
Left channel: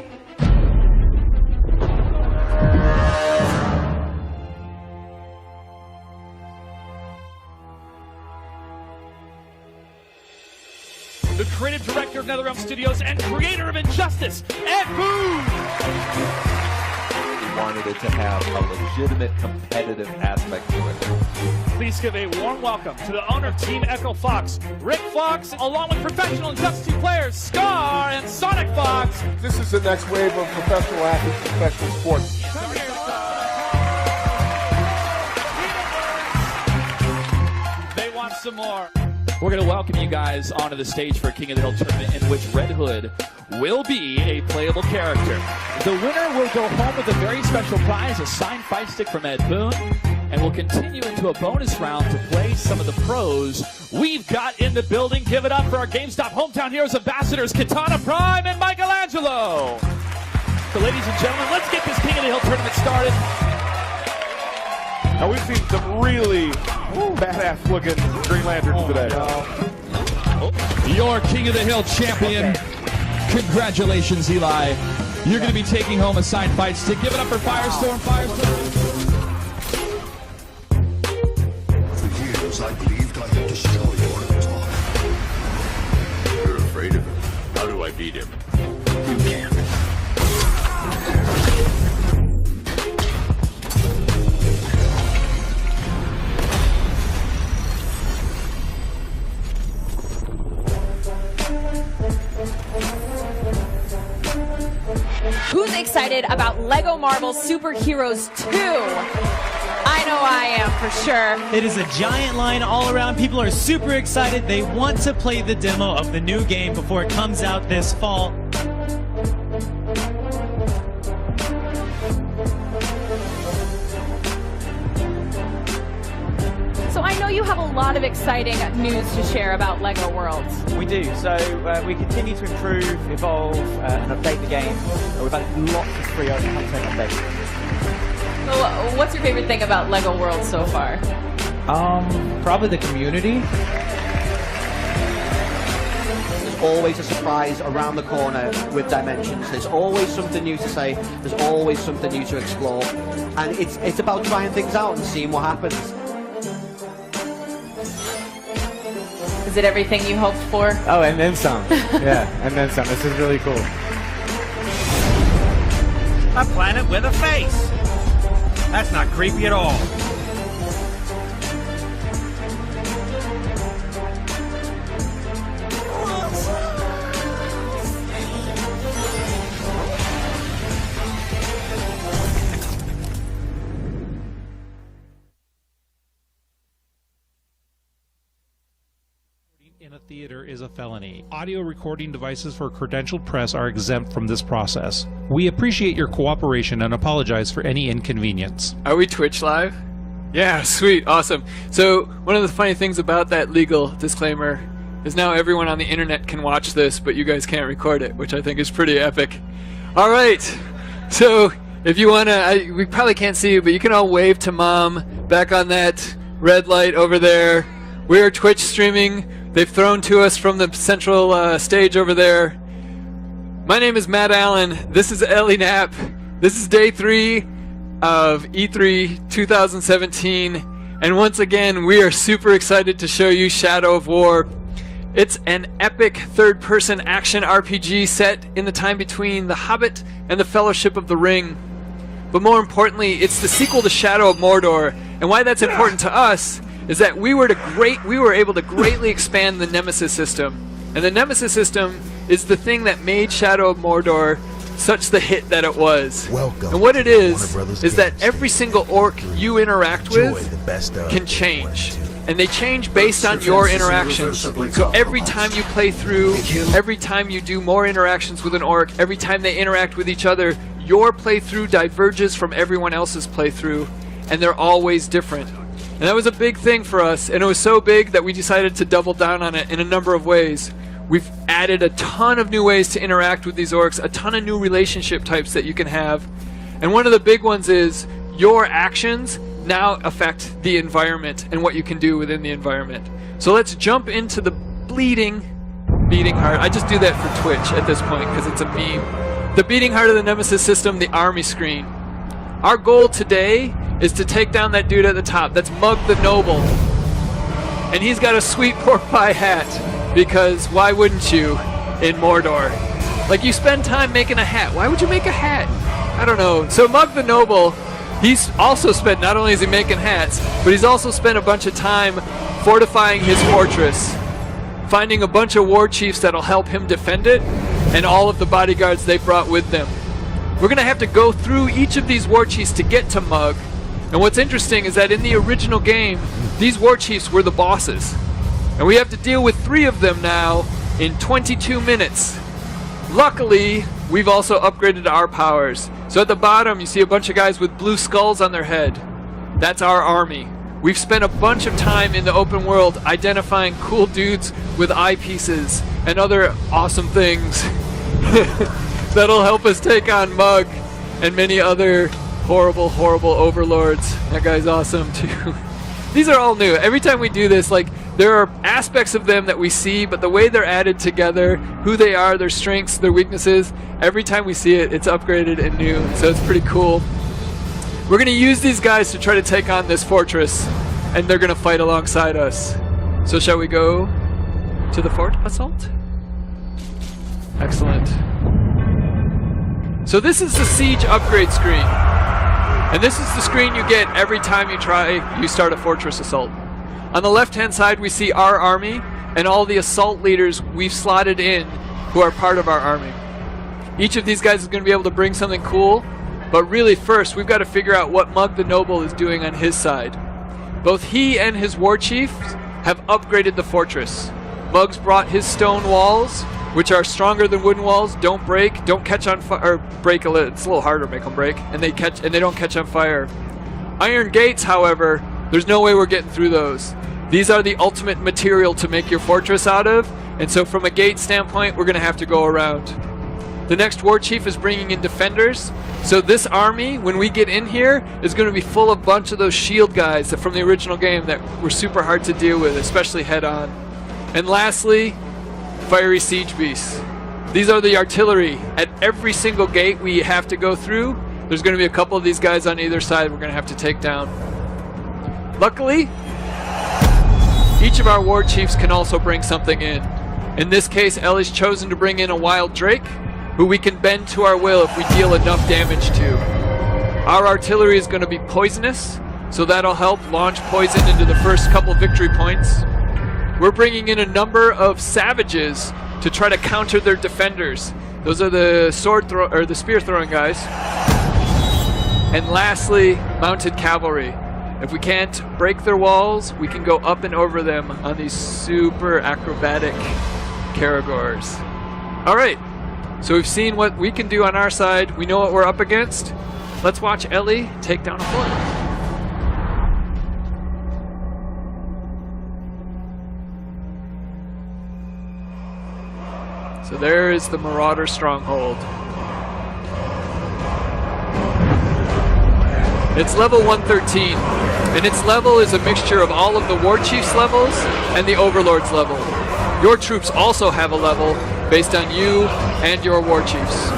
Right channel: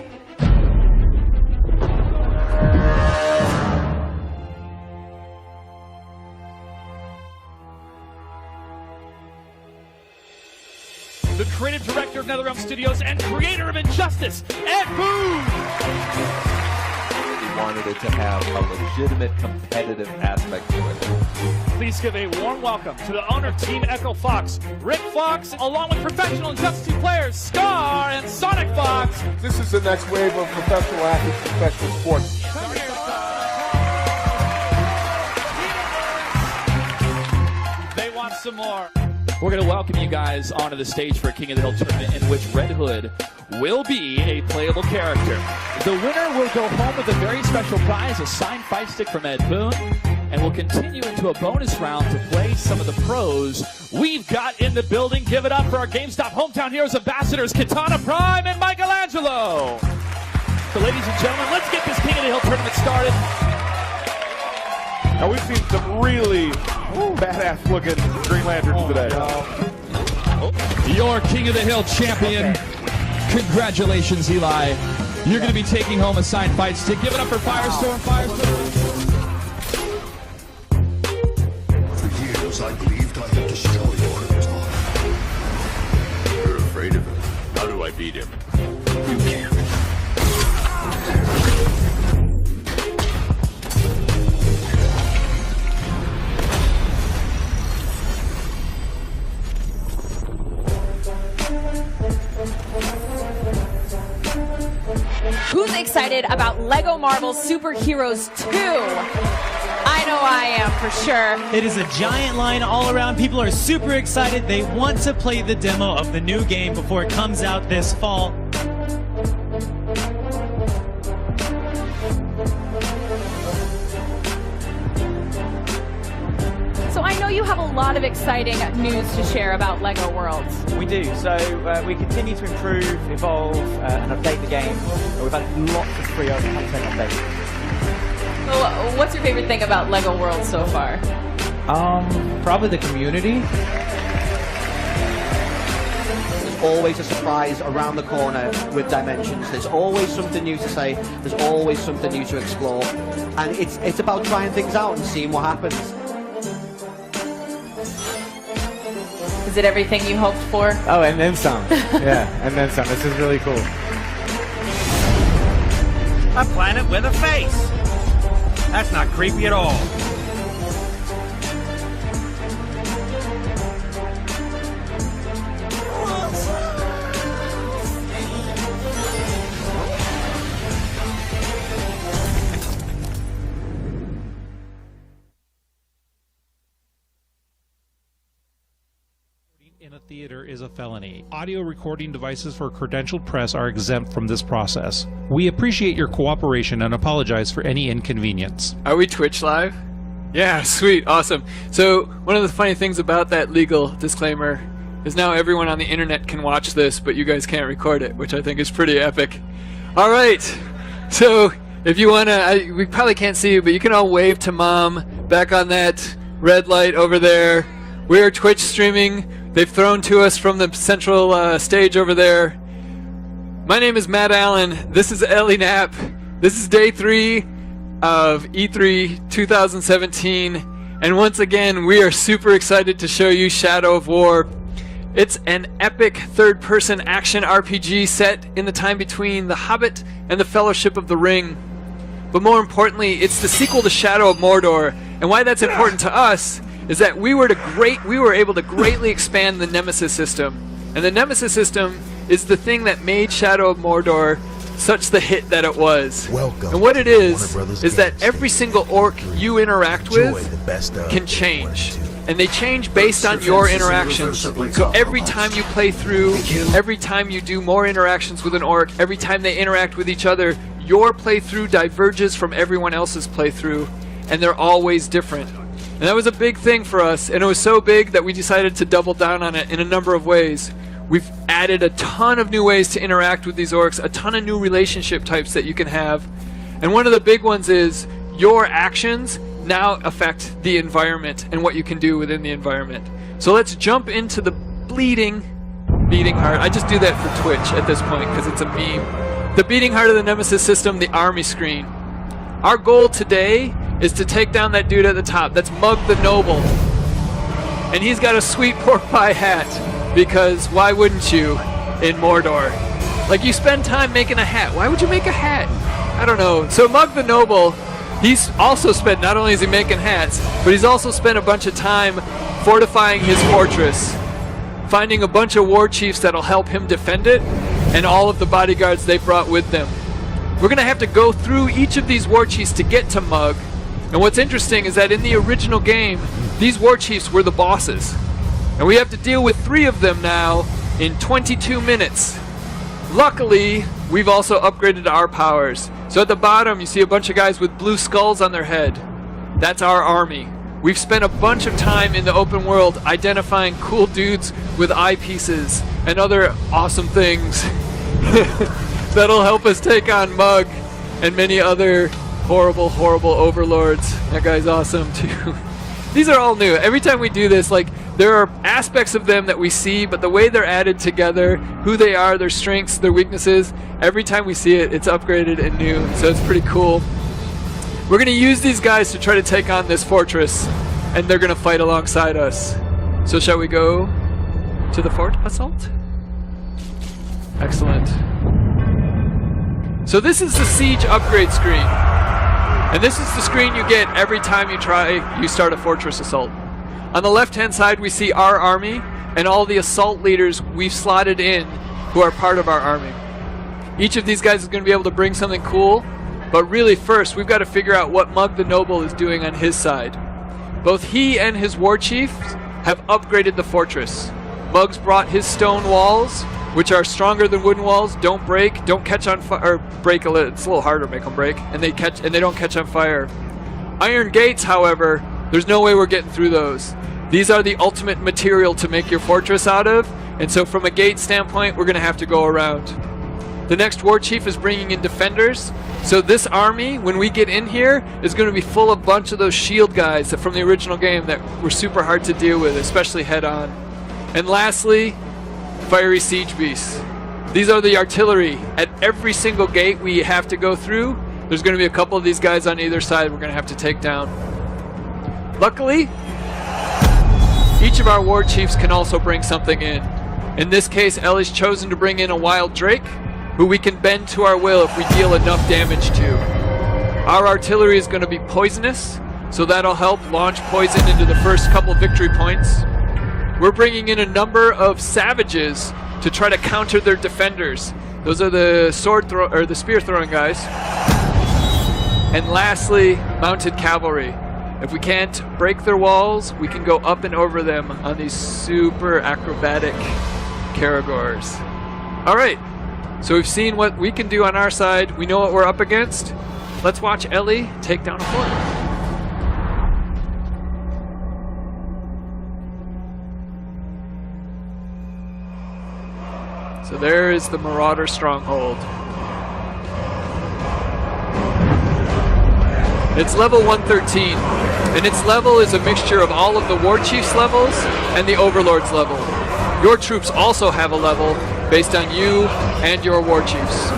The creative director of NetherRealm Studios and creator of Injustice, Ed Boon! We wanted it to have a legitimate competitive aspect to it. Please give a warm welcome to the owner of Team Echo Fox, Rick Fox, along with professional Injustice 2 players, Scar and Sonic Fox. This is the next wave of professional athletes, professional sports. They want some more. We're going to welcome you guys onto the stage for King of the Hill tournament, in which Red Hood will be a playable character. The winner will go home with a very special prize, a signed fight stick from Ed Boon, and we'll continue into a bonus round to play some of the pros we've got in the building. Give it up for our GameStop Hometown Heroes ambassadors, Katana Prime and Michelangelo. So ladies and gentlemen, let's get this King of the Hill tournament started. Now we've seen some really badass looking Green Lanterns today. Your King of the Hill champion. Congratulations, Eli. You're going to be taking home a signed fight stick. Give it up for Firestorm. For years, I believed I could destroy your Atom. You're afraid of him. How do I beat him? You can't. Who's excited about Lego Marvel Superheroes 2? I know I am, for sure. It is a giant line all around. People are super excited. They want to play the demo of the new game before it comes out this fall. have a lot of exciting news to share about LEGO Worlds. We do. So we continue to improve, evolve, and update the game. We've had lots of free content updates. Well, what's your favorite thing about LEGO Worlds so far? Probably the community. There's always a surprise around the corner with Dimensions. There's always something new to say. There's always something new to explore. And it's about trying things out and seeing what happens. Is it everything you hoped for? Oh, and then some. Yeah, and then some. This is really cool. A planet with a face. That's not creepy at all. In a theater is a felony. Audio recording devices for credentialed press are exempt from this process. We appreciate your cooperation and apologize for any inconvenience. Are we Twitch live? Yeah, sweet, awesome. So one of the funny things about that legal disclaimer is now everyone on the internet can watch this, but you guys can't record it, which I think is pretty epic. All right, so if you want to, we probably can't see you, but you can all wave to Mom back on that red light over there. We are Twitch streaming. They've thrown to us from the central stage over there. My name is Matt Allen. This is Ellie Knapp. This is day 3 of E3 2017. And once again, we are super excited to show you Shadow of War. It's an epic third-person action RPG set in the time between The Hobbit and The Fellowship of the Ring. But more importantly, it's the sequel to Shadow of Mordor. And why that's important to us is that we were able to greatly expand the Nemesis system. And the Nemesis system is the thing that made Shadow of Mordor such the hit that it was. And what it is that every single orc you interact with can change. And they change based on your interactions. So every time you play through, every time you do more interactions with an orc, every time they interact with each other, your playthrough diverges from everyone else's playthrough, and they're always different. And that was a big thing for us, and it was so big that we decided to double down on it in a number of ways. We've added a ton of new ways to interact with these orcs, a ton of new relationship types that you can have. And one of the big ones is your actions now affect the environment and what you can do within the environment. So let's jump into the beating heart. I just do that for Twitch at this point because it's a meme. The beating heart of the Nemesis system, the army screen. Our goal today is to take down that dude at the top. That's Mug the Noble. And he's got a sweet pork pie hat, because why wouldn't you in Mordor? Like, you spend time making a hat. Why would you make a hat? I don't know. So Mug the Noble, he's also spent, not only is he making hats, but he's also spent a bunch of time fortifying his fortress, finding a bunch of war chiefs that'll help him defend it, and all of the bodyguards they brought with them. We're going to have to go through each of these war chiefs to get to Mug. And what's interesting is that in the original game, these war chiefs were the bosses. And we have to deal with 3 of them now in 22 minutes. Luckily, we've also upgraded our powers. So at the bottom, you see a bunch of guys with blue skulls on their head. That's our army. We've spent a bunch of time in the open world identifying cool dudes with eyepieces and other awesome things that'll help us take on Mug and many other horrible, horrible overlords. That guy's awesome too. These are all new. Every time we do this, like, there are aspects of them that we see, but the way they're added together, who they are, their strengths, their weaknesses, every time we see it, it's upgraded and new. So it's pretty cool. We're going to use these guys to try to take on this fortress, and they're going to fight alongside us. So shall we go to the fort assault? Excellent. So this is the siege upgrade screen. And this is the screen you get every time you start a fortress assault. On the left-hand side, we see our army and all the assault leaders we've slotted in who are part of our army. Each of these guys is going to be able to bring something cool, but really first we've got to figure out what Mug the Noble is doing on his side. Both he and his war chief have upgraded the fortress. Mug's brought his stone walls, which are stronger than wooden walls, don't break, don't catch on fire, or break it's a little harder to make them break, and they don't catch on fire. Iron gates, however, there's no way we're getting through those. These are the ultimate material to make your fortress out of, and so from a gate standpoint, we're going to have to go around. The next war chief is bringing in defenders, so this army, when we get in here, is going to be full of a bunch of those shield guys from the original game that were super hard to deal with, especially head-on. And lastly, fiery siege beasts. These are the artillery. At every single gate we have to go through, there's going to be a couple of these guys on either side we're going to have to take down. Luckily, each of our war chiefs can also bring something in. In this case, Ellie's chosen to bring in a wild drake, who we can bend to our will if we deal enough damage to. Our artillery is going to be poisonous, so that'll help launch poison into the first couple victory points. We're bringing in a number of savages to try to counter their defenders. Those are the the spear throwing guys. And lastly, mounted cavalry. If we can't break their walls, we can go up and over them on these super acrobatic Caragors. All right, so we've seen what we can do on our side. We know what we're up against. Let's watch Ellie take down a fort. So there is the Marauder Stronghold. It's level 113, and its level is a mixture of all of the War Chief's levels and the Overlord's level. Your troops also have a level based on you and your War Chiefs.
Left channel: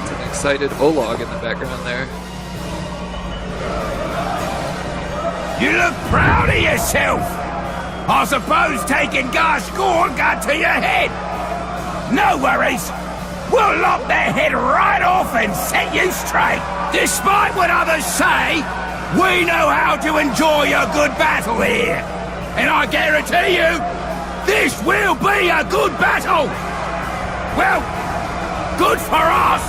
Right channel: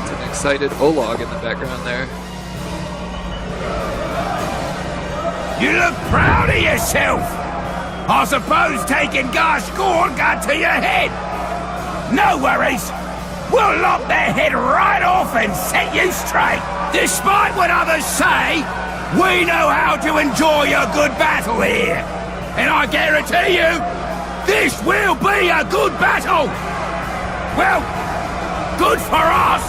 It's an excited Olog in the background there. You look proud of yourself. I suppose taking Garshgorn got to your head. No worries. We'll lock their head right off and set you straight. Despite what others say, we know how to enjoy a good battle here. And I guarantee you, this will be a good battle. Well, good for us.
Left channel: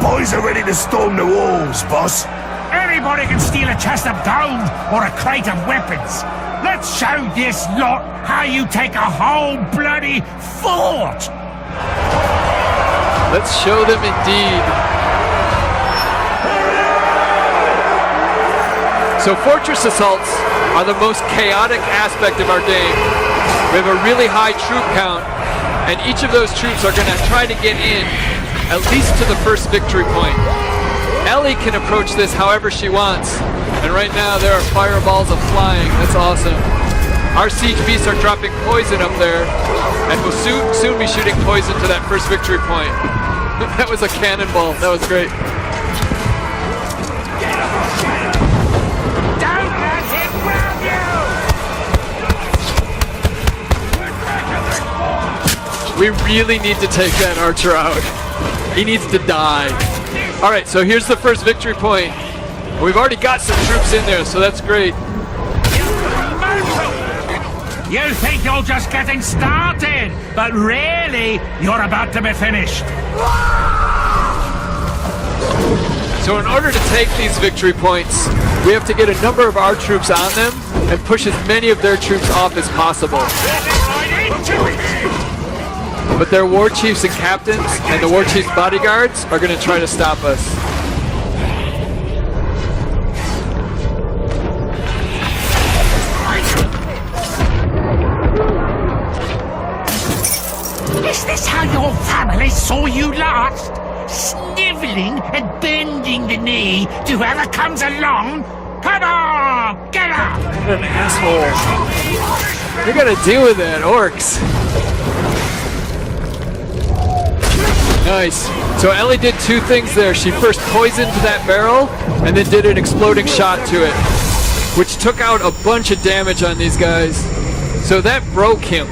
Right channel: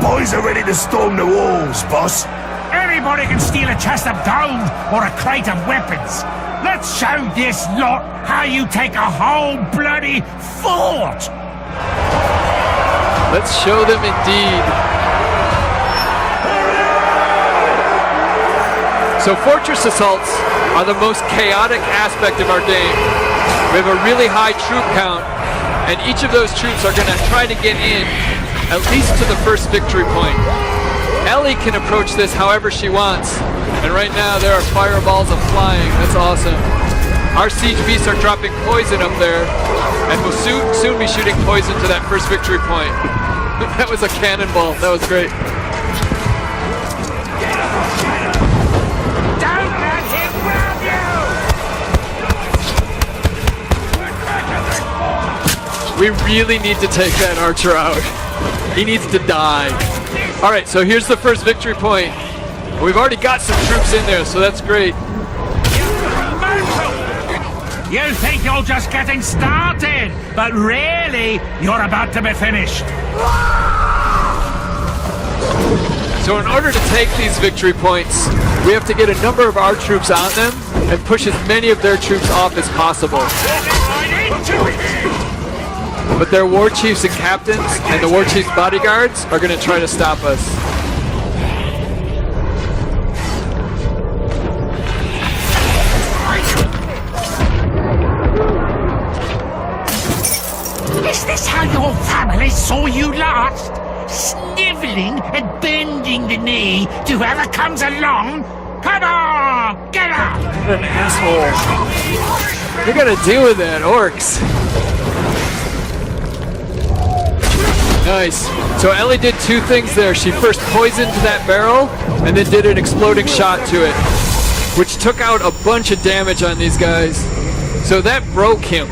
Boys are ready to storm the walls, boss. Anybody can steal a chest of gold or a crate of weapons. Let's show this lot how you take a whole bloody fort. Let's show them indeed. So fortress assaults are the most chaotic aspect of our game. We have a really high troop count, and each of those troops are going to try to get in at least to the first victory point. Ellie can approach this however she wants, and right now there are fireballs of flying. That's awesome. Our siege beasts are dropping poison up there, and we'll soon be shooting poison to that first victory point. That was a cannonball. That was great. Don't let him grab you! We really need to take that archer out. He needs to die. All right, so here's the first victory point. We've already got some troops in there, so that's great. You think you're just getting started, but really, you're about to be finished. So in order to take these victory points, we have to get a number of our troops on them and push as many of their troops off as possible. But their war chiefs and captains and the war chiefs' bodyguards are going to try to stop us. Is this how your family saw you last? Snivelling and bending the knee to whoever comes along? Come on, get up! What an asshole. You're going to deal with that, orcs. Nice. So Ellie did two things there. She first poisoned that barrel and then did an exploding shot to it, which took out a bunch of damage on these guys. So that broke him.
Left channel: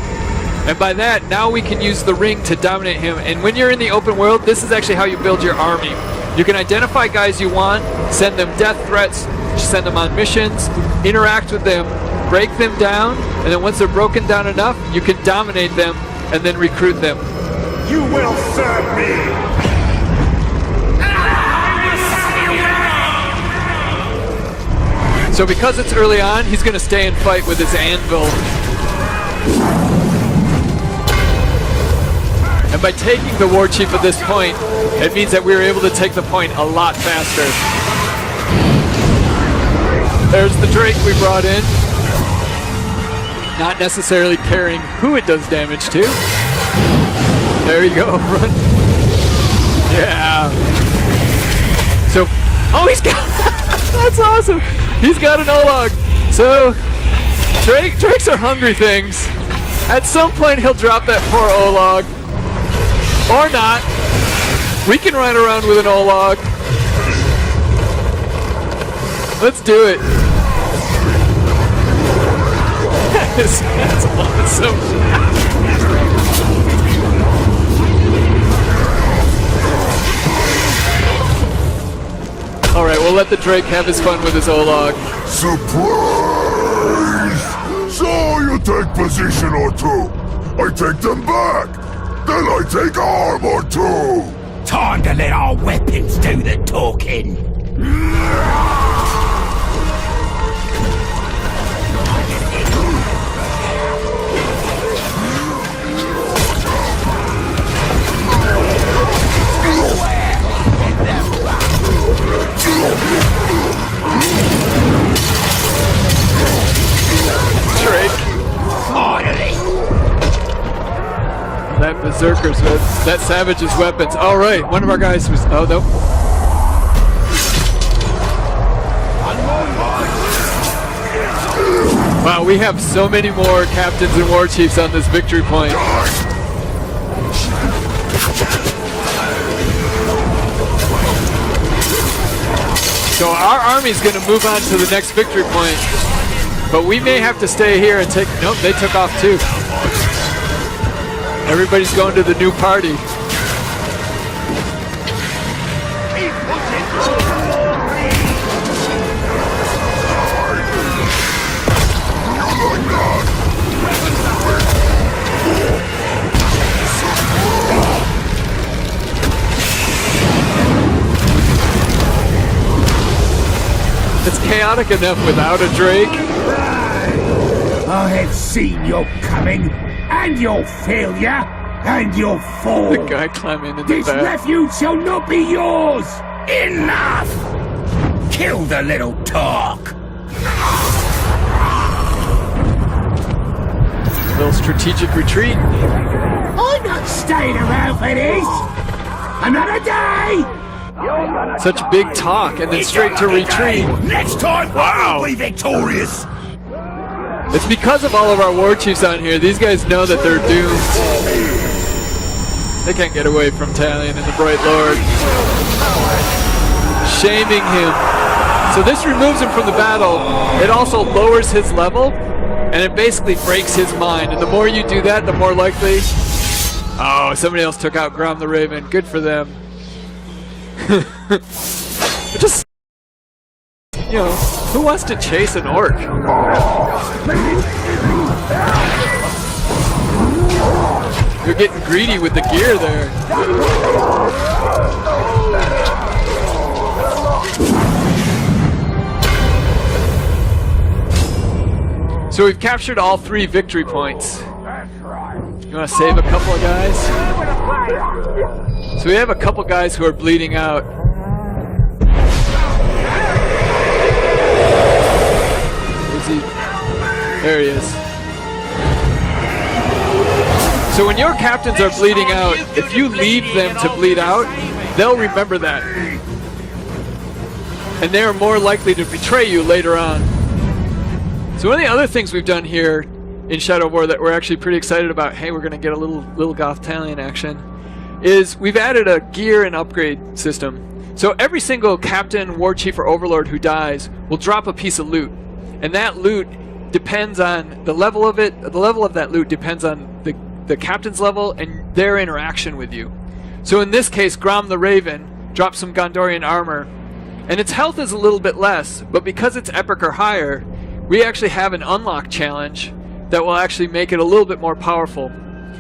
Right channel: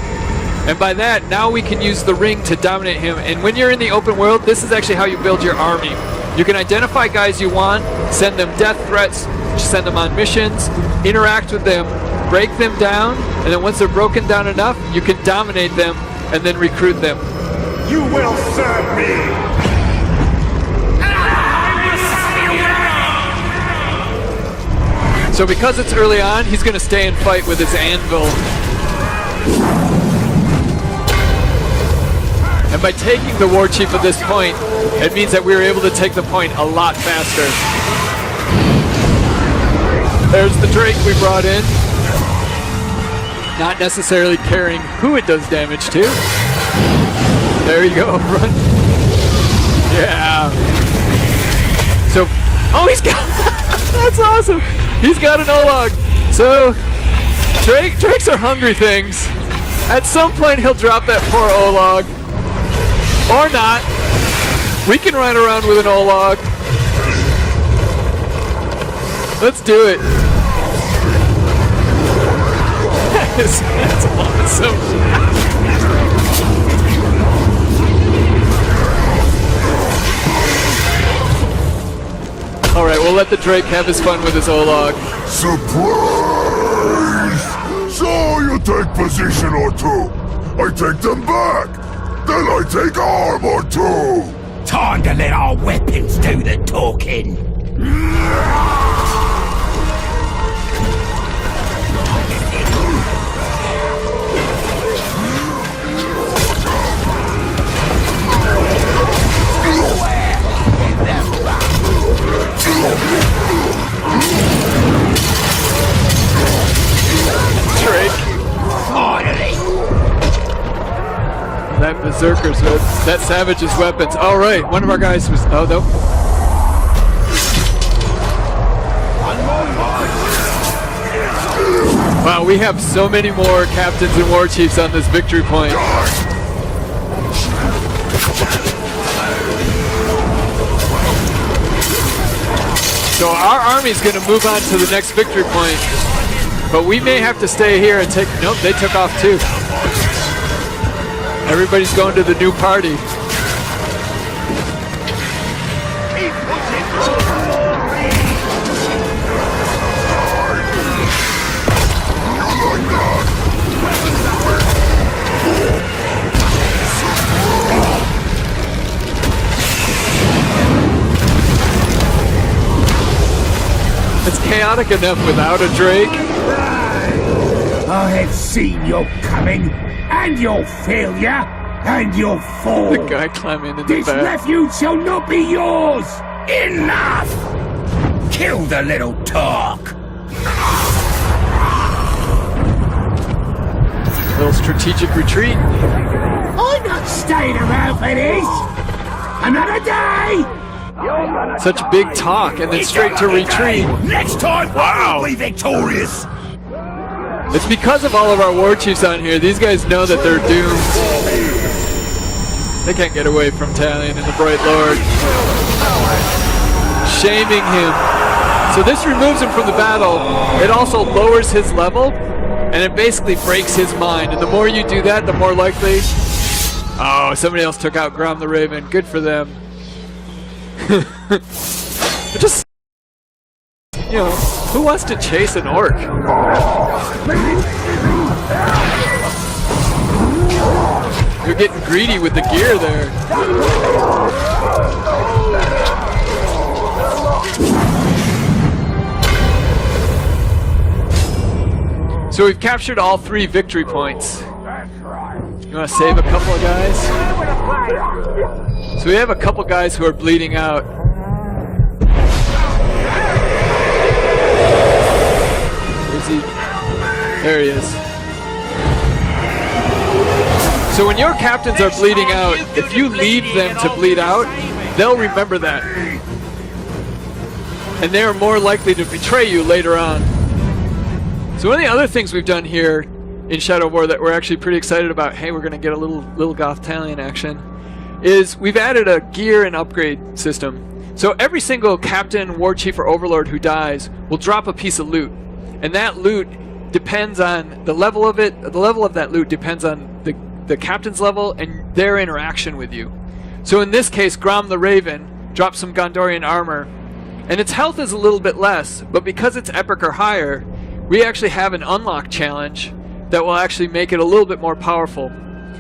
And by that, now we can use the ring to dominate him. And when you're in the open world, this is actually how you build your army. You can identify guys you want, send them death threats, send them on missions, interact with them, break them down, and then once they're broken down enough, you can dominate them and then recruit them. You will serve me! So because it's early on, he's going to stay and fight with his anvil. And by taking the war chief at this point, it means that we were able to take the point a lot faster. There's the Drake we brought in. Not necessarily caring who it does damage to. There you go. Run. Yeah. So, oh, he's got, that's awesome. He's got an Olog. So, Drakes are hungry things. At some point, he'll drop that poor Olog. Or not. We can run around with an Olog. Let's do it. That's awesome. Alright, we'll let the Drake have his fun with his Olog. Surprise! So you take position or two. I take them back. Then I take armor too. Time to let our weapons do the talking. That berserker's that savage's weapons. All right, one of our guys was. Oh no. Wow, we have so many more captains and war chiefs on this victory point. So our army's going to move on to the next victory point, but we may have to stay here and take. Nope, they took off too. Everybody's going to the new party. It's chaotic enough without a Drake. I have seen your coming, and your failure, and your fall. The guy climbing in the This back. refuge shall not be yours. Enough! Kill the little talk. Little strategic retreat. I'm not staying around for this. Another day. Such big talk and then straight to retreat. Next time, wow, we'll be victorious. It's because of all of our war chiefs on here. These guys know that they're doomed. They can't get away from Talion and the Bright Lord. Shaming him. So this removes him from the battle. It also lowers his level, and it basically breaks his mind. And the more you do that, the more likely... Oh, somebody else took out Grom the Raven. Good for them. Just... You know, who wants to chase an orc? You're getting greedy with the gear there. So we've captured all 3 victory points. You want to save a couple of guys? So we have a couple guys who are bleeding out. Is he? There he is. So when your captains are bleeding out, if you leave them to bleed out, they'll remember that. And they're more likely to betray you later on. So one of the other things we've done here in Shadow of War that we're actually pretty excited about, hey, we're going to get a little Goth Talion action, is we've added a gear and upgrade system. So every single captain, war chief, or overlord who dies will drop a piece of loot. And that loot depends on the level of it. The level of that loot depends on the captain's level and their interaction with you. So in this case, Grom the Raven drops some Gondorian armor, and its health is a little bit less, but because it's epic or higher, we actually have an unlock challenge that will actually make it a little bit more powerful.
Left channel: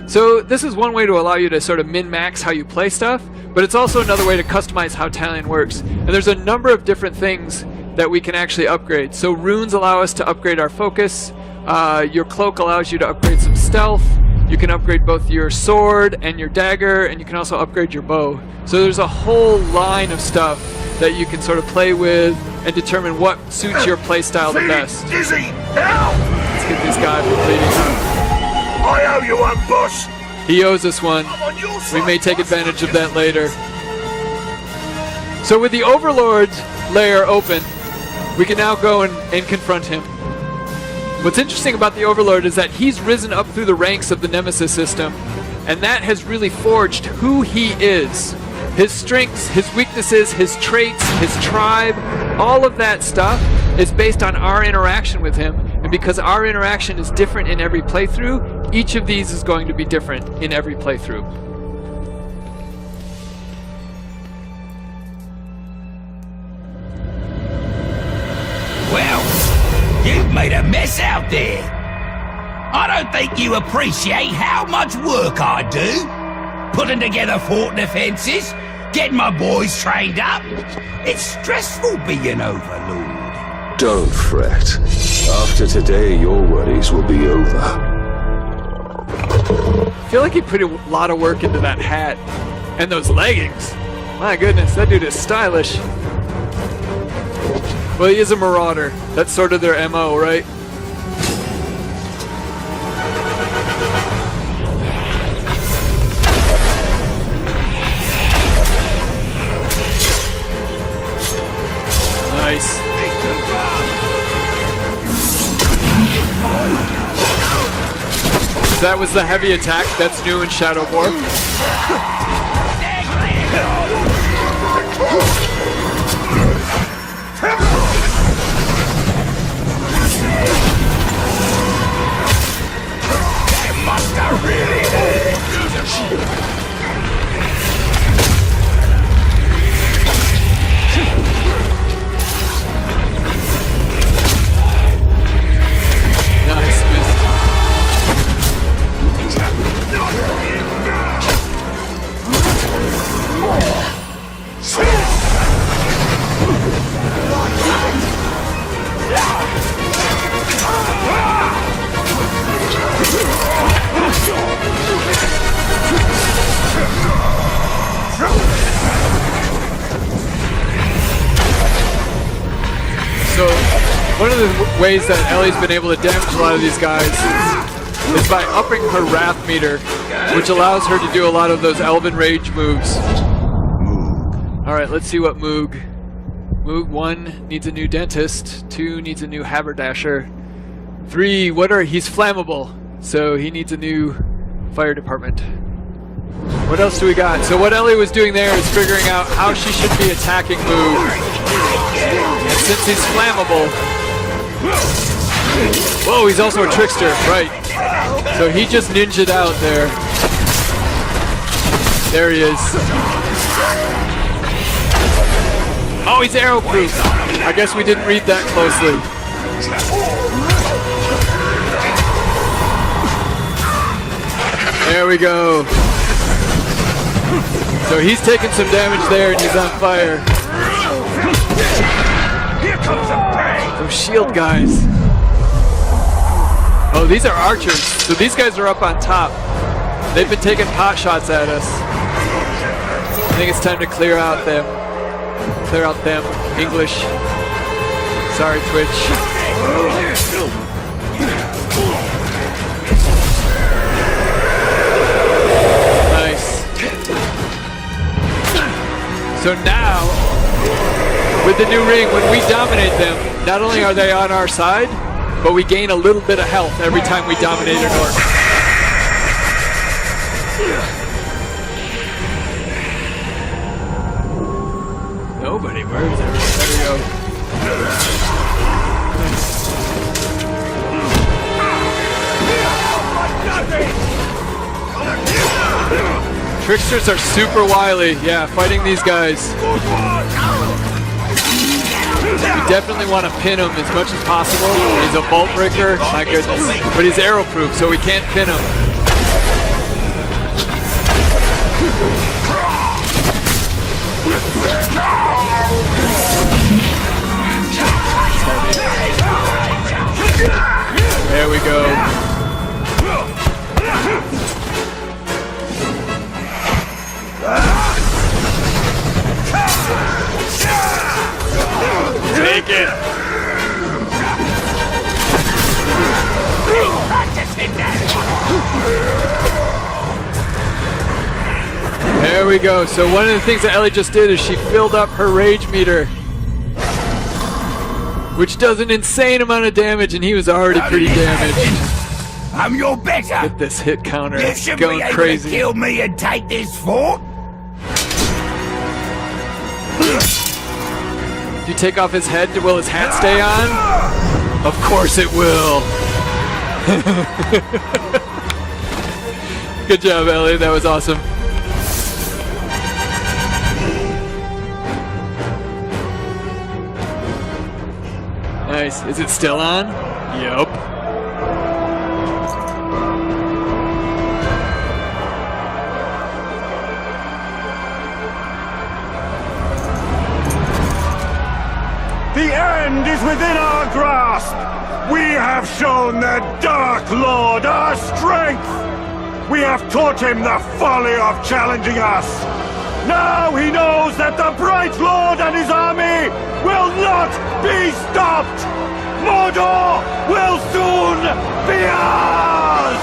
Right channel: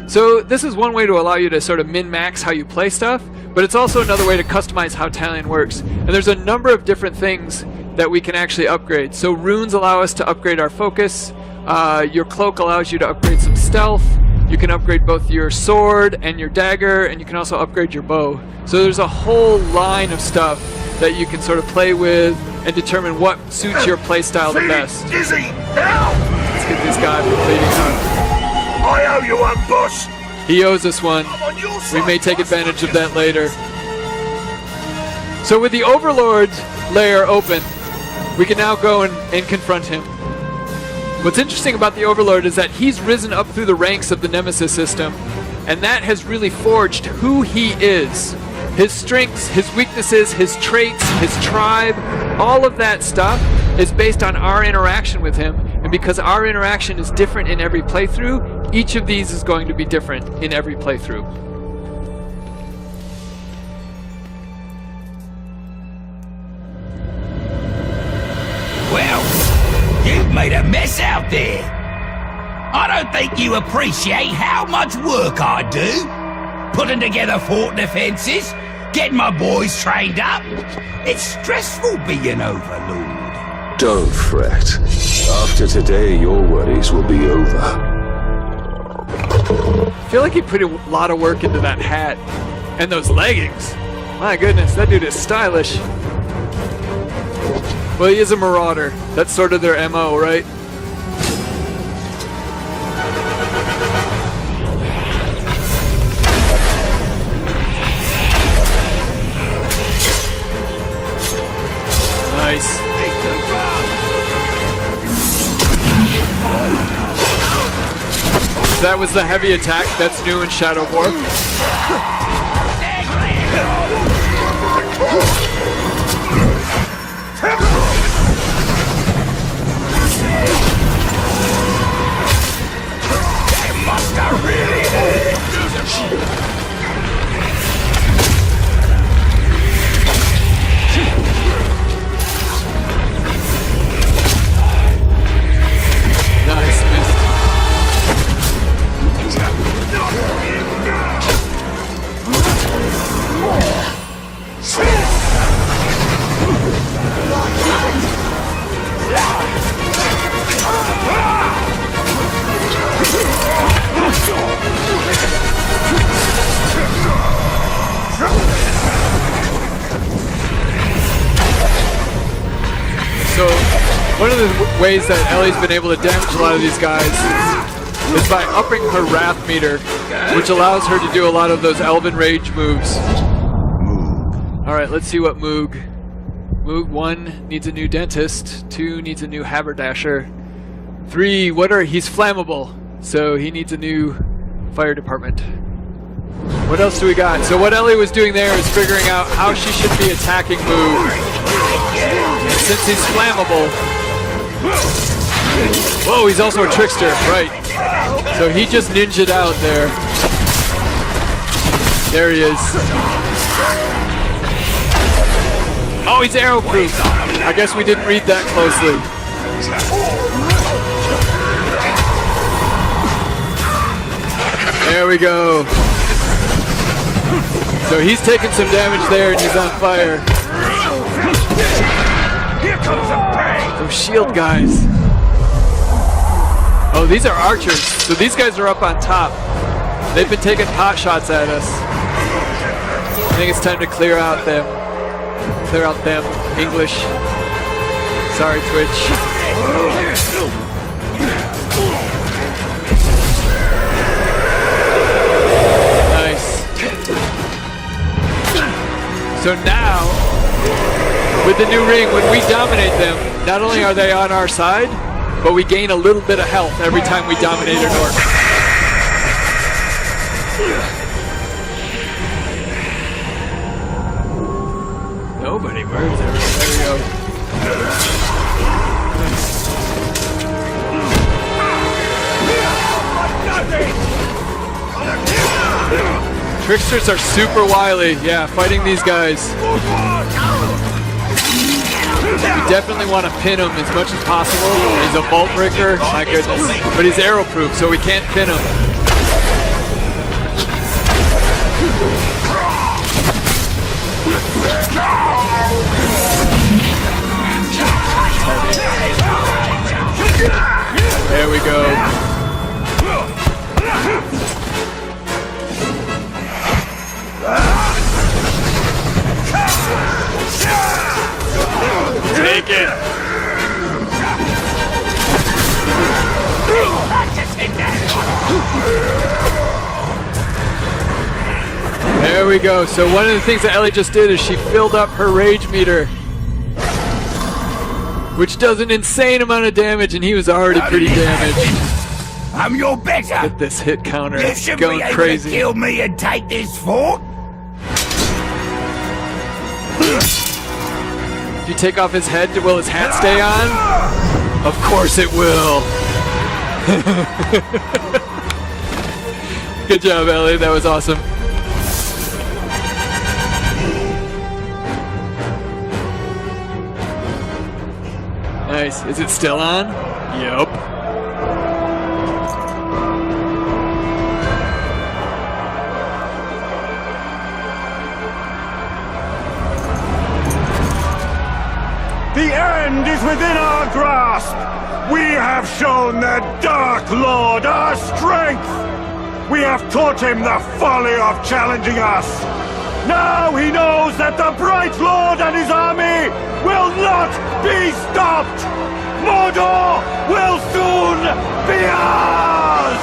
So this is one way to allow you to sort of min-max how you play stuff, but it's also another way to customize how Talion works. And there's a number of different things that we can actually upgrade. So runes allow us to upgrade our focus. Your cloak allows you to upgrade some stealth. You can upgrade both your sword and your dagger, and you can also upgrade your bow. So there's a whole line of stuff that you can sort of play with and determine what suits your playstyle the best. Dizzy, help! Let's get this guy from bleeding out. I owe you one, boss. He owes us one. We may take advantage of that later. So with the Overlord layer open, we can now go and confront him. What's interesting about the Overlord is that he's risen up through the ranks of the Nemesis system, and that has really forged who he is. His strengths, his weaknesses, his traits, his tribe, all of that stuff is based on our interaction with him. And because our interaction is different in every playthrough, each of these is going to be different in every playthrough. Well, you've made a mess out there. I don't think you appreciate how much work I do. Putting together fort defenses, getting my boys trained up. It's stressful being Overlord. Don't fret. After today, your worries will be over. I feel like he put a lot of work into that hat and those leggings. My goodness, that dude is stylish. Well, he is a marauder. That's sort of their MO, right? Nice. That was the heavy attack. That's new in Shadow of War. Nice miss. So, one of the ways that Ellie's been able to damage a lot of these guys is by upping her wrath meter, which allows her to do a lot of those Elven Rage moves. Alright, let's see what Moog. Moog 1 needs a new dentist, 2 needs a new haberdasher, 3, he's flammable, so he needs a new fire department. What else do we got? So what Ellie was doing there is figuring out how she should be attacking Moog. And since he's flammable... Whoa, he's also a trickster, right. So he just ninja'd out there. There he is. Oh, he's arrow-proof. I guess we didn't read that closely. There we go. So he's taking some damage there and he's on fire. Those shield guys. Oh, these are archers. So these guys are up on top. They've been taking pot shots at us. I think it's time to clear out them. Clear out them. English. Sorry, Twitch. Nice. So now, with the new ring, when we dominate them, not only are they on our side, but we gain a little bit of health every time we dominate an orc. Nobody moves. There we go. Tricksters are super wily, yeah, fighting these guys. We definitely want to pin him as much as possible. He's a vault breaker, my goodness. But he's arrow proof, so we can't pin him. There we go. we go. So one of the things that Ellie just did is she filled up her rage meter, which does an insane amount of damage, and he was already pretty damaged. I'm your better. Get this hit counter You should going be able crazy. to kill me and take this fort. If you take off his head, will his hat stay on? Of course it will. Good job, Ellie. That was awesome. Nice. Is it still on? Yup. The end is within our grasp. We have shown the Dark Lord our strength. We have taught him the folly of challenging us. Now he knows that the Bright Lord and his army will not be stopped. Mordor will soon be ours.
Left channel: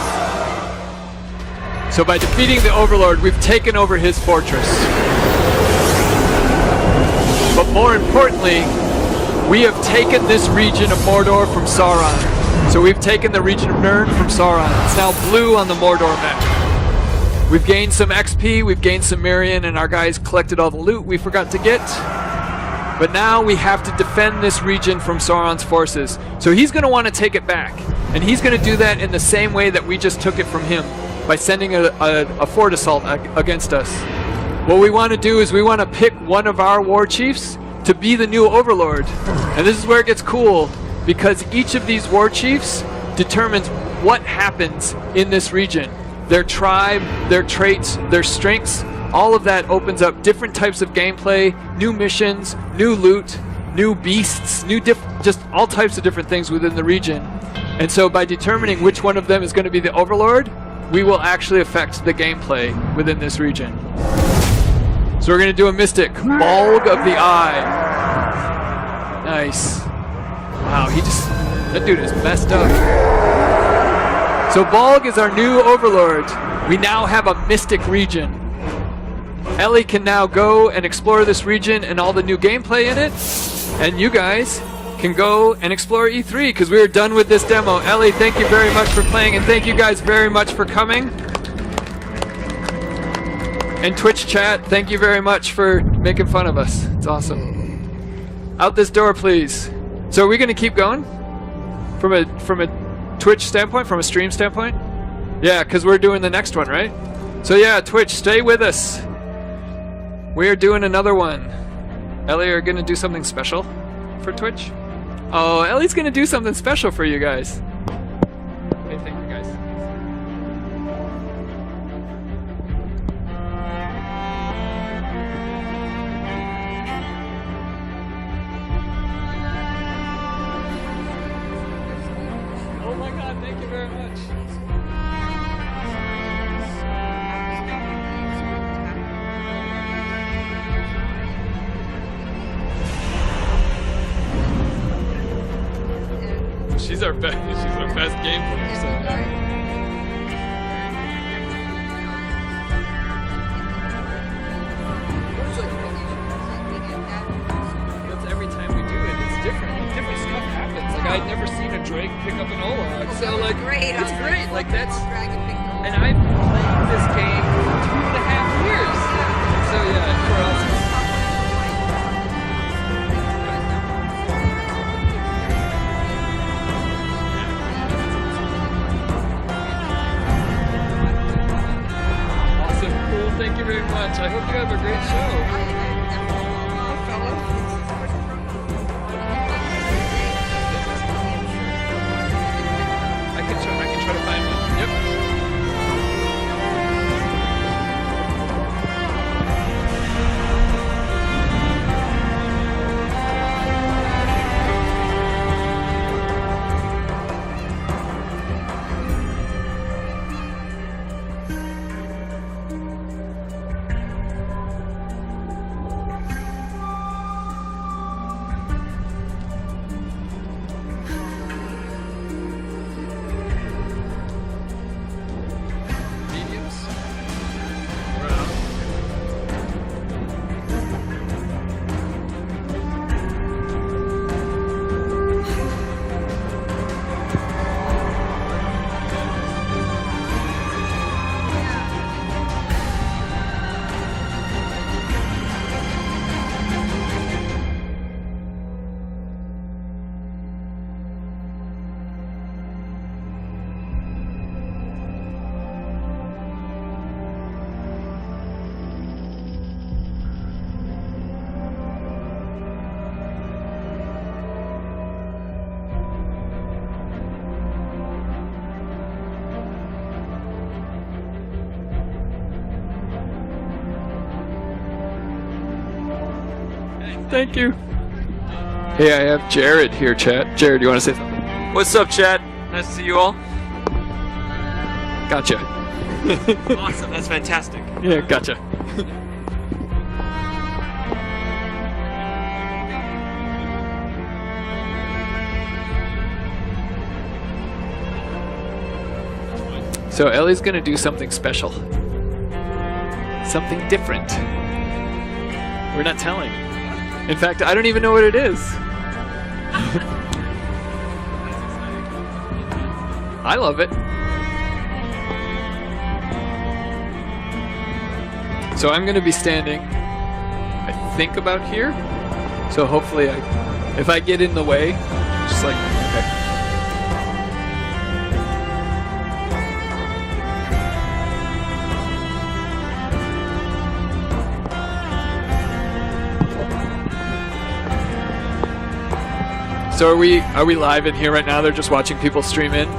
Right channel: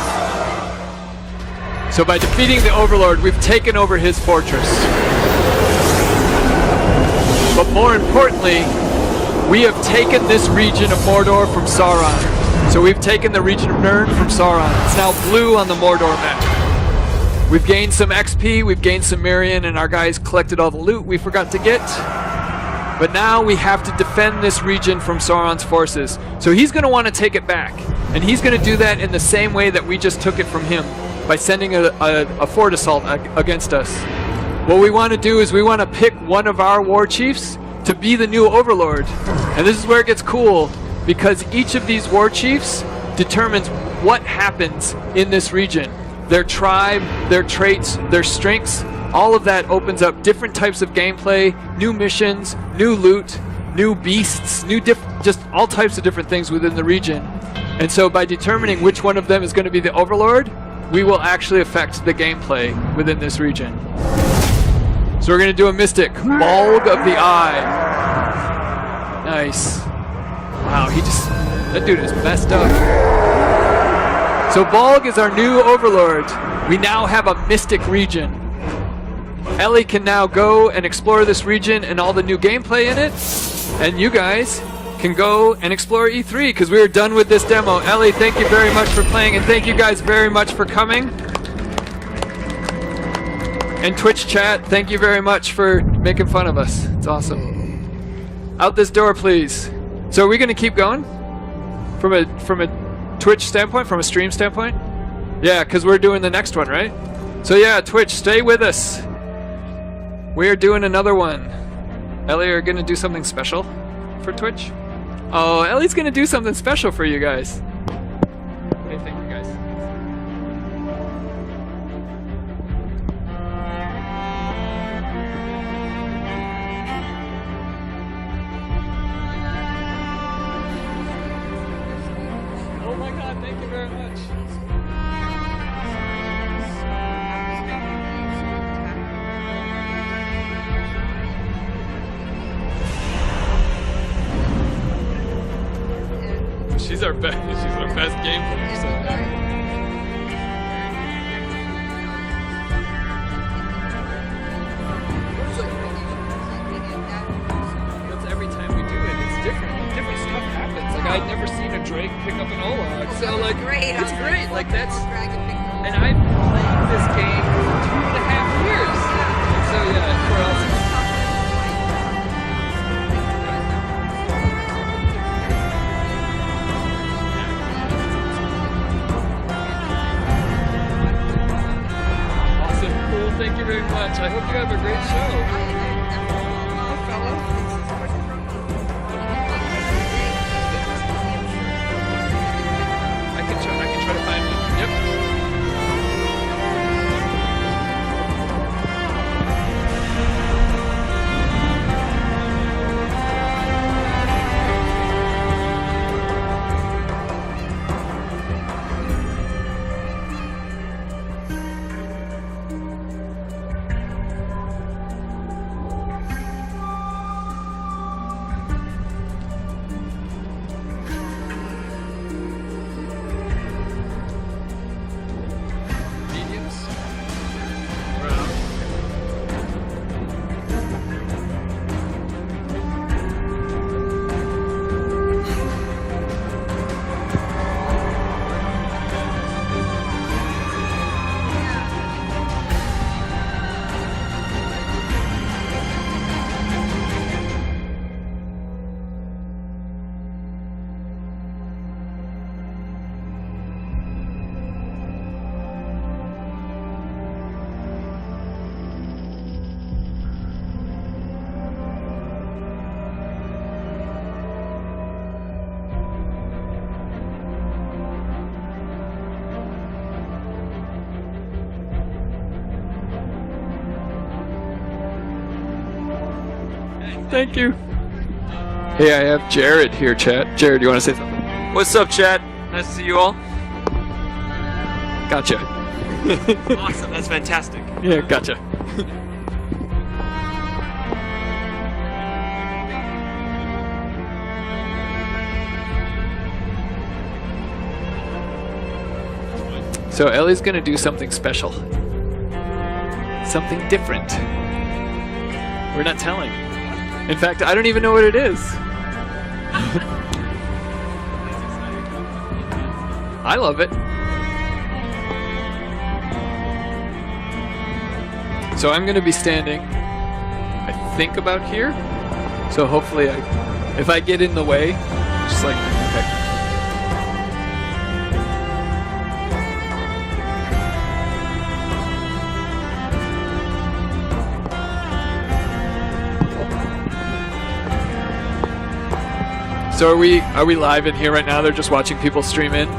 So by defeating the Overlord, we've taken over his fortress. But more importantly, we have taken this region of Mordor from Sauron. So we've taken the region of Nirn from Sauron. It's now blue on the Mordor map. We've gained some XP, we've gained some Mirian, and our guys collected all the loot we forgot to get. But now we have to defend this region from Sauron's forces. So he's going to want to take it back. And he's going to do that in the same way that we just took it from him, by sending a fort assault against us. What we want to do is we want to pick one of our war chiefs to be the new Overlord. And this is where it gets cool, because each of these war chiefs determines what happens in this region. Their tribe, their traits, their strengths, all of that opens up different types of gameplay, new missions, new loot, new beasts, just all types of different things within the region. And so by determining which one of them is going to be the Overlord, we will actually affect the gameplay within this region. So we're going to do a Mystic, Bulg of the Eye. Nice. Wow, that dude is messed up. So Bulg is our new Overlord. We now have a Mystic region. Ellie can now go and explore this region and all the new gameplay in it. And you guys can go and explore E3 because we are done with this demo. Ellie, thank you very much for playing, and thank you guys very much for coming. And Twitch chat, thank you very much for making fun of us. It's awesome. Out this door, please. So are we going to keep going? From a Twitch standpoint, from a stream standpoint? Yeah, because we're doing the next one, right? So yeah, Twitch, stay with us. We're doing another one. Ellie, are you going to do something special for Twitch? Oh, Ellie's going to do something special for you guys. Okay, thank you guys. Oh my god, thank you very much. She's our best game player. So. That's every time we do it, it's different. Different stuff happens. Like I'd never seen a Drake pick up an Olog. So like it's great. Like that's and I've played this game for 2.5 years. So yeah, we're awesome. Thank you. Hey, I have Jared here, chat. Jared, you want to say something? What's up, chat? Nice to see you all. Gotcha. Awesome, that's fantastic. Yeah, gotcha. So Ellie's gonna do something special. Something different. We're not telling. In fact, I don't even know what it is. I love it. So I'm gonna be standing, I think about here. So hopefully, if I get in the way, just like. So are we live in here right now? They're just watching people stream in?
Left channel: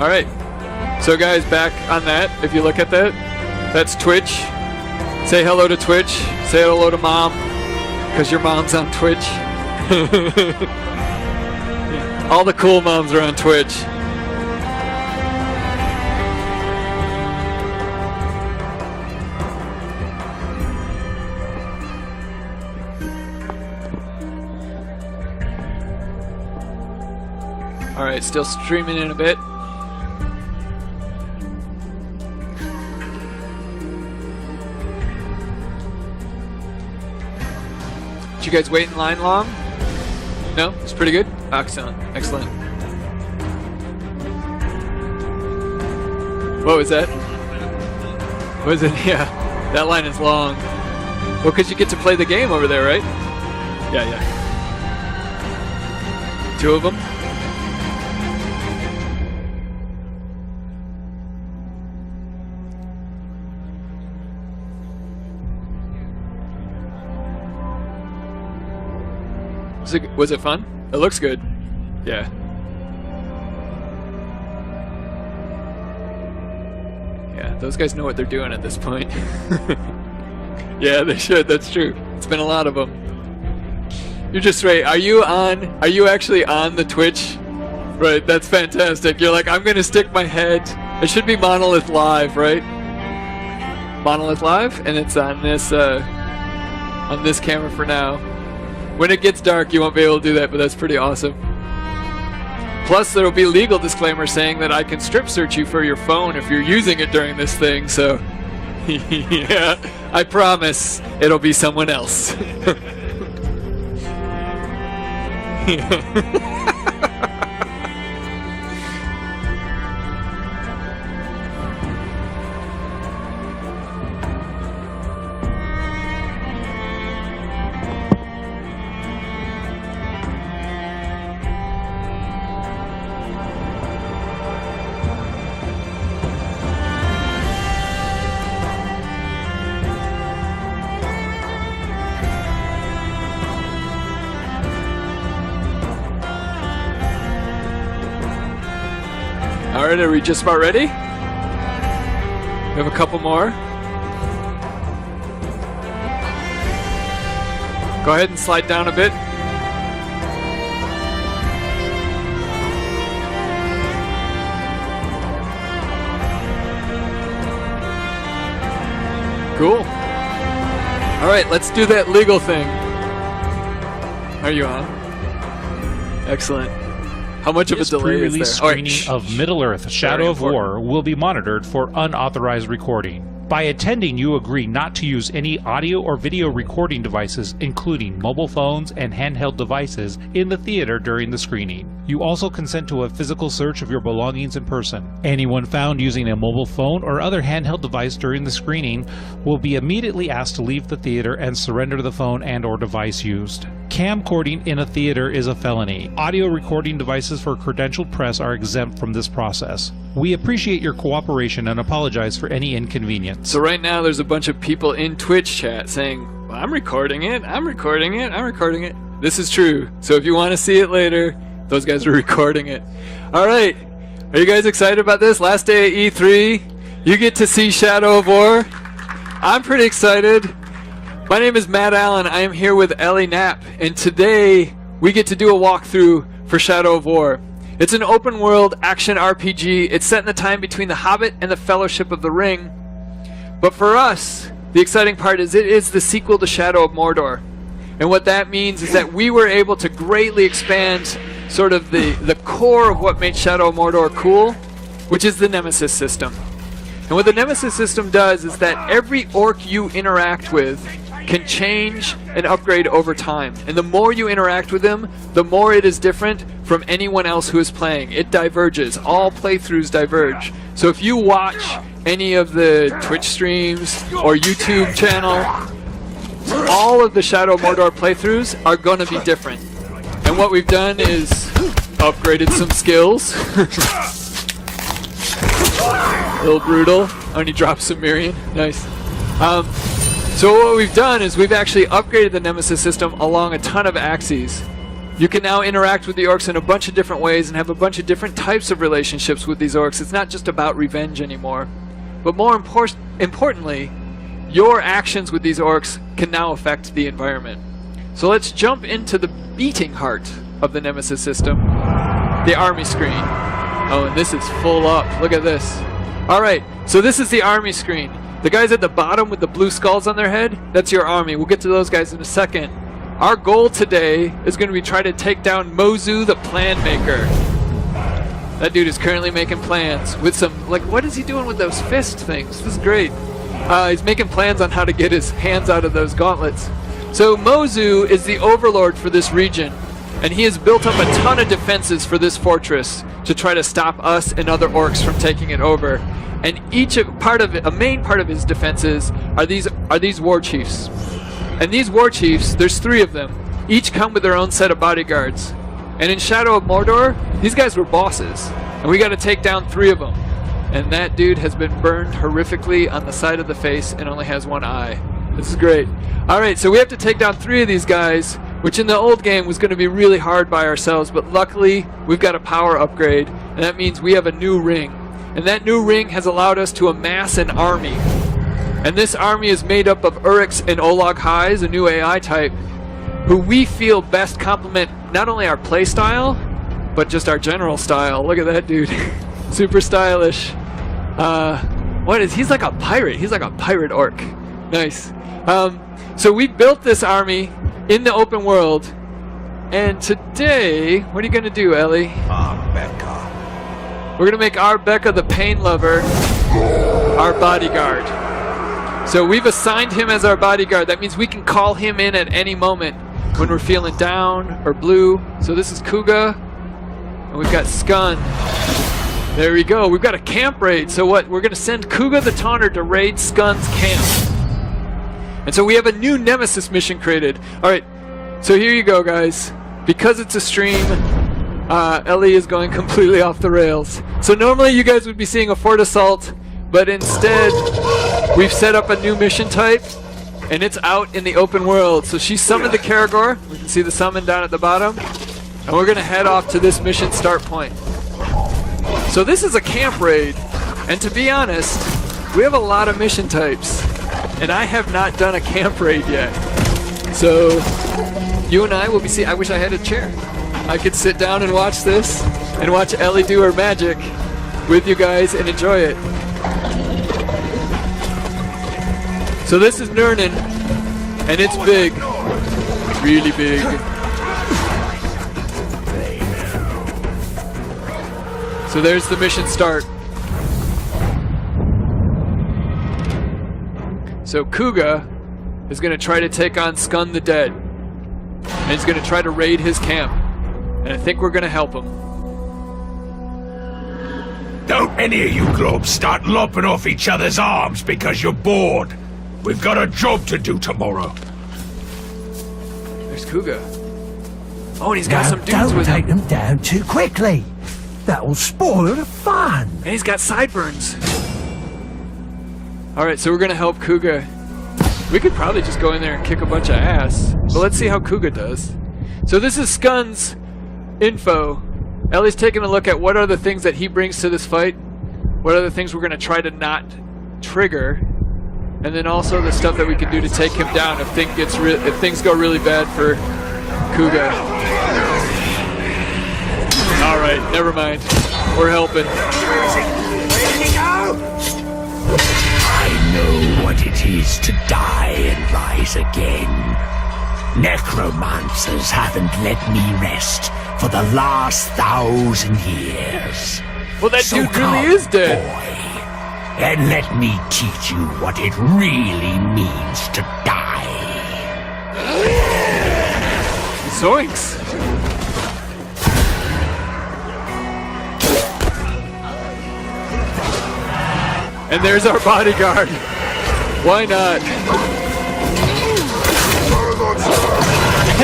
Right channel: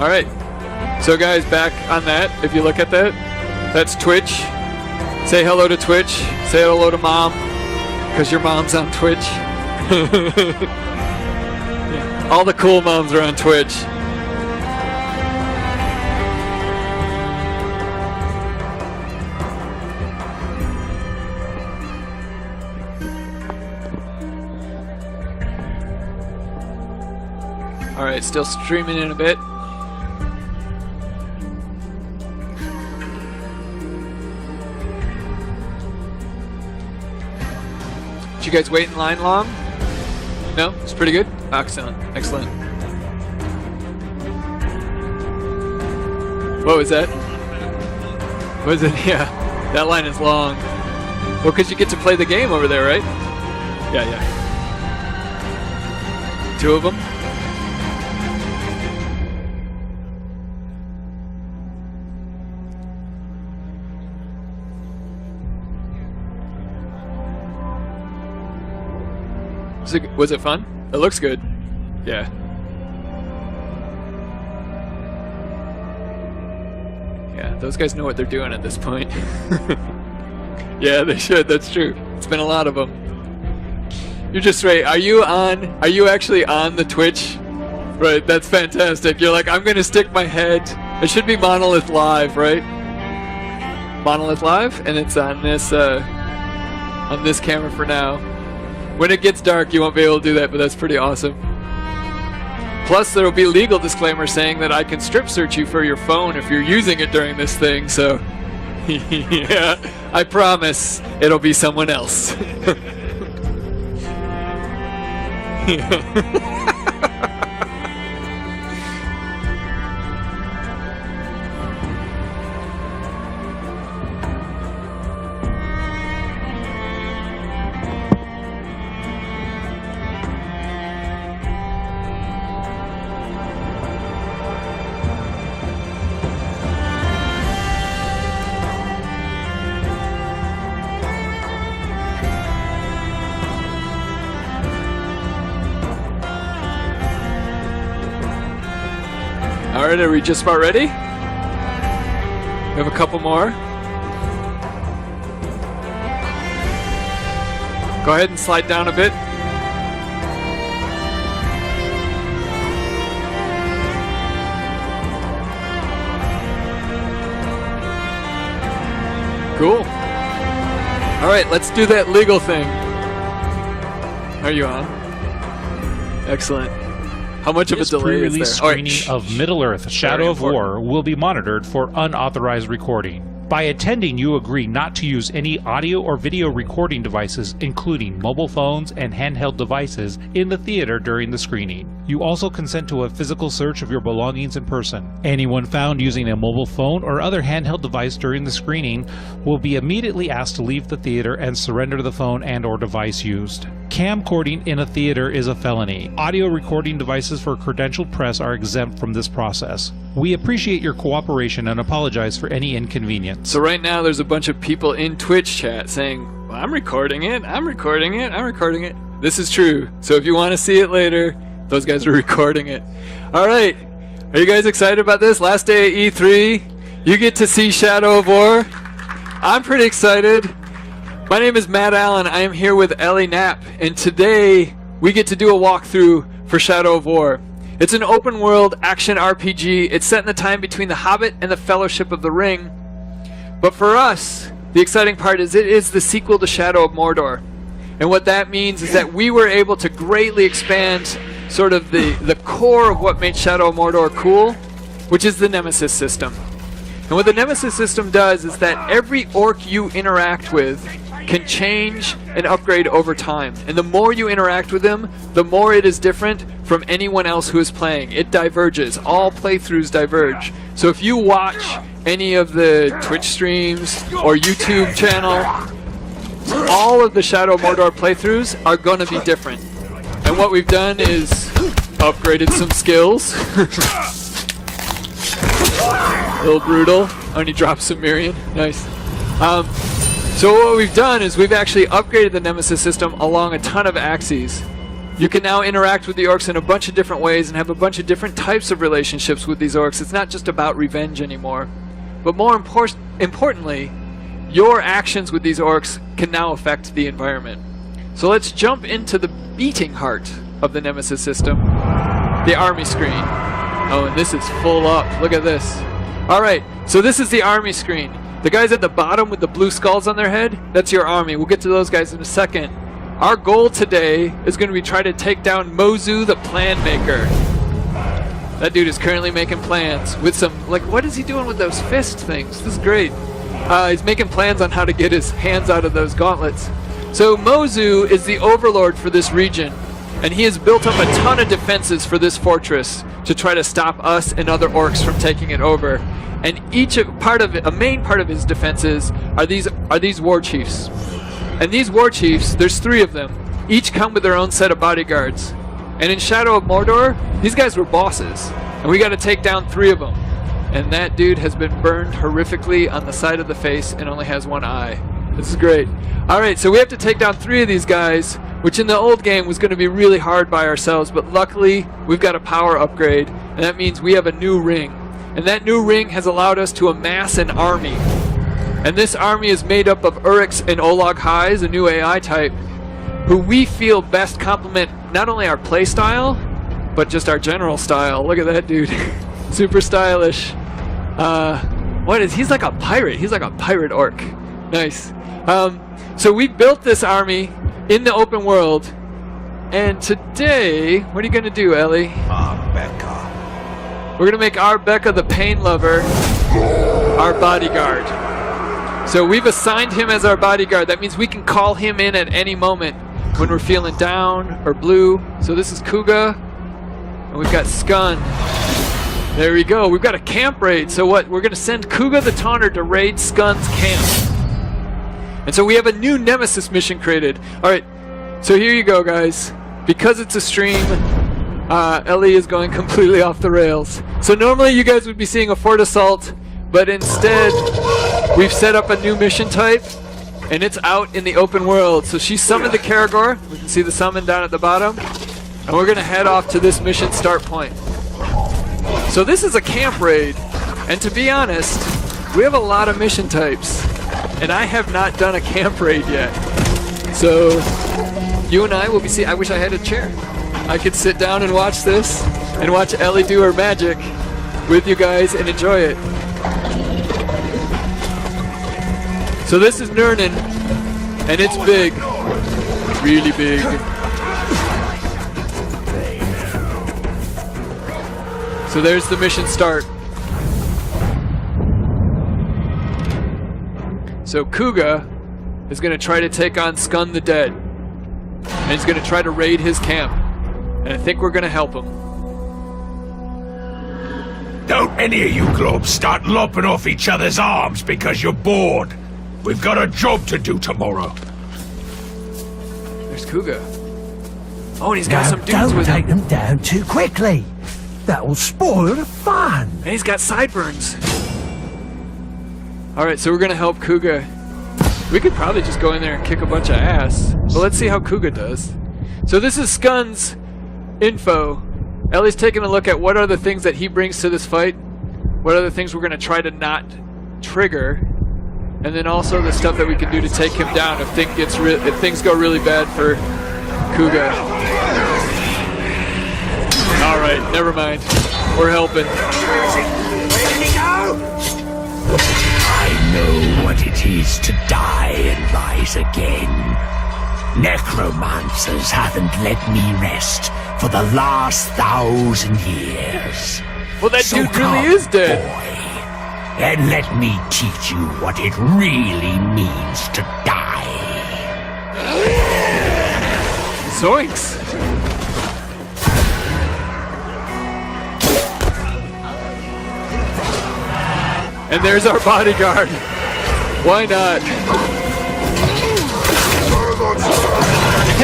All right. So guys, back on that, if you look at that, that's Twitch. Say hello to Twitch. Say hello to Mom, because your mom's on Twitch. All the cool moms are on Twitch. Alright, still streaming in a bit. Did you guys wait in line long? No? It's pretty good? Excellent. Excellent. What was that? What was it? Yeah, that line is long. Well, because you get to play the game over there, right? Yeah, yeah. 2 of them? Was it fun? It looks good. Yeah. Yeah, those guys know what they're doing at this point. Yeah, they should. That's true. It's been a lot of them. You're just right. Are you actually on the Twitch? Right, that's fantastic. You're like, I'm going to stick my head. It should be Monolith Live, right? Monolith Live, and it's on this camera for now. When it gets dark, you won't be able to do that, but that's pretty awesome. Plus, there will be a legal disclaimer saying that I can strip search you for your phone if you're using it during this thing, so... Yeah, I promise it'll be someone else. Alright, are we just about ready? We have a couple more. Go ahead and slide down a bit. Cool. Alright, let's do that legal thing. Are you on? Excellent. How much of a delay pre-release is there? screening of Middle-earth: Shadow of War will be monitored for unauthorized recording. By attending, you agree not to use any audio or video recording devices, including mobile phones and handheld devices, in the theater during the screening. You also consent to a physical search of your belongings in person. Anyone found using a mobile phone or other handheld device during the screening will be immediately asked to leave the theater and surrender the phone and/or device used. Camcording in a theater is a felony. Audio recording devices for credentialed press are exempt from this process. We appreciate your cooperation and apologize for any inconvenience. So right now there's a bunch of people in Twitch chat saying, well, I'm recording it, I'm recording it, I'm recording it. This is true. So if you want to see it later, those guys are recording it. All right. Are you guys excited about this? Last day at E3. You get to see Shadow of War. I'm pretty excited. My name is Matt Allen. I am here with Ellie Knapp, and today we get to do a walkthrough for Shadow of War. It's an open world action RPG. It's set in the time between The Hobbit and The Fellowship of the Ring. But for us, the exciting part is it is the sequel to Shadow of Mordor. And what that means is that we were able to greatly expand sort of the core of what made Shadow of Mordor cool, which is the Nemesis system. And what the Nemesis system does is that every orc you interact with can change and upgrade over time. And the more you interact with them, the more it is different from anyone else who is playing. It diverges. All playthroughs diverge. So if you watch any of the Twitch streams or YouTube channel, all of the Shadow of Mordor playthroughs are going to be different. And what we've done is upgraded some skills. A little brutal. Only dropped some Miriam. Nice. So what we've done is we've actually upgraded the Nemesis system along a ton of axes. You can now interact with the orcs in a bunch of different ways and have a bunch of different types of relationships with these orcs. It's not just about revenge anymore. But more importantly, your actions with these orcs can now affect the environment. So let's jump into the beating heart of the Nemesis system, the army screen. Oh, and this is full up. Look at this. Alright, so this is the army screen. The guys at the bottom with the blue skulls on their head, that's your army. We'll get to those guys in a second. Our goal today is going to be try to take down Mozu the Plan Maker. That dude is currently making plans with some, like, what is he doing with those fist things? This is great. He's making plans on how to get his hands out of those gauntlets. So Mozu is the overlord for this region, and he has built up a ton of defenses for this fortress to try to stop us and other orcs from taking it over. And each part of it, a main part of his defenses, are these war chiefs. And these war chiefs, there's 3 of them. Each come with their own set of bodyguards. And in Shadow of Mordor, these guys were bosses, and we got to take down 3 of them. And that dude has been burned horrifically on the side of the face and only has 1 eye. This is great. All right, so we have to take down 3 of these guys, which in the old game was going to be really hard by ourselves, but luckily we've got a power upgrade, and that means we have a new ring. And that new ring has allowed us to amass an army. And this army is made up of Uryx and Olag Highs, a new AI type, who we feel best complement not only our play style, but just our general style. Look at that dude. Super stylish. He's like a pirate. He's like a pirate orc. Nice. So we built this army in the open world. And today, what are you going to do, Ellie? We're going to make Becca the pain lover our bodyguard. So we've assigned him as our bodyguard. That means we can call him in at any moment when we're feeling down or blue. So this is Kuga. And we've got Skun. There we go. We've got a camp raid. So what? We're going to send Kuga the Taunter to raid Skun's camp. And so we have a new Nemesis mission created. All right. So here you go, guys. Because it's a stream, Ellie is going completely off the rails. So normally you guys would be seeing a Fort Assault, but instead we've set up a new mission type, and it's out in the open world. So she summoned the Karagor. We can see the summon down at the bottom. And we're going to head off to this mission start point. So this is a camp raid, and to be honest, we have a lot of mission types, and I have not done a camp raid yet. So you and I will be seeing. I wish I had a chair. I could sit down and watch this, and watch Ellie do her magic with you guys and enjoy it. So this is Nurnen, and it's big, really big. So there's the mission start. So Kuga is going to try to take on Skun the Dead, and he's going to try to raid his camp. And I think we're going to help him. Don't any of you globs start lopping off each other's arms because you're bored. We've got a job to do tomorrow. There's Kuga. Oh, and he's got some dudes with him. Don't take them down too quickly. That'll spoil the fun. And he's got sideburns. Alright, so we're going to help Kuga. We could probably just go in there and kick a bunch of ass. But let's see how Kuga does. So this is Skun's info. Ellie's taking a look at what are the things that he brings to this fight. What are the things we're going to try to not trigger. and then also the stuff that we can do to take him down if things go really bad for Kuga. All right, never mind. We're helping. I know what it is to die and rise again. Necromancers haven't let me rest for the last 1,000 years. Well, that So dude really come, is dead. boy, and let me teach you what it really means to die. Zoinks. And there's our bodyguard. Why not?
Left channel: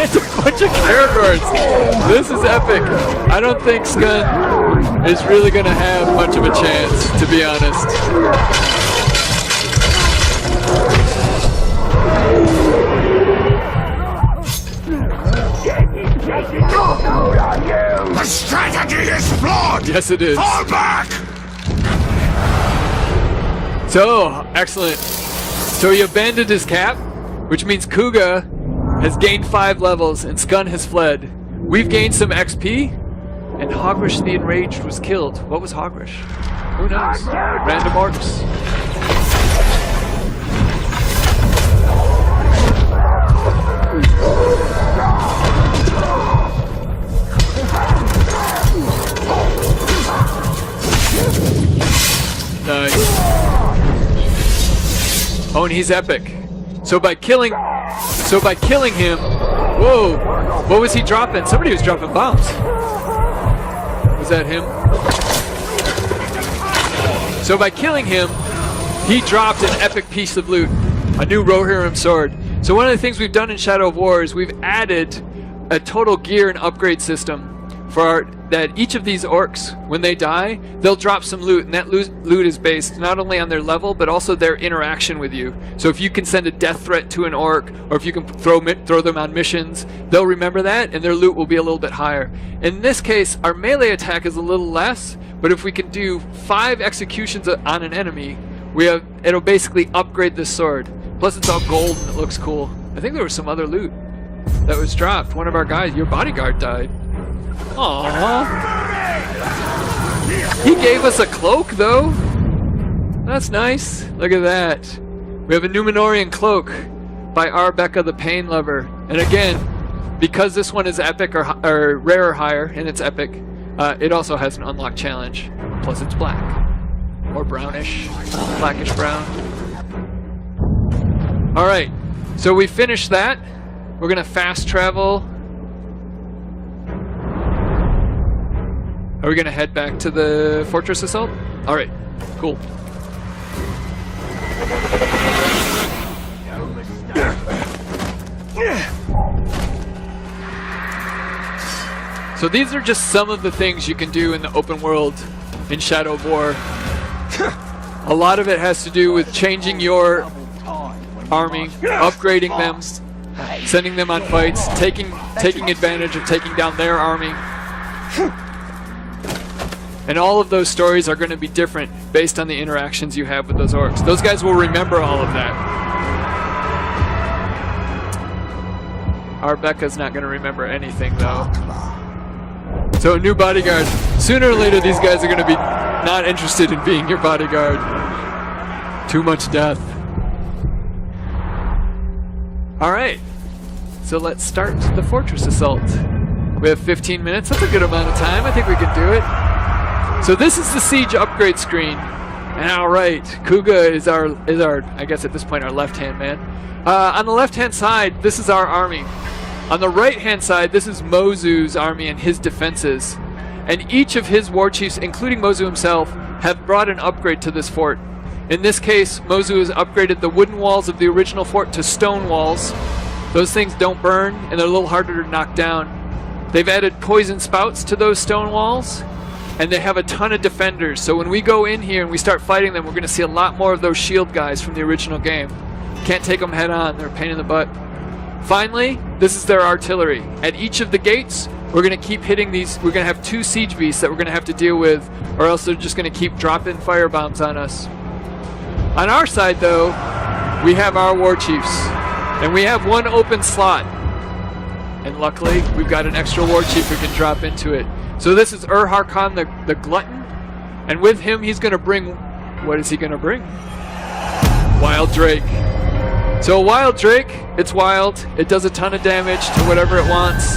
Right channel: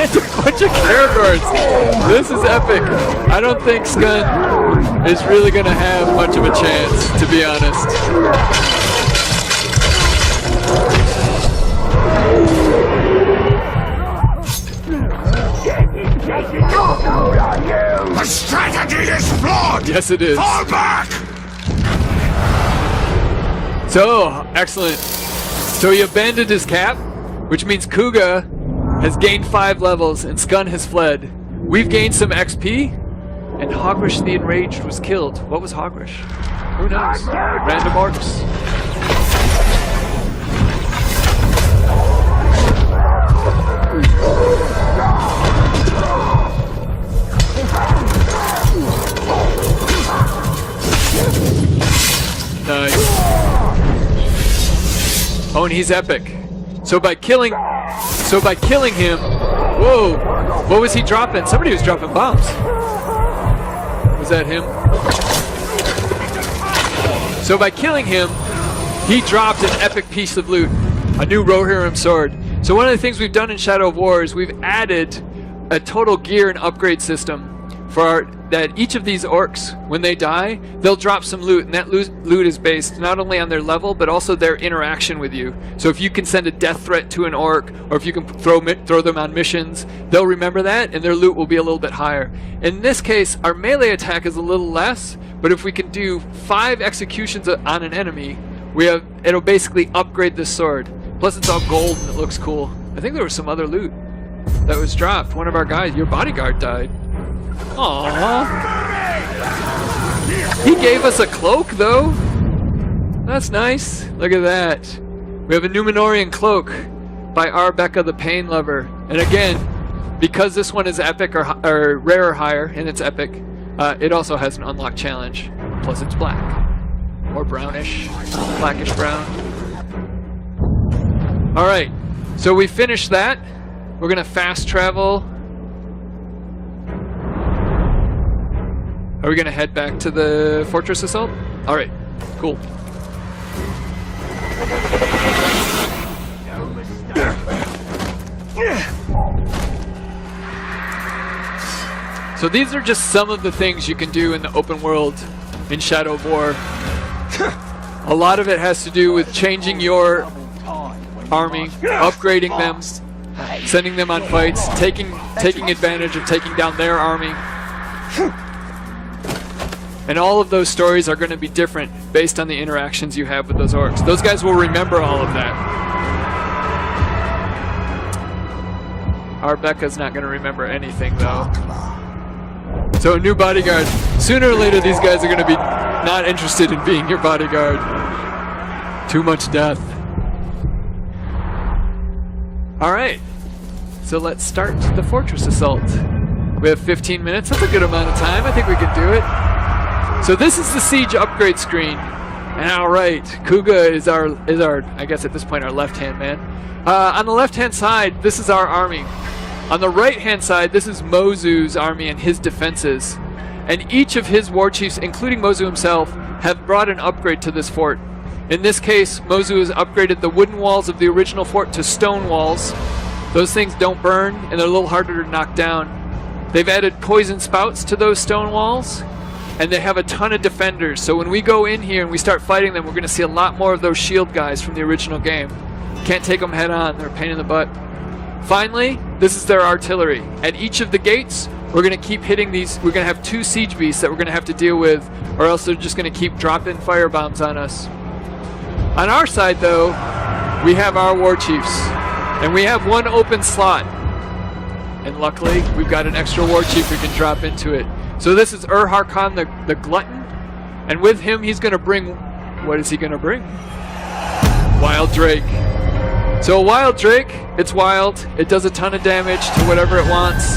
It's a bunch of Caragors. This is epic. I don't think Skun is really going to have much of a chance, to be honest. The strategy is flawed! Yes, it is. Fall back! So, excellent. So he abandoned his cap, which means Kuga has gained 5 levels and Skun has fled. We've gained some XP, and Hogrish the Enraged was killed. What was Hogrish? Who knows? Random orcs. Nice. Oh, and he's epic. So by killing him, whoa, what was he dropping? Somebody was dropping bombs. Was that him? So by killing him, he dropped an epic piece of loot, a new Rohirrim sword. So one of the things we've done in Shadow of War is we've added a total gear and upgrade system for that each of these orcs, when they die, they'll drop some loot, and that loot is based not only on their level, but also their interaction with you. So if you can send a death threat to an orc, or if you can throw them on missions, they'll remember that, and their loot will be a little bit higher. In this case, our melee attack is a little less, but if we can do 5 executions on an enemy, it'll basically upgrade the sword. Plus it's all gold and it looks cool. I think there was some other loot that was dropped. One of our guys, your bodyguard, died. Aww. He gave us a cloak, though. That's nice. Look at that. We have a Numenorian cloak by Arbecca the Pain Lover. And again, because this one is epic or rare or higher, and it's epic, it also has an unlocked challenge. Plus it's black. Or brownish. Blackish brown. Alright. So we finished that. We're going to fast travel. Are we going to head back to the Fortress Assault? Alright, cool. So these are just some of the things you can do in the open world in Shadow of War. A lot of it has to do with changing your army, upgrading them, sending them on fights, taking advantage of taking down their army. And all of those stories are going to be different based on the interactions you have with those orcs. Those guys will remember all of that. Arbecca's not going to remember anything, though. So a new bodyguard. Sooner or later, these guys are going to be not interested in being your bodyguard. Too much death. All right. So let's start the Fortress Assault. We have 15 minutes. That's a good amount of time. I think we can do it. So this is the siege upgrade screen. And all right, Kuga is our I guess at this point our left-hand man. On the left-hand side, this is our army. On the right-hand side, this is Mozu's army and his defenses. And each of his war chiefs, including Mozu himself, have brought an upgrade to this fort. In this case, Mozu has upgraded the wooden walls of the original fort to stone walls. Those things don't burn, and they're a little harder to knock down. They've added poison spouts to those stone walls, and they have a ton of defenders. So when we go in here and we start fighting them, we're going to see a lot more of those shield guys from the original game. Can't take them head on. They're a pain in the butt. Finally, this is their artillery. At each of the gates, we're going to keep hitting these. We're going to have 2 siege beasts that we're going to have to deal with, or else they're just going to keep dropping fire bombs on us. On our side, though, we have our war chiefs. And we have one open slot. And luckily, we've got an extra war chief we can drop into it. So this is Harkon the Glutton. And with him, he's going to bring... What is he going to bring? Wild Drake. So a Wild Drake, it's wild. It does a ton of damage to whatever it wants.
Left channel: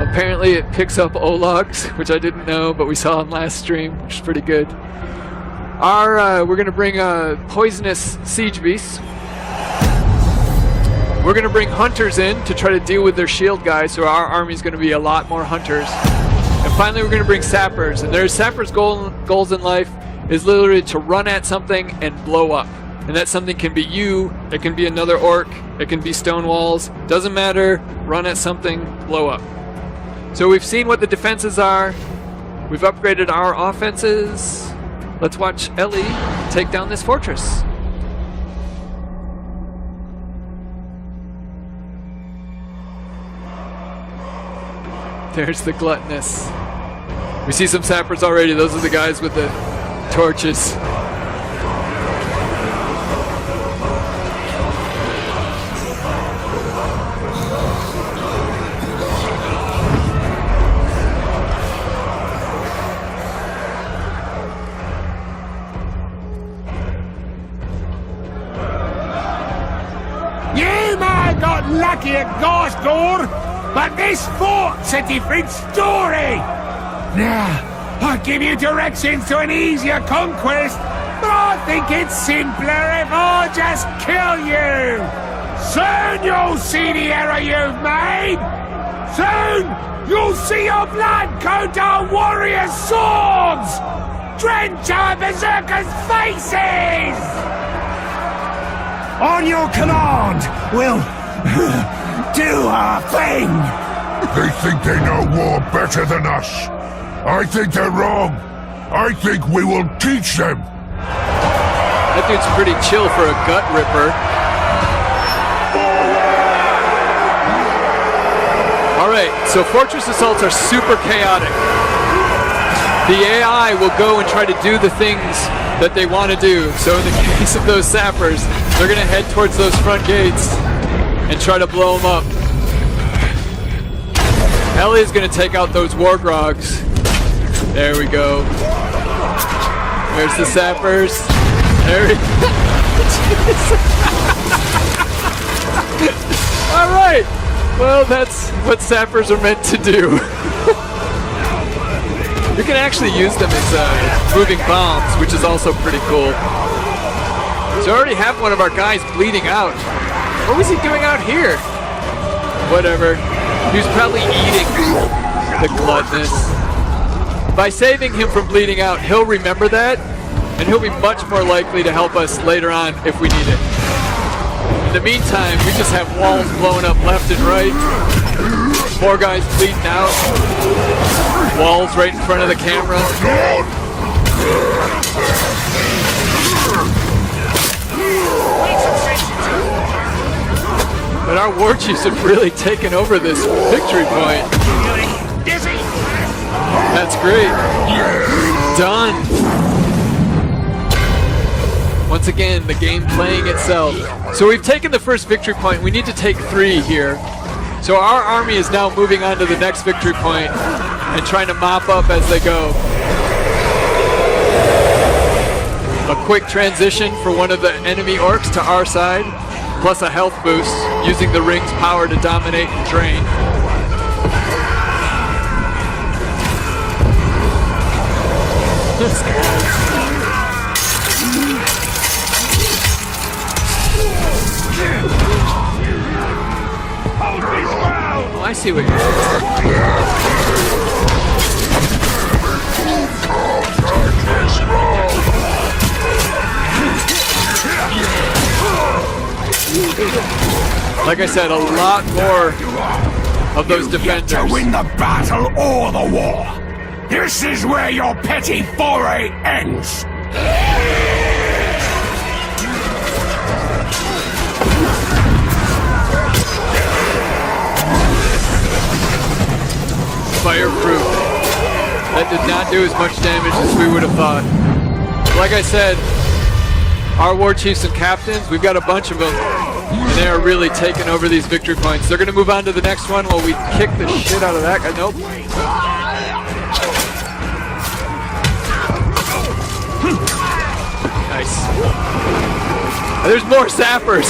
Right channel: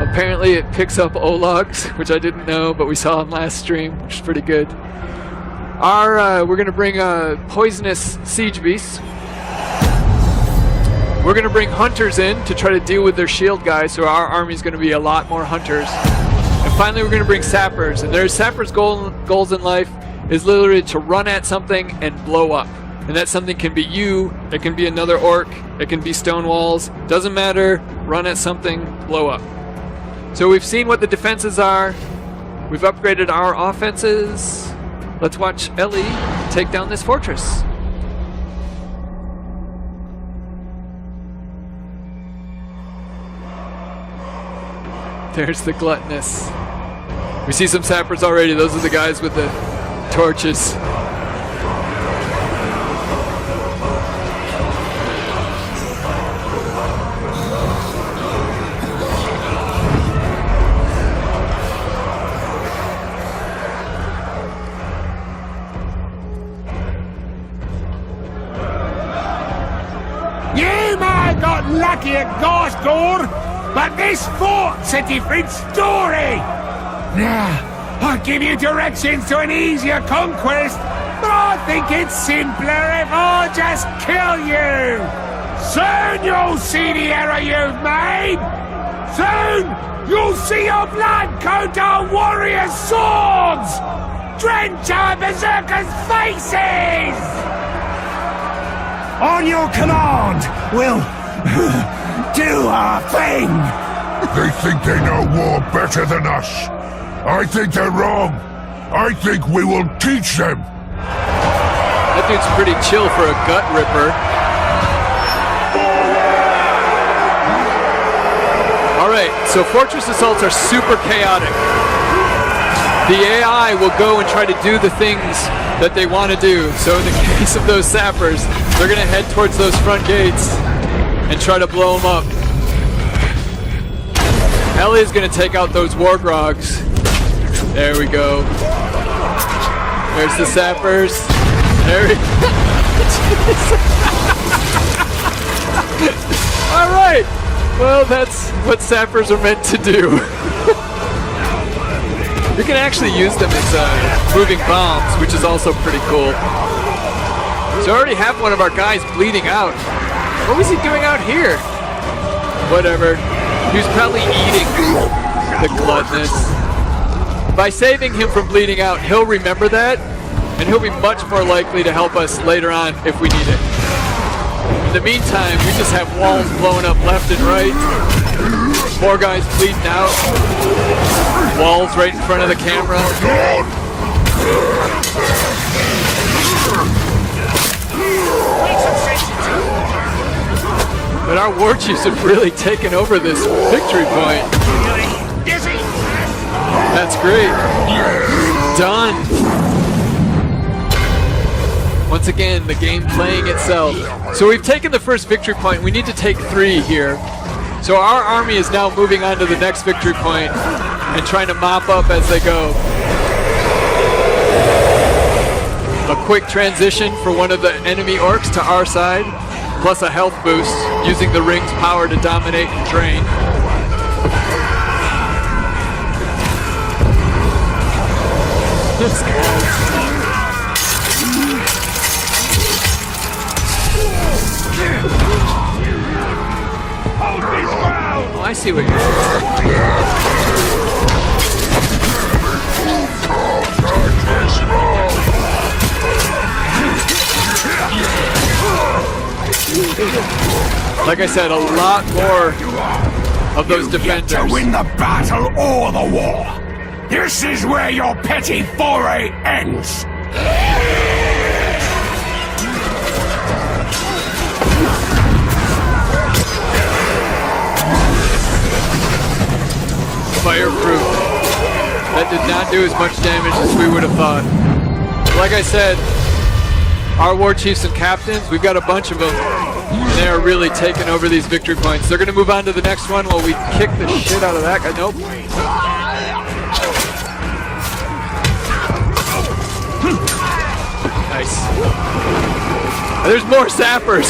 Apparently it picks up Ologs, which I didn't know, but we saw him last stream, which is pretty good. We're going to bring poisonous siege beasts. We're going to bring hunters in to try to deal with their shield guys, so our army's going to be a lot more hunters. And finally, we're going to bring sappers. And their sappers' goals in life is literally to run at something and blow up. And that something can be you, it can be another orc, it can be stone walls. Doesn't matter. Run at something, blow up. So we've seen what the defenses are. We've upgraded our offenses. Let's watch Ellie take down this fortress. There's the gluttonous. We see some sappers already. Those are the guys with the torches. You may have got lucky at Ghost but this fort's a different story! Now, I'll give you directions to an easier conquest, but I think it's simpler if I just kill you! Soon you'll see the error you've made! Soon you'll see your blood go down warriors' swords! Drench our berserkers' faces! On your command, we'll do our thing! They think they know war better than us. I think they're wrong. I think we will teach them. That dude's pretty chill for a gut ripper. Alright, so fortress assaults are super chaotic. The AI will go and try to do the things that they want to do. So in the case of those sappers, they're going to head towards those front gates and try to blow them up. Ellie is going to take out those wargrogs. There we go. There's the sappers. There we go. All right. Well, that's what sappers are meant to do. You can actually use them as moving bombs, which is also pretty cool. So I already have one of our guys bleeding out. What was he doing out here? Whatever. He was probably eating the gluttonous. By saving him from bleeding out, he'll remember that, and he'll be much more likely to help us later on if we need it. In the meantime, we just have walls blowing up left and right. More guys bleeding out. Walls right in front of the camera. But our war chiefs have really taken over this victory point. That's great. Done. Once again, the game playing itself. So we've taken the first victory point. We need to take 3 here. So our army is now moving on to the next victory point and trying to mop up as they go. A quick transition for one of the enemy orcs to our side, plus a health boost, using the ring's power to dominate and drain. Let's go. Oh, I see what you're Like I said, a lot more of those defenders. To win the battle or the war. This is where your petty foray ends. Fireproof. That did not do as much damage as we would have thought. Like I said, our war chiefs and captains. We've got a bunch of them, and they are really taking over these victory points. They're going to move on to the next one while we kick the shit out of that guy. Nope. Nice. There's more sappers.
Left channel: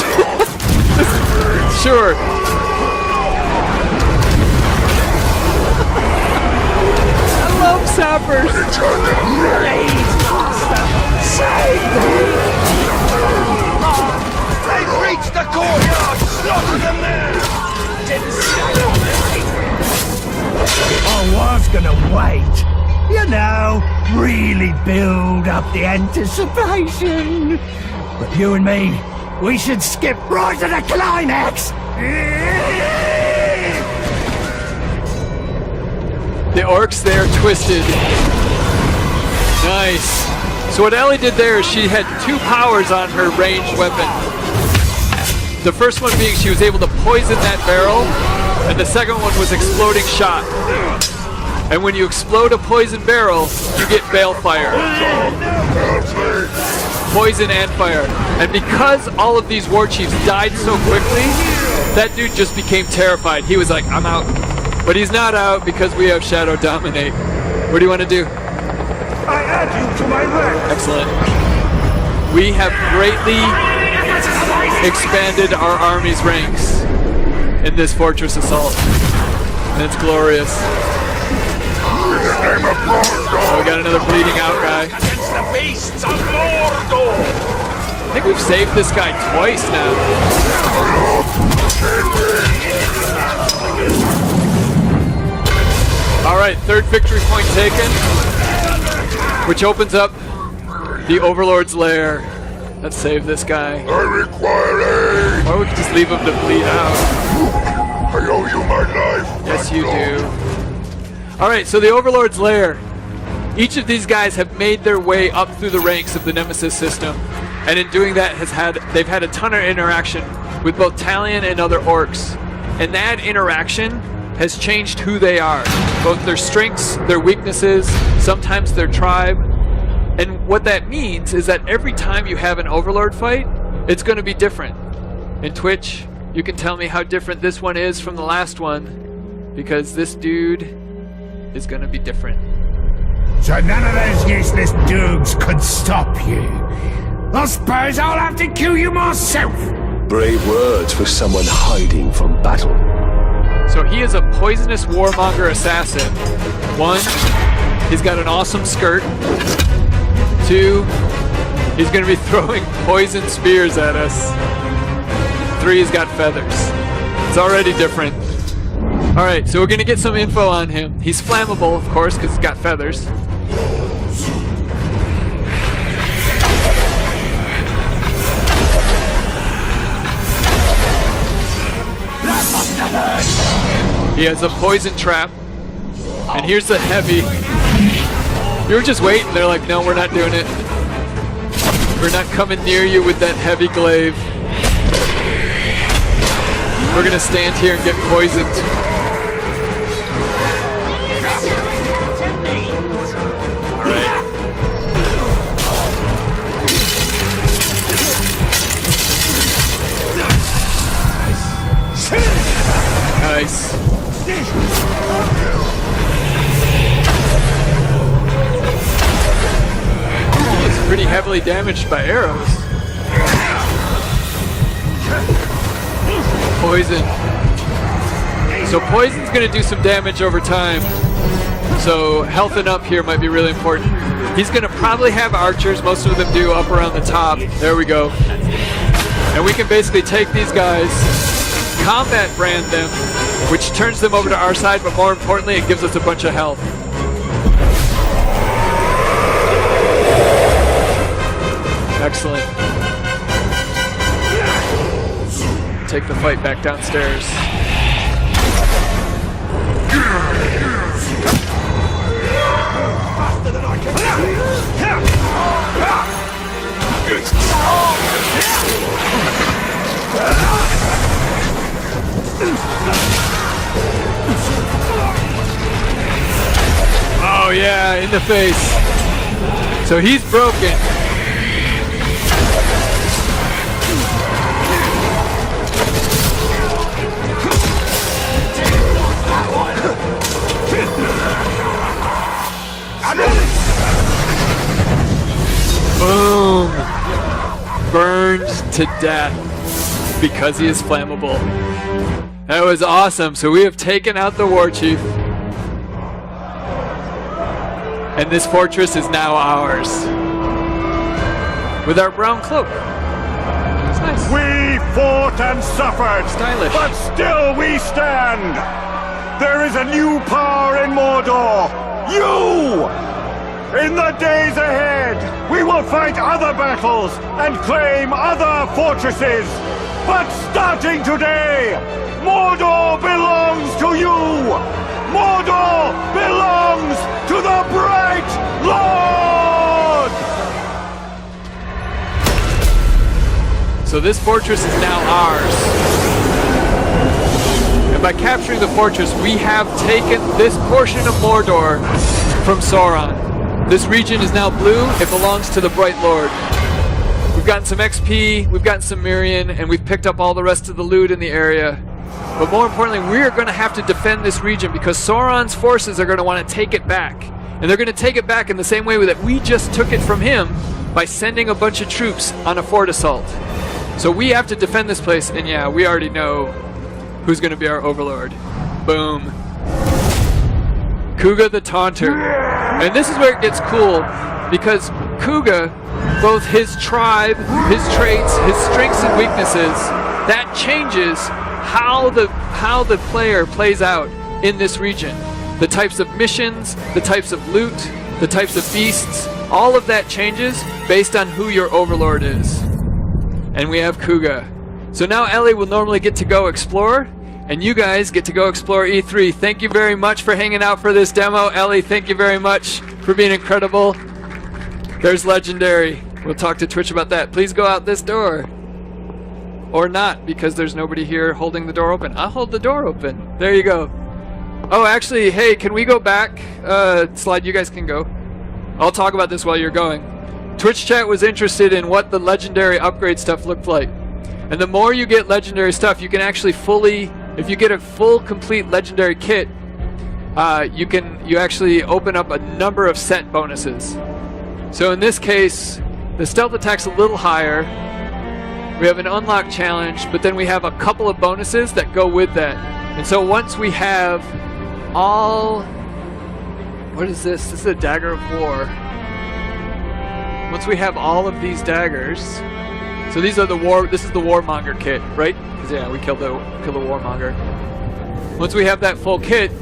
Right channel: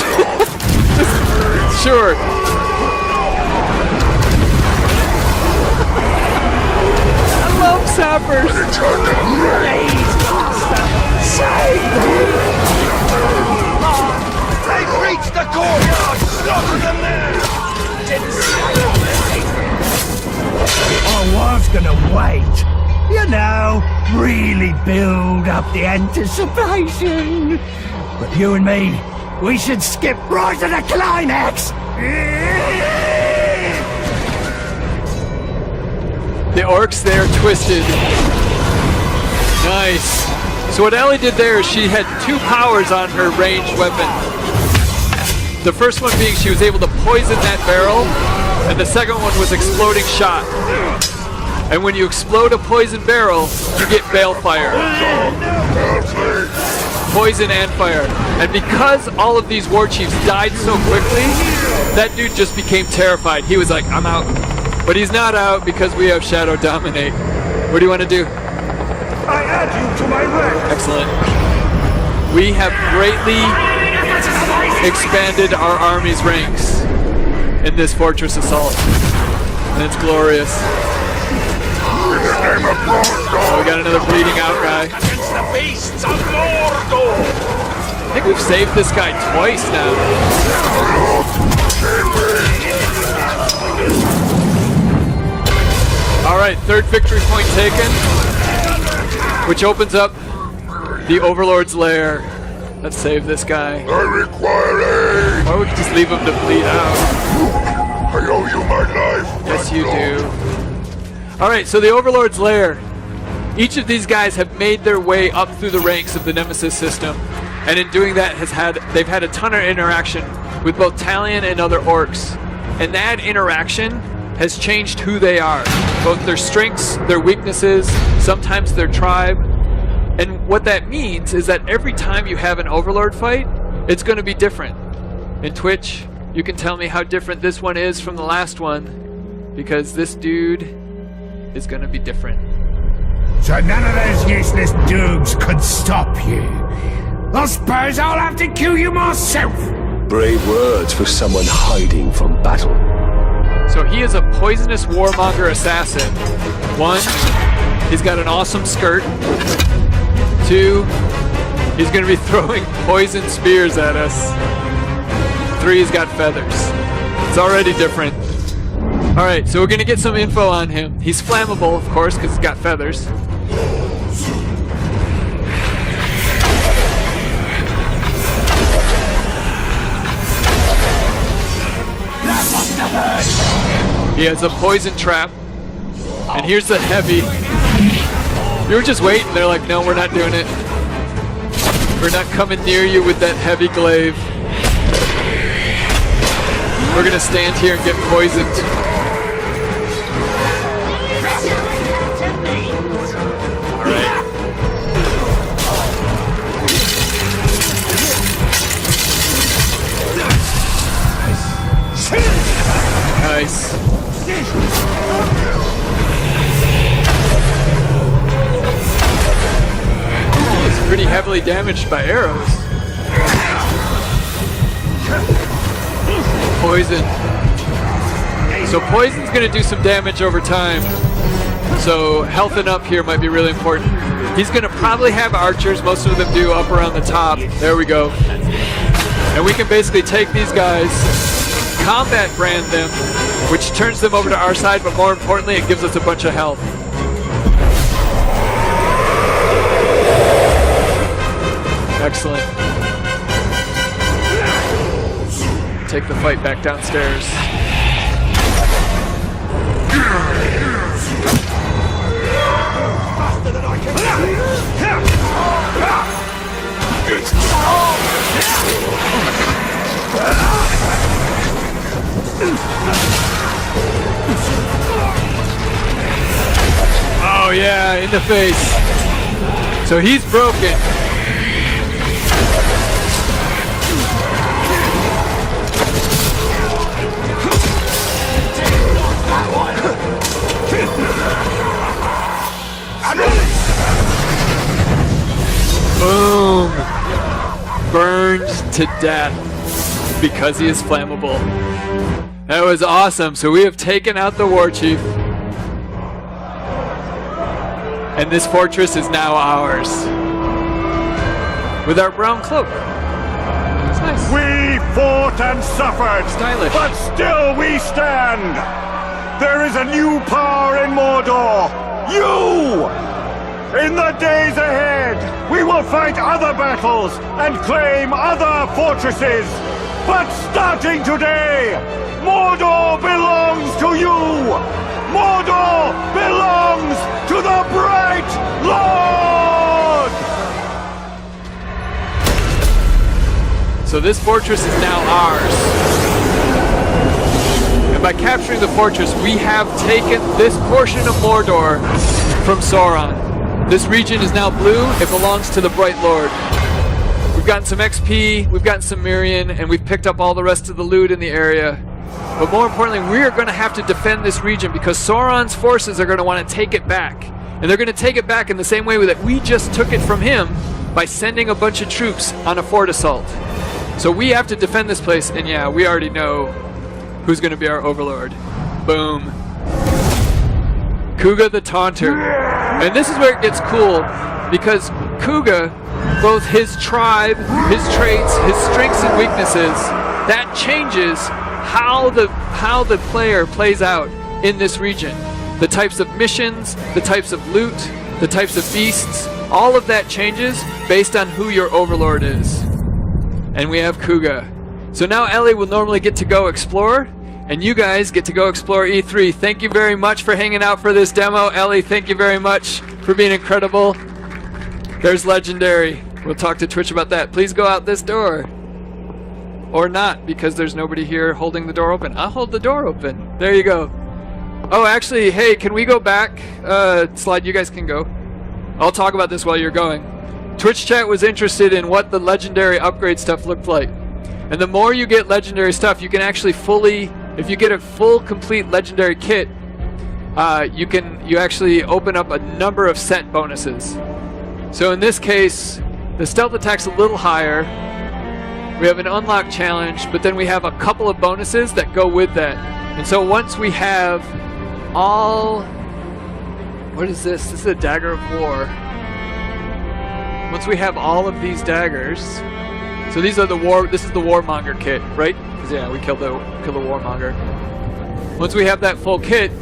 Sure. I love sappers. They've reached the courtyard! Slaughter them there! I was gonna wait. You know, really build up the anticipation. But you and me, we should skip right to the climax. The orcs there twisted. Nice. So what Ellie did there is she had two powers on her ranged weapon. The first one being she was able to poison that barrel, and the second one was exploding shot. And when you explode a poison barrel, you get balefire. Poison and fire. And because all of these war chiefs died so quickly, that dude just became terrified. He was like, I'm out. But he's not out because we have Shadow Dominate. What do you want to do? I add you to my ranks! Excellent. We have greatly expanded our army's ranks in this fortress assault. And it's glorious. Oh, we got another bleeding out guy. I think we've saved this guy twice now. Alright, third victory point taken, which opens up the Overlord's lair. Let's save this guy. I require aid! Or we could just leave him to bleed out. I owe you my life. Yes, you do. Alright, so the Overlord's lair. Each of these guys have made their way up through the ranks of the Nemesis system, and in doing that they've had a ton of interaction with both Talion and other orcs. And that interaction has changed who they are, both their strengths, their weaknesses, sometimes their tribe. And what that means is that every time you have an Overlord fight, it's going to be different. In Twitch, you can tell me how different this one is from the last one, because this dude is going to be different. So none of those useless doogs could stop you. I suppose I'll have to kill you myself. Brave words for someone hiding from battle. So he is a poisonous warmonger assassin. 1, he's got an awesome skirt. 2, he's going to be throwing poison spears at us. 3, he's got feathers. It's already different. Alright, so we're going to get some info on him. He's flammable, of course, because he's got feathers. He has a poison trap. And here's the heavy. You were just waiting. They're like, no, we're not doing it. We're not coming near you with that heavy glaive. We're going to stand here and get poisoned. Nice. He's pretty heavily damaged by arrows. Poison. So poison's going to do some damage over time. So healthing up here might be really important. He's going to probably have archers. Most of them do up around the top. There we go. And we can basically take these guys, combat brand them, which turns them over to our side, but more importantly, it gives us a bunch of health. Excellent. Take the fight back downstairs. Oh yeah, in the face. So he's broken. to death because he is flammable. That was awesome. So we have taken out the war chief. And this fortress is now ours. With our brown cloak. It's nice. We fought and suffered, stylish, but still we stand. There is a new power in Mordor. You! In the days ahead, we will fight other battles and claim other fortresses. But starting today, Mordor belongs to you! Mordor belongs to the Bright Lord! So this fortress is now ours. And by capturing the fortress, we have taken this portion of Mordor from Sauron. This region is now blue. It belongs to the Bright Lord. We've gotten some XP, we've gotten some Mirian, and we've picked up all the rest of the loot in the area. But more importantly, we are going to have to defend this region because Sauron's forces are going to want to take it back. And they're going to take it back in the same way that we just took it from him by sending a bunch of troops on a fort assault. So we have to defend this place, and yeah, we already know who's going to be our overlord. Boom. Kuga the Taunter. And this is where it gets cool, because Kuga, both his tribe, his traits, his strengths and weaknesses, that changes how the player plays out in this region. The types of missions, the types of loot, the types of beasts, all of that changes based on who your overlord is. And we have Kuga. So now Ellie will normally get to go explore, and you guys get to go explore E3. Thank you very much for hanging out for this demo. Ellie, thank you very much for being incredible. There's Legendary. We'll talk to Twitch about that. Please go out this door. Or not, because there's nobody here holding the door open. I'll hold the door open. There you go. Oh, actually, hey, can we go back? Slide, you guys can go. I'll talk about this while you're going. Twitch chat was interested in what the legendary upgrade stuff looked like. And the more you get legendary stuff, you can actually fully, if you get a full complete legendary kit, you actually open up a number of set bonuses. So in this case, the stealth attack's a little higher. We have an unlock challenge, but then we have a couple of bonuses that go with that. And so once we have all... What is this? This is a dagger of war. Once we have all of these daggers... So these are this is the Warmonger kit, right? Because yeah, we killed the Warmonger. Once we have that full kit,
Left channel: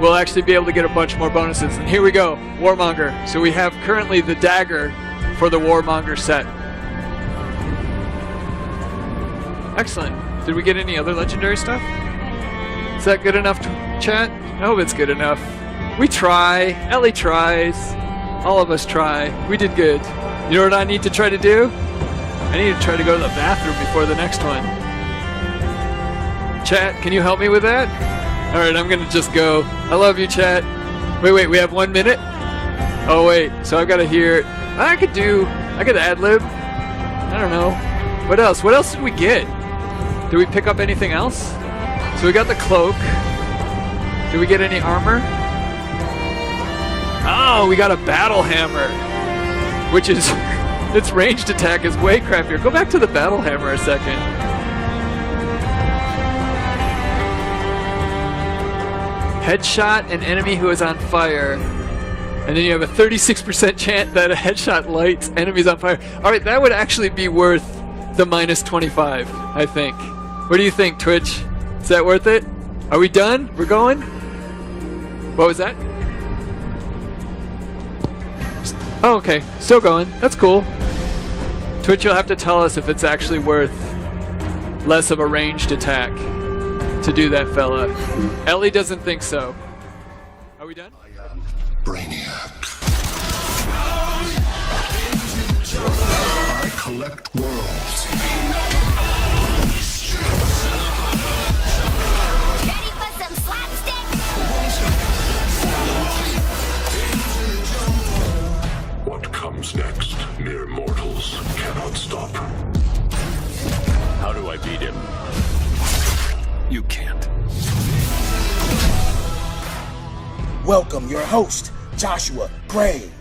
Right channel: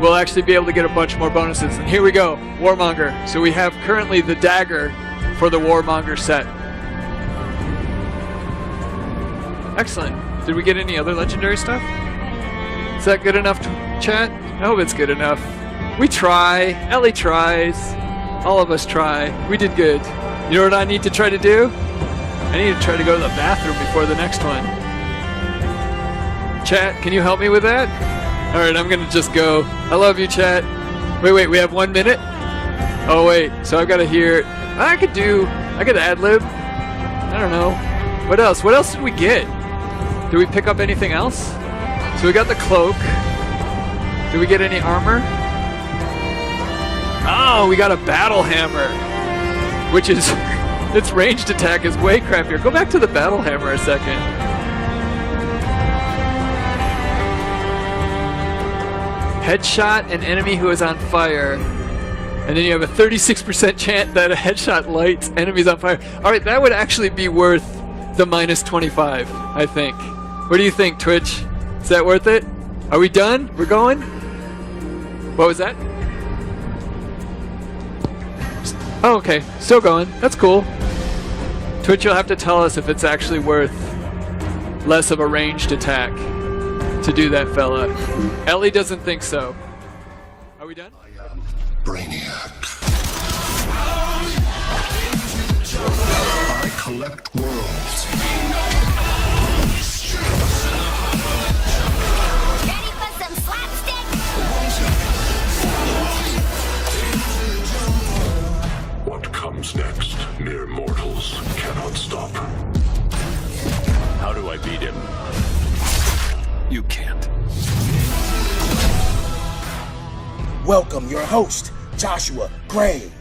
we'll actually be able to get a bunch more bonuses. And here we go, Warmonger. So we have currently the dagger for the Warmonger set. Excellent. Did we get any other legendary stuff? Is that good enough, chat? I hope it's good enough. We try. Ellie tries. All of us try. We did good. You know what I need to try to do? I need to try to go to the bathroom before the next one. Chat, can you help me with that? Alright, I'm gonna just go. I love you, chat. Wait, we have 1 minute? Oh wait, so I've gotta hear... I could ad-lib. I don't know. What else? What else did we get? Did we pick up anything else? So we got the cloak. Did we get any armor? Oh, we got a battle hammer. Which is... its ranged attack is way crappier. Go back to the battle hammer a second. Headshot an enemy who is on fire. And then you have a 36% chance that a headshot lights enemies on fire. Alright, that would actually be worth the minus 25, I think. What do you think, Twitch? Is that worth it? Are we done? We're going? What was that? Oh, okay. Still going. That's cool. Twitch, you'll have to tell us if it's actually worth less of a ranged attack to do that, fella. Ellie doesn't think so. Are we done? I am Brainiac. I collect worlds. Ready for some slapstick? What comes next, mere mortals cannot stop. How do I beat him? You can't. Welcome your host, Joshua Gray.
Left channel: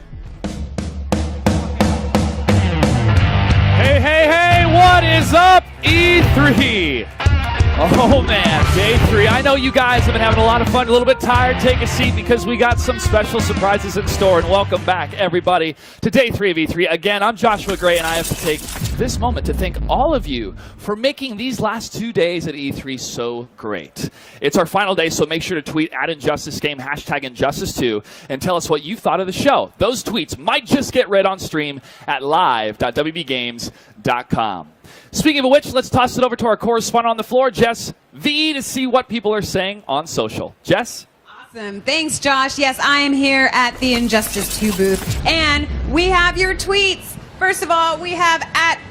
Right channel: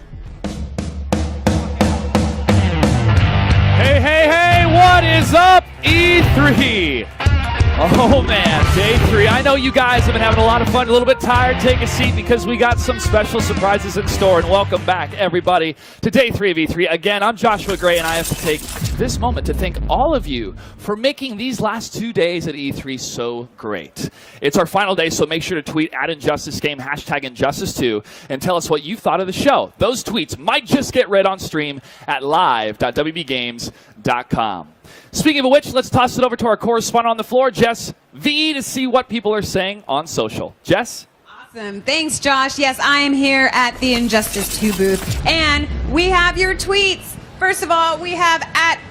Hey, hey, hey, what is up? E3. Oh man, day 3. I know you guys have been having a lot of fun, a little bit tired. Take a seat because we got some special surprises in store. And welcome back, everybody, to day 3 of E3. Again, I'm Joshua Gray, and I have to take this moment to thank all of you for making these last 2 days at E3 so great. It's our final day, so make sure to tweet @InjusticeGame, #Injustice2, and tell us what you thought of the show. Those tweets might just get read on stream at live.wbgames.com. Speaking of which, let's toss it over to our correspondent on the floor, Jess V, to see what people are saying on social. Jess? Awesome. Thanks, Josh. Yes, I am here at the Injustice 2 booth, and we have your tweets. First of all, we have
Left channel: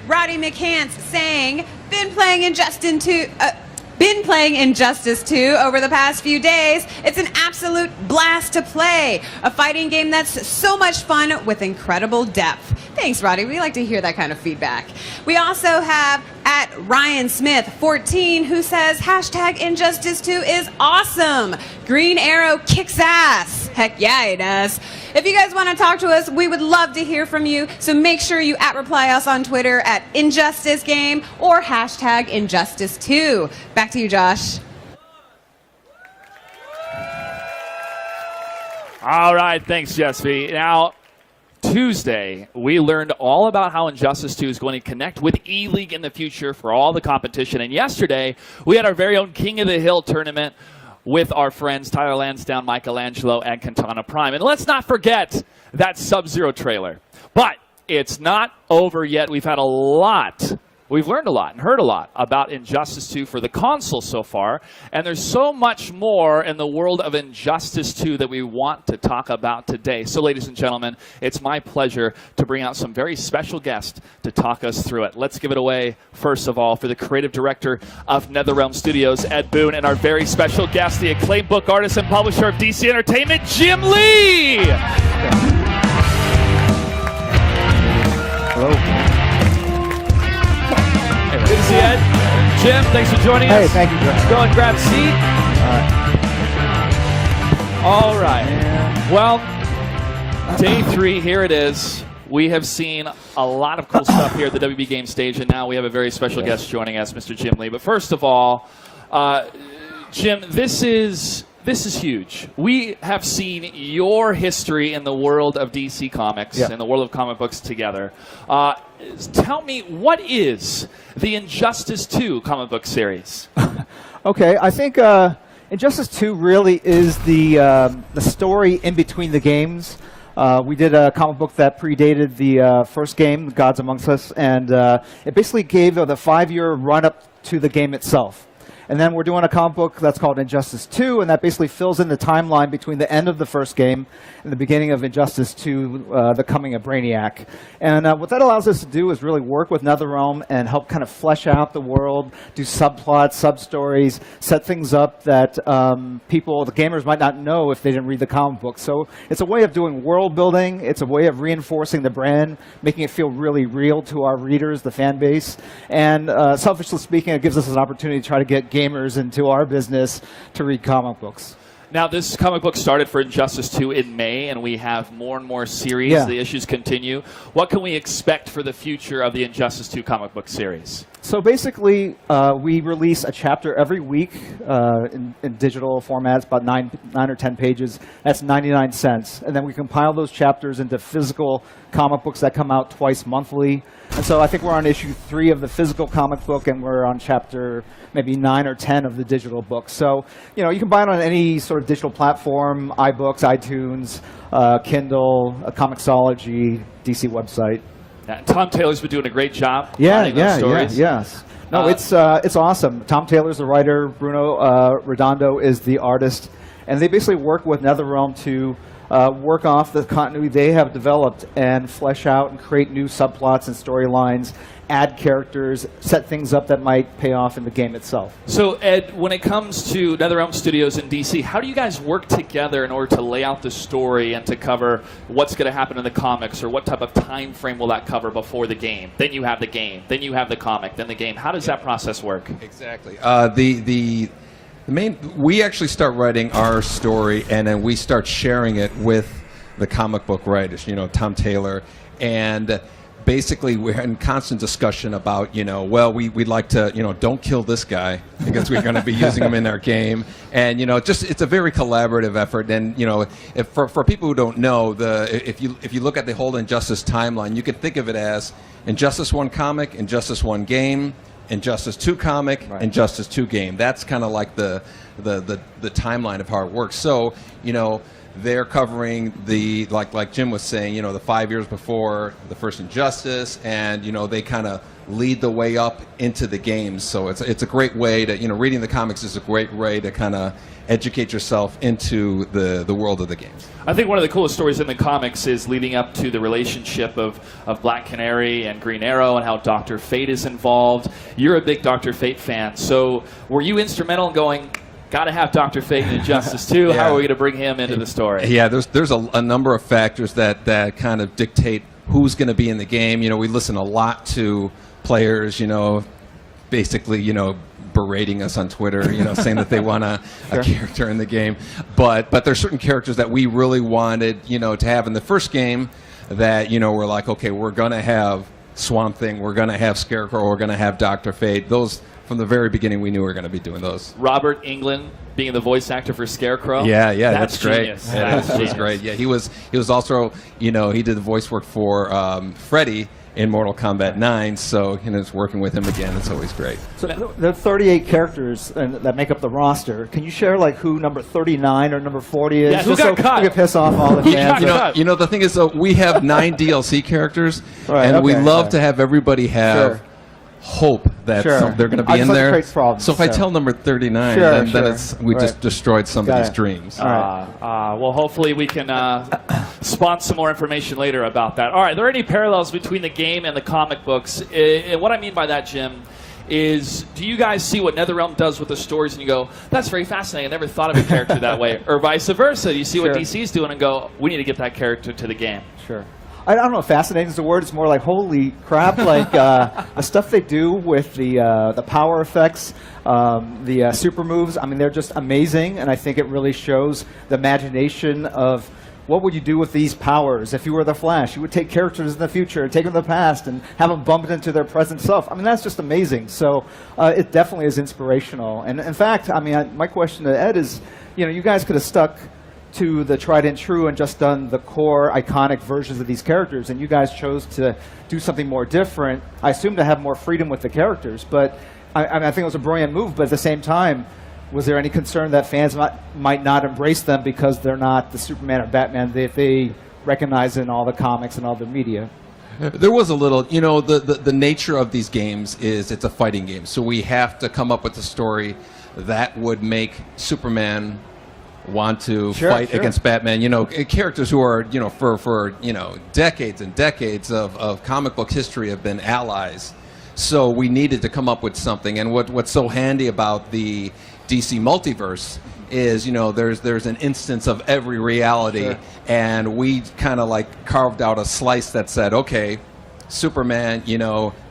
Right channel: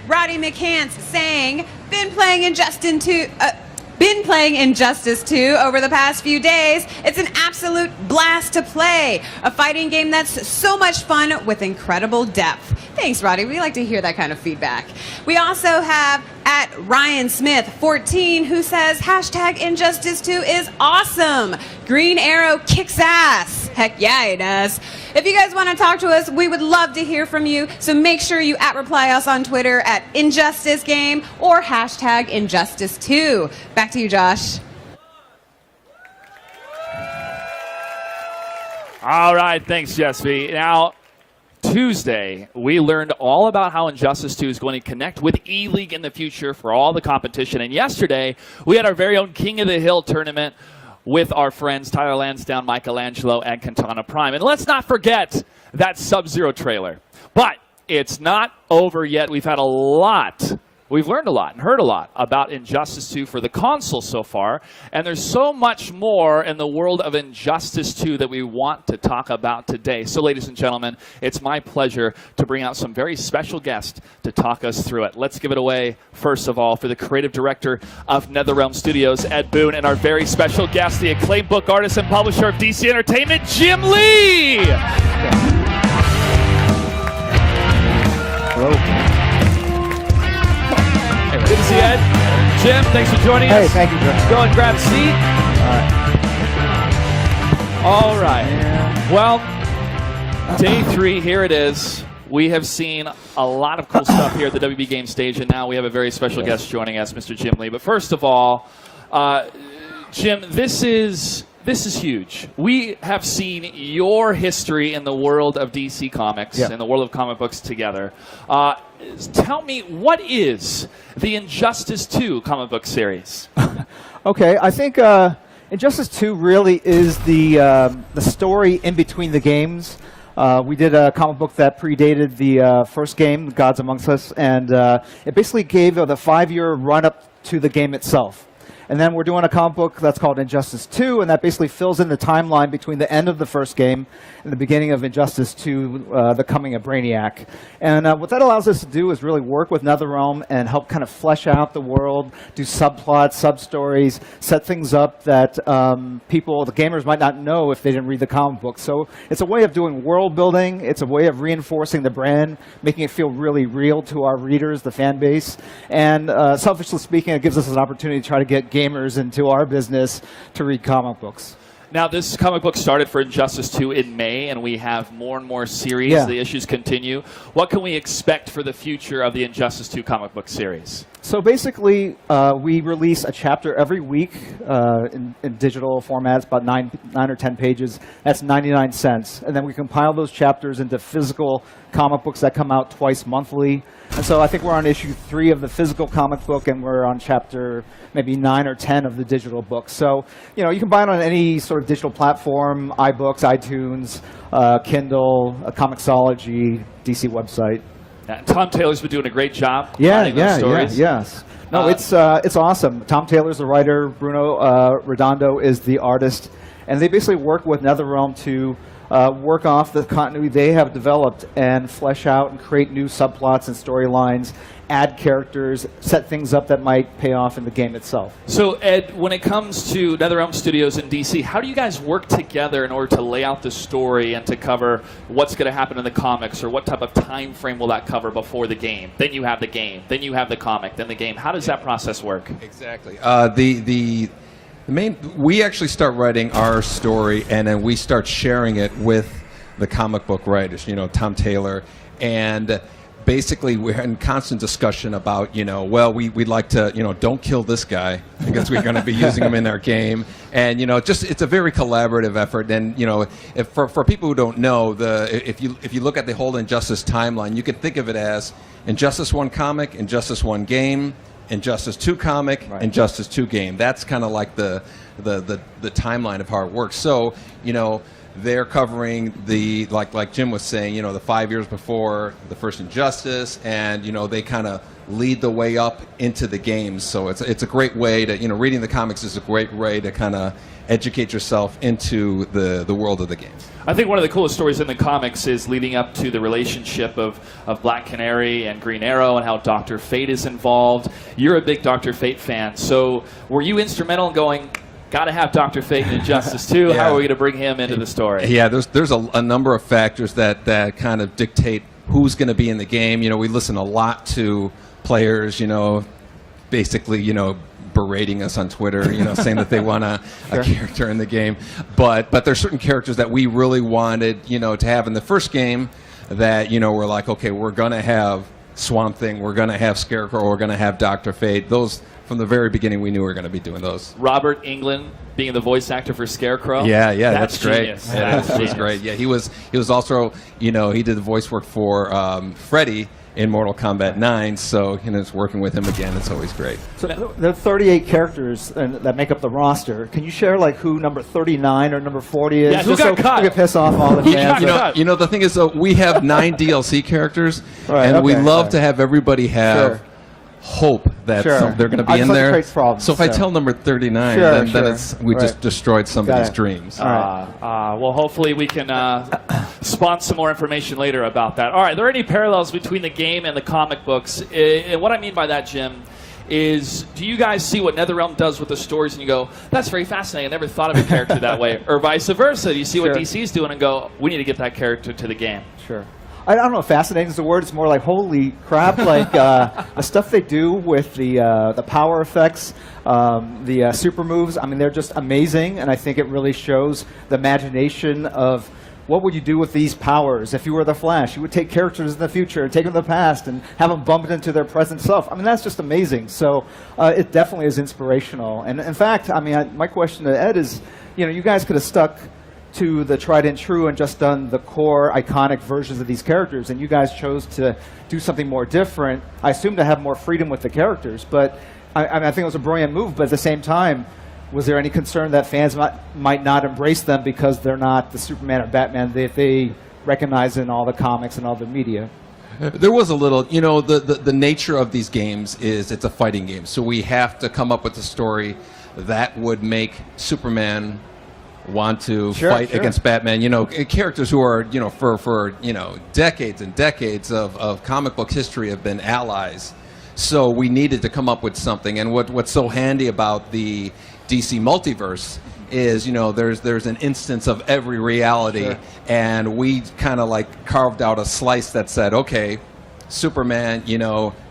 @Roddy McCants saying, been playing Injustice 2 over the past few days. It's an absolute blast to play. A fighting game that's so much fun with incredible depth. Thanks, Roddy. We like to hear that kind of feedback. We also have @RyanSmith14 who says, #Injustice 2 is awesome. Green Arrow kicks ass. Heck yeah, he does. If you guys want to talk to us, we would love to hear from you. So make sure you @reply us on Twitter @InjusticeGame or #Injustice2. Back to you, Josh. All right, thanks, Jesse. Now, Tuesday, we learned all about how Injustice 2 is going to connect with E-League in the future for all the competition. And yesterday, we had our very own King of the Hill tournament with our friends Tyler Lansdowne, Michelangelo, and Katana Prime. And let's not forget that Sub-Zero trailer. But it's not over yet. We've learned a lot and heard a lot about Injustice 2 for the console so far, and there's so much more in the world of Injustice 2 that we want to talk about today. So, ladies and gentlemen, it's my pleasure to bring out some very special guests to talk us through it. Let's give it away, first of all, for the creative director of NetherRealm Studios, Ed Boon, and our very special guest, the acclaimed book artist and publisher of DC Entertainment, Jim Lee! Good to see you, Ed. Jim, thanks for joining us. Hey, thank you, Jim. Go and grab a seat. All right. Well, day 3, here it is. We have seen a lot of cool stuff here at the WB Games stage, and now we have a very special guest joining us, Mr. Jim Lee. But first of all, Jim, this is huge. We have seen your history in the world of DC Comics and the world of comic books together. Tell me, what is the Injustice 2 comic book series? Okay, I think Injustice 2 really is the story in between the games. We did a comic book that predated the first game, Gods Amongst Us, and it basically gave the 5-year run-up to the game itself. And then we're doing a comic book that's called Injustice 2, and that basically fills in the timeline between the end of the first game and the beginning of Injustice 2, the coming of Brainiac. And what that allows us to do is really work with NetherRealm and help kind of flesh out the world, do subplots, sub-stories, set things up that people, the gamers, might not know if they didn't read the comic book. So it's a way of doing world building. It's a way of reinforcing the brand, making it feel really real to our readers, the fan base. And selfishly speaking, it gives us an opportunity to try to get gamers into our business to read comic books. Now, this comic book started for Injustice 2 in May, and we have more and more series. Yeah. The issues continue. What can we expect for the future of the Injustice 2 comic book series? So basically, we release a chapter every week in digital formats, about 9 or 10 pages. That's 99 cents. And then we compile those chapters into physical comic books that come out twice monthly. And so I think we're on issue 3 of the physical comic book, and we're on chapter maybe 9 or 10 of the digital book. So, you know, you can buy it on any sort of digital platform, iBooks, iTunes, Kindle, Comixology, DC website. Tom Taylor's been doing a great job. Yes. No, it's awesome. Tom Taylor's the writer. Bruno Redondo is the artist, and they basically work with NetherRealm to work off the continuity they have developed and flesh out and create new subplots and storylines, add characters, set things up that might pay off in the game itself. So, Ed, when it comes to NetherRealm Studios in DC, how do you guys work together in order to lay out the story and to cover what's going to happen in the comics, or what type of time frame will that cover before the game? Then you have the game, then you have the comic, then the game. How does that process work? Exactly. We actually start writing our story, and then we start sharing it with the comic book writers, you know, Tom Taylor, and basically we're in constant discussion about, well, we'd like to, don't kill this guy because we're going to be using him in our game. And, it's a very collaborative effort. And, if for people who don't know, if you look at the whole Injustice timeline, you can think of it as Injustice 1 comic, Injustice 1 game, Injustice 2 comic, Injustice 2 game. That's kind of like the timeline of how it works. So, they're covering the, like Jim was saying, the 5 years before the first Injustice, and they kind of lead the way up into the games. So it's a great way to, reading the comics is a great way to kind of educate yourself into the world of the games. I think one of the coolest stories in the comics is leading up to the relationship of Black Canary and Green Arrow and how Dr. Fate is involved. You're a big Dr. Fate fan, so were you instrumental in going, got to have Dr. Fate in Injustice 2. Yeah. How are we going to bring him into the story? Yeah, there's a number of factors that kind of dictate who's going to be in the game. We listen a lot to players, basically, berating us on Twitter, saying that they want a character in the game. But there's certain characters that we really wanted, to have in the first game that, we're like, okay, we're going to have Swamp Thing, we're going to have Scarecrow, we're going to have Dr. Fate. Those, from the very beginning, we knew we were going to be doing those. Robert Englund being the voice actor for Scarecrow. Yeah, that's great. Genius. Yeah, that was great. Yeah, he was also, he did the voice work for Freddy in Mortal Kombat 9, so it's working with him again. It's always great. So there are 38 characters that make up the roster. Can you share who number 39 or number 40 is? Yeah, who got cut? We can piss off all the fans. The thing is, we have 9 DLC characters, and we love to have everybody have hope that they're going to be in there. So if I tell number 39, then we just destroyed somebody's dreams. Well, hopefully we can spawn some more information later about that. All right, are there any parallels between the game and the comic books? And what I mean by that, Jim, is do you guys see what NetherRealm does with the stories and you go, that's very fascinating, I never thought of a character that way? Or vice versa, you see what DC's doing and go, we need to get that character to the game. Sure. I don't know if fascinating is the word. It's more like, holy crap, the stuff they do with the power effects, the super moves. I mean, they're just amazing, and I think it really shows the imagination of what would you do with these powers if you were the Flash. You would take characters in the future and take them to the past and have them bump into their present self. I mean, that's just amazing. So it definitely is inspirational. And in fact, I mean, my question to Ed is, you guys could have stuck to the tried and true and just done the core iconic versions of these characters, and you guys chose to do something more different. I assume to have more freedom with the characters, but I think it was a brilliant move. But at the same time, was there any concern that fans might not embrace them because they're not the Superman or Batman that they recognize in all the comics and all the media? There was a little, the nature of these games is it's a fighting game, so we have to come up with a story that would make Superman want to fight against Batman. Characters who are, for decades and decades of comic book history have been allies. So we needed to come up with something. And what's so handy about the DC multiverse is, there's an instance of every reality, and we kind of carved out a slice that said, okay, Superman,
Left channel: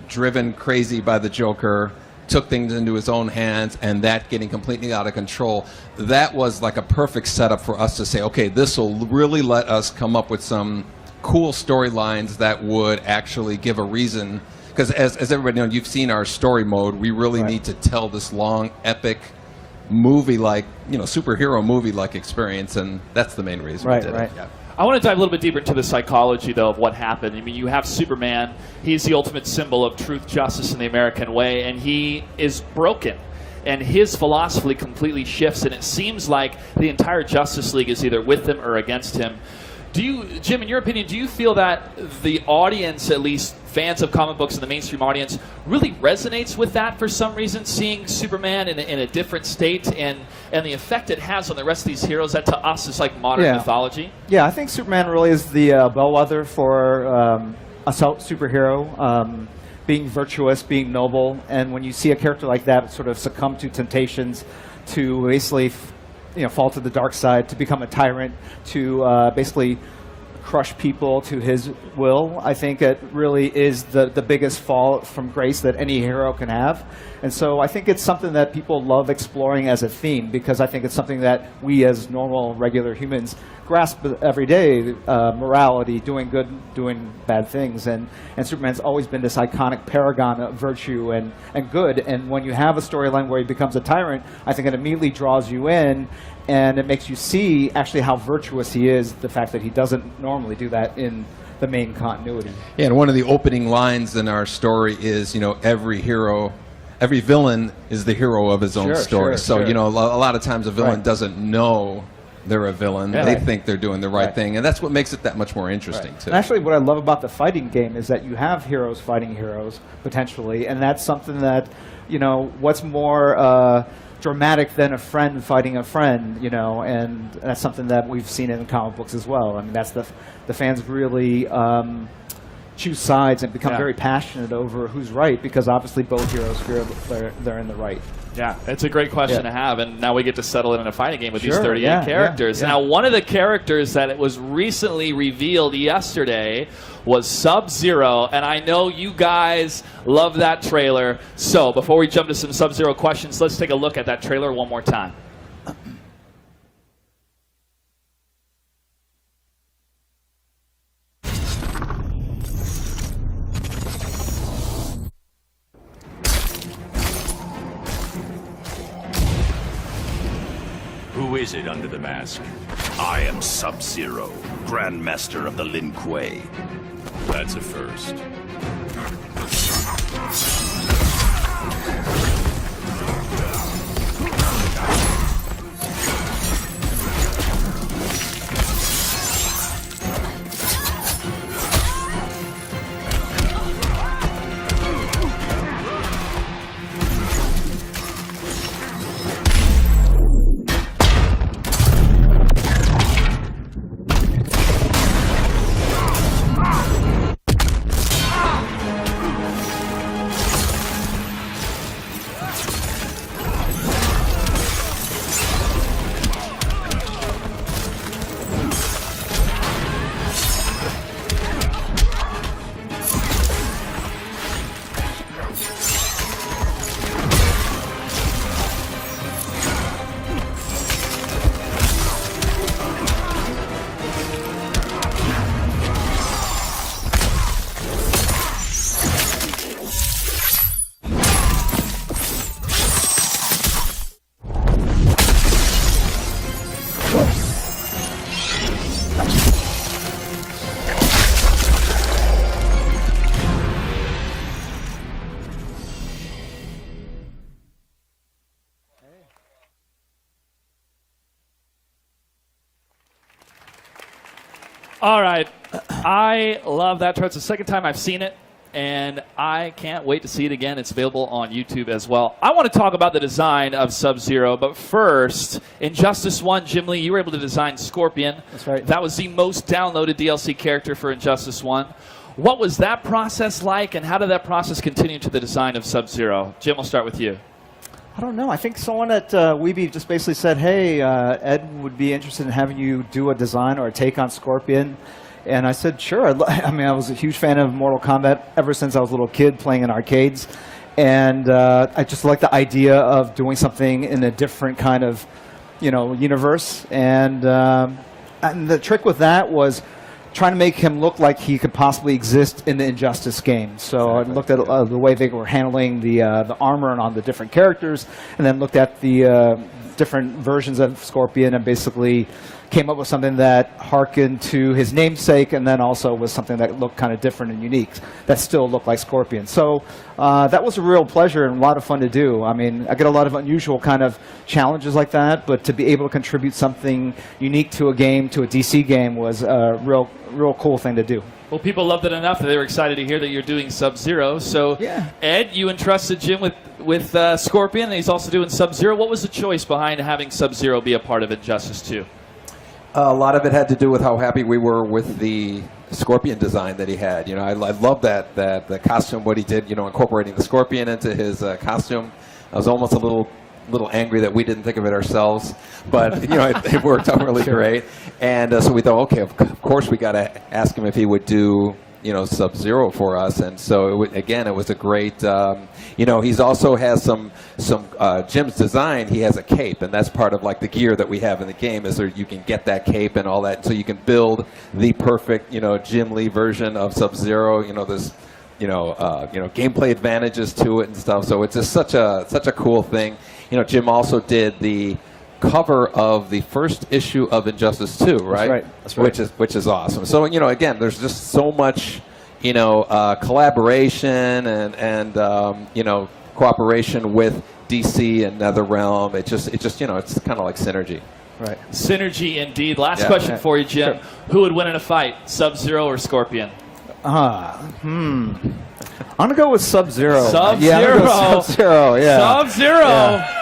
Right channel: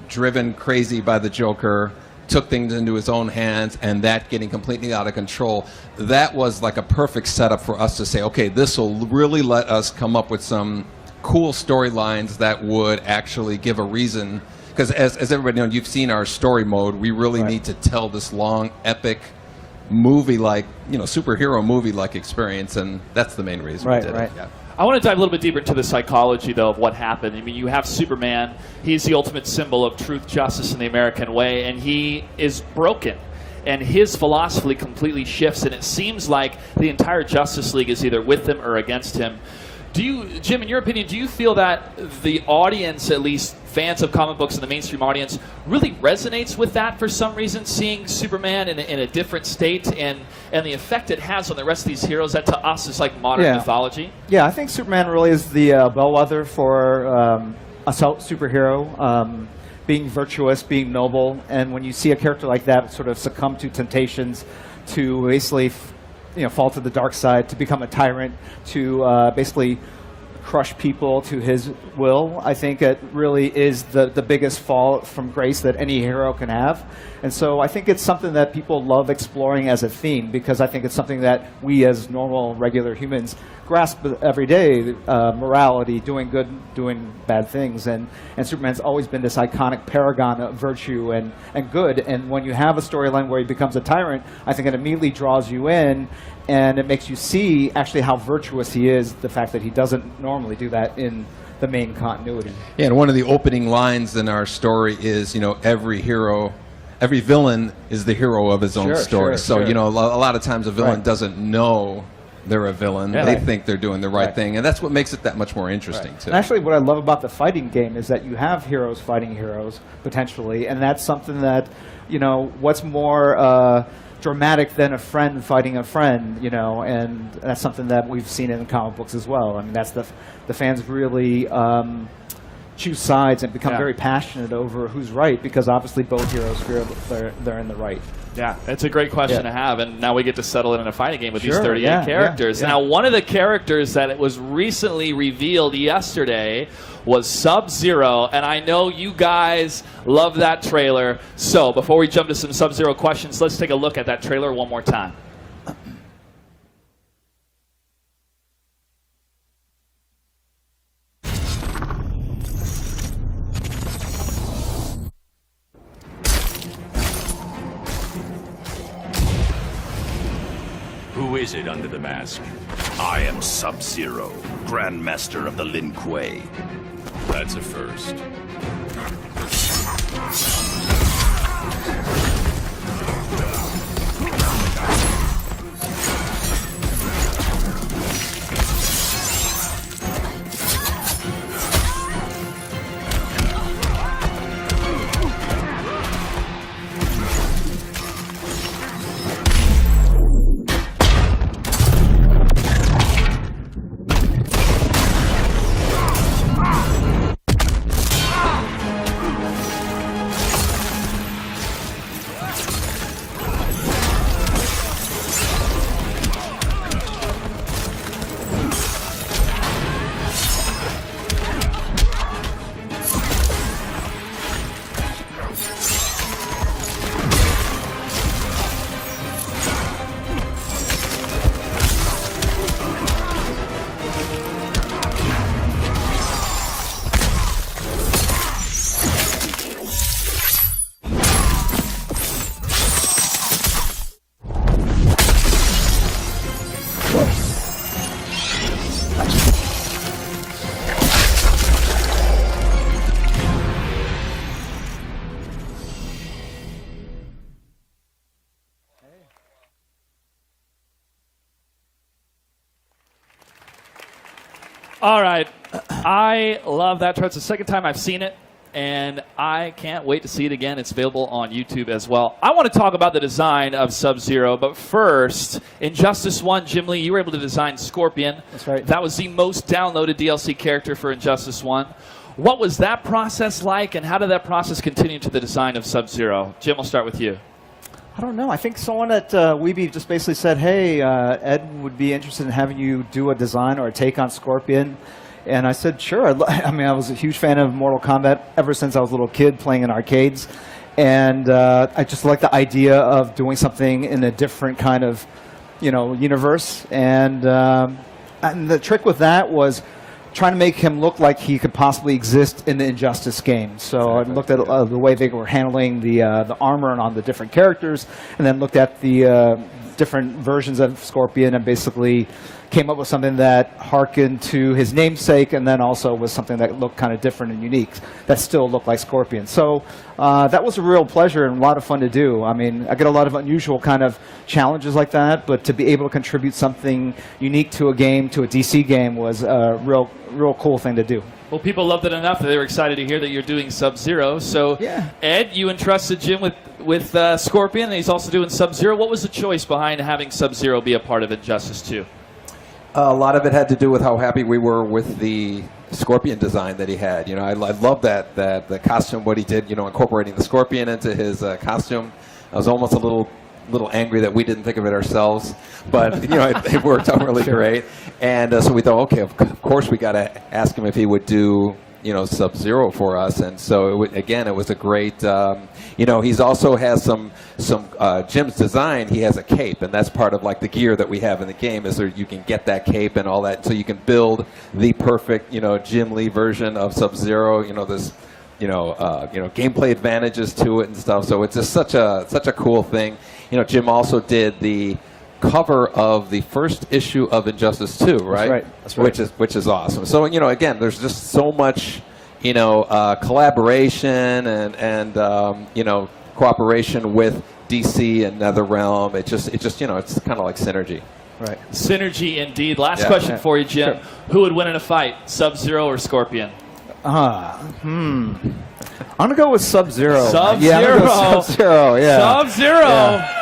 driven crazy by the Joker, took things into his own hands, and that getting completely out of control. That was like a perfect setup for us to say, okay, this will really let us come up with some cool storylines that would actually give a reason. Because as everybody knows, you've seen our story mode. We really need to tell this long, epic movie-like, superhero movie-like experience, and that's the main reason we did it. Yeah. I want to dive a little bit deeper into the psychology, though, of what happened. I mean, you have Superman. He's the ultimate symbol of truth, justice, and the American way, and he is broken. And his philosophy completely shifts, and it seems like the entire Justice League is either with him or against him. Jim, in your opinion, do you feel that the audience, at least fans of comic books and the mainstream audience, really resonates with that for some reason, seeing Superman in a different state and the effect it has on the rest of these heroes that to us is like modern mythology? Yeah, I think Superman really is the bellwether for a superhero, being virtuous, being noble, and when you see a character like that sort of succumb to temptations to basically fall to the dark side, to become a tyrant, to basically crush people to his will, I think it really is the biggest fall from grace that any hero can have. And so I think it's something that people love exploring as a theme, because I think it's something that we as normal, regular humans grasp every day morality, doing good, doing bad things, and Superman's always been this iconic paragon of virtue and good. And when you have a storyline where he becomes a tyrant, I think it immediately draws you in, and it makes you see actually how virtuous he is. The fact that he doesn't normally do that in the main continuity. Yeah, and one of the opening lines in our story is, every villain is the hero of his own story. So, a lot of times a villain doesn't know they're a villain. Yeah. They think they're doing the right thing, and that's what makes it that much more interesting, too. And actually, what I love about the fighting game is that you have heroes fighting heroes, potentially, and that's something that, what's more dramatic than a friend fighting a friend, and that's something that we've seen in comic books as well. I mean, that's the fans really choose sides and become very passionate over who's right, because obviously both heroes feel they're in the right. Yeah, it's a great question to have, and now we get to settle it in a fighting game with these 38 characters. Yeah. Now, one of the characters that was recently revealed yesterday was Sub-Zero, and I know you guys love that trailer. So, before we jump to some Sub-Zero questions, let's take a look at that trailer one more time. Who is it under the mask? I am Sub-Zero, Grandmaster of the Lin Kuei. That's a first. All right. I love that trailer. It's the second time I've seen it, and I can't wait to see it again. It's available on YouTube as well. I want to talk about the design of Sub-Zero, but first, Injustice 1, Jim Lee, you were able to design Scorpion. That's right. That was the most downloaded DLC character for Injustice 1. What was that process like, and how did that process continue to the design of Sub-Zero? Jim, I'll start with you. I don't know. I think someone at Weeby just basically said, hey, Ed would be interested in having you do a design or a take on Scorpion. And I said, sure. I mean, I was a huge fan of Mortal Kombat ever since I was a little kid playing in arcades. And I just like the idea of doing something in a different kind of, universe. And the trick with that was trying to make him look like he could possibly exist in the Injustice game. So I looked at the way they were handling the armor and on the different characters, and then looked at the different versions of Scorpion and basically came up with something that harkened to his namesake, and then also was something that looked kind of different and unique that still looked like Scorpion. So that was a real pleasure and a lot of fun to do. I mean, I get a lot of unusual kind of challenges like that, but to be able to contribute something unique to a game, to a DC game, was a real cool thing to do. Well, people loved it enough that they were excited to hear that you're doing Sub-Zero. So, Ed, you entrusted Jim with Scorpion, and he's also doing Sub-Zero. What was the choice behind having Sub-Zero be a part of Injustice 2? A lot of it had to do with how happy we were with the Scorpion design that he had. I love that the costume, what he did, incorporating the Scorpion into his costume. I was almost a little angry that we didn't think of it ourselves, but it worked out really great. And so we thought, okay, of course we got to ask him if he would do Sub-Zero for us, and so again, it was a great. He's also has some Jim's design. He has a cape, and that's part of like the gear that we have in the game. Is there you can get that cape and all that, so you can build the perfect Jim Lee version of Sub-Zero. There's gameplay advantages to it and stuff. So it's just such a cool thing. Jim also did the cover of the first issue of Injustice 2, right? That's right. Which is awesome. So again, there's just so much collaboration and cooperation with DC and NetherRealm. It's just it's kind of like synergy. Right. Synergy indeed. Last question for you, Jim. Sure. Who would win in a fight, Sub-Zero or Scorpion? I'm gonna go with Sub-Zero. Sub-Zero. Yeah, I'm gonna go with Sub-Zero. Yeah. Sub-Zero. Yeah.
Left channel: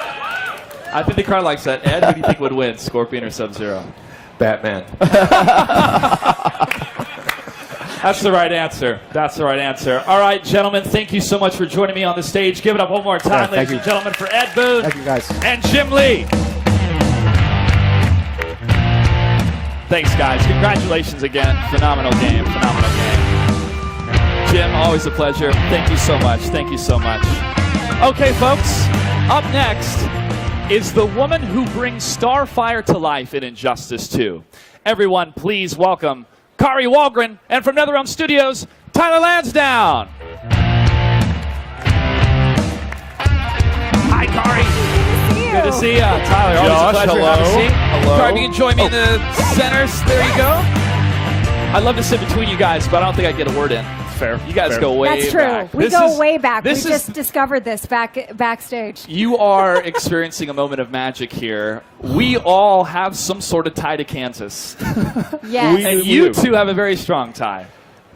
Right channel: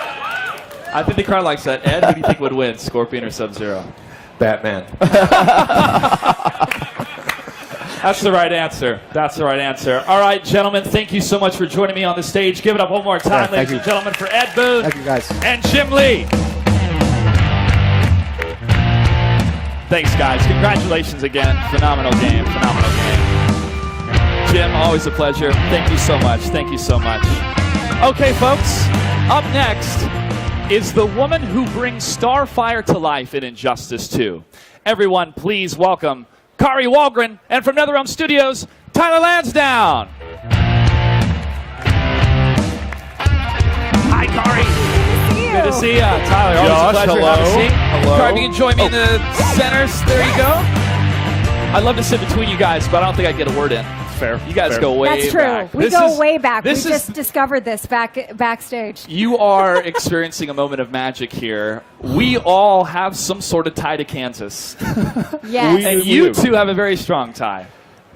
I think the crowd likes that. Ed, who do you think would win, Scorpion or Sub-Zero? Batman. That's the right answer. That's the right answer. All right, gentlemen, thank you so much for joining me on the stage. Give it up one more time, ladies and gentlemen, for Ed Booth. Thank you, guys. And Jim Lee. Thanks, guys. Congratulations again. Phenomenal game. Phenomenal game. Jim, always a pleasure. Thank you so much. Thank you so much. Okay, folks, up next is the woman who brings Starfire to life in Injustice 2. Everyone, please welcome Kari Walgren, and from NetherRealm Studios, Tyler Lansdowne. Hi, Kari. Good to see you. Tyler, always a pleasure. Have a seat. Hello. Kari, can you join me in the centers? There you go. I'd love to sit between you guys, but I don't think I'd get a word in. Fair. You guys go way That's true. back. We go way back. We just discovered this backstage. You are experiencing a moment of magic here. We all have some sort of tie to Kansas. Yes. And you two have a very strong tie.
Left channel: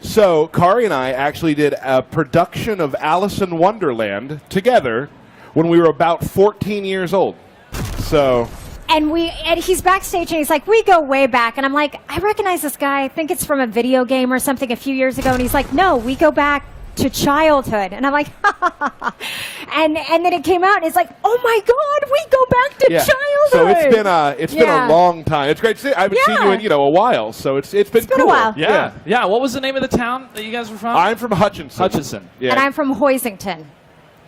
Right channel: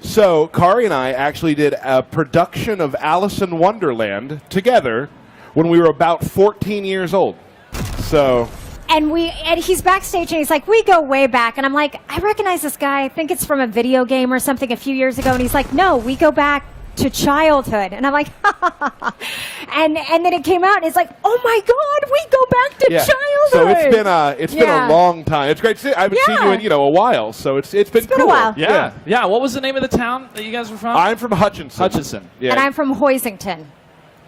So, Kari and I actually did a production of Alice in Wonderland together when we were about 14 years old. So... And he's backstage and he's like, we go way back. And I'm like, I recognize this guy. I think it's from a video game or something a few years ago. And he's like, no, we go back to childhood. And I'm like, and then it came out and it's like, oh my God, we go back to childhood. So it's been a long time. It's great to see. I haven't seen you in a while, so it's been cool. A while. Yeah. What was the name of the town that you guys were from? I'm from Hutchinson. Hutchinson. Yeah. And I'm from Hoisington,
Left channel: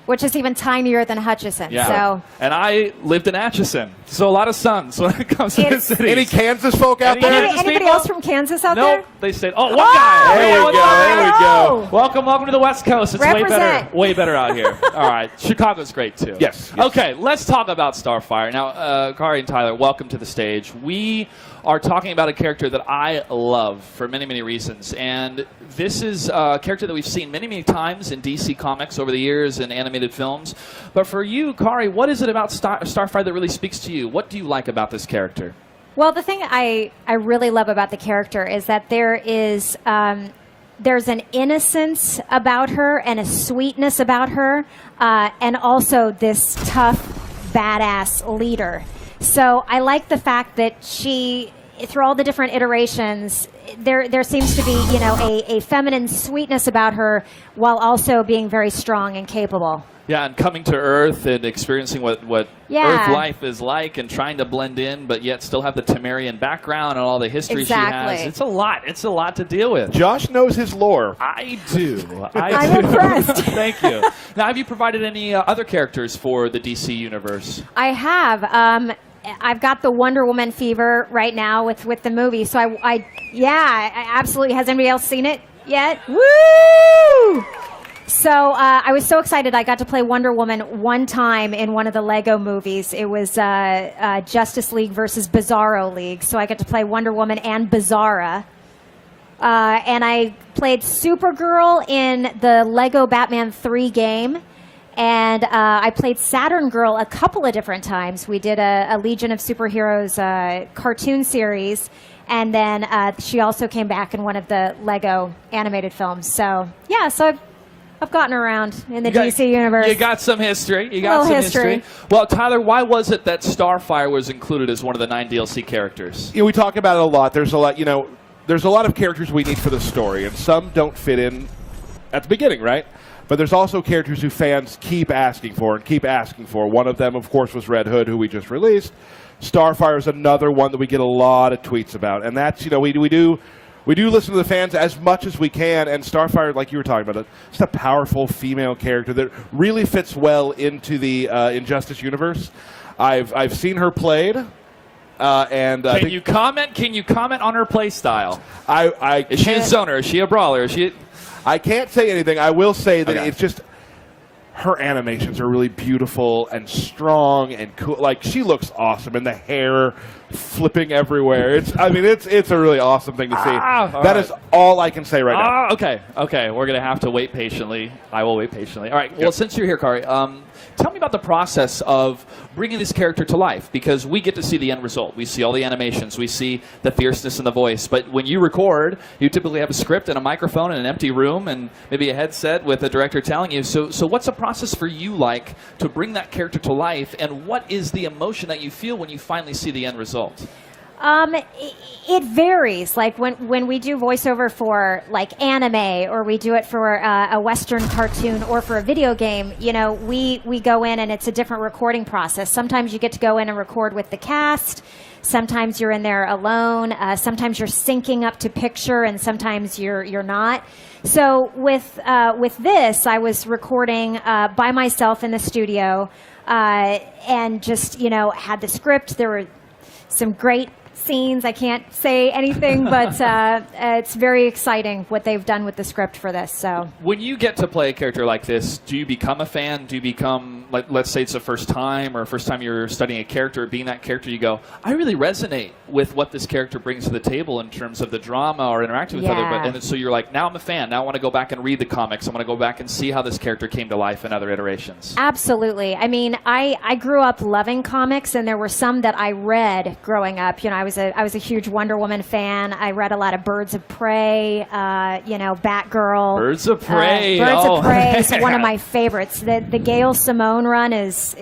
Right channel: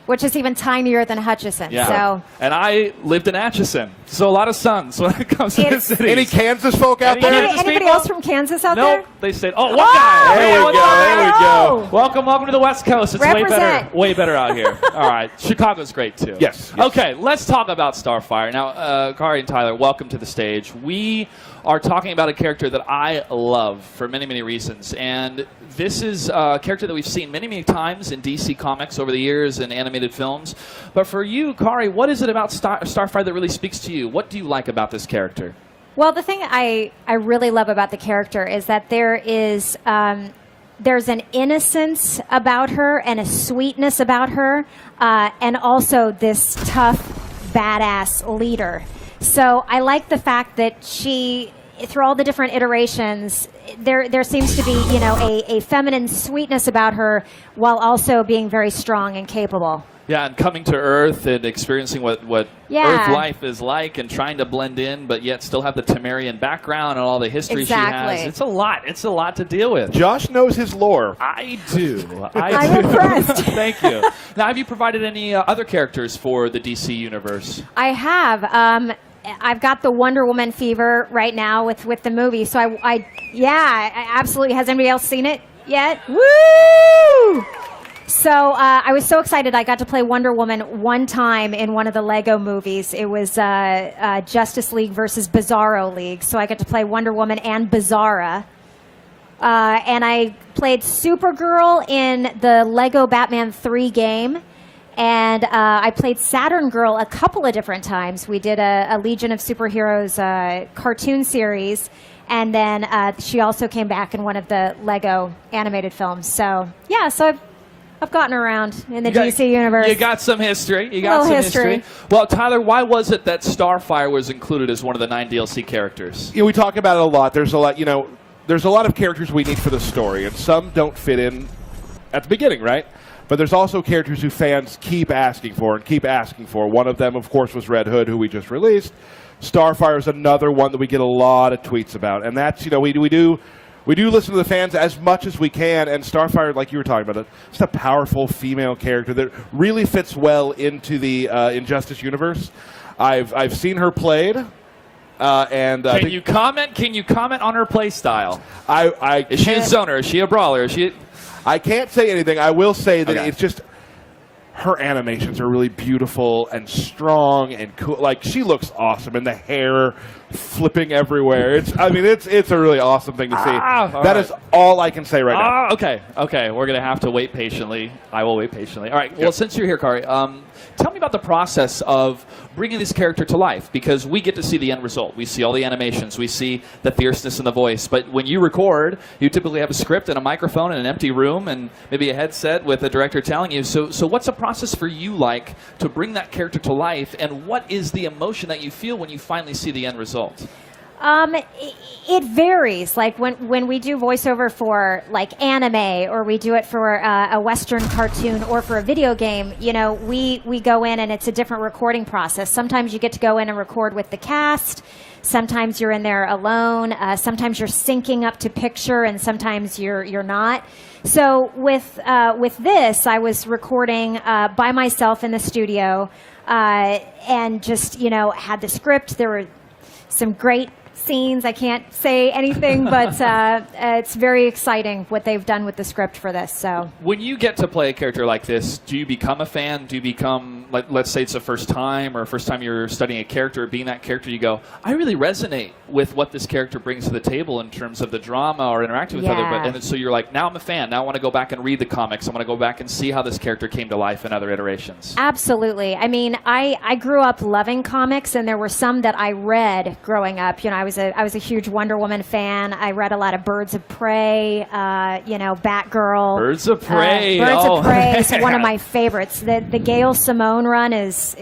which is even tinier than Hutchinson. Yeah. So. And I lived in Atchison, so a lot of suns when it comes to the city. Any Kansas folk out there? Anybody else from Kansas out there? No, they stayed. Oh, one guy. There we go. Welcome to the West Coast. It's Represent. way better out here. All right, Chicago's great too. Yes. Okay, let's talk about Starfire now. Kari and Tyler, welcome to the stage. We are talking about a character that I love for many, many reasons, and this is a character that we've seen many, many times in DC Comics over the years and animated films. But for you, Kari, what is it about Starfire that really speaks to you? What do you like about this character? Well, the thing I really love about the character is that there's an innocence about her and a sweetness about her, and also this tough, badass leader. So I like the fact that she, through all the different iterations, there seems to be, a feminine sweetness about her while also being very strong and capable. Yeah, and coming to Earth and experiencing what Earth life is like and trying to blend in, but yet still have the Temerian background and all the history she has. It's a lot. It's a lot to deal with. Josh knows his lore. I do. I'm impressed. Thank you. Now, have you provided any other characters for the DC universe? I have. I've got the Wonder Woman fever right now with the movie. So I absolutely. Has anybody else seen it yet? Woo! So I was so excited. I got to play Wonder Woman one time in one of the Lego movies. It was Justice League versus Bizarro League. So I got to play Wonder Woman and Bizarra. And I played Supergirl in the Lego Batman 3 game. And I played Saturn Girl a couple of different times. We did a Legion of Superheroes cartoon series. And then she also came back in one of the Lego animated films. So, yeah, I've gotten around in the DC universe. You got some history. You got some history. Well, Tyler, why was it that Starfire was included as one of the 9 DLC characters? We talk about it a lot. There's a lot, there's a lot of characters we need for the story, and some don't fit in at the beginning, right? But there's also characters who fans keep asking for and keep asking for. One of them, of course, was Red Hood, who we just released. Starfire is another one that we get a lot of tweets about, and that's, we we do listen to the fans as much as we can, and Starfire, like you were talking about, just a powerful female character that really fits well into the Injustice universe. I've seen her played. And Can you comment on her play style? Is she a zoner? Is she a brawler? Is she? I can't say anything. I will say that Okay. it's just her animations are really beautiful and strong and cool. Like, she looks awesome, and the hair flipping everywhere. It's a really awesome thing to see. That is all I can say right now. Okay. We're gonna have to wait patiently. I will wait patiently. All right. Well, since you're here, Kari, tell me about the process of bringing this character to life, because we get to see the end result. We see all the animations. We see the fierceness in the voice. But when you record, you typically have a script and a microphone in an empty room and maybe a headset with a director telling you. So what's the process for you like to bring that character to life, and what is the emotion that you feel when you finally see the end result? It varies. Like when we do voiceover for like anime, or we do it for a Western cartoon, or for a video game, we go in and it's a different recording process. Sometimes you get to go in and record with the cast. Sometimes you're in there alone. Sometimes you're syncing up to picture, and sometimes you're not. So with this, I was recording by myself in the studio, and just had the script. There were some great scenes. I can't say anything, but it's very exciting what they've done with the script for this. So when you get to play a character like this, do you become a fan? Do you become, like, let's say it's the first time you're studying a character, being that character, you go, I really resonate with what this character brings to the table in terms of the drama or interacting with other, and so you're like, now I'm a fan. Now I want to go back and read the comics. I want to go back and see how this character came to life in other iterations. Absolutely. I mean, I grew up loving comics, and there were some that I read growing up. I was a huge Wonder Woman fan. I read a lot of Birds of Prey, Batgirl. Birds of Prey. Birds of Prey is one of my favorites. The Gail Simone run is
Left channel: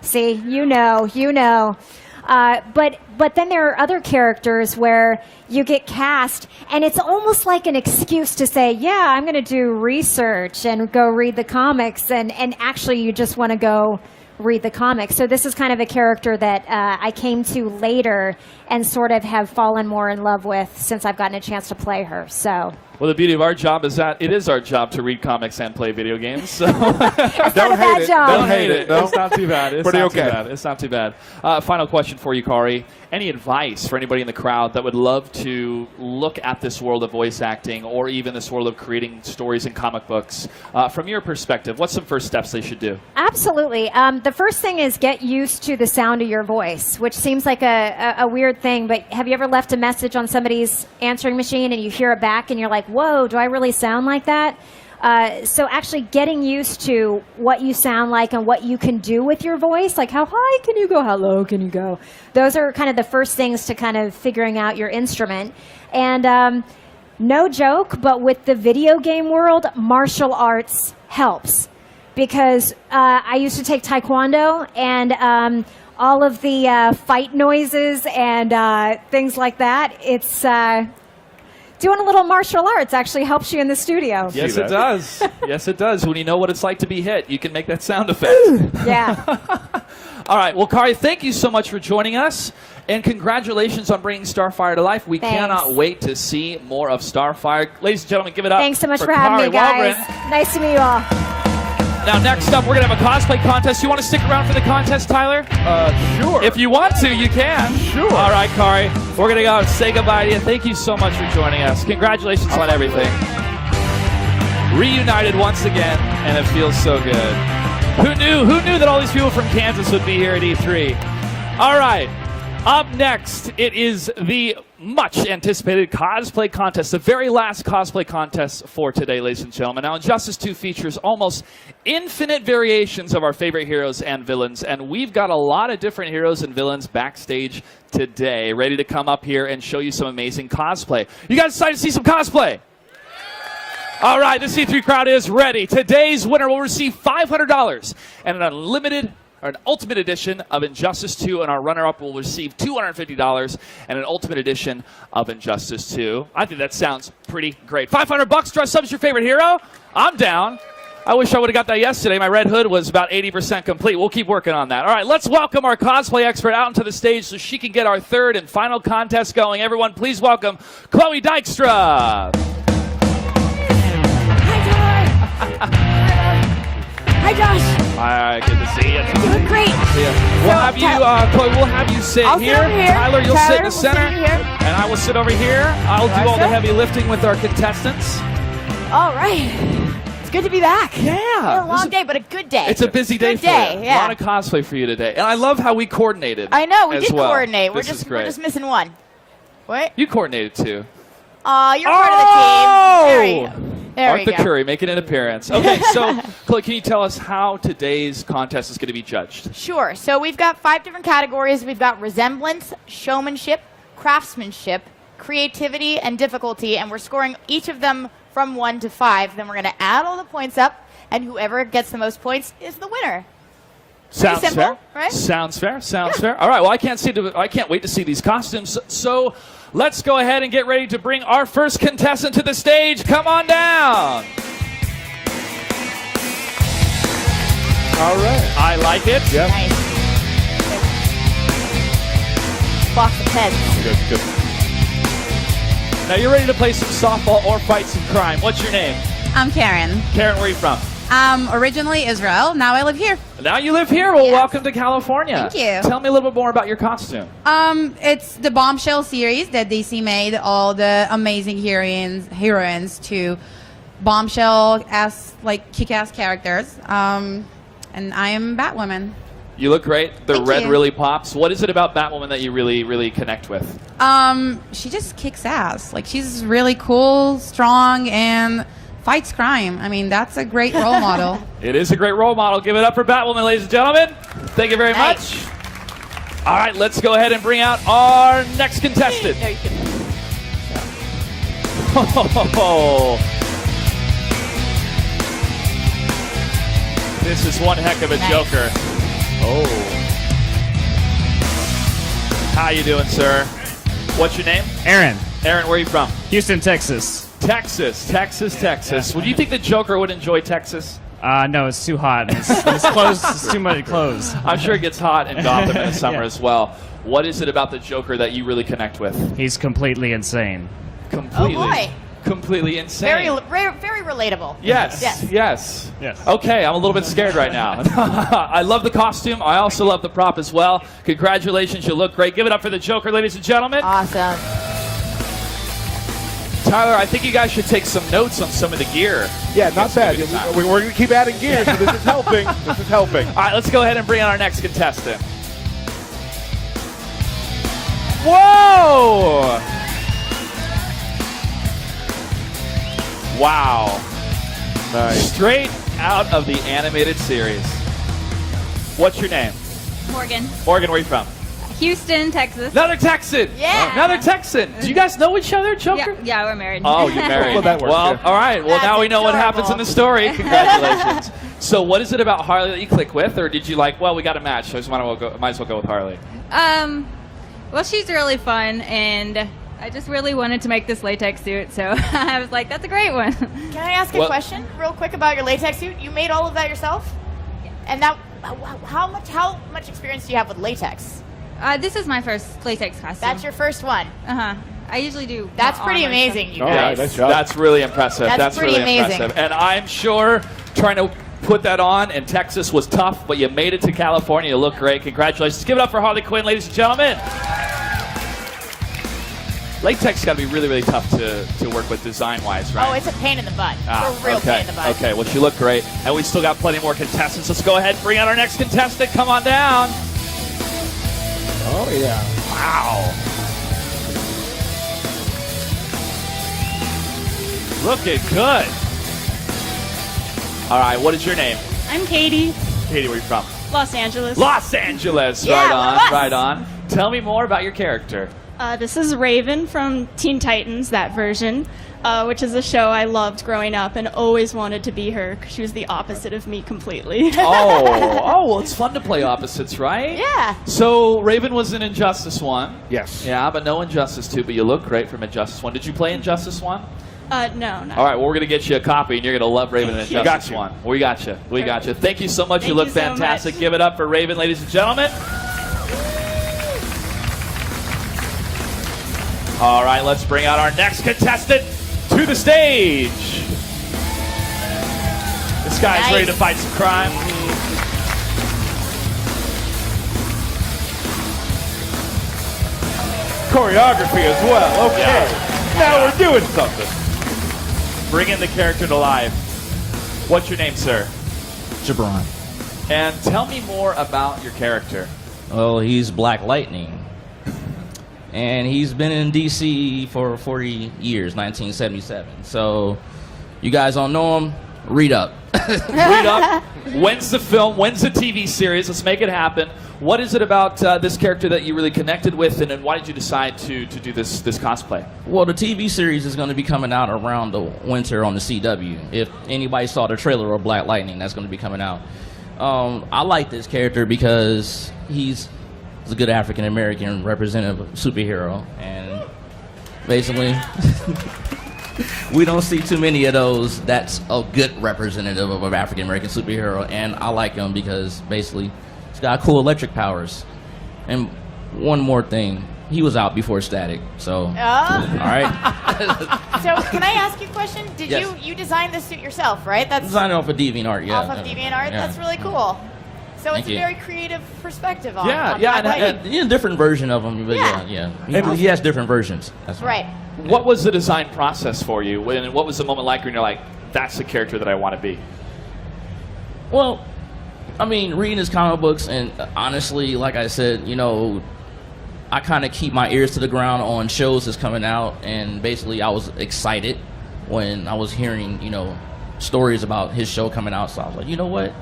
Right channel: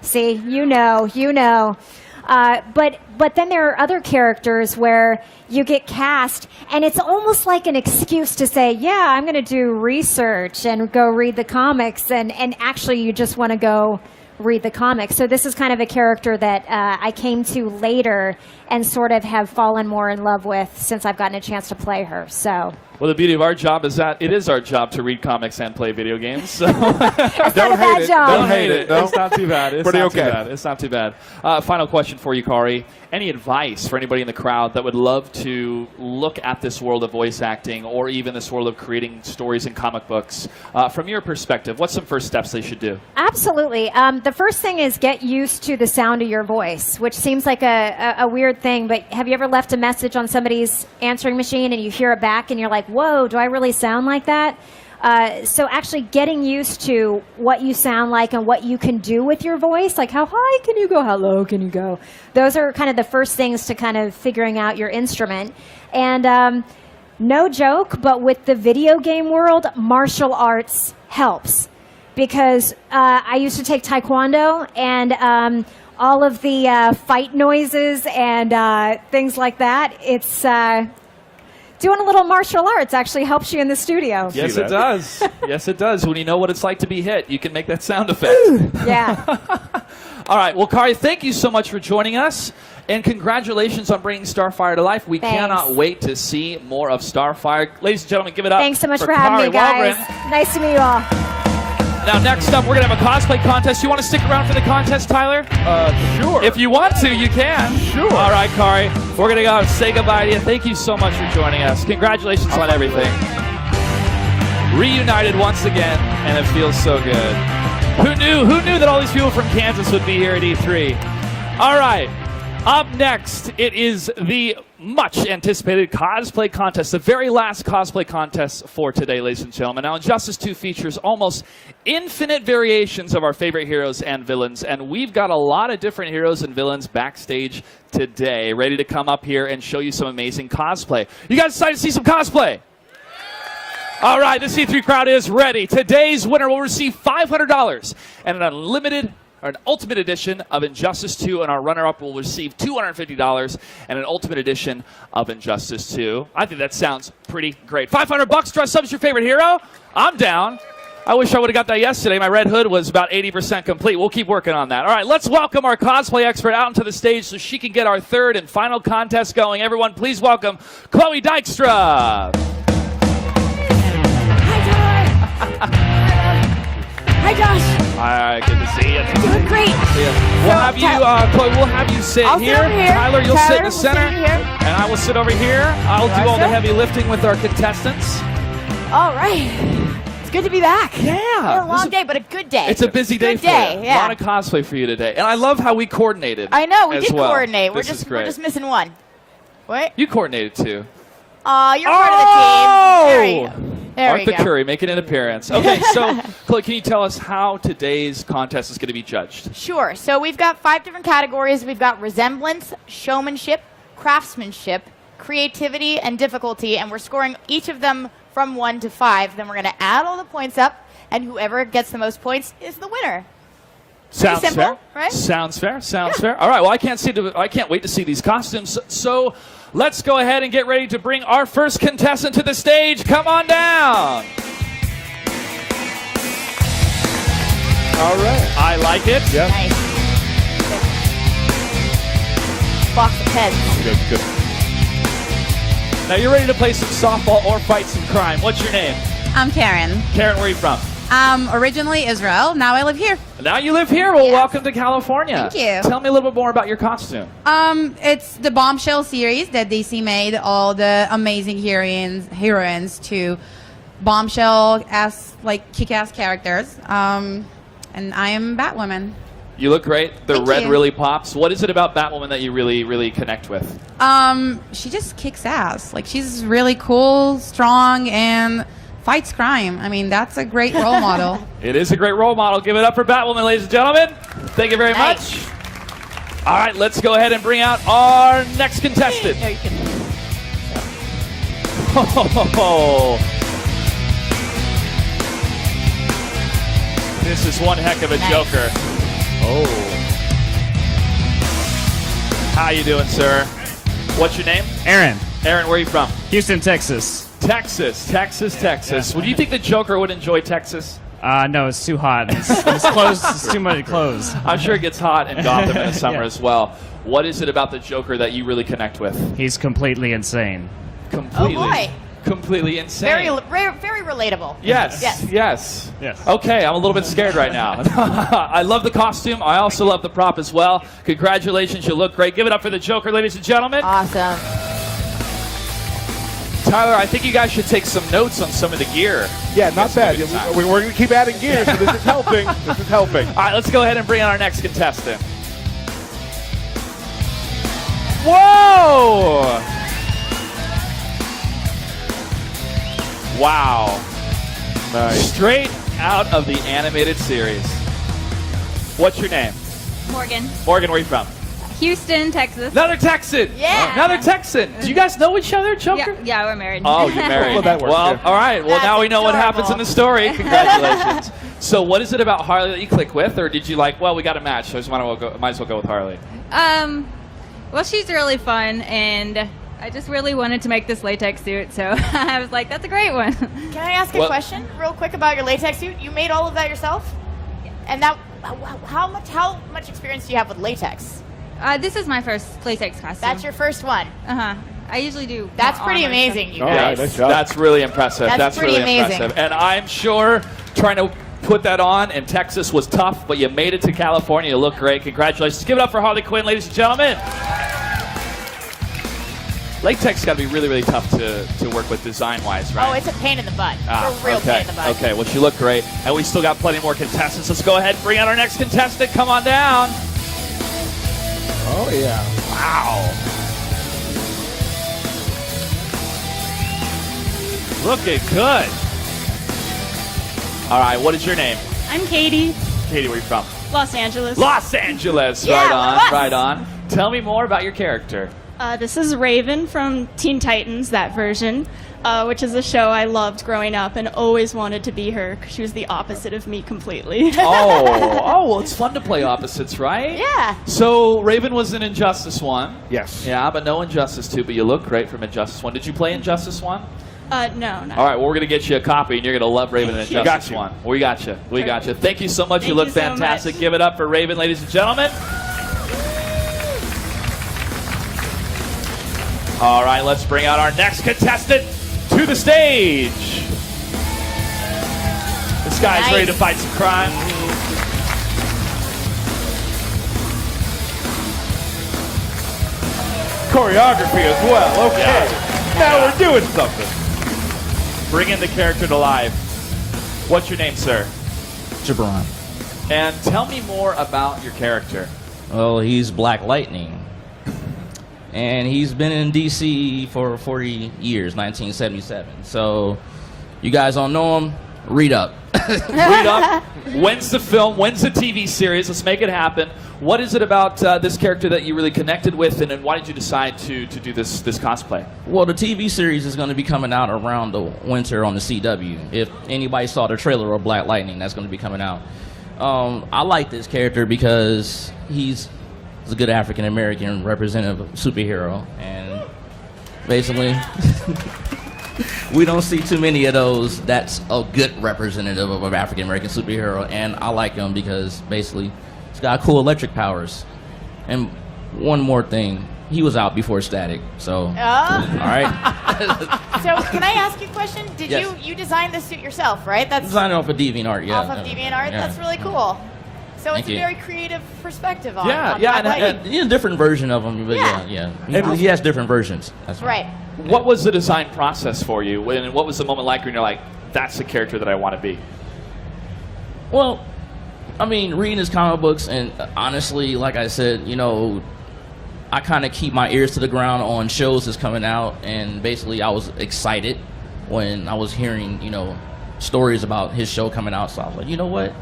see, you know. But then there are other characters where you get cast, and it's almost like an excuse to say, yeah, I'm going to do research and go read the comics, and actually you just want to go read the comics. So this is kind of a character that I came to later and sort of have fallen more in love with since I've gotten a chance to play her. So. Well, the beauty of our job is that it is our job to read comics and play video games. So Don't hate it. Don't hate it. No? It's not too bad. It's Pretty not okay. too bad. It's not too bad. Final question for you, Kari. Any advice for anybody in the crowd that would love to look at this world of voice acting, or even this world of creating stories in comic books? From your perspective, what's some first steps they should do? Absolutely. The first thing is get used to the sound of your voice, which seems like a weird thing, but have you ever left a message on somebody's answering machine and you hear it back and you're like, whoa, do I really sound like that? So actually getting used to what you sound like and what you can do with your voice, like how high can you go, how low can you go? Those are kind of the first things to kind of figuring out your instrument. And no joke, but with the video game world, martial arts helps. Because I used to take Taekwondo, and all of the fight noises and things like that, it's doing a little martial arts actually helps you in the studio. Yes, it does. Yes, it does. When you know what it's like to be hit, you can make that sound effect. Yeah. All right. Well, Kari, thank you so much for joining us. And congratulations on bringing Starfire to life. We cannot wait to see more of Starfire. Ladies and gentlemen, give it up. Thanks so much for Kari having me, guys. Waldron. Nice to meet you all. Now, next up, we're going to have a cosplay contest. You want to stick around for the contest, Tyler? Sure. If you want to, you can. Sure. All right, Kari. We're going to go and say goodbye to you. Thank you so much for joining us. Congratulations on everything. Reunited once again, and it feels so good. Who knew that all these people from Kansas would be here at E3? All right. Up next, it is the much anticipated cosplay contest, the very last cosplay contest for today, ladies and gentlemen. Now, Injustice 2 features almost infinite variations of our favorite heroes and villains, and we've got a lot of different heroes and villains backstage today, ready to come up here and show you some amazing cosplay. You guys excited to see some cosplay? All right, the C3 crowd is ready. Today's winner will receive $500 and an unlimited or an Ultimate Edition of Injustice 2, and our runner-up will receive $250 and an Ultimate Edition of Injustice 2. I think that sounds pretty great. $500, dress up as your favorite hero? I'm down. I wish I would have got that yesterday. My red hood was about 80% complete. We'll keep working on that. All right, let's welcome our cosplay expert out onto the stage so she can get our third and final contest going. Everyone, please welcome Chloe Dykstra. Hi, Josh. Hi, good to see you. Doing great. Yeah. We'll have you, Chloe, we'll have you sit I'll here. sit over here. Tyler, you'll sit in the will center. sit here. And I will sit over here. I'll do all the heavy lifting with our contestants. All right. It's good to be back. Yeah. A long day, but a good day. It's a busy day for you. Yeah. A lot of cosplay for you today. And I love how we coordinated. I know, we as did well. coordinate. This is great. We're just missing one. What? You coordinated too. You're part of the team. There you go. There we Arthur go. Curry making an appearance. Okay, so Chloe, can you tell us how today's contest is going to be judged? Sure. So we've got 5 different categories. We've got resemblance, showmanship, craftsmanship, creativity, and difficulty. And we're scoring each of them from 1 to 5. Then we're going to add all the points up, and whoever gets the most points is the winner. Sounds simple, fair. right? Sounds fair. Sounds fair. All right. Well, I can't wait to see these costumes. So let's go ahead and get ready to bring our first contestant to the stage. Come on down. All right. I like it. Yeah. Nice. Box of pens. Good. Now you're ready to play some softball or fight some crime. What's your name? I'm Karen. Karen, where are you from? Originally Israel. Now I live here. Now you live here. Well, welcome to California. Thank you. Tell me a little bit more about your costume. It's the Bombshell series that DC made all the amazing heroines to Bombshell-ass, like, kick-ass characters. And I am Batwoman. You look great. The Thank red you. really pops. What is it about Batwoman that you really, really connect with? She just kicks ass. Like, she's really cool, strong, and fights crime. I mean, that's a great role model. It is a great role model. Give it up for Batwoman, ladies and gentlemen. Thank you very much. All right, let's go ahead and bring out our next contestant. This is one heck of a Joker. Oh. How you doing, sir? What's your name? Aaron. Aaron, where are you from? Houston, Texas. Texas. Would you think the Joker would enjoy Texas? No, it's too hot. It's closed. It's too many clothes. I'm sure it gets hot in Gotham in the summer as well. What is it about the Joker that you really connect with? He's completely insane. Completely. Oh, boy. Completely insane. Very relatable. Yes. Okay, I'm a little bit scared right now. I love the costume. I also love the prop as well. Congratulations, you look great. Give it up for the Joker, ladies and gentlemen. Awesome. Tyler, I think you guys should take some notes on some of the gear. Yeah, not bad. We're going to keep adding gear, so this is helping. This is helping. All right, let's go ahead and bring on our next contestant. Whoa! Wow. Nice. Straight out of the animated series. What's your name? Morgan. Morgan, where are you from? Houston, Texas. Another Texan. Yeah. Another Texan. Do you guys know each other, Joker? Yeah, we're married. Oh, you're married. Well, that works, Well, yeah. all right. Well, now we know what happens in the story. Congratulations. So what is it about Harley that you click with? Or did you like, well, we got a match, so I just might as well go with Harley? Well, she's really fun, and I just really wanted to make this latex suit, so I was like, that's a great one. Can I ask a question real quick about your latex suit? You made all of that yourself? And now, how much experience do you have with latex? This is my first latex costume. That's your first one? Uh-huh. I usually do. That's pretty amazing, you guys. Nice job. That's really impressive. That's pretty really amazing. impressive. And I'm sure trying to put that on in Texas was tough, but you made it to California. You look great. Congratulations. Give it up for Harley Quinn, ladies and gentlemen. Latex got to be really, really tough to work with design-wise, right? Oh, it's a pain in the butt. Ah, It's a real pain in the butt. Okay, well, you look great. And we still got plenty more contestants. Let's go ahead and bring out our next contestant. Come on down. Oh, yeah. Wow. Looking good. All right, what is your name? I'm Katie, Katie, where are you from? Los Angeles. Los Angeles. Yeah, Right on, Los. right on. Tell me more about your character. This is Raven from Teen Titans, that version, which is a show I loved growing up and always wanted to be her because she was the opposite of me completely. Oh, well, it's fun to play opposites, right? Yeah. So Raven was in Injustice 1. Yes. Yeah, but no Injustice 2, but you look great from Injustice 1. Did you play Injustice 1? No. All right, well, we're going to get you a copy, and you're going to love Raven and Injustice 1. We got you. We got you. Thank you so much. You look fantastic. Give it up for Raven, ladies and gentlemen. All right, let's bring out our next contestant to the stage. This guy's ready to fight some crime. Choreography as well. Okay. Now we're doing something. Bringing the character to life. What's your name, sir? Jabron. And tell me more about your character. Well, he's Black Lightning. And he's been in DC for 40 years, 1977. So, you guys don't know him? Read up. Read up. When's the film? When's the TV series? Let's make it happen. What is it about this character that you really connected with, and then why did you decide to do this cosplay? Well, the TV series is going to be coming out around the winter on the CW. If anybody saw the trailer of Black Lightning, that's going to be coming out. I like this character because he's a good African-American representative superhero, and basically we don't see too many of those that's a good representative of an African-American superhero, and I like him because basically he's got cool electric powers. And one more thing, he was out before Static, so all right. So can I ask you a question? Did Yes. you design this suit yourself, right? That's Designing off of DeviantArt, yeah. off of DeviantArt. Yeah. That's really cool. So Thank it's a you. very creative perspective on Yeah, on yeah, Black Lightning. and a different version of him, but yeah. He has different versions. That's Right. What was the design process for you? And what was the moment like when you're like, that's the character that I want to be? Well, I mean, reading his comic books, and honestly, like I said, I kind of keep my ears to the ground on shows that's coming out, and basically I was excited when I was hearing, stories about his show coming out, so I was like, you know what?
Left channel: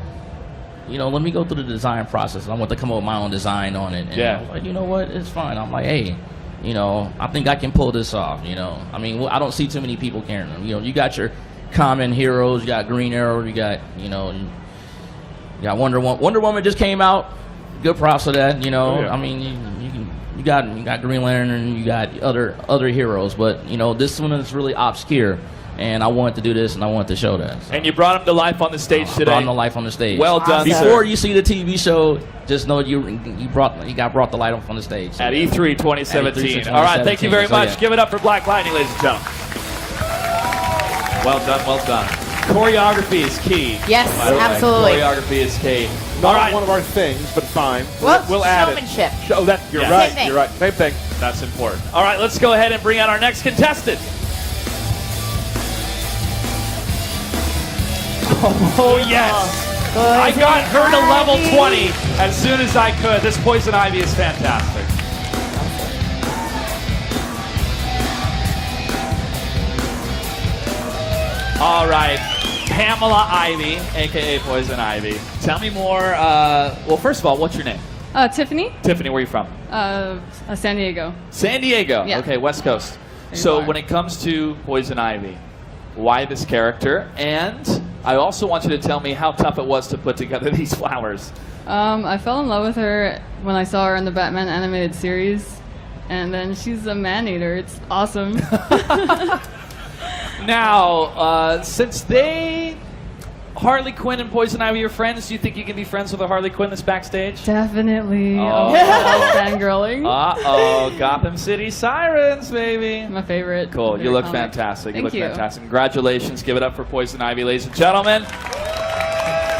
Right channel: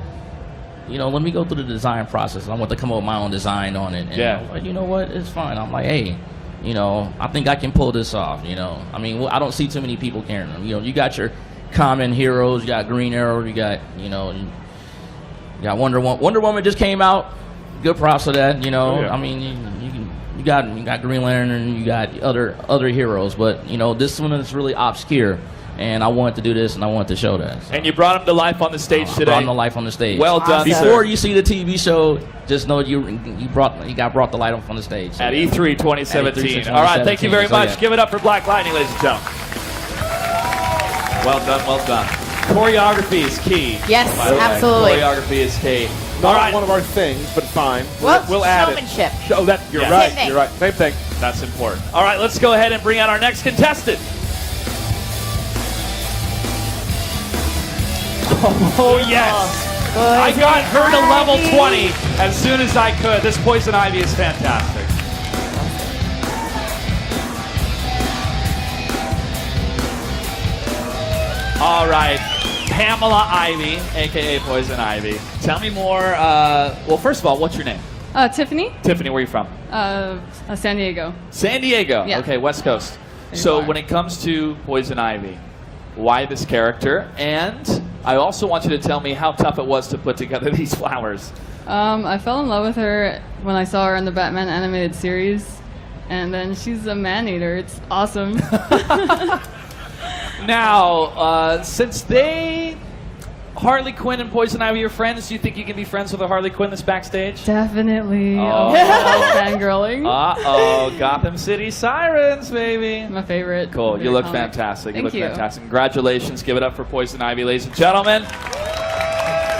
Let me go through the design process. I want to come up with my own design on it. And I was like, you know what? It's fine. I'm like, hey, I think I can pull this off, I mean, I don't see too many people carrying them. You got your common heroes, you got Green Arrow, you got, you got Wonder Woman. Wonder Woman just came out. Good props for that, I mean, you got Green Lantern and you got other heroes, but, this one is really obscure. And I wanted to do this, and I wanted to show that. So. And you brought him to life on the stage today. Brought him to life on the stage. Well done, Before sir. you see the TV show, just know you got brought to life on the stage. So. At E3 2017. All right, thank you very much. Give it up for Black Lightning, ladies and gentlemen. Well done, well done. Choreography is key. Yes, by the way. absolutely. Choreography is key. Not All right. one of our things, but fine. Well, we'll add it. showmanship. Oh, you're Yeah. right. Same thing. You're right. Same thing. That's important. All right, let's go ahead and bring out our next contestant. Oh, yes. I got her to level 20 as soon as I could. This Poison Ivy is fantastic. All right. Pamela Ivy, a.k.a. Poison Ivy. Tell me more. Well, first of all, what's your name? Tiffany. Tiffany, where are you from? San Diego. San Diego. Yeah. Okay, West Coast. So when it comes to Poison Ivy, why this character? And I also want you to tell me how tough it was to put together these flowers. I fell in love with her when I saw her in the Batman animated series, and then she's a man-eater. It's awesome. Now, since Harley Quinn and Poison Ivy are friends, do you think you can be friends with a Harley Quinn that's backstage? Definitely. Oh. Fangirling. Uh-oh, Gotham City Sirens, baby. My favorite. Cool, you favorite look comic. fantastic. Thank You look you. fantastic. Congratulations. Give it up for Poison Ivy, ladies and gentlemen.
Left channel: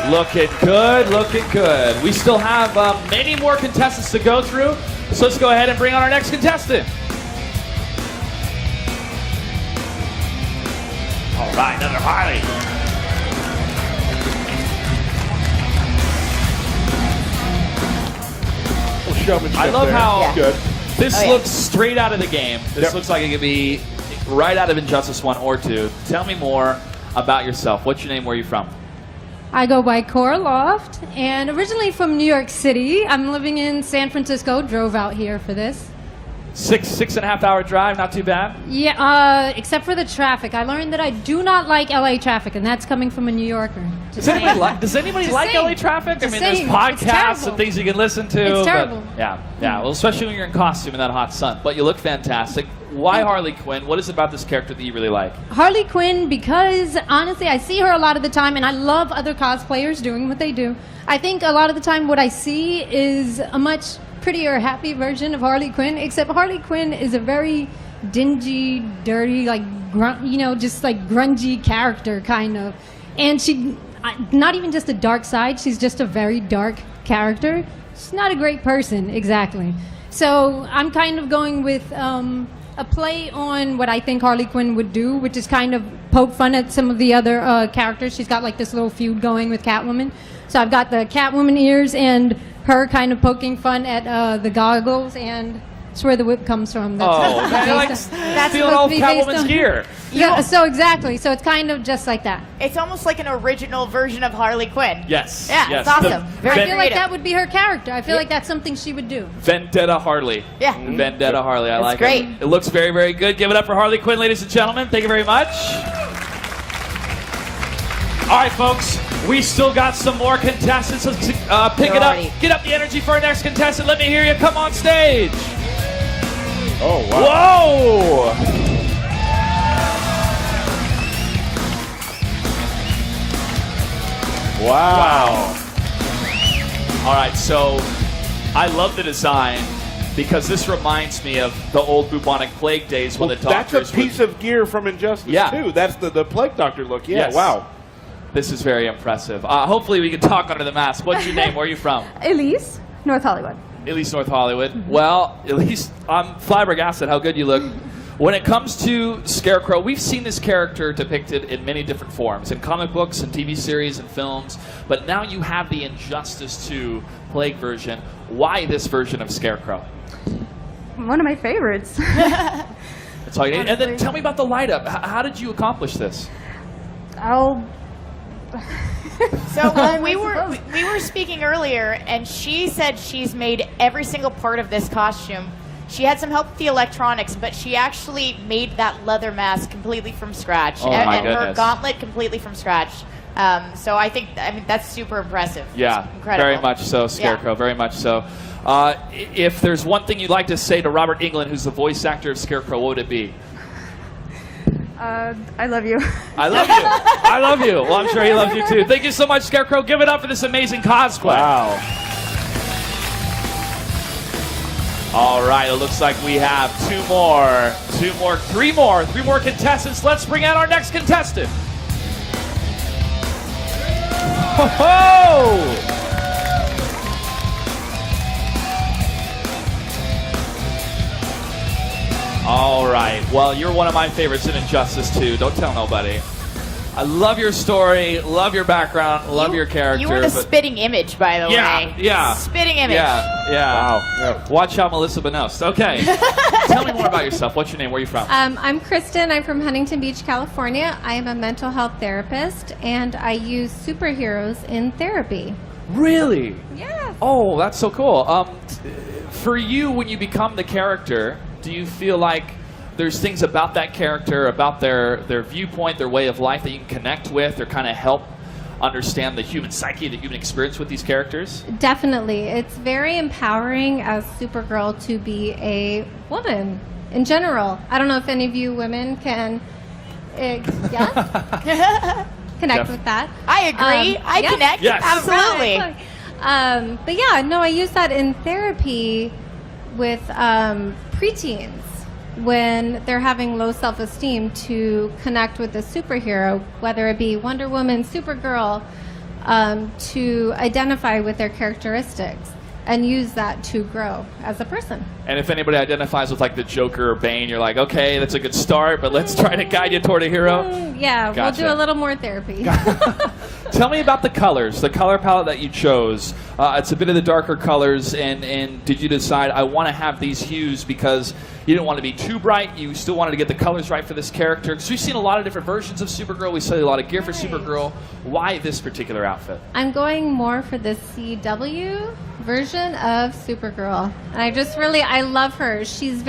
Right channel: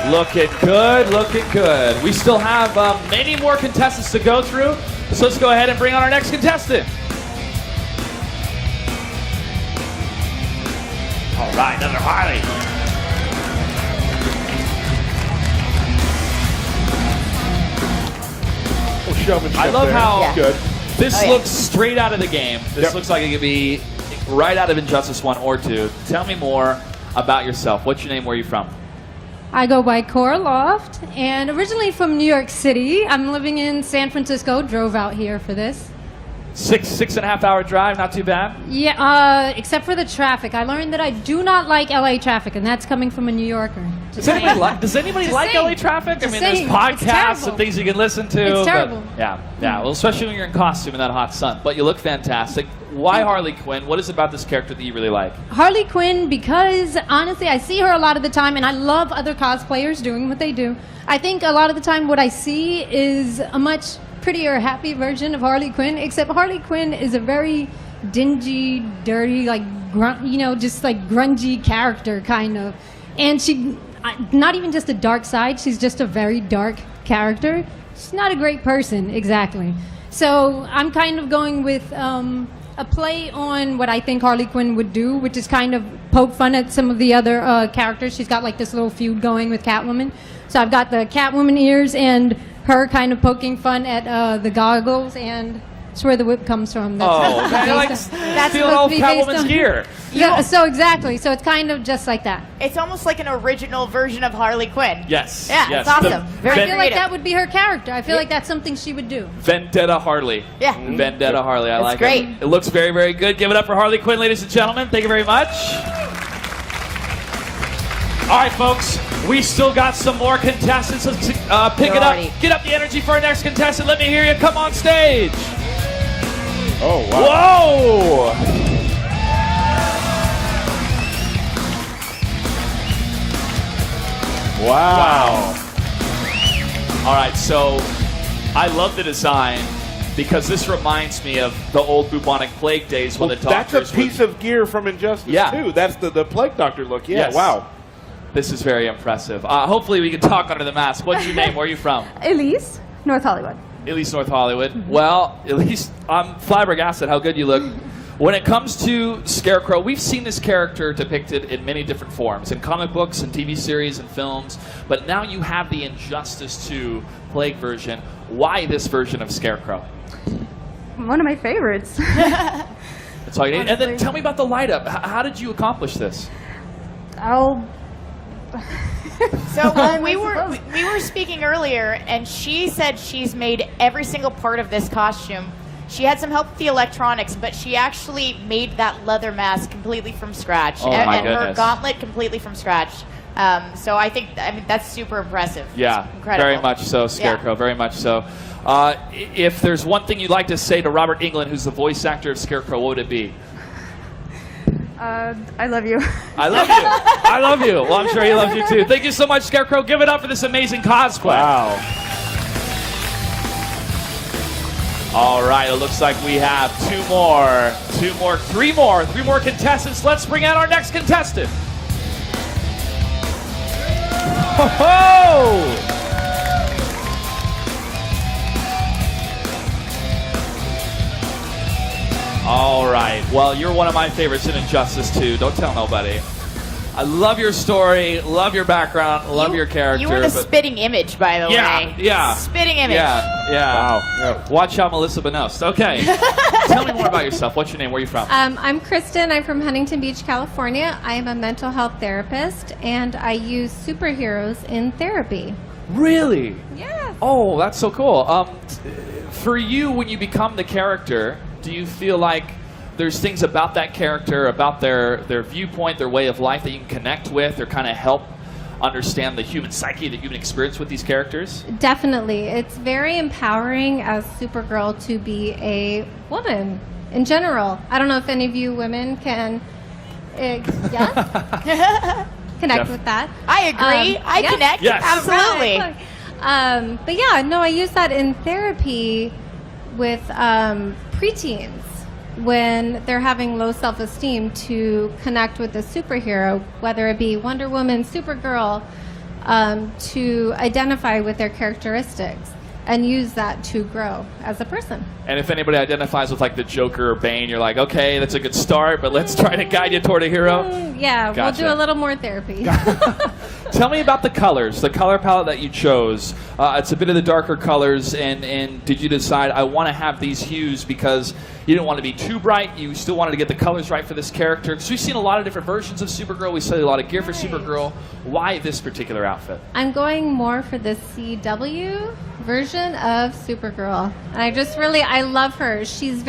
Looking good, looking good. We still have many more contestants to go through, so let's go ahead and bring on our next contestant. All right, another Harley. I love how this looks straight out of the game. This looks like it could be right out of Injustice 1 or 2. Tell me more about yourself. What's your name? Where are you from? I go by Cora Loft, and originally from New York City. I'm living in San Francisco, drove out here for this. Six and a half hour drive, not too bad. Yeah, except for the traffic. I learned that I do not like LA traffic, and that's coming from a New Yorker. Does anybody like LA traffic? I mean, there's podcasts and things you can listen to. It's terrible. Yeah. Well, especially when you're in costume in that hot sun. But you look fantastic. Why Harley Quinn? What is it about this character that you really like? Harley Quinn, because honestly, I see her a lot of the time, and I love other cosplayers doing what they do. I think a lot of the time what I see is a much prettier, happy version of Harley Quinn, except Harley Quinn is a very dingy, dirty, like, just like grungy character, kind of. And she, not even just a dark side, she's just a very dark character. She's not a great person, exactly. So I'm kind of going with a play on what I think Harley Quinn would do, which is kind of poke fun at some of the other characters. She's got like this little feud going with Catwoman. So I've got the Catwoman ears and her kind of poking fun at the goggles, and it's where the whip comes from. That's stealing all Catwoman's gear. Yeah, so exactly. So it's kind of just like that. It's almost like an original version of Harley Quinn. Yes. Yeah, it's awesome. I feel like that would be her character. I feel like that's something she would do. Vendetta Harley. Yeah. Vendetta Harley. I like great. it. It looks very, very good. Give it up for Harley Quinn, ladies and gentlemen. Thank you very much. All right, folks. We still got some more contestants. Let's pick it up. Get up the energy for our next contestant. Let me hear you. Come on stage. Oh, wow. Whoa! Wow. All right, so I love the design because this reminds me of the old bubonic plague days when the doctors... That's a piece of gear from Injustice, too. That's the plague doctor look. Yeah, yes. Wow. This is very impressive. Hopefully we can talk under the mask. What's your name? Where are you from? Elise, North Hollywood. Elise, North Hollywood. Well, Elise, I'm flabbergasted how good you look. When it comes to Scarecrow, we've seen this character depicted in many different forms, in comic books and TV series and films, but now you have the Injustice 2 Plague version. Why this version of Scarecrow? One of my favorites. That's all you need. And then tell me about the light up. How did you accomplish this? So we were speaking earlier, and she said she's made every single part of this costume. She had some help with the electronics, but she actually made that leather mask completely from scratch, and her gauntlet completely from scratch. So I mean that's super impressive. Yeah, incredible. Very much so, Scarecrow. Yeah. Very much so. If there's one thing you'd like to say to Robert Englund, who's the voice actor of Scarecrow, what would it be? I love you. I love you. I love you. Well, I'm sure he loves you too. Thank you so much, Scarecrow. Give it up for this amazing cosplay. Wow. All right, it looks like we have three more contestants. Let's bring out our next contestant. Ho-ho! All right. Well, you're one of my favorites in Injustice 2. Don't tell nobody. I love your story, love your background, love your character. You were the spitting image, by the way. Yeah. Spitting image. Yeah. Wow. Watch out, Melissa Benoist. Okay. Tell me more about yourself. What's your name? Where are you from? I'm Kristen. I'm from Huntington Beach, California. I am a mental health therapist, and I use superheroes in therapy. Really? Yeah. Oh, that's so cool. For you, when you become the character, do you feel like there's things about that character, about their viewpoint, their way of life that you can connect with or kind of help understand the human psyche, the human experience with these characters? Definitely. It's very empowering as Supergirl to be a woman in general. I don't know if any of you women can connect with that. I agree. I connect. Yes. Absolutely. But yeah, no, I use that in therapy with preteens when they're having low self-esteem to connect with a superhero, whether it be Wonder Woman, Supergirl, to identify with their characteristics and use that to grow as a person. And if anybody identifies with like the Joker or Bane, you're like, okay, that's a good start, but let's try to guide you toward a hero. Yeah, Gotcha. We'll do a little more therapy. Tell me about the colors, the color palette that you chose. It's a bit of the darker colors, and did you decide, I want to have these hues because you didn't want to be too bright, you still wanted to get the colors right for this character? Because we've seen a lot of different versions of Supergirl, we see a lot of gear for Supergirl. Why this particular outfit? I'm going more for the CW version of Supergirl. I love her. She's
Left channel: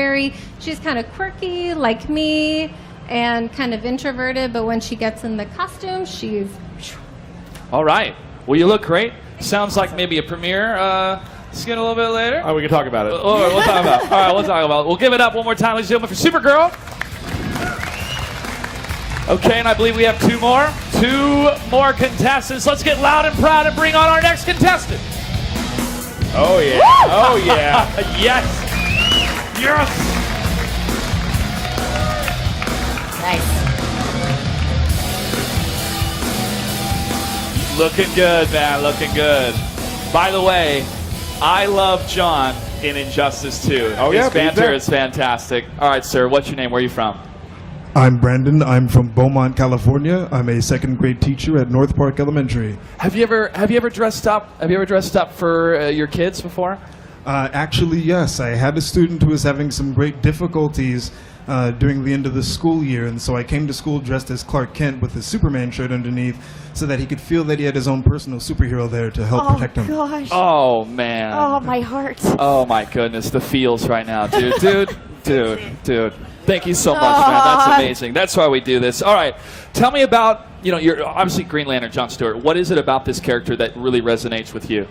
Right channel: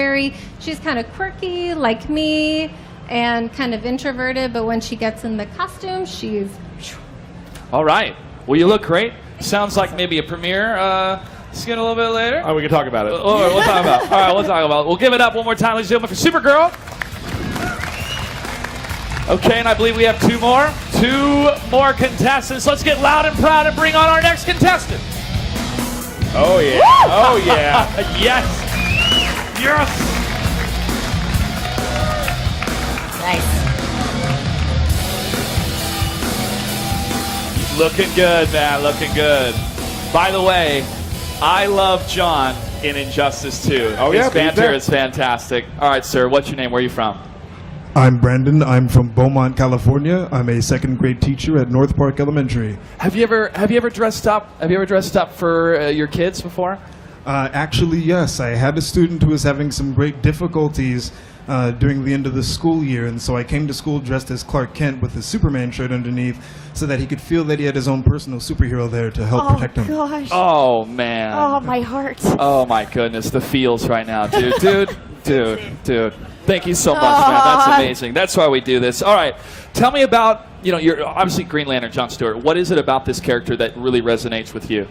kind of quirky, like me, and kind of introverted, but when she gets in the costume, she's... All right. Well, you look great. Sounds like maybe a premiere. Let's get a little bit later. Oh, we can talk about it. We'll talk about it. All right, we'll talk about it. We'll give it up one more time, ladies and gentlemen, for Supergirl. Okay, and I believe we have two more contestants. Let's get loud and proud and bring on our next contestant. Oh, yeah. Oh, yeah. Yes. Yes. Nice. Looking good, man. Looking good. By the way, I love John in Injustice 2. Oh, His yeah, banter is fantastic. All right, sir. What's your name? Where are you from? I'm Brandon. I'm from Beaumont, California. I'm a second grade teacher at North Park Elementary. Have you ever dressed up? Have you ever dressed up for your kids before? Actually, yes. I had a student who was having some great difficulties during the end of the school year, and so I came to school dressed as Clark Kent with his Superman shirt underneath so that he could feel that he had his own personal superhero there to help protect him. Gosh. Oh, man. Oh, my heart. Oh, my goodness. The feels right now, dude. Dude. Thank you so much, man. That's amazing. That's why we do this. All right. Tell me about, you're obviously Green Lantern, John Stewart. What is it about this character that really resonates with you?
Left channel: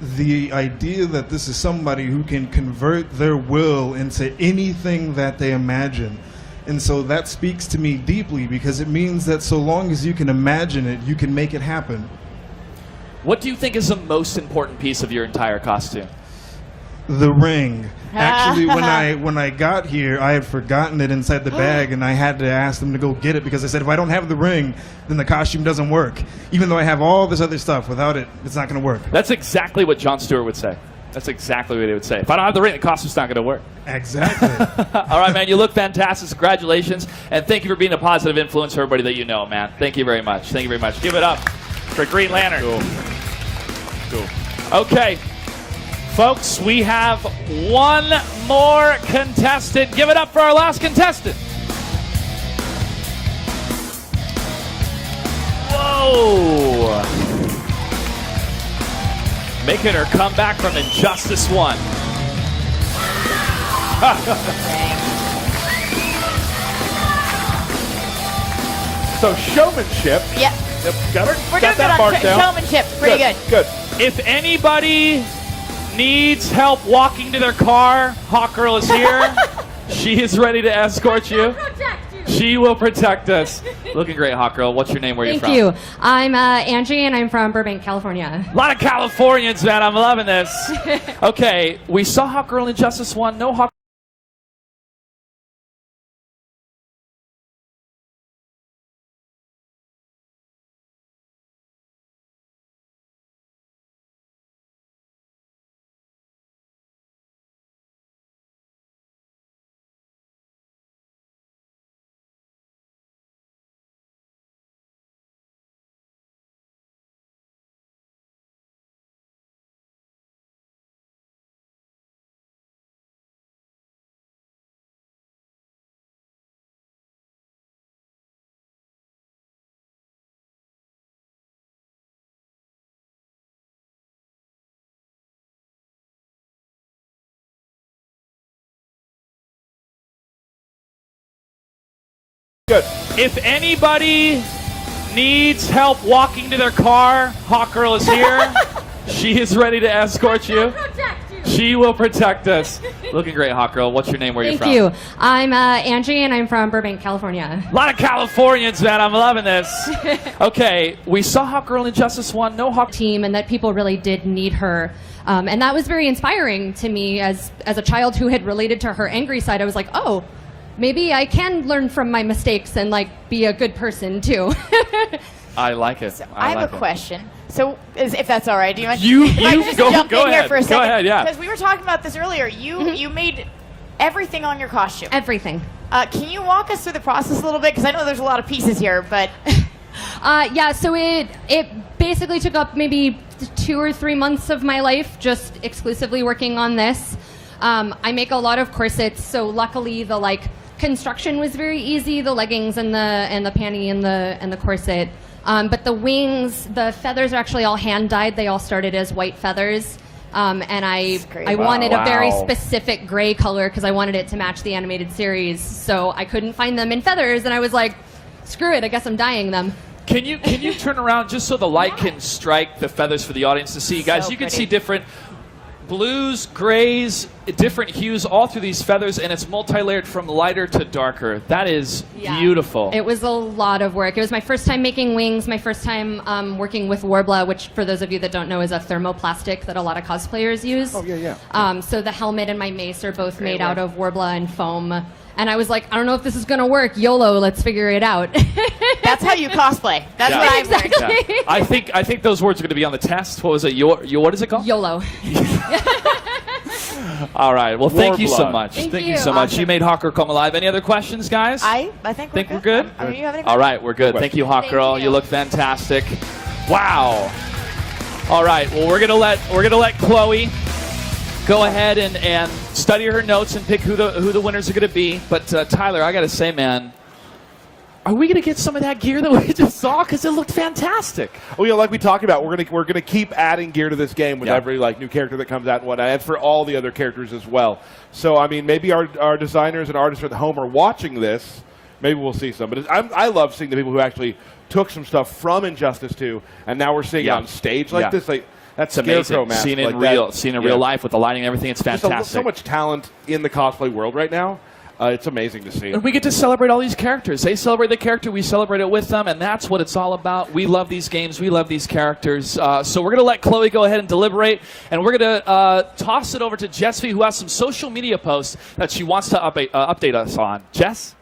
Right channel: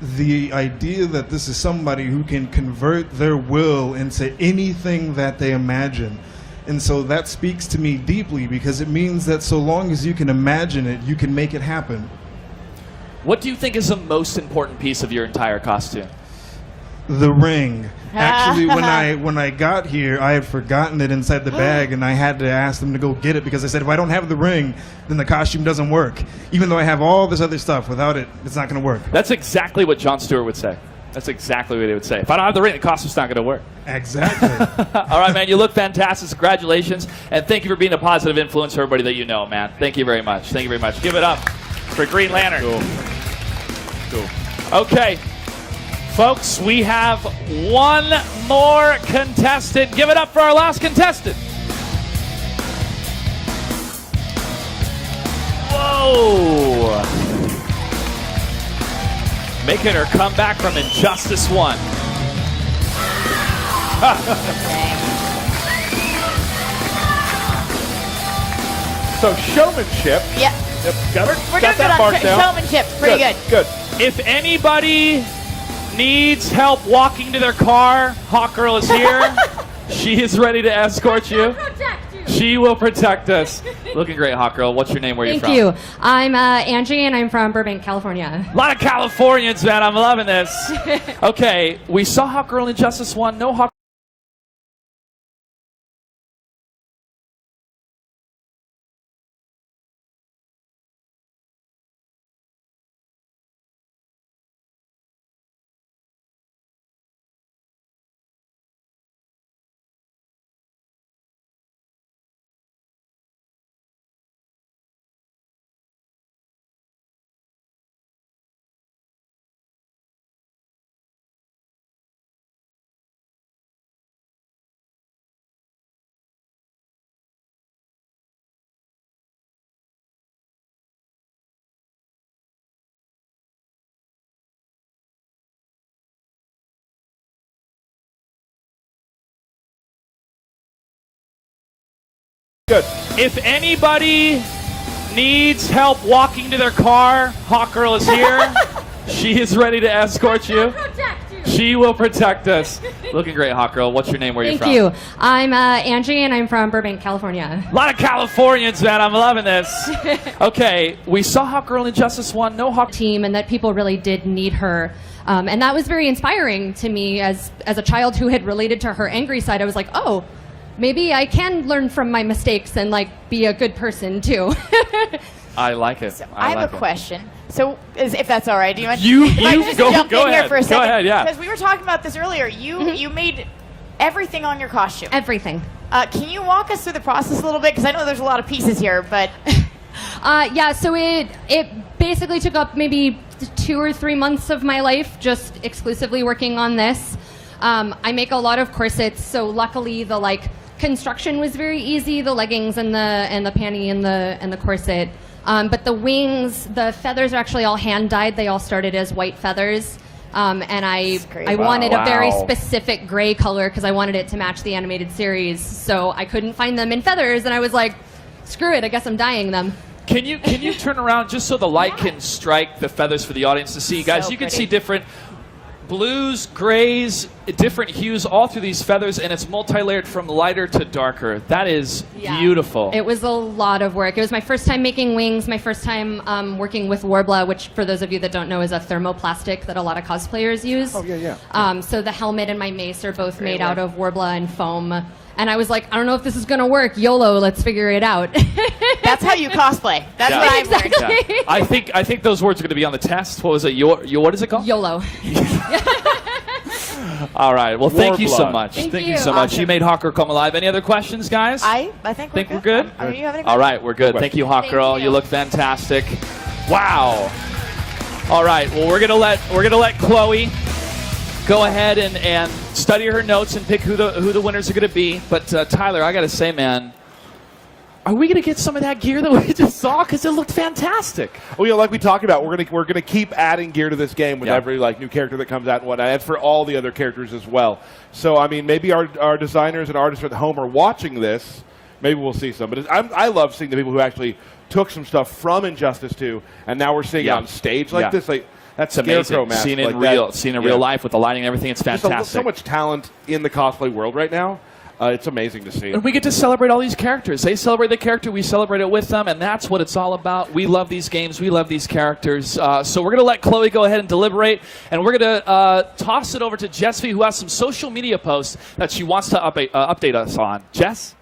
The idea that this is somebody who can convert their will into anything that they imagine. And so that speaks to me deeply because it means that so long as you can imagine it, you can make it happen. What do you think is the most important piece of your entire costume? The ring. Actually, when I got here, I had forgotten it inside the bag, and I had to ask them to go get it because I said if I don't have the ring, then the costume doesn't work. Even though I have all this other stuff, without it, it's not going to work. That's exactly what John Stewart would say. That's exactly what he would say. If I don't have the ring, the costume's not going to work. Exactly. All right, man, you look fantastic. Congratulations, and thank you for being a positive influence for everybody that you know, man. Thank you very much. Thank you very much. Give it up for Green Lantern. Cool. Okay. Folks, we have one more contestant. Give it up for our last contestant. Whoa. Making her come back from Injustice 1. So showmanship. Yep. We're doing good on showmanship. Pretty good. Good. If anybody needs help walking to their car, Hawkgirl is here. She is ready to escort you. She will protect us. Looking great, Hawkgirl. What's your name? Where are you from? Thank you. I'm Angie, and I'm from Burbank, California. A lot of Californians, man. I'm loving this. Okay, we saw Hawkgirl in Justice 1. No Hawk. Good. If anybody needs help walking to their car, Hawkgirl is here. She is ready to escort you. She will protect us. Looking great, Hawkgirl. What's your name? Where are you from? Thank you. I'm Angie, and I'm from Burbank, California. A lot of Californians, man. I'm loving this. Okay, we saw Hawkgirl in Justice 1. No Hawk team, and that people really did need her. And that was very inspiring to me as a child who had related to her angry side. I was like, oh, maybe I can learn from my mistakes and be a good person too. I like it. So I have a question. So, if that's all right, do you want you just go jump in ahead. here for a second? Go ahead, yeah. Because we were talking about this earlier. You made everything on your costume. Everything. Can you walk us through the process a little bit? Because I know there's a lot of pieces here, but Yeah, so it basically took up maybe 2 or 3 months of my life just exclusively working on this. I make a lot of corsets, so luckily the construction was very easy, the leggings and the panty and the corset. But the wings, the feathers are actually all hand dyed. They all started as white feathers. And I wanted a very specific gray color because I wanted it to match the animated series. So I couldn't find them in feathers, and I was like, screw it, I guess I'm dyeing them. Can you turn around just so the light can strike the feathers for the audience to see? Guys, you can see different blues, grays, different hues all through these feathers, and it's multi-layered from lighter to darker. That is beautiful. It was a lot of work. It was my first time making wings, my first time working with Warbla, which for those of you that don't know is a thermoplastic that a lot of cosplayers use. Oh, yeah. So the helmet and my mace are both made out of Warbla and foam. And I was like, I don't know if this is going to work. YOLO, let's figure it out. That's how you cosplay. That's what I've learned. Exactly. Yeah. I think those words are going to be on the test. What was it? What is it called? YOLO. All right. Well, thank you so much. Thank you so much. Awesome. You made Hawk Girl come alive. Any other questions, guys? I think we're good. I mean, you have any All right, we're good. Thank you, Hawk Girl. You look fantastic. Wow. All right. Well, we're gonna let Chloe go ahead and study her notes and pick who the winners are going to be. But Tyler, I got to say, man, are we going to get some of that gear that we just saw? Because it looked fantastic. Well, like we talked about, we're gonna keep adding gear to this game with every new character that comes out and whatnot, and for all the other characters as well. So I mean, maybe our designers and artists at home are watching this. Maybe we'll see some. But I love seeing the people who actually took some stuff from Injustice 2, and now we're seeing it on stage like this. That's amazing. Mask, Seen in real life with the lighting and everything. It's fantastic. There's so much talent in the cosplay world right now. It's amazing to see. And we get to celebrate all these characters. They celebrate the character, we celebrate it with them, and that's what it's all about. We love these games, we love these characters. So we're going to let Chloe go ahead and deliberate, and we're going to toss it over to Jessy, who has some social media posts that she wants to update us on. Jess?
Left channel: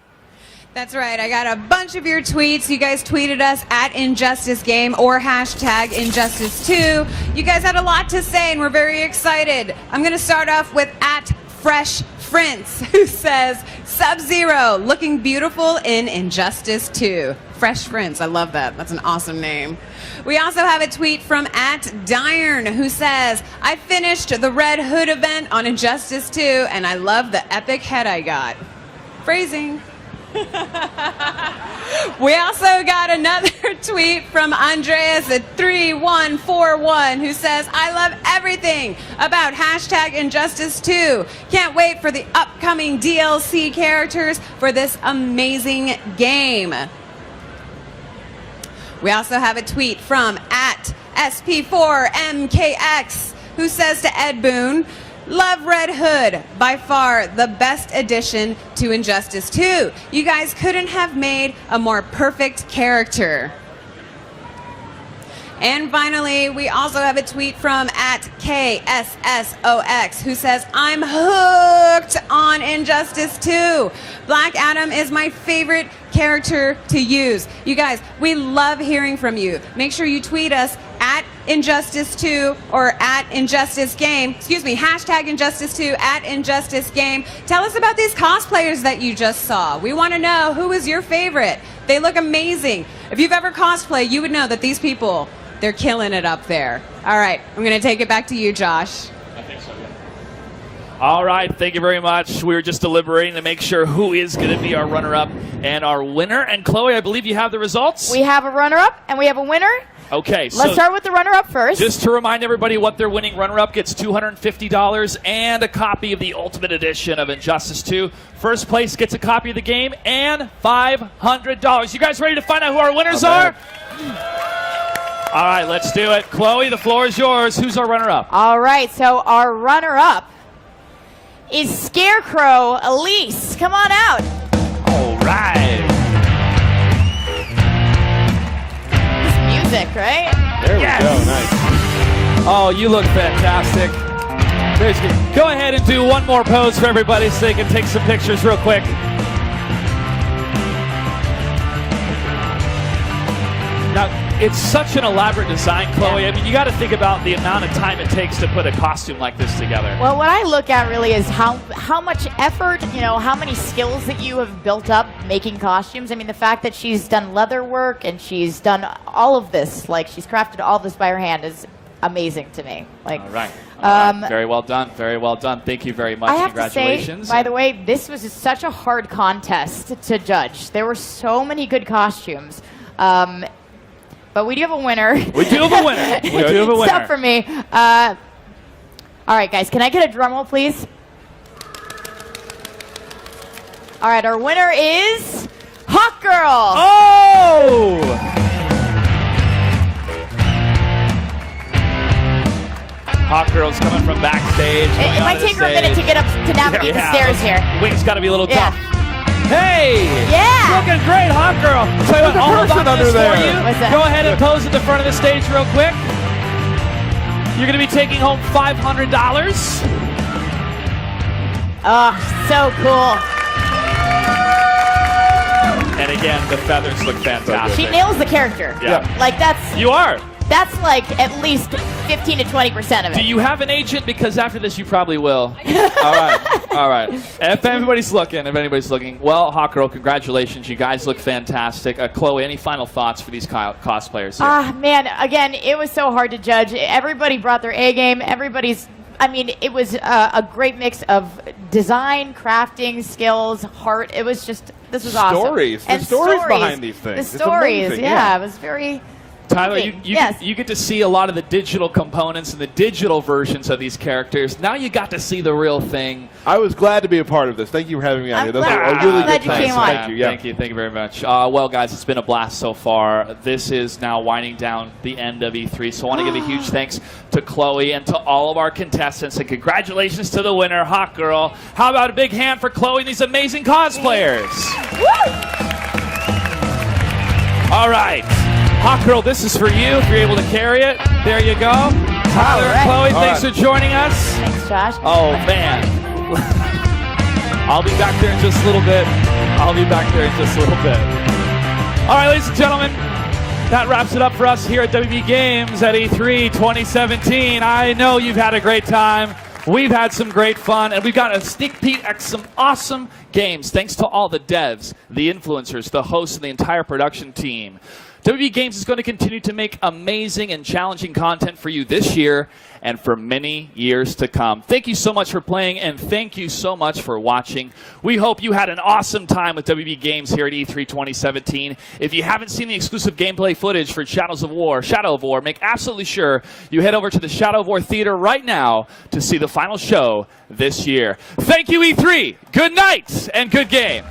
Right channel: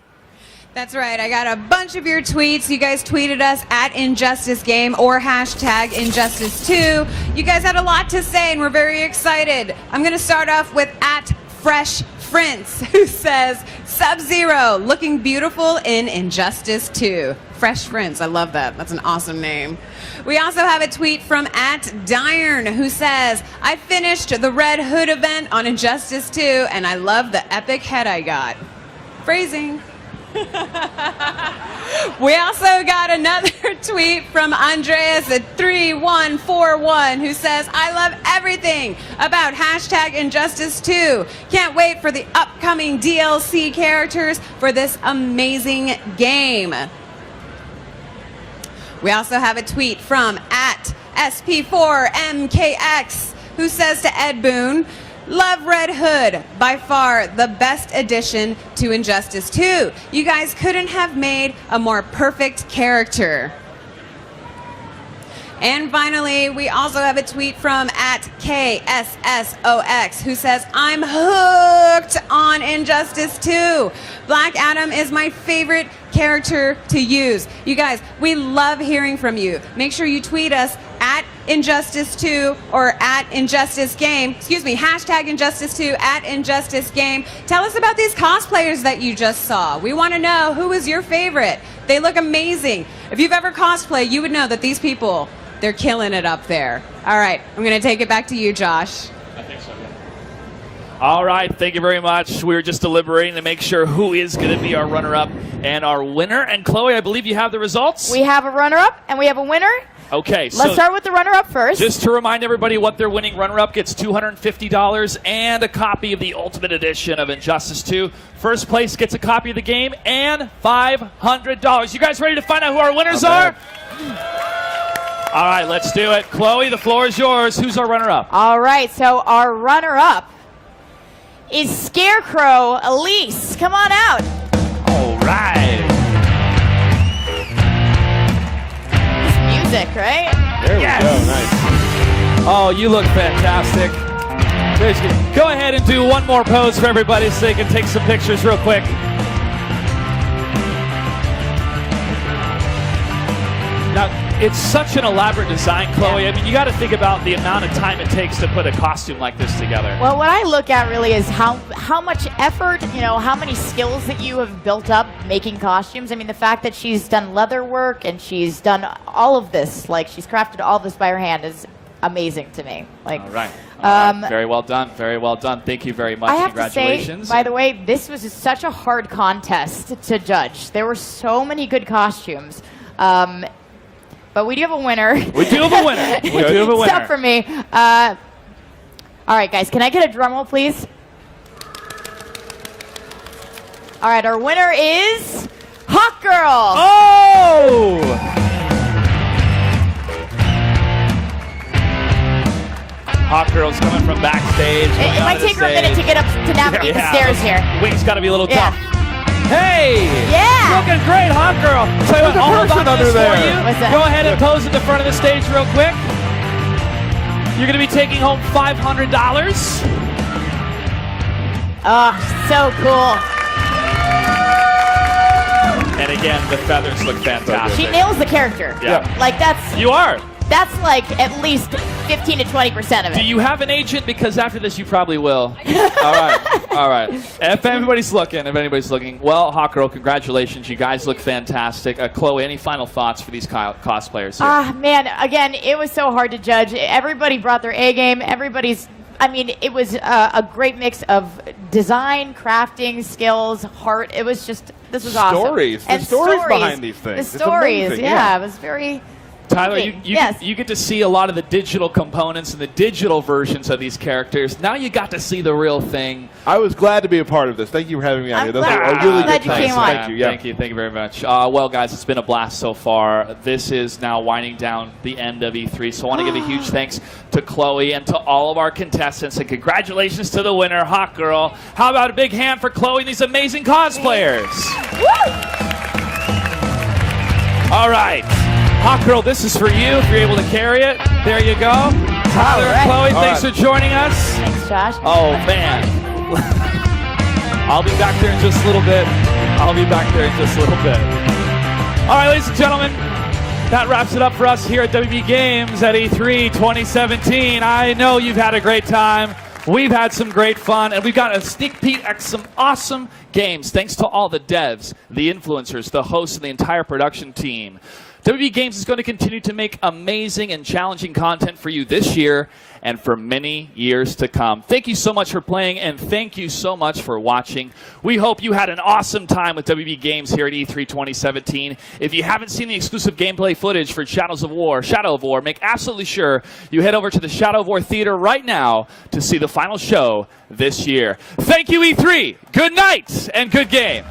That's right. I got a bunch of your tweets. You guys tweeted us at Injustice Game or hashtag Injustice 2. You guys had a lot to say, and we're very excited. I'm going to start off with at Fresh Prince, who says, Sub-Zero, looking beautiful in Injustice 2. Fresh Prince, I love that. That's an awesome name. We also have a tweet from at Diern, who says, I finished the Red Hood event on Injustice 2, and I love the epic head I got. Phrasing. We also got another tweet from Andreas at 3141 who says, I love everything about hashtag Injustice 2. Can't wait for the upcoming DLC characters for this amazing game. We also have a tweet from at SP4MKX who says to Ed Boon, love Red Hood, by far the best addition to Injustice 2. You guys couldn't have made a more perfect character. And finally, we also have a tweet from at KSSOX who says, I'm hooked on Injustice 2. Black Adam is my favorite character to use. You guys, we love hearing from you. Make sure you tweet us at Injustice 2 or at Injustice Game. Excuse me, hashtag Injustice 2 at Injustice Game. Tell us about these cosplayers that you just saw. We want to know who is your favorite. They look amazing. If you've ever cosplayed, you would know that these people, they're killing it up there. All right, I'm going to take it back to you, Josh. I think so. All right, thank you very much. We were just deliberating to make sure who is going to be our runner-up and our winner. And Chloe, I believe you have the results? We have a runner-up and we have a winner. Okay, so let's start with the runner-up first. Just to remind everybody what they're winning, runner-up gets $250 and a copy of the Ultimate Edition of Injustice 2. First place gets a copy of the game and $500. You guys ready to find out who our winners are? All right, let's do it. Chloe, the floor is yours. Who's our runner-up? All right, so our runner-up is Scarecrow Elise. Come on out. All right. Music, right? There we go. Nice. Oh, you look fantastic. Go ahead and do one more pose for everybody so they can take some pictures real quick. Now, It's such an elaborate design, Chloe. I mean, you got to think about the amount of time it takes to put a costume like this together. Well, what I look at really is how much effort, how many skills that you have built up making costumes. I mean, the fact that she's done leather work and she's done all of this, like she's crafted all this by her hand, is amazing to me. Like, all right. Very well done. Very well done. Thank you very much. I have Congratulations. to say, by the way, this was such a hard contest to judge. There were so many good costumes. But we do have a winner. We do have a winner. We do have a winner. Except for me. All right, guys, can I get a drum roll, please? All right, our winner is Hawk Girl. Oh! Hawk Girl's coming from backstage. It might take her a minute to get up to navigate the stairs here. Wing's got to be a little tough. Hey! Yeah! Looking great, Hawk Girl. Tell you what, all person about this under there. for you. What's that? Go ahead and pose at the front of the stage real quick. You're going to be taking home $500. Oh, so cool. And again, the feathers look fantastic. She nails the character. Yeah. Like, You are. that's like at least 15 to 20% of it. Do you have an agent? Because after this, you probably will. All right. All right. If anybody's looking, well, Hawk Girl, congratulations. You guys look fantastic. Chloe, any final thoughts for these cosplayers here? Man, again, it was so hard to judge. Everybody brought their A game. It was a great mix of design, crafting, skills, heart. It was just, this was awesome. Stories. And The stories behind these things. The It's stories, amazing, yeah. It was very... Tyler, Okay, you get to see a lot of the digital components and the digital versions of these characters. Now you got to see the real thing. I was glad to be a part of this. Thank you for having me on here. Those glad- are a really I'm glad good you time. came on. Thank you. Yeah. Thank you very much. Well, guys, it's been a blast so far. This is now winding down the end of E3, so I want to give a huge thanks to Chloe and to all of our contestants, and congratulations to the winner, Hawk Girl. How about a big hand for Chloe and these amazing cosplayers? All right. Hawk Girl, this is for you, if you're able to carry it. There you go. Tyler and Chloe, thanks for joining us. Thanks, Josh. Oh, man. I'll be back there in just a little bit. All right, ladies and gentlemen, that wraps it up for us here at WB Games at E3 2017. I know you've had a great time. We've had some great fun, and we've got a sneak peek at some awesome games thanks to all the devs, the influencers, the hosts, and the entire production team. WB Games is going to continue to make amazing and challenging content for you this year and for many years to come. Thank you so much for playing, and thank you so much for watching. We hope you had an awesome time with WB Games here at E3 2017. If you haven't seen the exclusive gameplay footage for Shadow of War, make absolutely sure you head over to the Shadow of War Theater right now to see the final show this year. Thank you, E3. Good night and good game.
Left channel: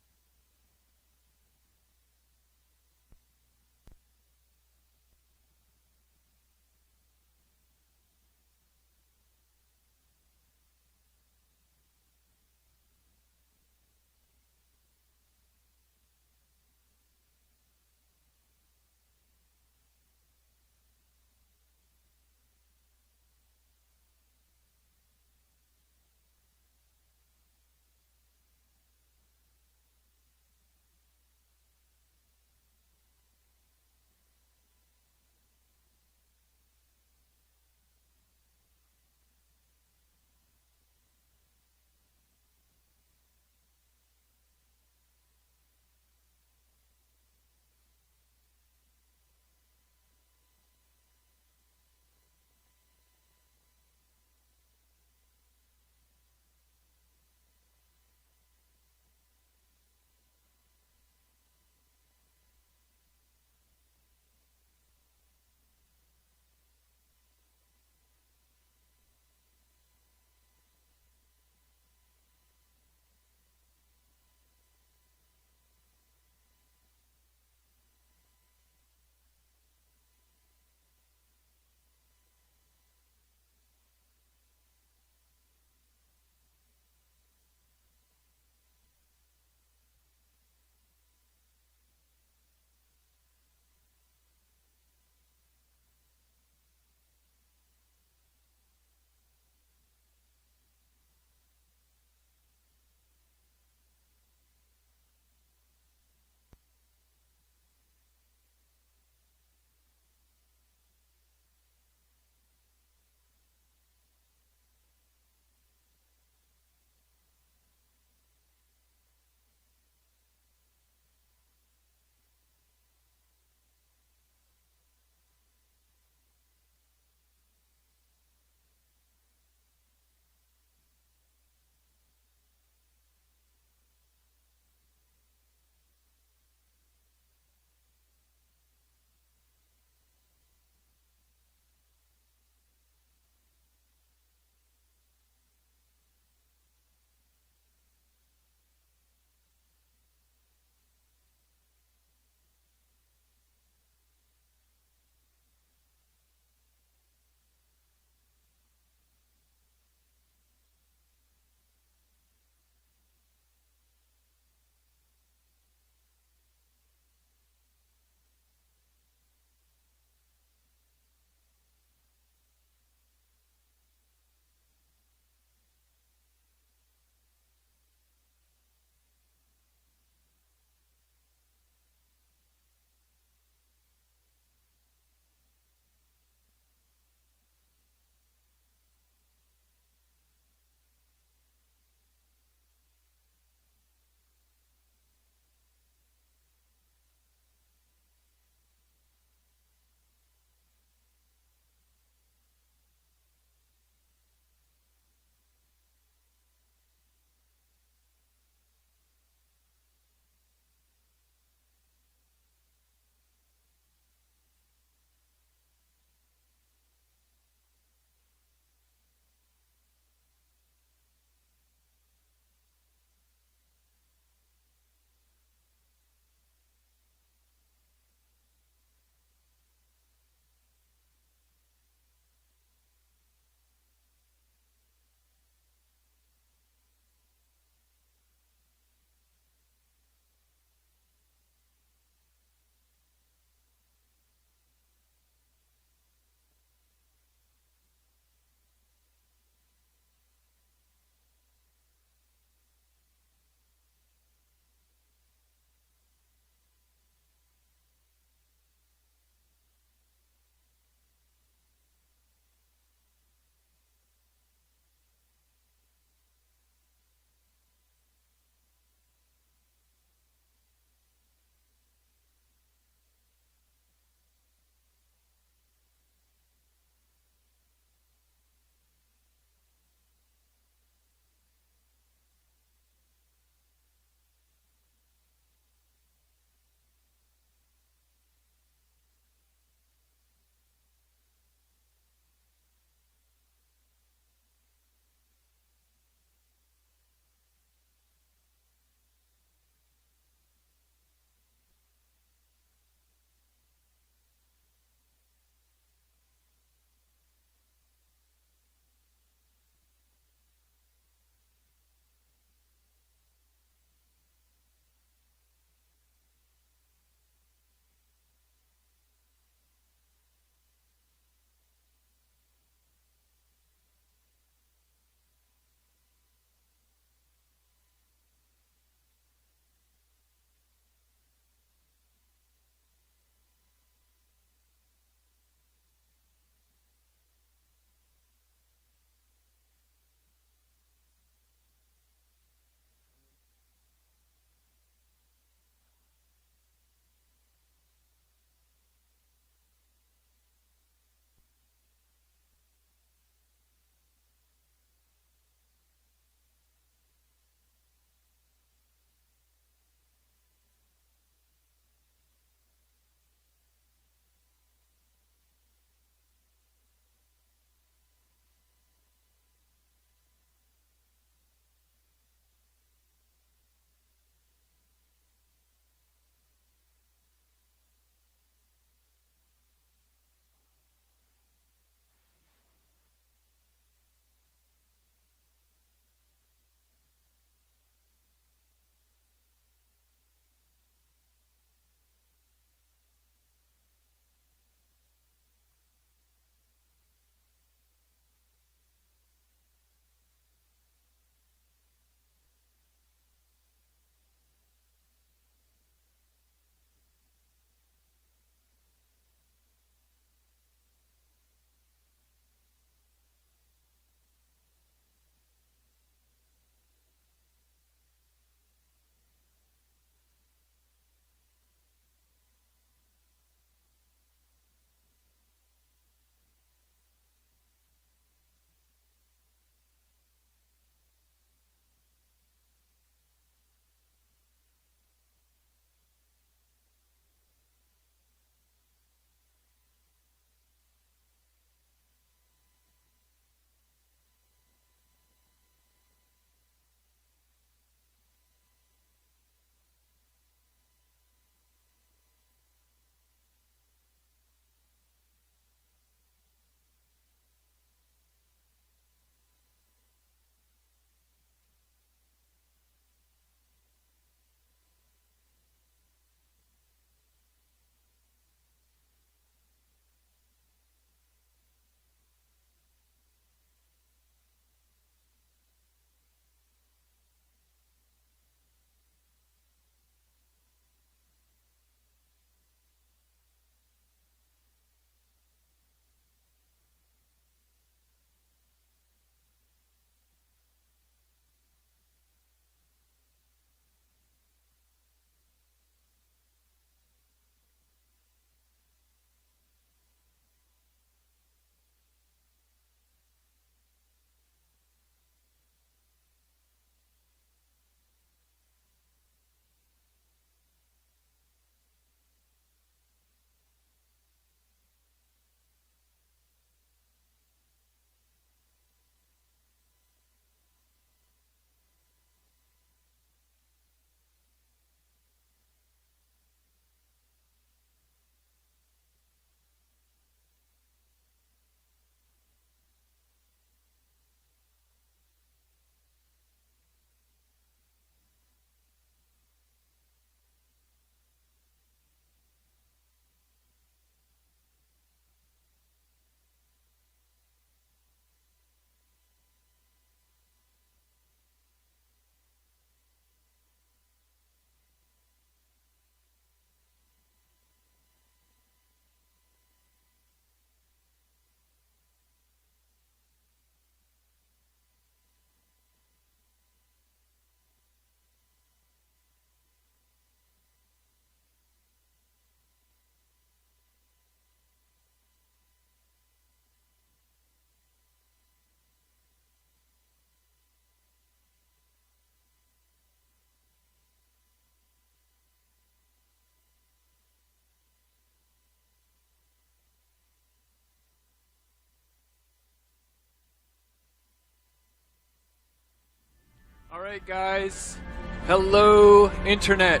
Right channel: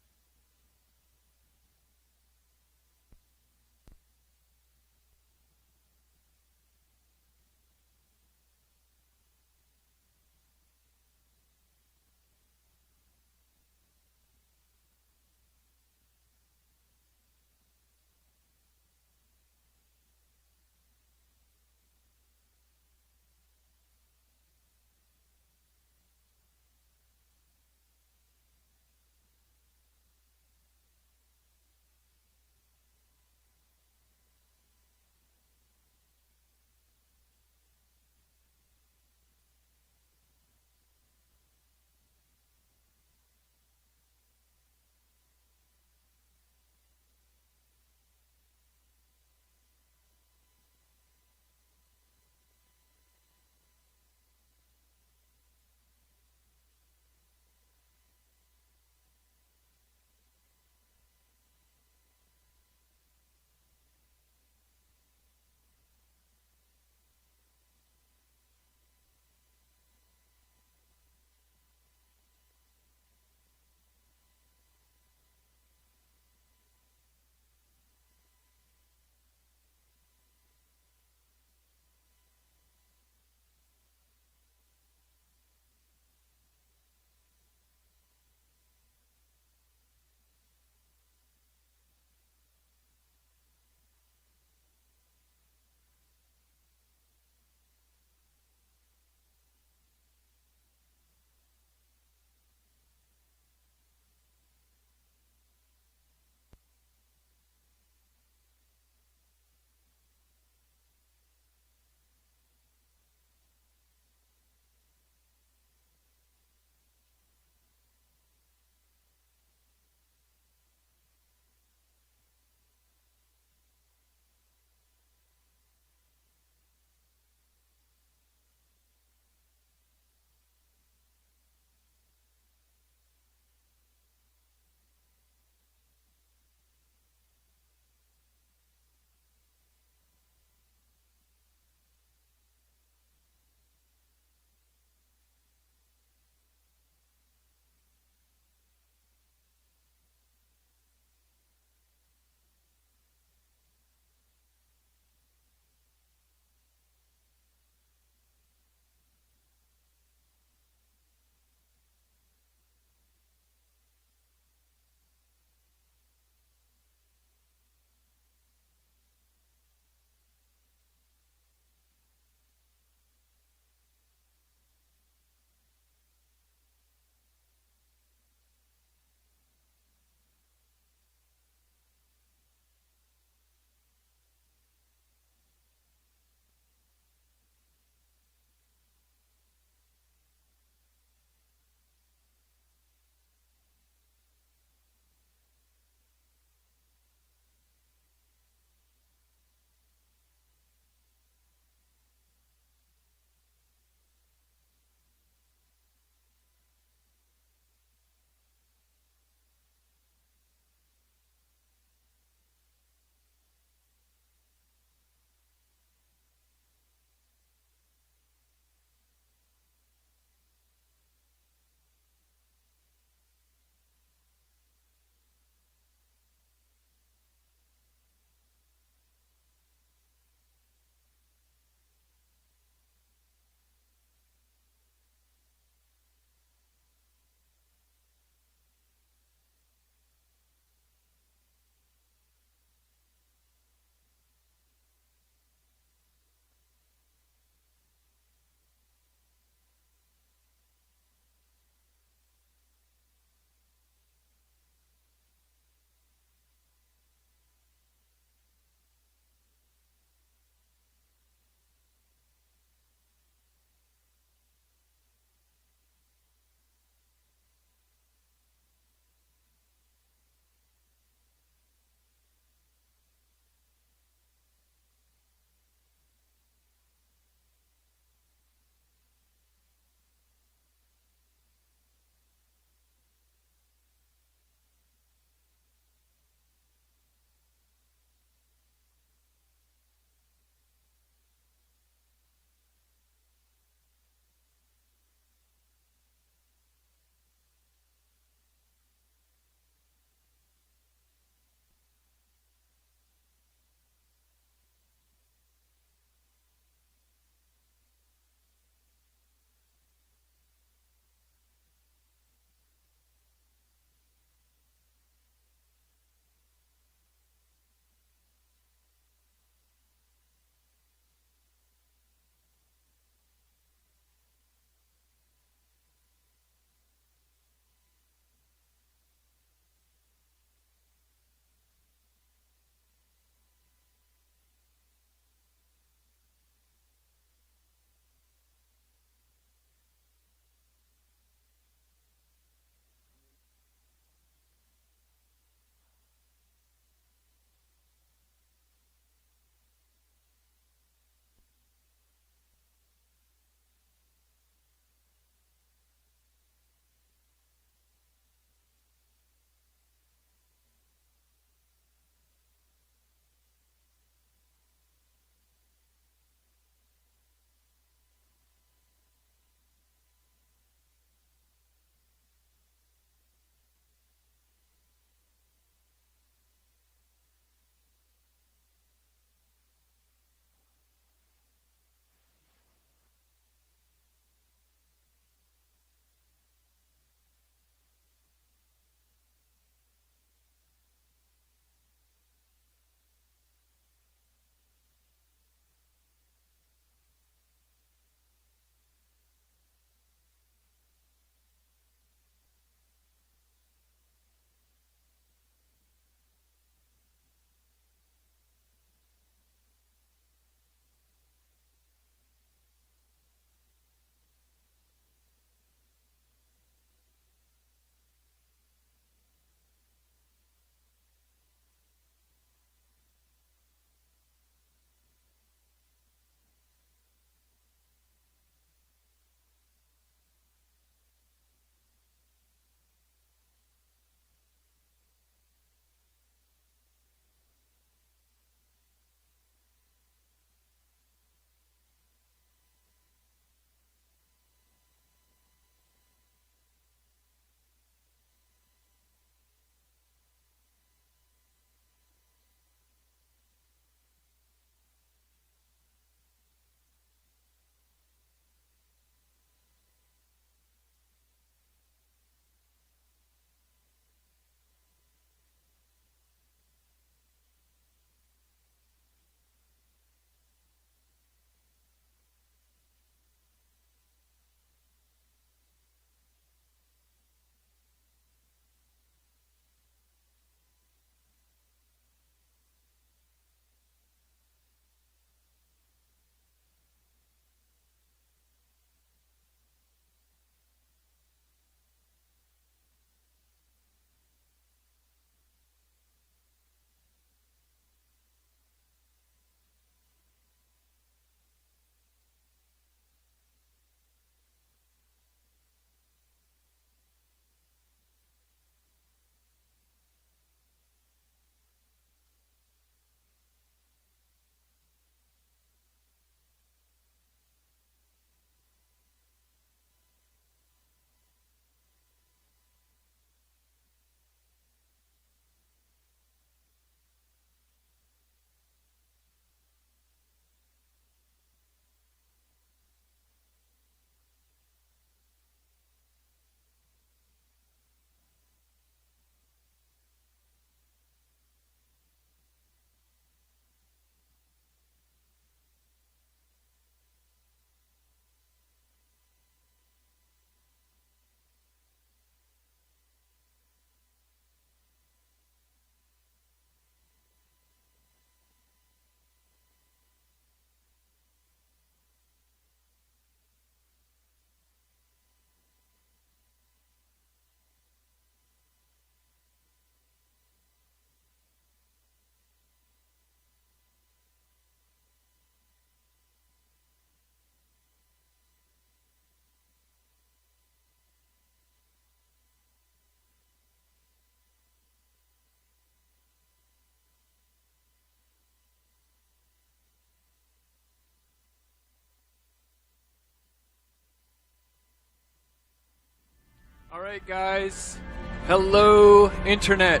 right, guys. Hello, Internet.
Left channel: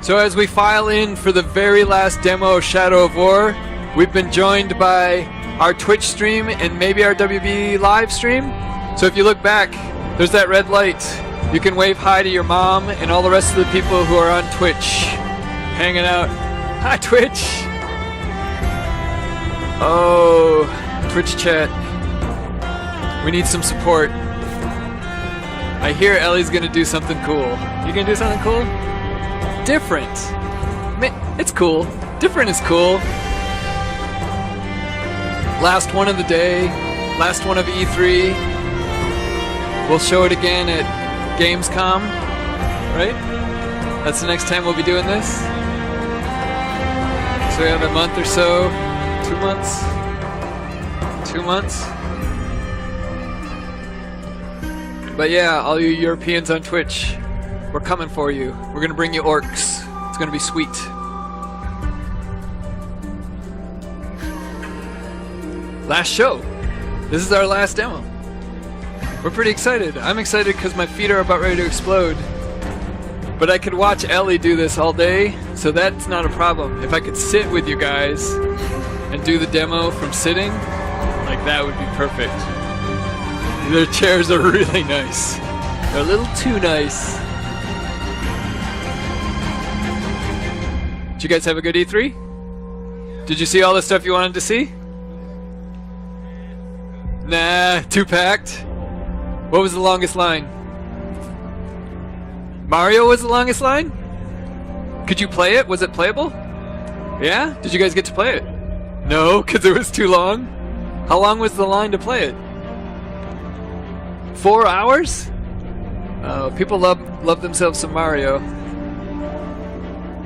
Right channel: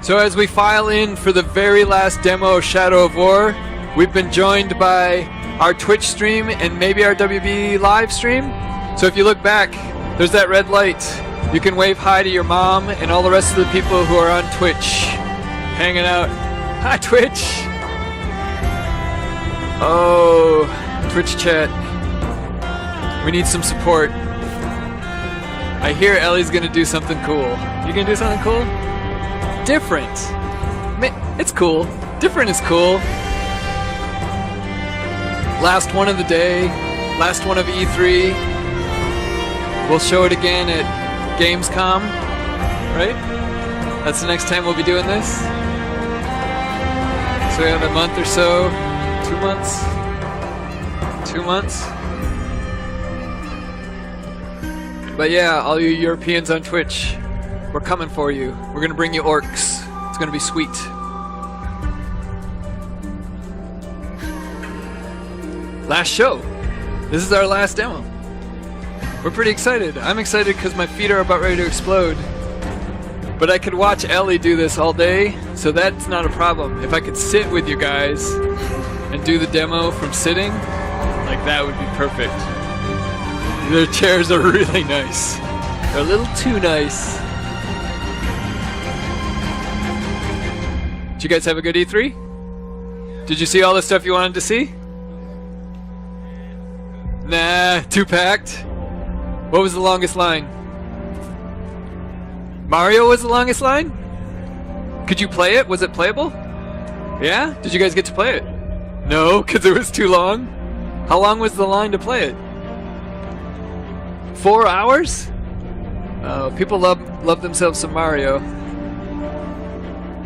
So as we file in for the very last demo of Shadow of War, we've been joined by our Twitch stream and maybe our WB live stream. So if you look back, there's that red light. You can wave hi to your mom and all the rest of the people who are on Twitch, hanging out. Hi, Twitch. Oh, Twitch chat. We need some support. I hear Ellie's gonna do something cool. You gonna do something cool? Different. It's cool. Different is cool. Last one of the day. Last one of E3. We'll show it again at Gamescom. Right? That's the next time we'll be doing this. So we have a month or so. 2 months. 2 months. But yeah, all you Europeans on Twitch, we're coming for you. We're gonna bring you orcs. It's gonna be sweet. Last show. This is our last demo. We're pretty excited. I'm excited because my feet are about ready to explode. But I could watch Ellie do this all day, so that's not a problem. If I could sit with you guys and do the demo from sitting, like that would be perfect. The chairs are really nice. They're a little too nice. Did you guys have a good E3? Did you see all the stuff you wanted to see? Nah, too packed. What was the longest line? Mario was the longest line? Could you play it? Was it playable? Yeah? Did you guys get to play it? No, because it was too long? How long was the line to play it? 4 hours? People love themselves some Mario.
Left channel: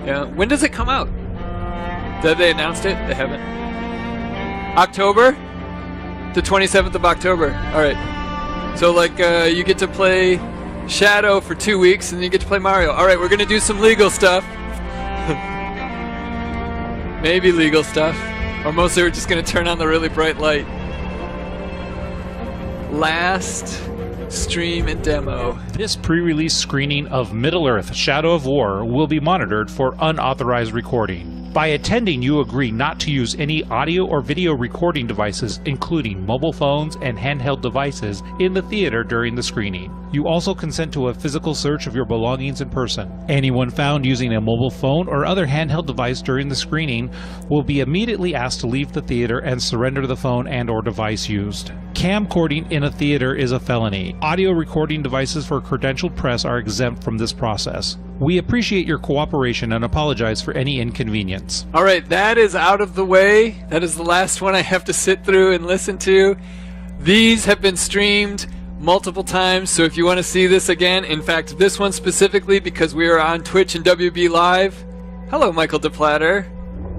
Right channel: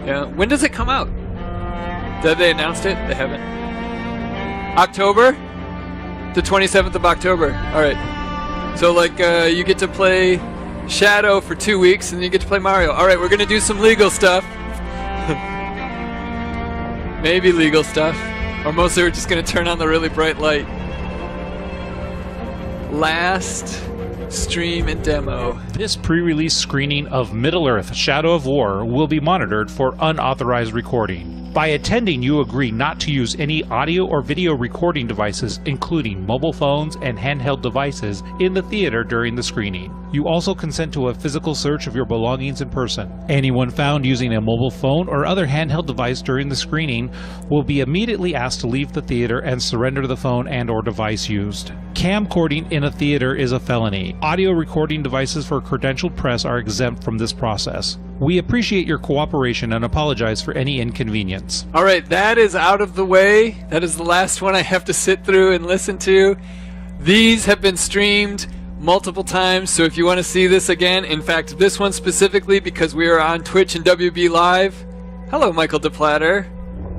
Yeah. When does it come out? Have they announced it? They haven't. October? The 27th of October. Alright. So like you get to play Shadow for 2 weeks and you get to play Mario. Alright, we're gonna do some legal stuff. Maybe legal stuff. Or mostly we're just gonna turn on the really bright light. Last stream and demo. This pre-release screening of Middle-earth: Shadow of War will be monitored for unauthorized recording. By attending, you agree not to use any audio or video recording devices, including mobile phones and handheld devices, in the theater during the screening. You also consent to a physical search of your belongings in person. Anyone found using a mobile phone or other handheld device during the screening will be immediately asked to leave the theater and surrender the phone and/or device used. Camcording in a theater is a felony. Audio recording devices for credentialed press are exempt from this process. We appreciate your cooperation and apologize for any inconvenience. All right, that is out of the way. That is the last one I have to sit through and listen to. These have been streamed multiple times, so if you want to see this again, in fact, this one specifically because we are on Twitch and WB Live. Hello, Michael DePlatter.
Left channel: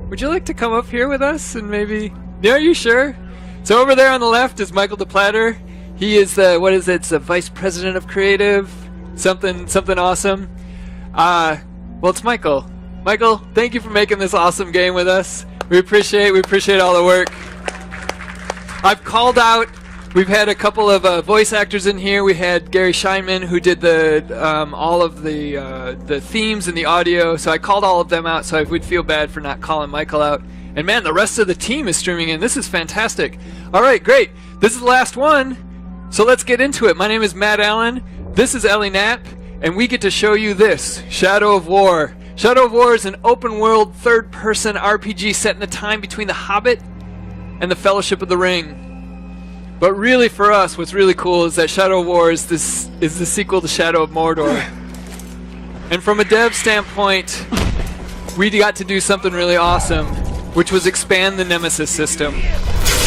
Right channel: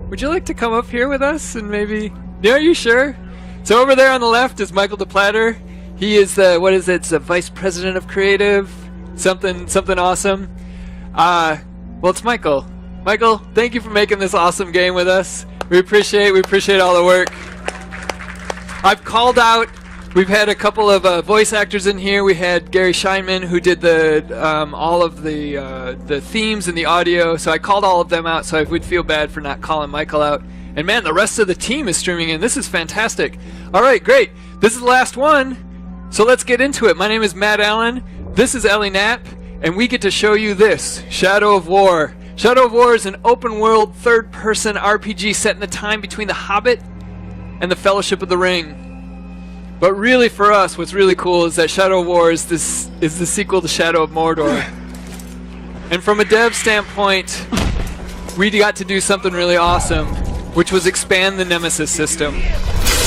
Would you like to come up here with us and maybe... Yeah, are you sure? So over there on the left is Michael DePlatter. He is the, what is it, it's the Vice President of Creative, something awesome. Well, it's Michael. Michael, thank you for making this awesome game with us. We appreciate all the work. I've called out, we've had a couple of voice actors in here. We had Gary Scheinman, who did the all of the themes and the audio, so I called all of them out, so I would feel bad for not calling Michael out. And man, the rest of the team is streaming in. This is fantastic. All right, great. This is the last one, so let's get into it. My name is Matt Allen. This is Ellie Knapp, and we get to show you this, Shadow of War. Shadow of War is an open-world, third-person RPG set in the time between The Hobbit and The Fellowship of the Ring. But really, for us, what's really cool is that Shadow of War is the sequel to Shadow of Mordor. And from a dev standpoint, we got to do something really awesome, which was expand the Nemesis system.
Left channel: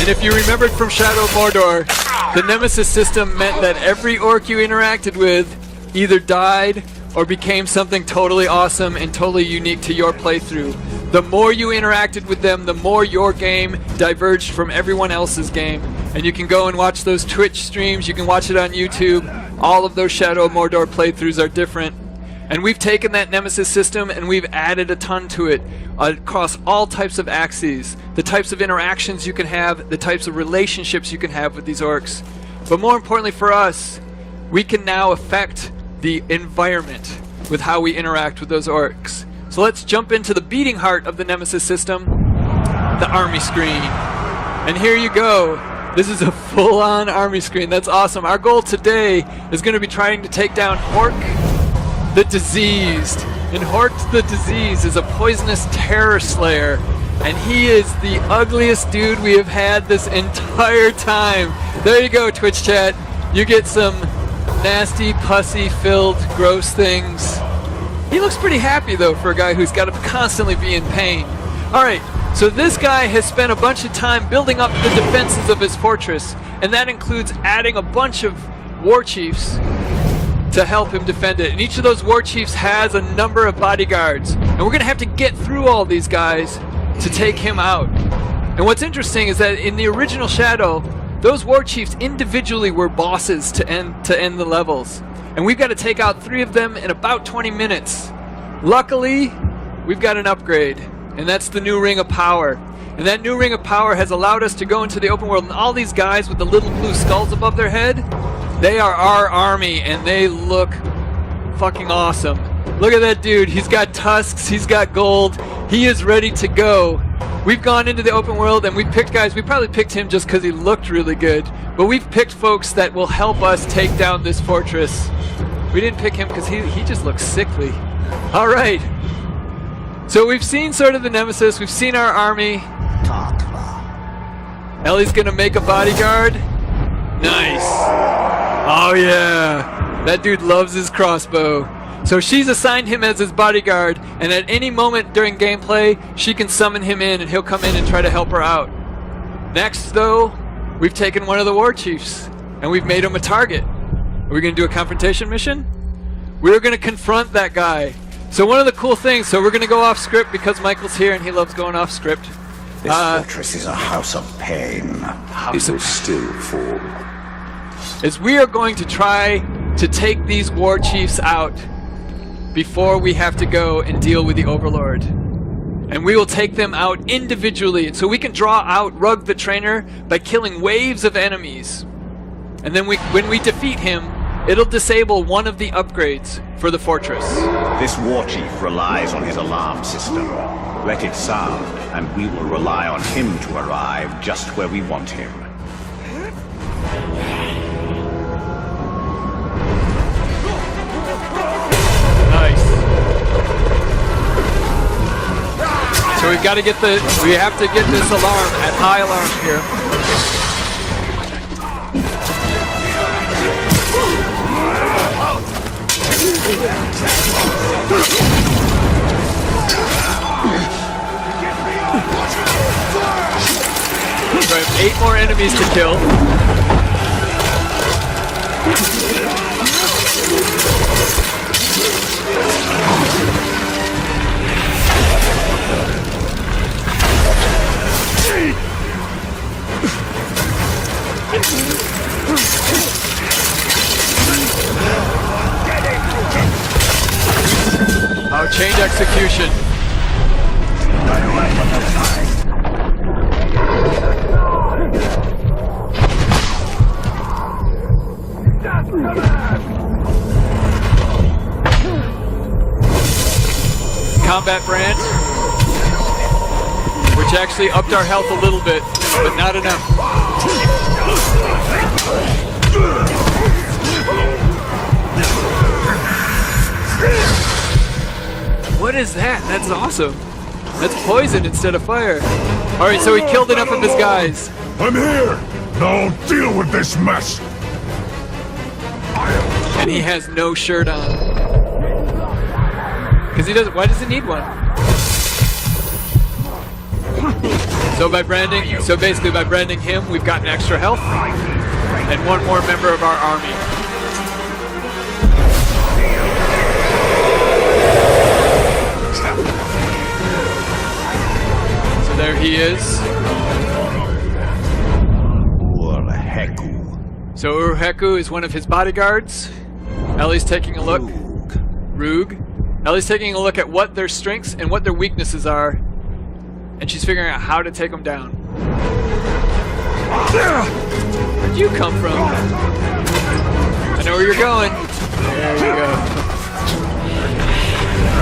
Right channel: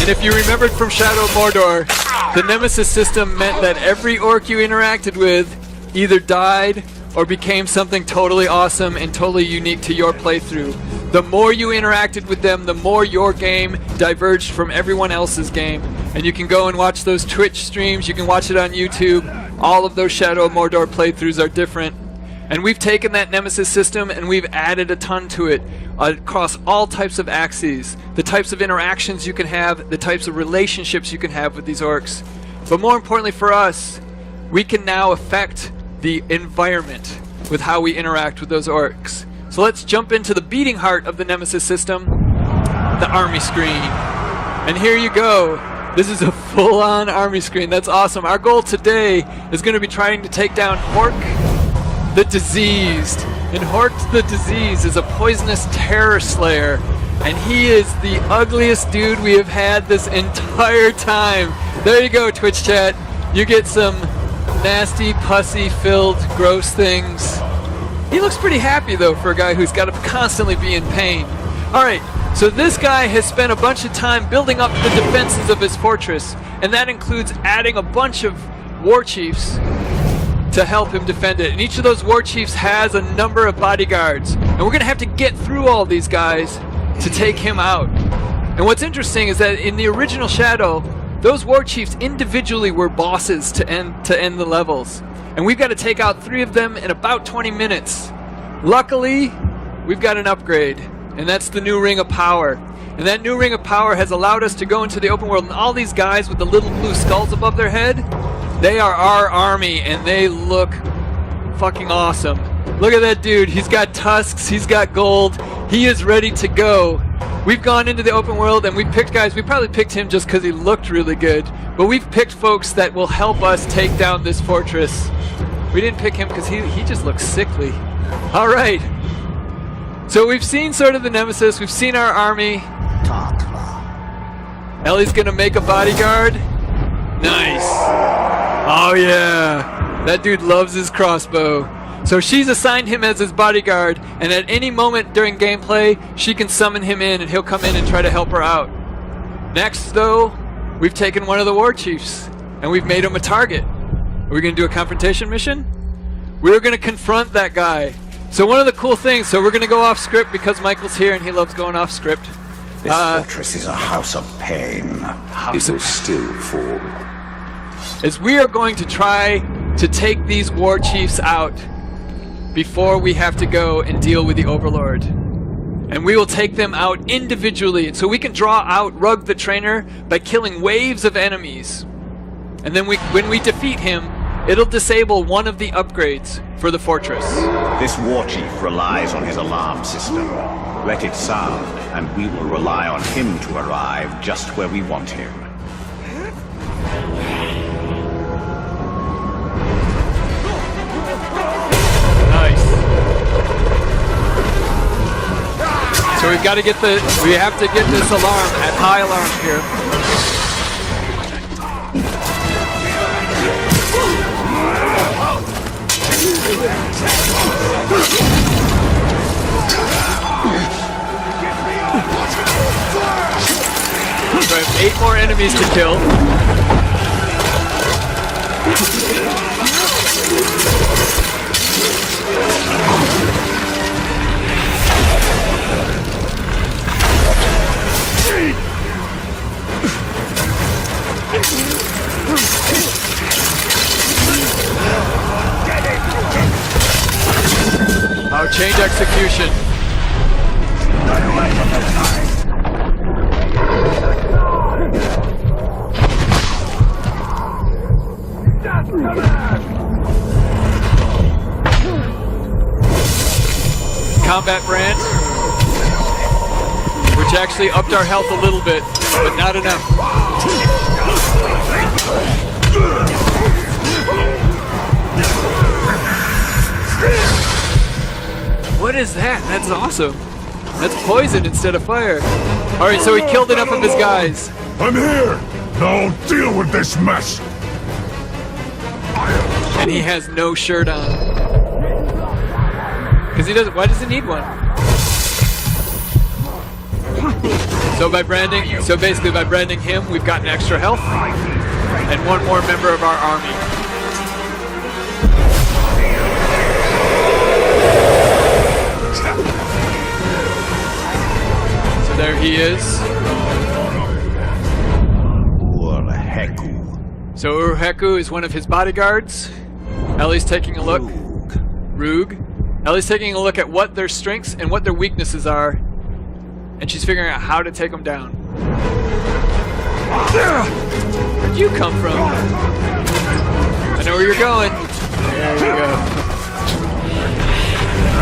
And if you remembered from Shadow of Mordor, the Nemesis system meant that every orc you interacted with either died or became something totally awesome and totally unique to your playthrough. The more you interacted with them, the more your game diverged from everyone else's game. And you can go and watch those Twitch streams, you can watch it on YouTube. All of those Shadow of Mordor playthroughs are different. And we've taken that Nemesis system and we've added a ton to it across all types of axes, the types of interactions you can have, the types of relationships you can have with these orcs. But more importantly for us, we can now affect the environment with how we interact with those orcs. So let's jump into the beating heart of the Nemesis system, the army screen. And here you go. This is a full-on army screen. That's awesome. Our goal today is going to be trying to take down Hork the Diseased. And Hork the Diseased is a poisonous terror slayer. And he is the ugliest dude we have had this entire time. There you go, Twitch chat. You get some nasty, pussy-filled, gross things. He looks pretty happy, though, for a guy who's got to constantly be in pain. All right, so this guy has spent a bunch of time building up the defenses of his fortress, and that includes adding a bunch of war chiefs to help him defend it. And each of those war chiefs has a number of bodyguards. And we're going to have to get through all these guys to take him out. And what's interesting is that in the original Shadow, those war chiefs individually were bosses to end the levels. And we've got to take out 3 of them in about 20 minutes. Luckily, we've got an upgrade, and that's the new Ring of Power. And that new Ring of Power has allowed us to go into the open world, and all these guys with the little blue skulls above their head, they are our army, and they look fucking awesome. Look at that dude. He's got tusks, he's got gold, he is ready to go. We've gone into the open world and we picked guys. We probably picked him just because he looked really good, but we've picked folks that will help us take down this fortress. We didn't pick him because he just looks sickly. All right. So we've seen sort of the Nemesis. We've seen our army. Ellie's going to make a bodyguard. Nice. Oh, yeah. That dude loves his crossbow. So she's assigned him as his bodyguard, and at any moment during gameplay, she can summon him in, and he'll come in and try to help her out. Next, though, we've taken one of the war chiefs, and we've made him a target. Are we going to do a confrontation mission? We're going to confront that guy. So one of the cool things, so we're going to go off script because Michael's here, and he loves going off script. This fortress is a house of pain. How do we still fall? Is we are going to try to take these war chiefs out before we have to go and deal with the Overlord. And we will take them out individually. So we can draw out Rug the Trainer by killing waves of enemies. And then when we defeat him, it'll disable one of the upgrades for the fortress. This war chief relies on his alarm system. Let it sound, and we will rely on him to arrive just where we want him. Nice. So we have to get this alarm at high alarm here. So I have 8 more enemies to kill. I'll change execution. Combat brand, which actually upped our health a little bit, but not enough. What is that? That's awesome. That's poison instead of fire. All right, so he killed enough of his guys. I'm here. Now deal with this mess. And he has no shirt on. Because he doesn't. Why does he need one? So basically by branding him, we've gotten extra health and one more member of our army. So there he is. So Urheku is one of his bodyguards. Ellie's taking a look. Roog. Ellie's taking a look at what their strengths and what their weaknesses are, and she's figuring out how to take them down. Where'd you come from? I know where you're going.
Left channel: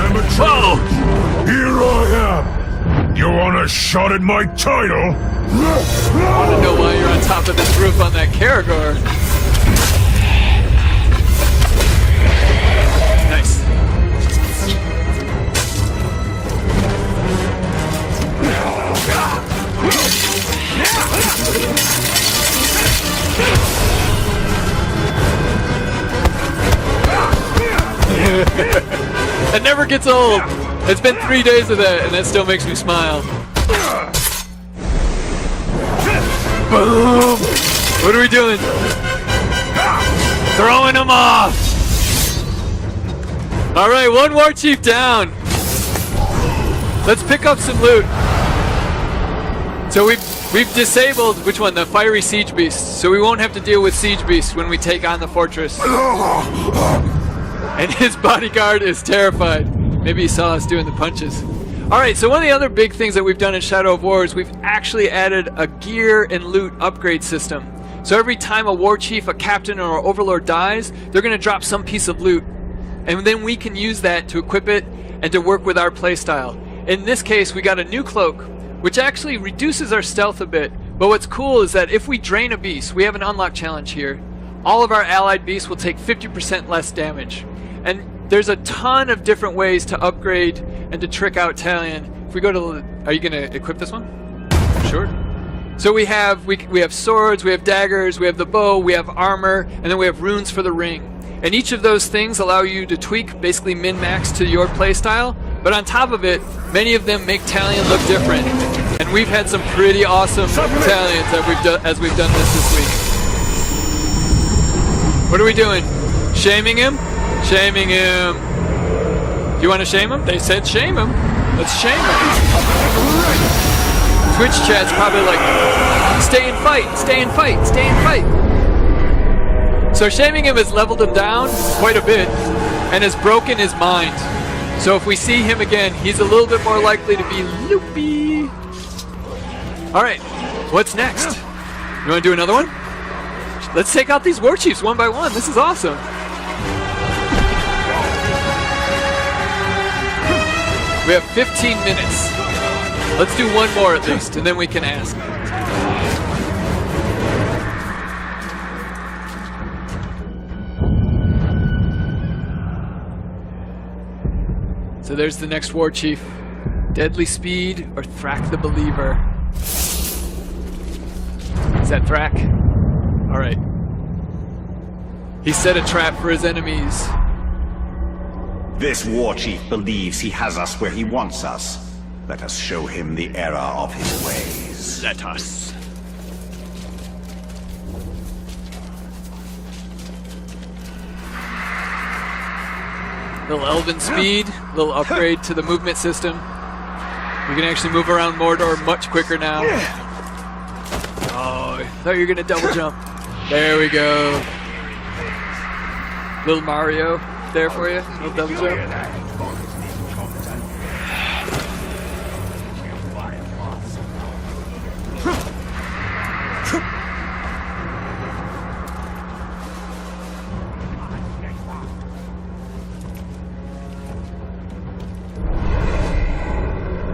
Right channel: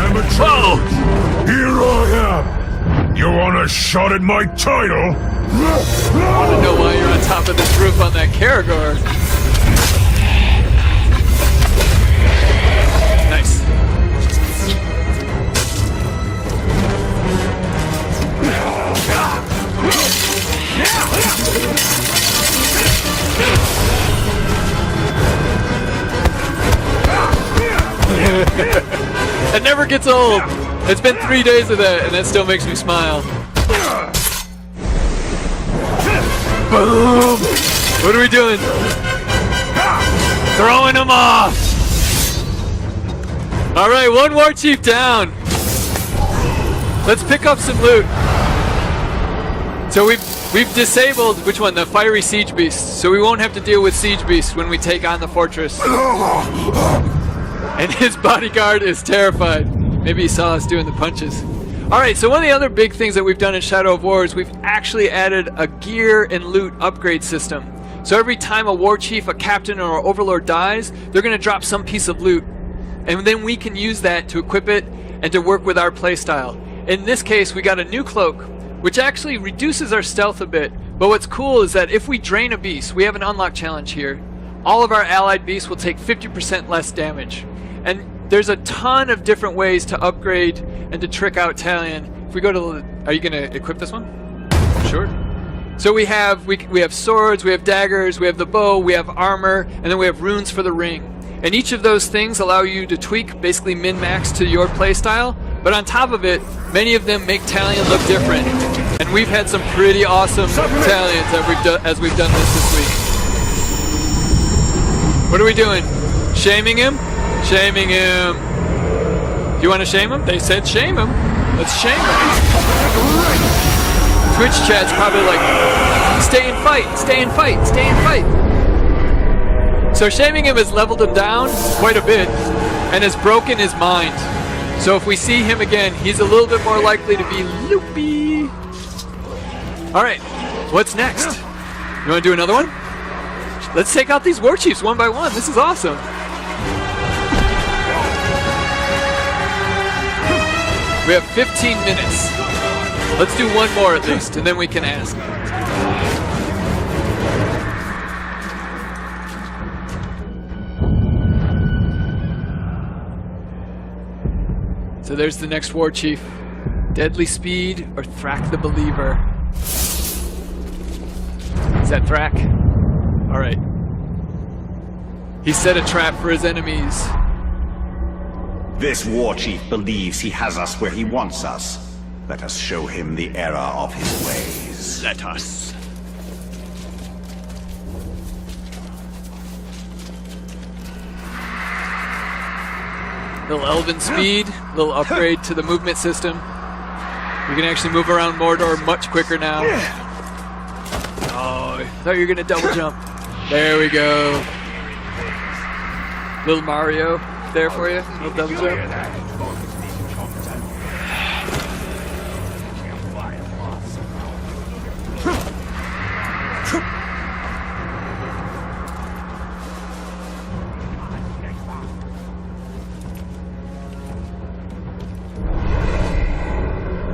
Amateur! Here I am! You want a shot at my title? I don't know why you're on top of this roof on that Karagor. Nice. That never gets old. It's been 3 days of that, and it still makes me smile. Boom! What are we doing? Throwing him off! Alright, one war chief down. Let's pick up some loot. So we've disabled, which one? The fiery siege beast. So we won't have to deal with siege beasts when we take on the fortress. And his bodyguard is terrified. Maybe he saw us doing the punches. Alright, so one of the other big things that we've done in Shadow of War is we've actually added a gear and loot upgrade system. So every time a war chief, a captain, or an overlord dies, they're going to drop some piece of loot. And then we can use that to equip it and to work with our playstyle. In this case, we got a new cloak, which actually reduces our stealth a bit. But what's cool is that if we drain a beast, we have an unlock challenge here, all of our allied beasts will take 50% less damage. And there's a ton of different ways to upgrade and to trick out Talion. If we go to, are you going to equip this one? Sure. So we have swords, we have daggers, we have the bow, we have armor, and then we have runes for the ring. And each of those things allow you to tweak, basically min-max to your playstyle. But on top of it, many of them make Talion look different. And we've had some pretty awesome Talions that as we've done this week. What are we doing? Shaming him? Shaming him. Do you want to shame him? They said shame him. Let's shame him. Twitch chat's probably like, stay and fight, stay and fight, stay and fight. So shaming him has leveled him down quite a bit and has broken his mind. So if we see him again, he's a little bit more likely to be loopy. Alright, what's next? You want to do another one? Let's take out these war chiefs one by one. This is awesome. We have 15 minutes. Let's do one more at least, and then we can ask. So there's the next war chief. Deadly Speed or Thrak the Believer? Is that Thrak? Alright. He set a trap for his enemies. This war chief believes he has us where he wants us. Let us show him the error of his ways. Let us. Little Elven Speed, little upgrade to the movement system. We can actually move around Mordor much quicker now. Oh, I thought you were gonna double jump. There we go. Little Mario there for you. Little double jump.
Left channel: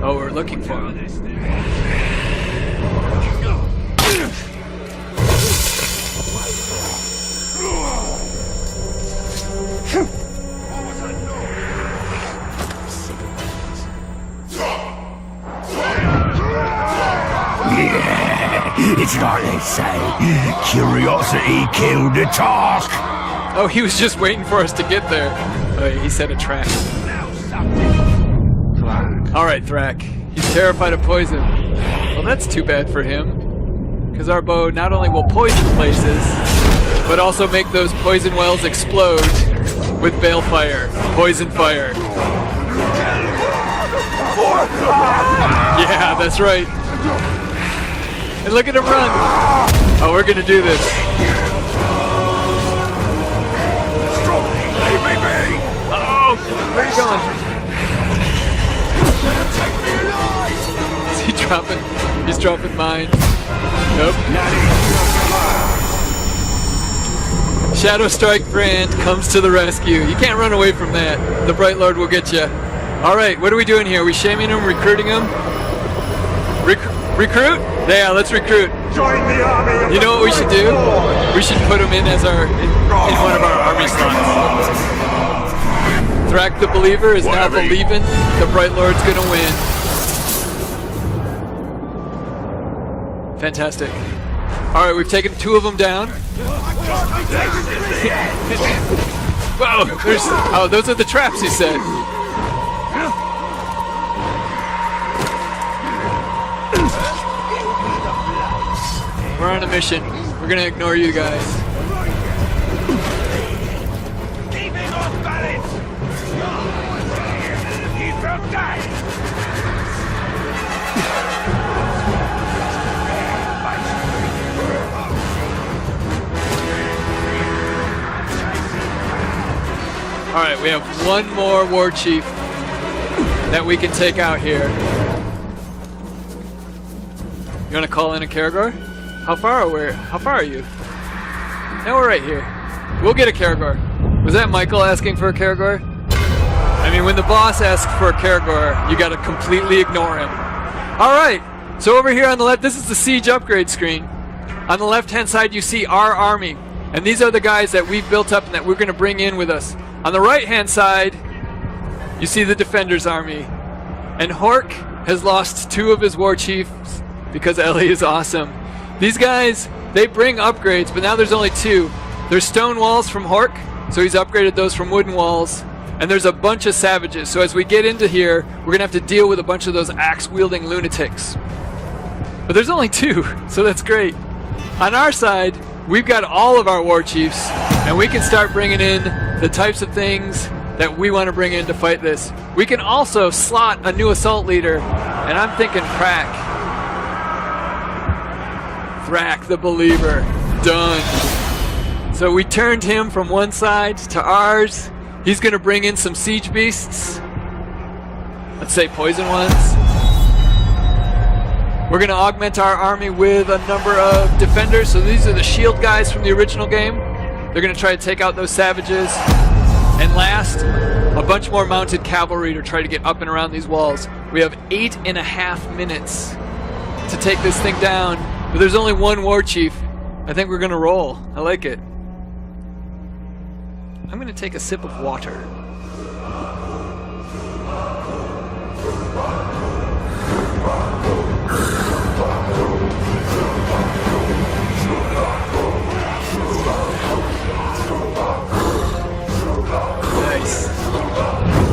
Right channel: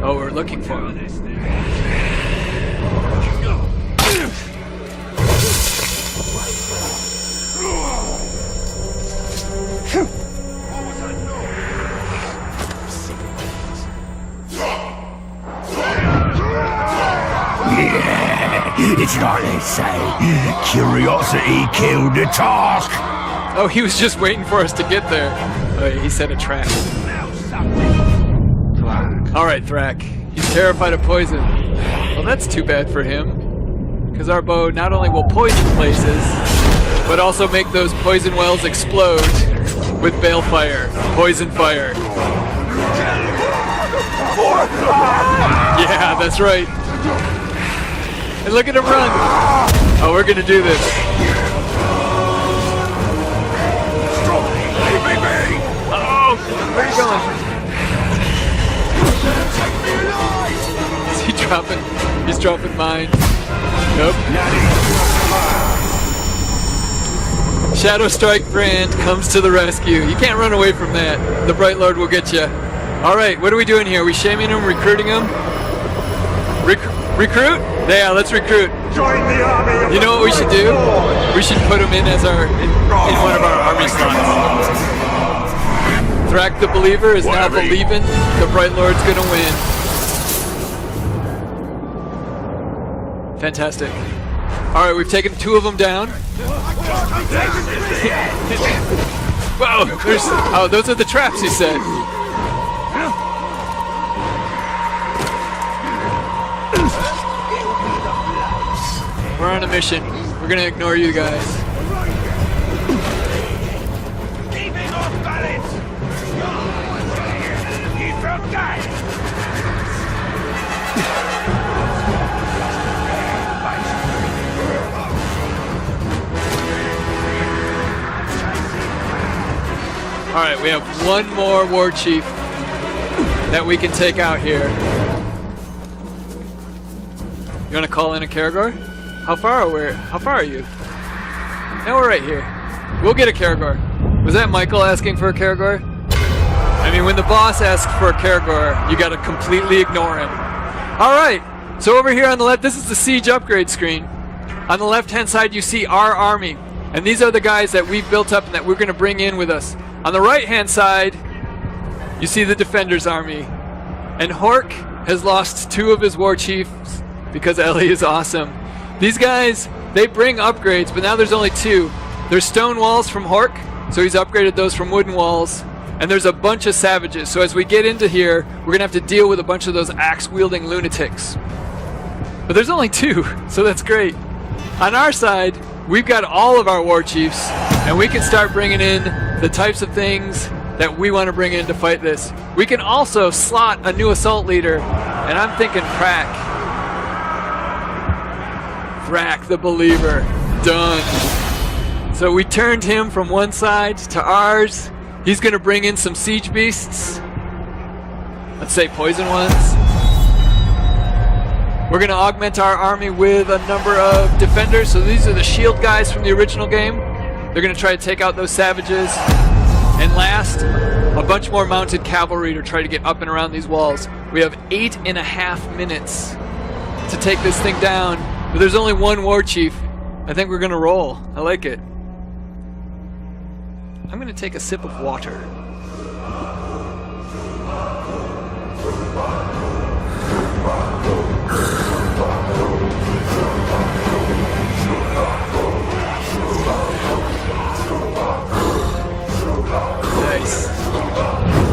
Oh, we're looking for him. It's like they say, curiosity killed the talk. Oh, he was just waiting for us to get there. Oh, he set a trap. Alright, Thrak. He's terrified of poison. Well, that's too bad for him. Because our bow not only will poison places, but also make those poison wells explode with balefire, poison fire. Yeah, that's right. And look at him run. Oh, we're gonna do this. Oh, where are you going? Is he dropping? He's dropping mine. Nope. Shadow Strike brand comes to the rescue. You can't run away from that. The Bright Lord will get you. All right, what are we doing here? Are we shaming him, recruiting him? Recruit? Yeah, let's recruit. You know what we should do? We should put him in as in one of our army slots. Thrak the Believer is now believing the Bright Lord's gonna win. Fantastic. All right, we've taken 2 of them down. Whoa, those are the traps, he said. We're on a mission. We're gonna ignore you guys. Keep it off balance! You broke that! All right, we have one more war chief that we can take out here. You want to call in a Karagor? How far are you? Now we're right here. We'll get a Karagor. Was that Michael asking for a Karagor? I mean, when the boss asks for a Karagor, you got to completely ignore him. All right. So over here on the left, this is the siege upgrade screen. On the left-hand side, you see our army, and these are the guys that we've built up and that we're going to bring in with us. On the right-hand side, you see the Defender's army. And Hork has lost 2 of his war chiefs because Ellie is awesome. These guys, they bring upgrades, but now there's only 2. There's stone walls from Hork, so he's upgraded those from wooden walls. And there's a bunch of savages, so as we get into here, we're going to have to deal with a bunch of those axe-wielding lunatics. But there's only 2, so that's great. On our side, we've got all of our war chiefs, and we can start bringing in the types of things that we want to bring in to fight this. We can also slot a new assault leader, and I'm thinking Thrak the Believer. Done. So we turned him from one side to ours. He's going to bring in some siege beasts. Let's say poison ones. We're going to augment our army with a number of defenders. So these are the shield guys from the original game. They're going to try to take out those savages. And last, a bunch more mounted cavalry to try to get up and around these walls. We have 8.5 minutes to take this thing down. But there's only 1 war chief. I think we're going to roll. I like it. I'm going to take a sip of water.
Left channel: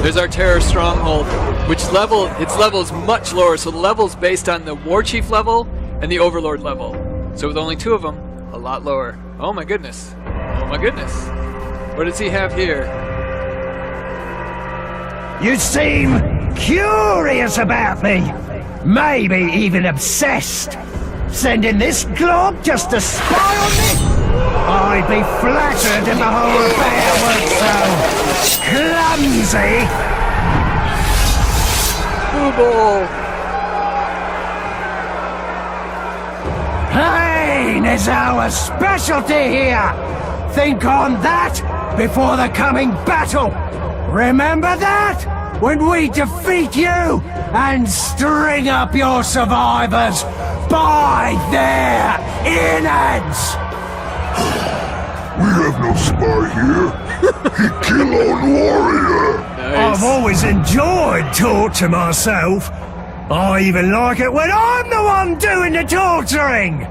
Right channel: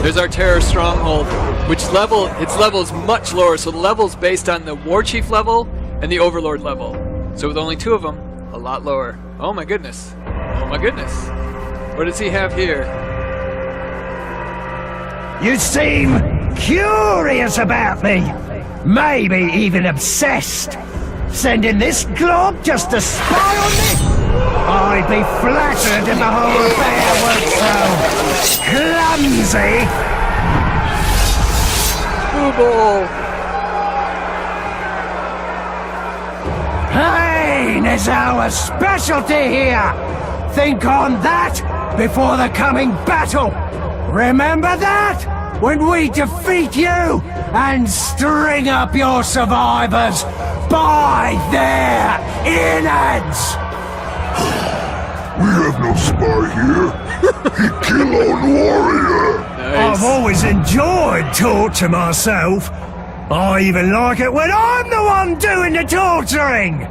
There's our terror stronghold, which its level is much lower. So the level is based on the war chief level and the overlord level. So with only 2 of them, a lot lower. Oh my goodness. Oh my goodness. What does he have here? You seem curious about me. Maybe even obsessed. Sending this glob just to spy on me? I'd be flattered if the whole affair was so clumsy. Ball. Pain is our specialty here. Think on that before the coming battle. Remember that when we defeat you and string up your survivors by their innards. We have no spy here. He kill our warrior. I've always enjoyed torture myself. I even like it when I'm the one doing the torturing.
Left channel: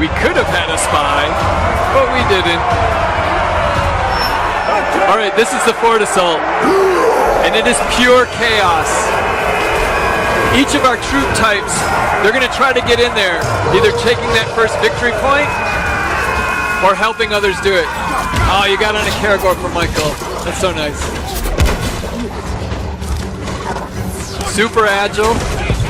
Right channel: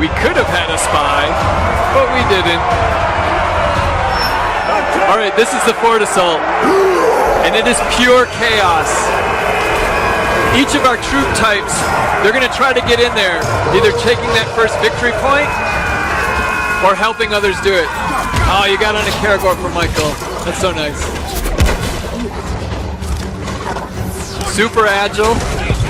We could have had a spy, but we didn't. All right, this is the fort assault, and it is pure chaos. Each of our troop types, they're going to try to get in there, either taking that first victory point or helping others do it. Oh, you got on a Karagor from Michael. That's so nice. Super agile.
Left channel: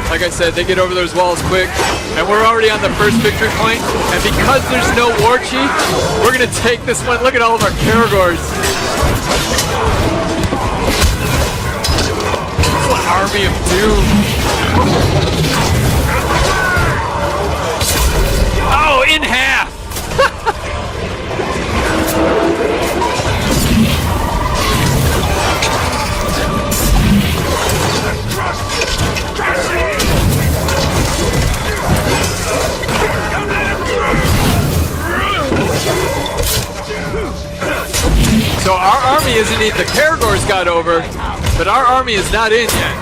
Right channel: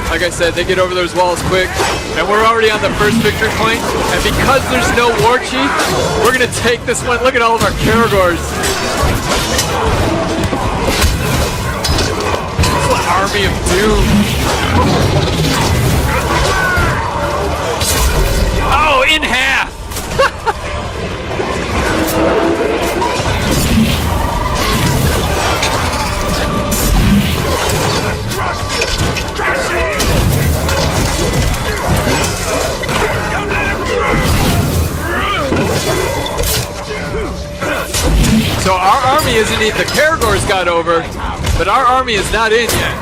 Like I said, they get over those walls quick. And we're already on the first victory point. And because there's no war chief, we're going to take this one. Look at all of our Karagors. Army of Doom. Oh, in half. underneath the Karagors got over, but our army is not in yet.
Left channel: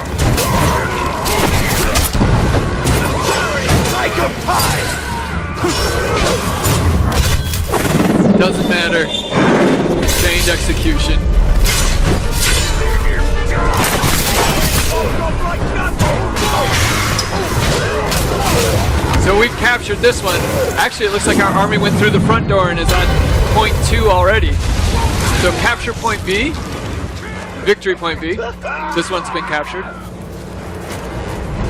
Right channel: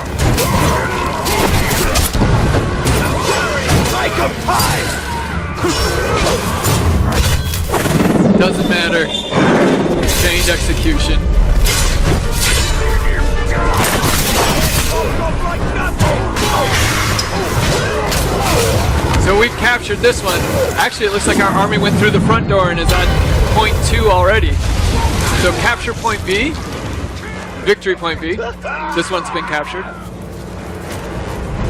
Like a pie! Doesn't matter. Chained execution. So we've captured this one. Actually, it looks like our army went through the front door and is on point 2 already. So capture point B. Victory point B. This one's been captured.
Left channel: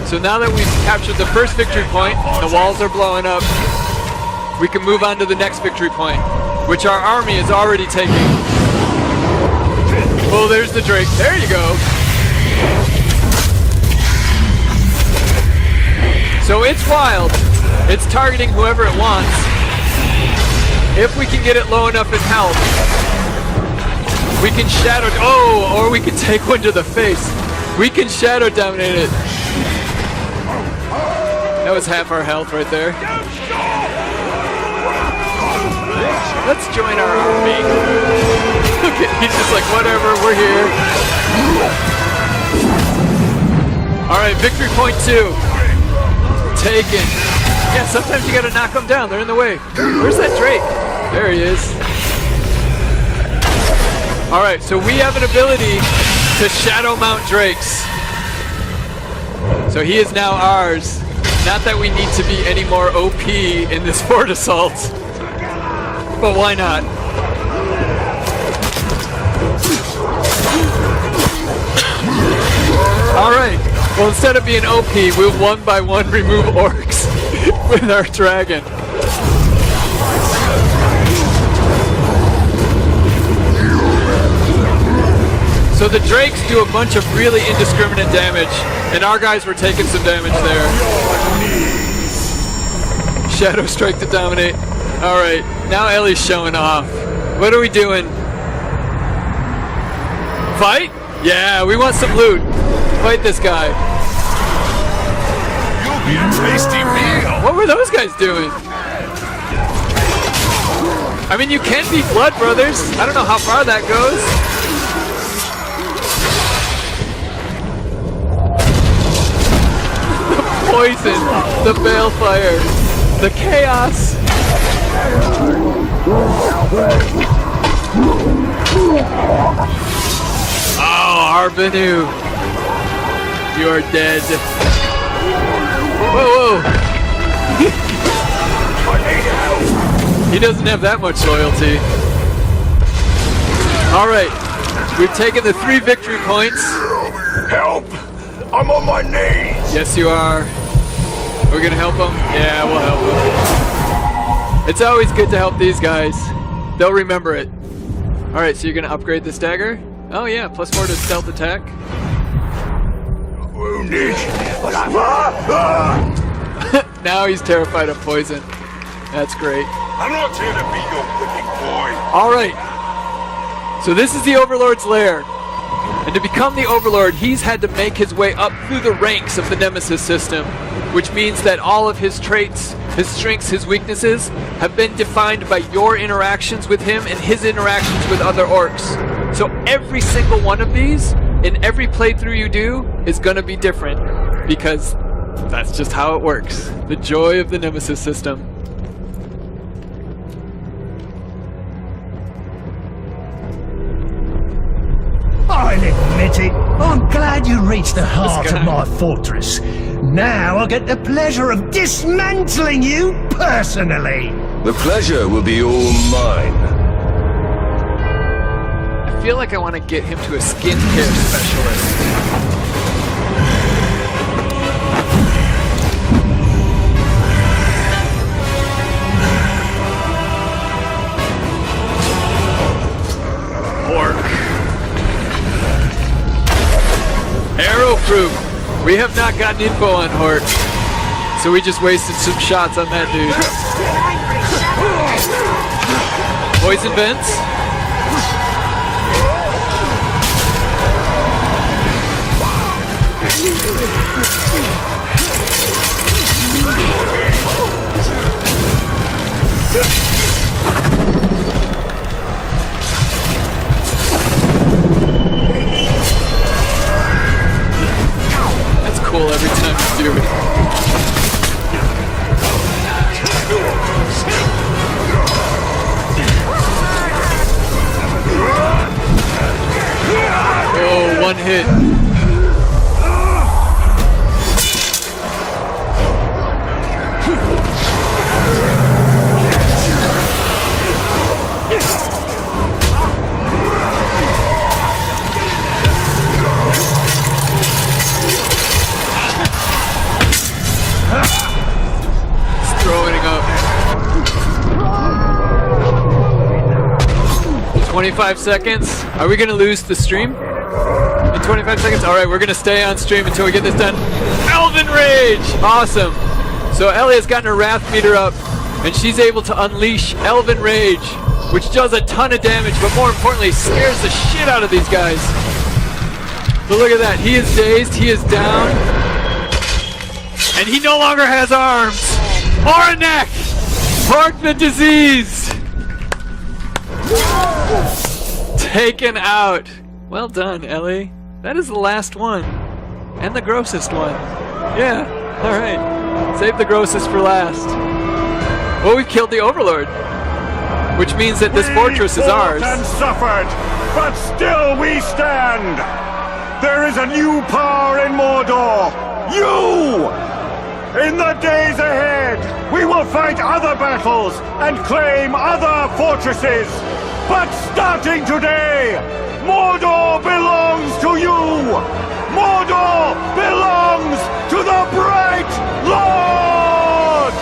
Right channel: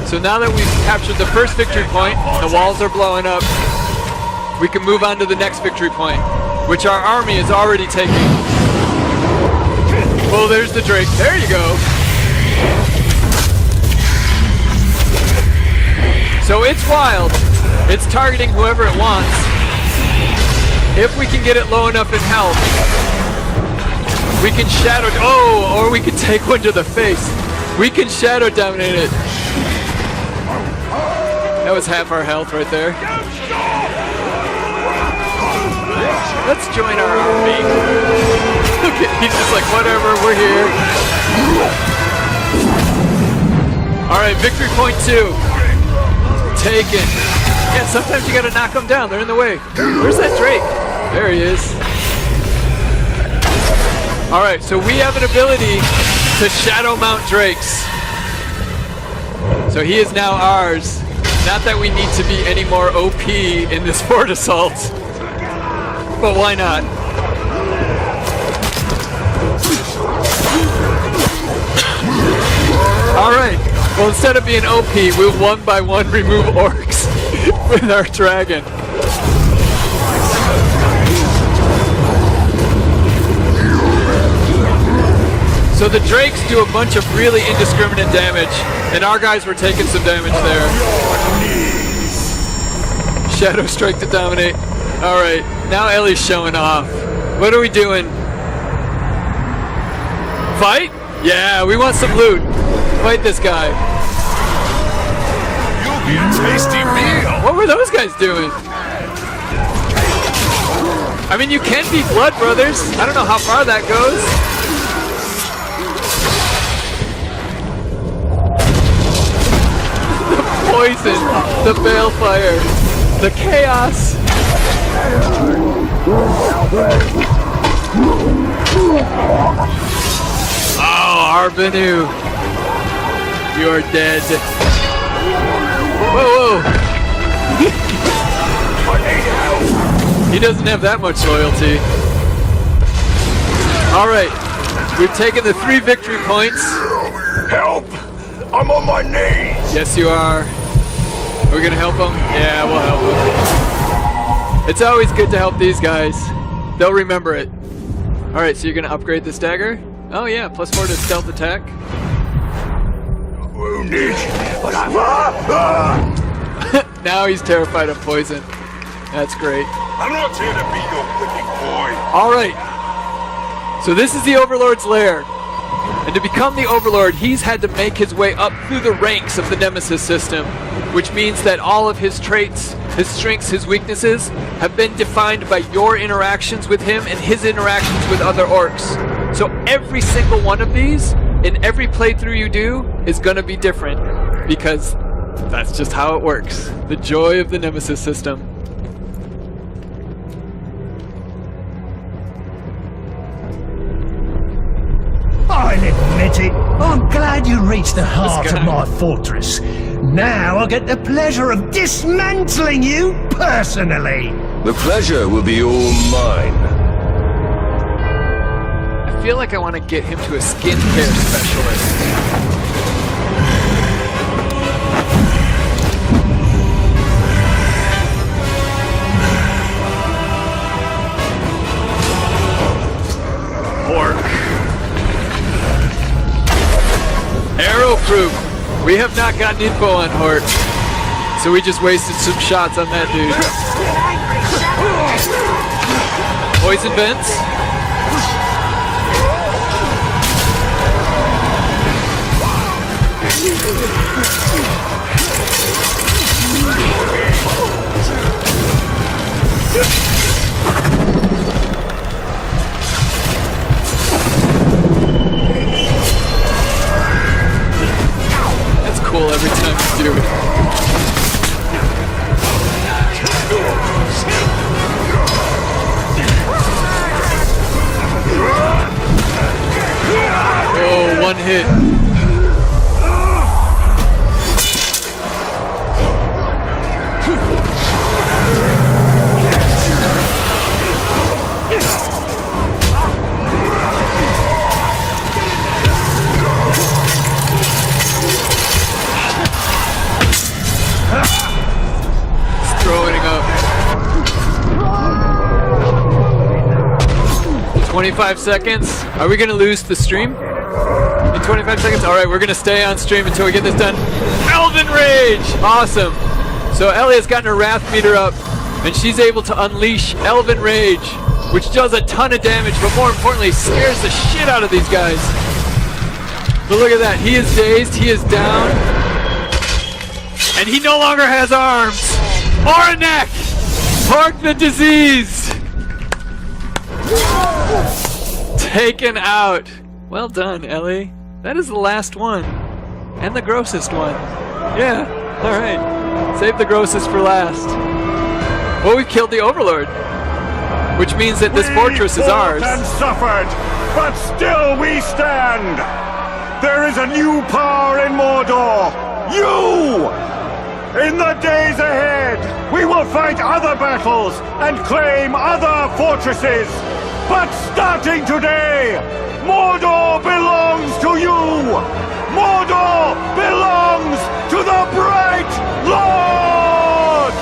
So now that we've captured the first victory point, the walls are blowing up, we can move on to the next victory point, which our army is already taking. Oh, there's the Drake. There you go. So it's wild. It's targeting whoever it wants. If we can get it low enough in health, we can shadow. Oh, or we can take one to the face. We can shadow dominate it. That was half our health right there. Let's join our army. Okay, he's just like, whatever, we're here. All right, victory point 2. Taken. Yeah, sometimes you gotta knock them down. They're in the way. Where's that Drake? There he is. All right, so we have an ability to shadow mount Drakes. So he is now ours. Not that we need to be any more OP in this fort assault, but why not? All right. Well, instead of being OP, we'll one by one remove orcs with our dragon. So the Drakes do a bunch of really indiscriminate damage, and our guys were taking some damage there. Shadow Strike to dominate. All right, now Ellie's showing off. What are we doing? Fight? Yeah, we want some loot. Fight this guy. You'll be a tasty meal. What were those guys doing? I mean, you can be blood brothers. I don't know how far that goes. The poison, the balefire, the chaos. Oh, Arbanu. You're dead. Whoa, whoa. He doesn't have that much loyalty. All right, we've taken the 3 victory points. Help! I'm on my knees! Yes, you are. We're gonna help him? Yeah, we'll help him. It's always good to help these guys. They'll remember it. All right, so you're gonna upgrade this dagger? Oh yeah, +4 to stealth attack. Wounded, but I'm Now he's terrified of poison. That's great. I'm not here to be your wicked boy. All right. So this is the Overlord's lair. And to become the Overlord, he's had to make his way up through the ranks of the Nemesis system, which means that all of his traits, his strengths, his weaknesses have been defined by your interactions with him and his interactions with other orcs. So every single one of these, in every playthrough you do, is going to be different, because that's just how it works. The joy of the Nemesis system. I'll admit it. I'm glad you reached the heart of my fortress. Now I get the pleasure of dismantling you personally. The pleasure will be all mine. I feel like I want to get him to a skin kick specialist. Arrow-proof. We have not gotten info on Hort, so we just wasted some shots on that dude. Poison vents. do. Oh, one hit. He's throwing it up. 25 seconds. Are we gonna lose the stream? In 25 seconds? Alright, we're gonna stay on stream until we get this done. Elven Rage! Awesome. So Ellie has gotten her Wrath meter up, and she's able to unleash Elven Rage, which does a ton of damage, but more importantly, scares the shit out of these guys. But look at that. He is dazed, he is down, and he no longer has arms or a neck. Mark the disease. Taken out. Well done, Ellie. That is the last one. And the grossest one. Yeah, alright. Save the grossest for last. Well, we killed the Overlord. Which means that this fortress is ours. And suffered, but still we stand. There is a new power in Mordor. You! In the days ahead, we will fight other battles and claim other fortresses. But starting today, Mordor belongs to you! Mordor belongs to the Bright Lord!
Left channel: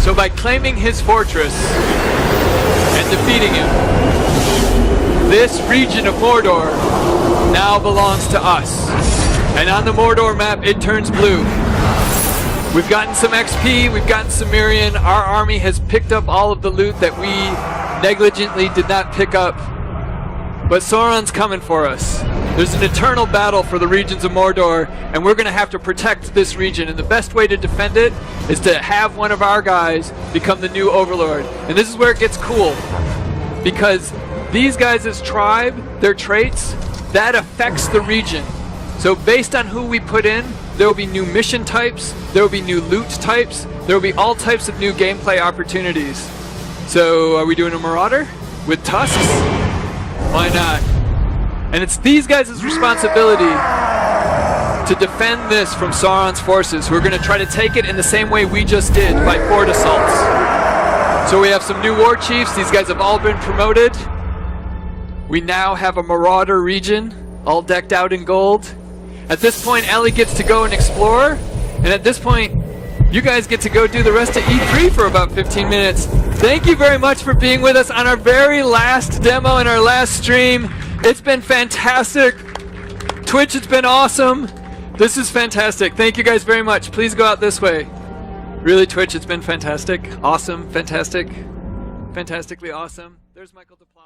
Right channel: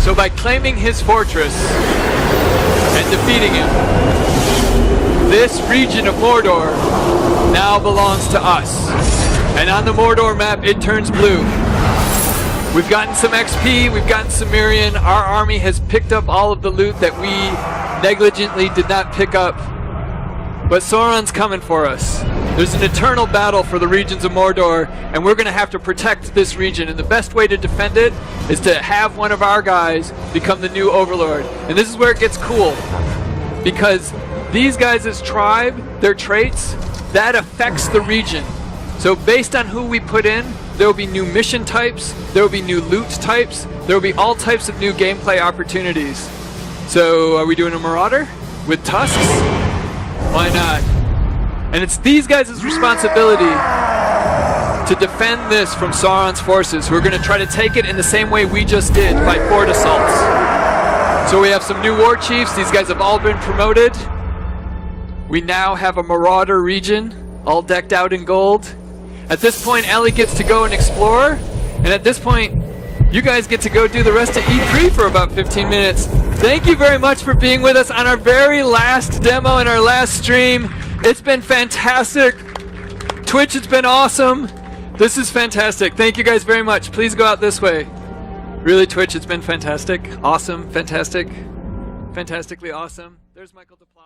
So by claiming his fortress and defeating him, this region of Mordor now belongs to us. And on the Mordor map, it turns blue. We've gotten some XP, we've gotten some Mirian. Our army has picked up all of the loot that we negligently did not pick up. But Sauron's coming for us. There's an eternal battle for the regions of Mordor, and we're going to have to protect this region. And the best way to defend it is to have one of our guys become the new Overlord. And this is where it gets cool. Because these guys' tribe, their traits, that affects the region. So based on who we put in, there will be new mission types, there will be new loot types, there will be all types of new gameplay opportunities. So are we doing a Marauder with tusks? Why not? And it's these guys' responsibility to defend this from Sauron's forces, who are going to try to take it in the same way we just did, by fort assaults. So we have some new war chiefs. These guys have all been promoted. We now have a Marauder region, all decked out in gold. At this point, Ellie gets to go and explore, and at this point, you guys get to go do the rest of E3 for about 15 minutes. Thank you very much for being with us on our very last demo and our last stream. It's been fantastic. Twitch, it's been awesome. This is fantastic. Thank you guys very much. Please go out this way. Really, Twitch, it's been fantastic. Awesome, fantastic, fantastically awesome. There's Michael DePlaw.